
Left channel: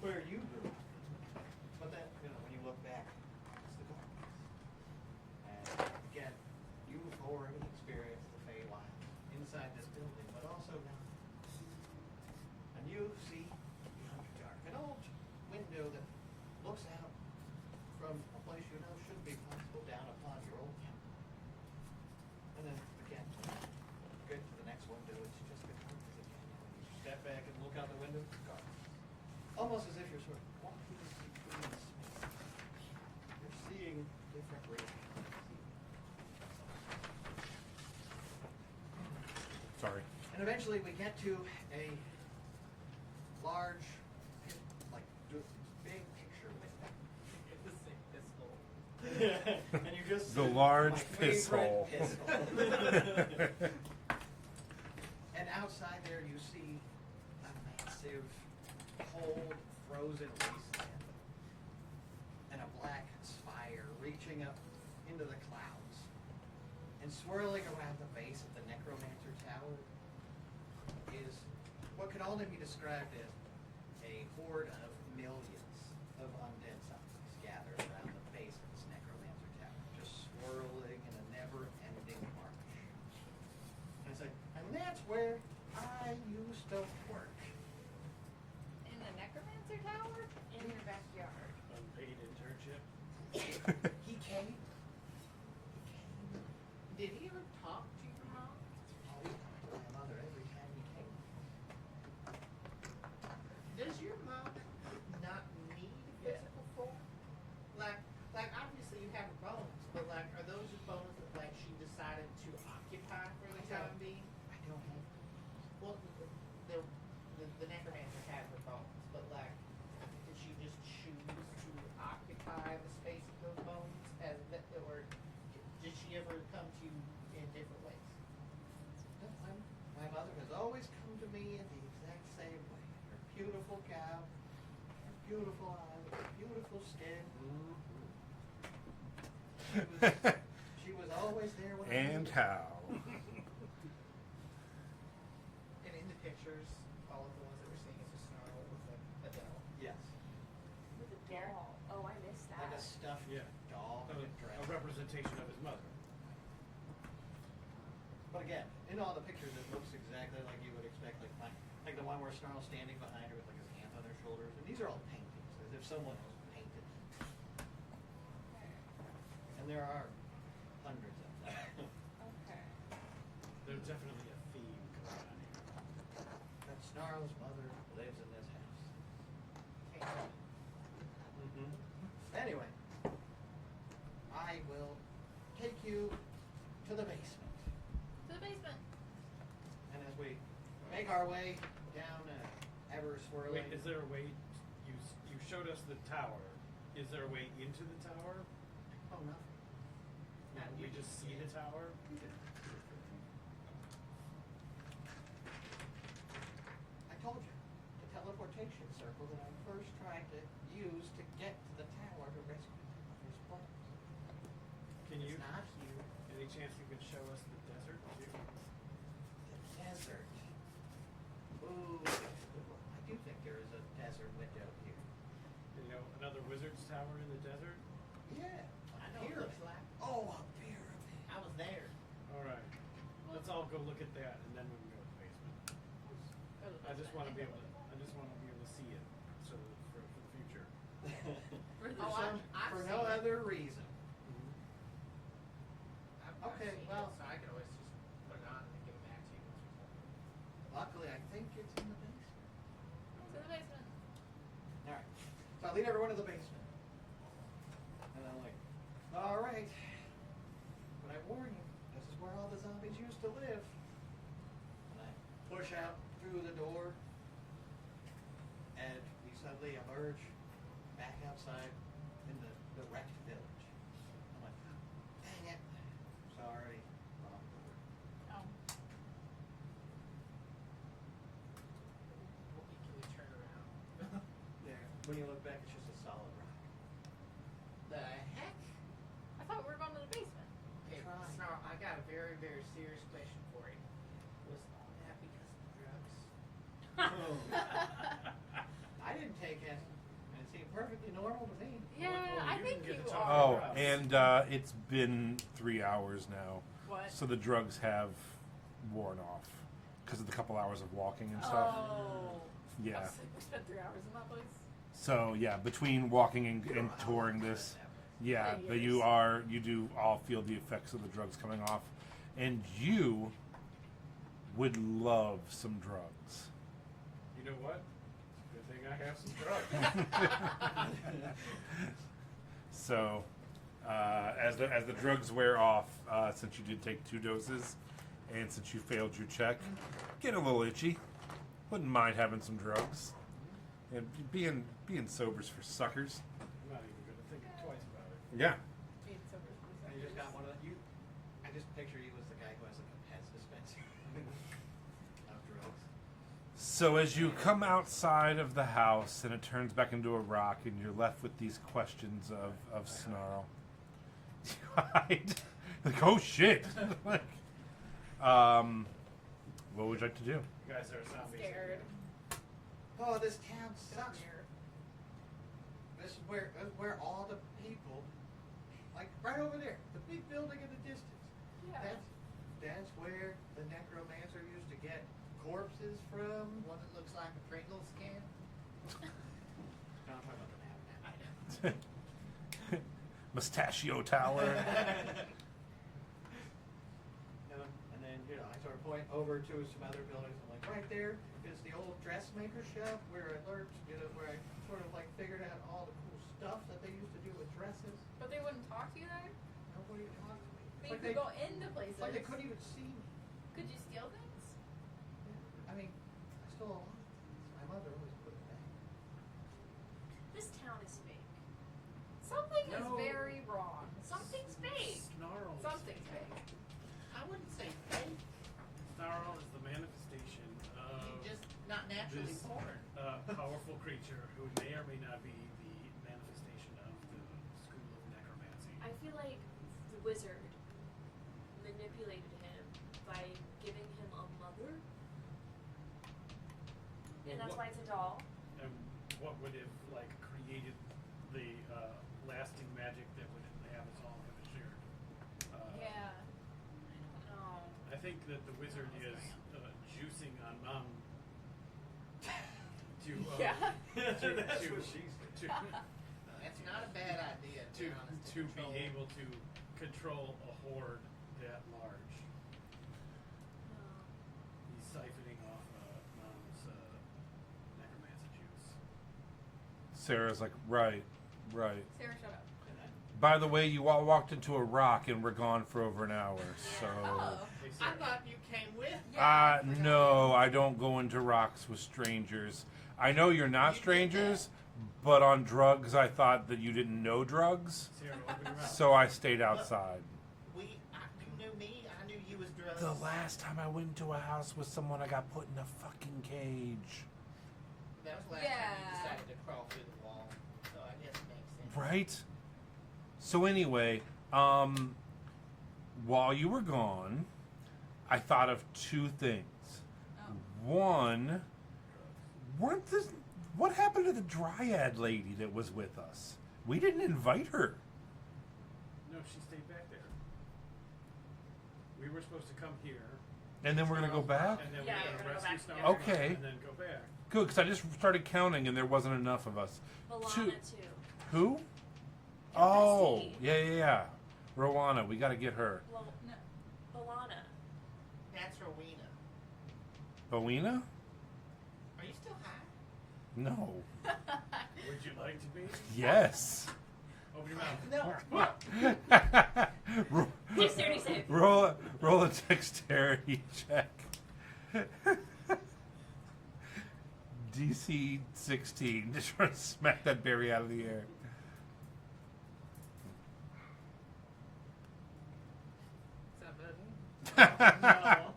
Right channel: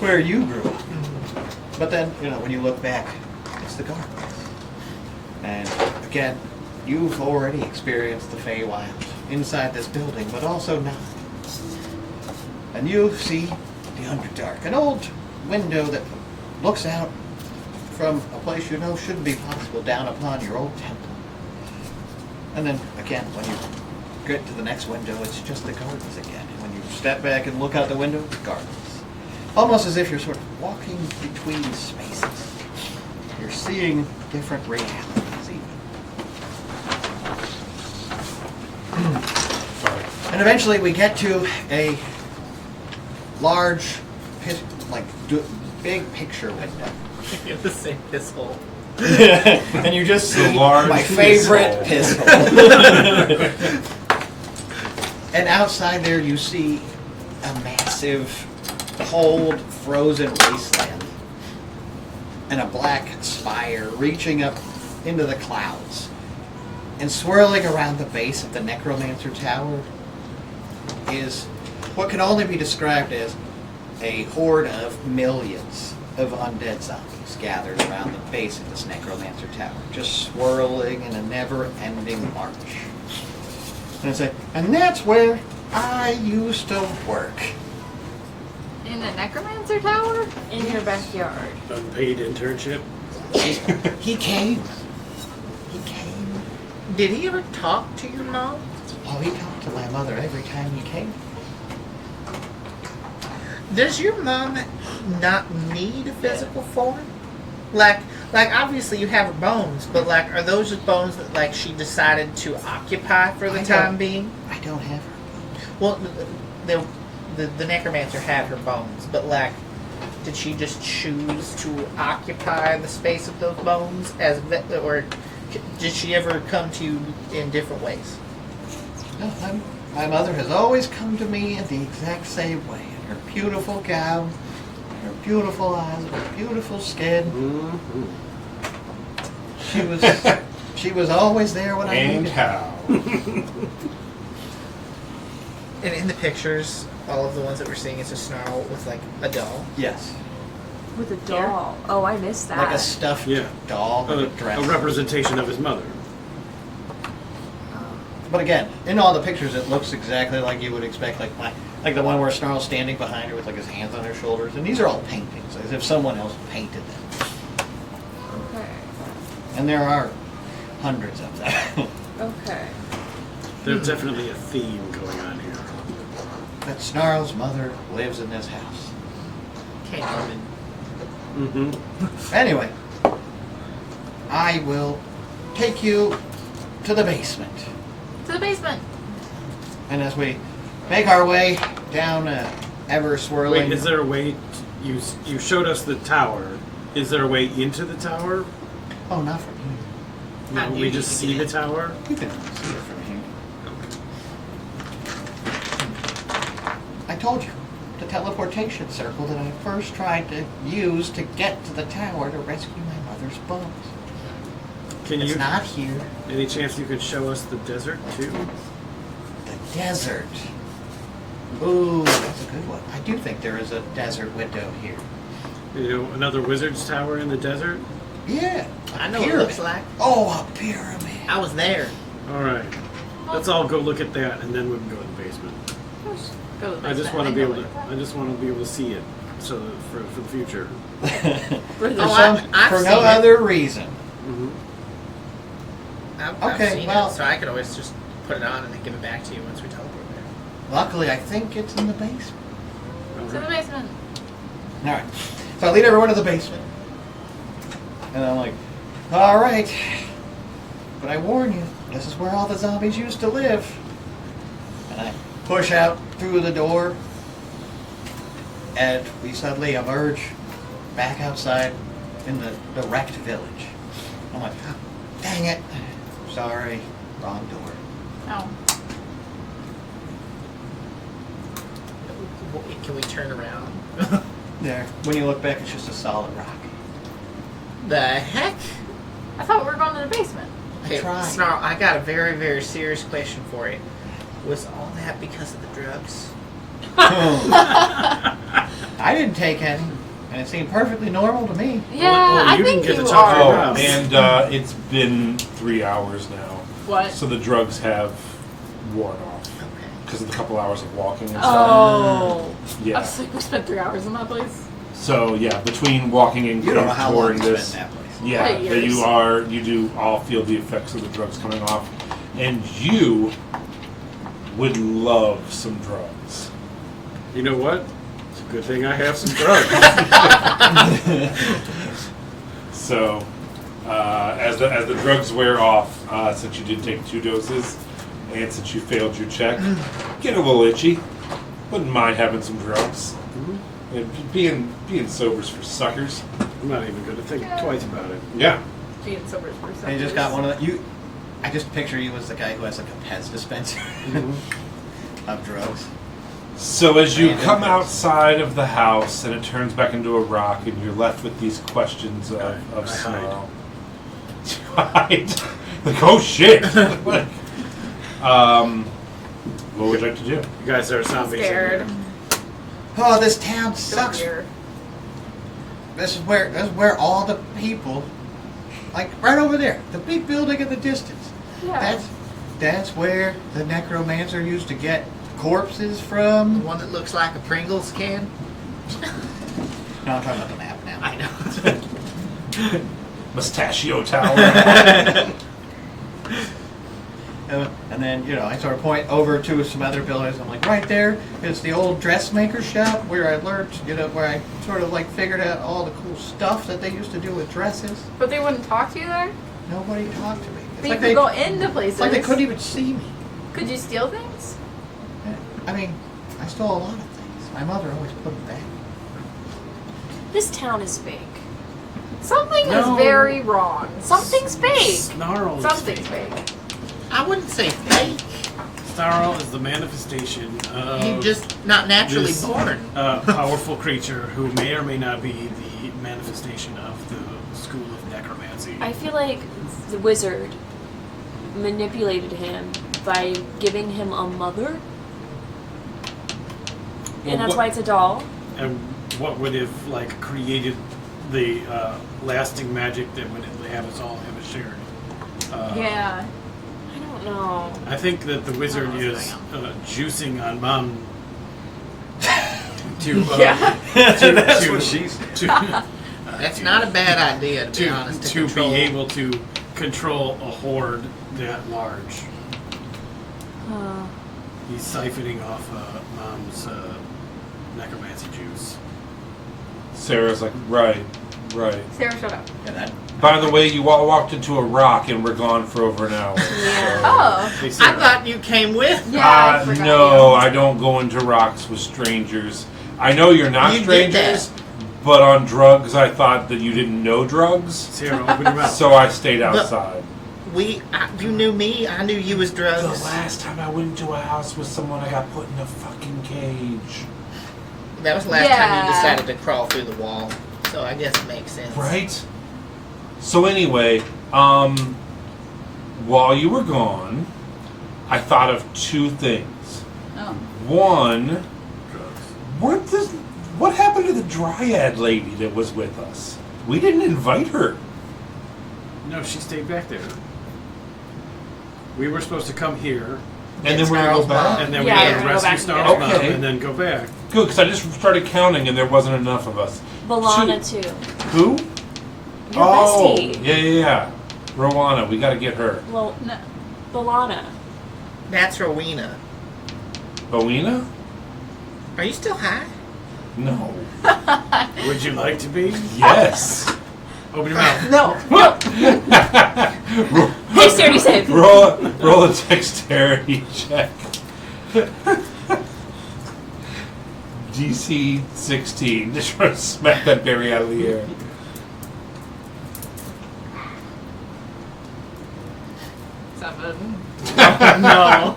where you grew up. But then, when you look back, it's the gardens. And again, you've already experienced the Feywild inside this building, but also not. And you see the Underdark, an old window that looks out from a place you know shouldn't be possible down upon your old temple. And then again, when you get to the next window, it's just the gardens again. And when you step back and look out the window, the gardens. Almost as if you're sort of walking between spaces. You're seeing different realities even. And eventually we get to a large, big picture window. You're the same piss hole. And you just The see large my piss favorite hole. piss hole. And outside there you see a massive, cold, frozen wasteland. And a black spire reaching up into the clouds. And swirling around the base of the Necromancer Tower is what can only be described as a horde of millions of undead zombies gathered around the base of this Necromancer Tower, just swirling in a never-ending march. And it's like, and that's where I used to work. In the Necromancer Tower? In your backyard. Unpaid internship. He came. He came. Did he ever talk to your mom? Oh, he talked to my mother every time he came. Does your mom not need a physical form? Like obviously you have her bones, but like, are those just bones that like she decided to occupy for the I time don't- being? I don't have her. Well, the necromancer had her bones, but like, did she just choose to occupy the space of those bones or did she ever come to you in different ways? No, my mother has always come to me in the exact same way. In her beautiful gown, her beautiful eyes, her beautiful skin. Mm-hmm. She was always there when I And needed her. how? And in the pictures, all of the ones that we're seeing, it's a snarl with like a doll. Yes. With a doll. Oh, I missed that. Like a stuffed Yeah. doll, like a dress. A representation of his mother. But again, in all the pictures, it looks exactly like you would expect, like the one where Snarl's standing behind her with like his hands on her shoulders. And these are all paintings, as if someone else painted them. Okay. And there are hundreds of them. Okay. There's definitely a theme going on here. That Snarl's mother lives in this house. Can't even. Mm-hmm. Anyway, I will take you to the basement. To the basement. And as we make our way down a ever swirling. Wait, is there a way? You showed us the tower. Is there a way into the tower? Oh, not from here. How do We you just need to see get the tower. You can see it from here. I told you, the teleportation circle that I first tried to use to get to the tower to rescue my mother's bones. Can It's you? not here. Any chance you could show us the desert too? The desert. Ooh, that's a good one. I do think there is a desert window here. You know, another wizard's tower in the desert. Yeah. I know what it looks like. Oh, a pyramid. I was there. All right. Let's all go look at that, and then we can go to the basement. Go to the I just basement want to and be go able to. look at I just want to be able to see it, so that for the future. For, Oh, I've for seen no it. other reason. Mm-hmm. I've Okay, seen well- it, so I could always just put it on and then give it back to you once we teleport there. Luckily, I think it's in the basement. it. To the basement. All right. So I lead everyone to the basement. And I'm like, all right. But I warn you, this is where all the zombies used to live. And I push out through the door. And we suddenly emerge back outside in the wrecked village. I'm like, dang it. Sorry, wrong door. Oh. Can we turn around? There. When you look back, it's just a solid rock. The heck? I thought we were going to the basement. I tried. Snarl, I got a very, very serious question for you. Was all that because of the drugs? I didn't take any, and it seemed perfectly normal to me. Yeah, well, I you think didn't get you to talk are. to Oh, Wow. and it's been 3 hours now. What? So the drugs have worn off. Okay. because of the couple hours of walking and stuff. Oh. I Yeah. was like, we spent 3 hours in that place. So yeah, between walking and You don't know how long touring you this, spent in that place. yeah, Probably that years. you do all feel the effects of the drugs coming off, and you would love some drugs. You know what? It's a good thing I have some drugs. So, as the drugs wear off, since you did take 2 doses, and since you failed your check, get a little itchy. Wouldn't mind having some drugs. And being sober's for suckers. I'm not even going to think twice about it. Yeah. Being sober for And you just got one of the, I just picture you as the guy who has like a Pez dispenser of drugs. So as you Random come drugs. outside of the house and it turns back into a rock, and you're left with these questions of I hide. sorrow. Hide. Like, oh shit. What would you like to do? You guys are zombies. scared. Oh, this town Don't sucks. hear. This is where all the people, like right over there, the big building in the distance. Yeah. That's where the necromancer used to get corpses The from. one that looks like a Pringles can. No, I'm talking about the map now. I know. Mustachio Tower. And then, I sort of point over to some other buildings. I'm like, right there is the old dressmaker shop where I learned, where I sort of like figured out all the cool stuff that they used to do with dresses. But they wouldn't talk to you there? Nobody talked to me. It's But like you could go into places. it's like they couldn't even see me. Could you steal things? I mean, I stole a lot of things. My mother always put them back. This town is fake. Something No. is very wrong. Something's fake. Snarl is Something's fake. fake. I wouldn't say fake. Snarl is the manifestation of He's just not naturally this, born. powerful creature who may or may not be the manifestation of the school of necromancy. I feel like the wizard manipulated him by giving him a mother. Well, And that's what- why it's a doll. And what would have created the lasting magic that would have us all have a shared? Yeah. I don't know. I think that the wizard is juicing on Mom to Yeah. That's what she said. to That's not a bad idea, to be honest. to be control. able to control a horde that large. He's siphoning off Mom's necromancy juice. Sarah's like, right. Sarah, shut up. And that, By the way, you all walked into a rock and we're gone for over an hour. Yeah. Oh. They I say thought you came with. Yeah, I forgot No, you. I don't go into rocks with strangers. I know you're not You did strangers, but on drugs, I thought that you didn't know drugs, Sarah, open your mouth. so I stayed But- outside. You knew me. I knew you was The drugs. last time I went into a house with someone, I got put in a fucking cage. That was the last time Yeah. you decided to crawl through the wall. So I guess it makes sense. Right? So anyway, while you were gone, I thought of 2 things. Oh. One, what happened to the dryad lady that was with us? We didn't invite her. No, she stayed back there. We were supposed to come here, And then It's we're going to Snarl's go back? mom. and then Yeah, we we're had to gonna go rescue back Snarl's together. mom, Okay. and then go back. Good, because I just started counting and there wasn't enough of us. Balana too. Who? Your Oh, bestie. yeah. Rowana, we got to get her. Well, No. Balana. That's Rowena. Bowena? Are you still high? No. Would you like to be? Yes. Open your mouth. No. roll, Dexterity save. roll a dexterity check. DC 16. Just trying to smack that berry out of the air. No.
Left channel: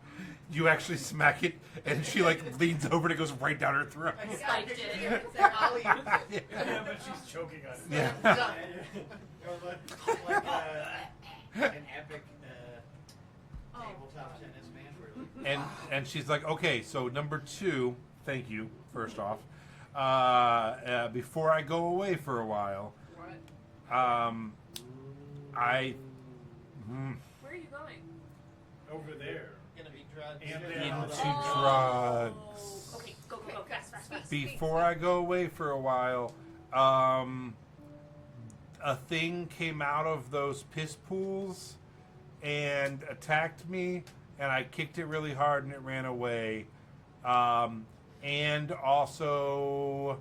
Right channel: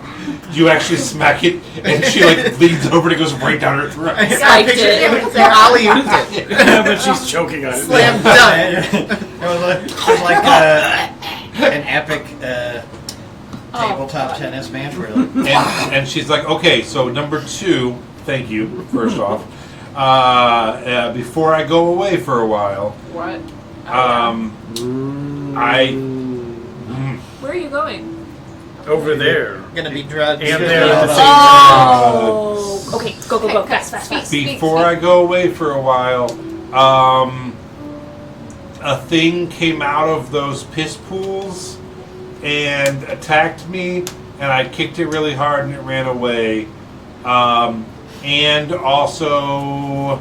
You actually smack it, and she leans over and it goes right down her throat. I Spiked pictured it. him with their alley it. But she's choking on it. Slam dunk. it was like an epic tabletop tennis match where like, And she's like, okay, so number 2, thank you, first off. Before I go away for a while, What? I Where are you going? Over there. gonna be drugged. And because they're of at all the those- same Oh. Okay, go, go, go, Okay, fast, fast, fast. speak. Before I go away for a while, a thing came out of those piss pools and attacked me, and I kicked it really hard and it ran away. And also,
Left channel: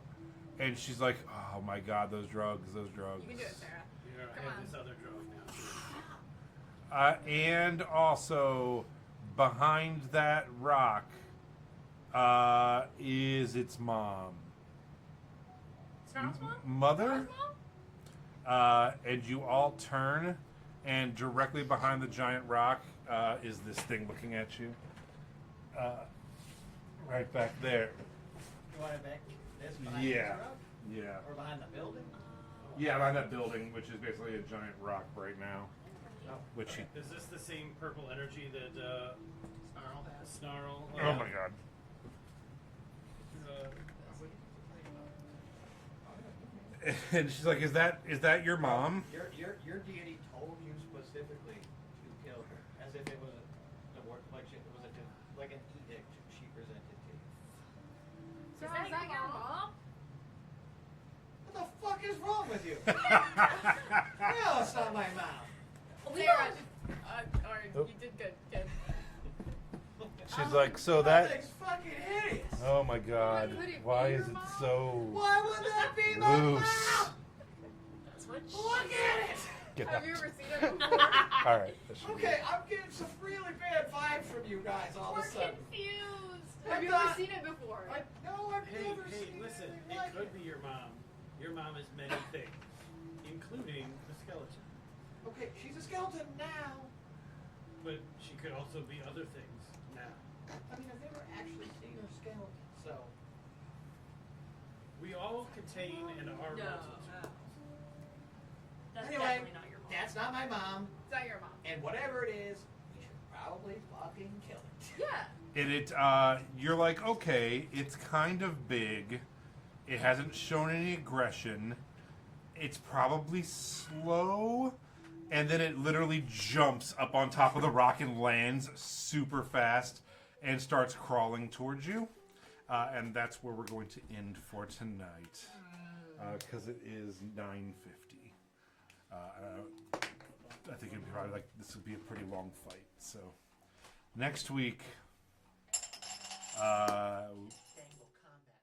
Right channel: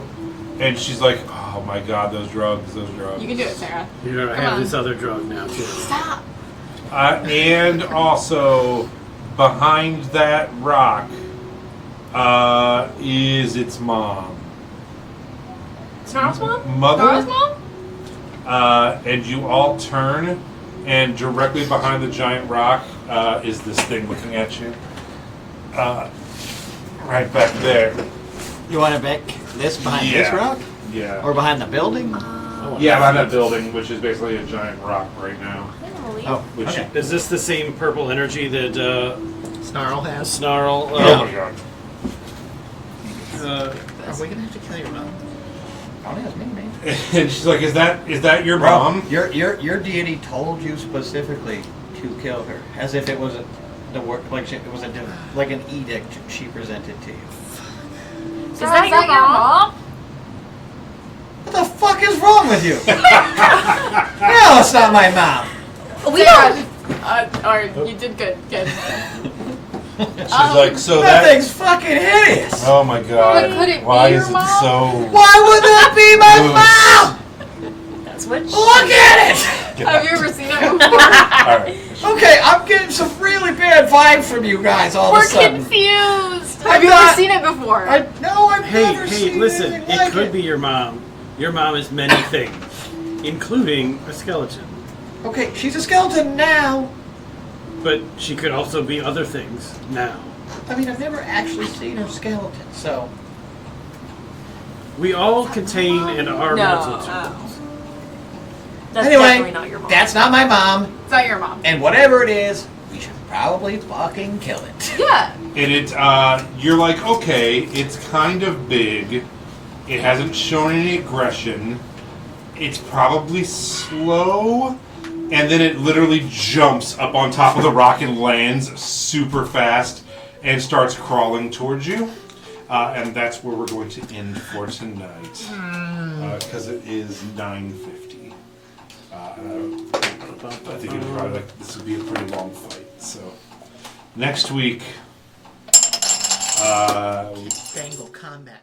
and she's like, oh my god, those drugs. You can do it, Sarah. You know, I Come have on. this other drug now too. Stop. And also, behind that rock is its mom. Snarl's mom? Mother. Nora's mom? And you all turn, and directly behind the giant rock is this thing looking at you. Right back there. You want to bet this behind this Yeah. rock? Yeah. Or behind the building? Yeah, behind that building, which is basically a giant rock right now. Oh, Which okay. Is this the same purple energy that Snarl has. Snarl? Oh my god. Are we gonna have to kill your mom? Probably has me, man. And she's like, "Is that your Bro, mom?" your deity told you specifically to kill her, as if it was the work, like it was like an edict she presented to you. Is that your mom? What the fuck is wrong with you? No, it's not my mom. We Sarah, don't. or you did good. Good. She's like, "So That that." thing's fucking hideous. Oh my god. But could it be Why your is it mom? so? Why would that be my mom? That's what. Look at it. Get Have out. you ever seen it before? All right. Okay, I'm getting some really bad vibes from you guys all of We're a sudden. confused. Have you ever seen it before? I've never seen listen, anything it like could be your mom. Your mom is many things, including a skeleton. Okay, she's a skeleton now. But she could also be other things now. I mean, I've never actually seen her skeleton, so. We all contain and are No. multitudes. That's Anyway, definitely not your mom. that's not my mom, It's not your mom. and whatever it is, we should probably fucking kill it. Yeah. And it, you're like, okay, it's kind of big. It hasn't shown any aggression. It's probably slow. And then it literally jumps up on top of the rock and lands super fast and starts crawling towards you. And that's where we're going to end for tonight. Because it is 9:50. I think it's probably like this would be a pretty long fight. So next week, Dangle combat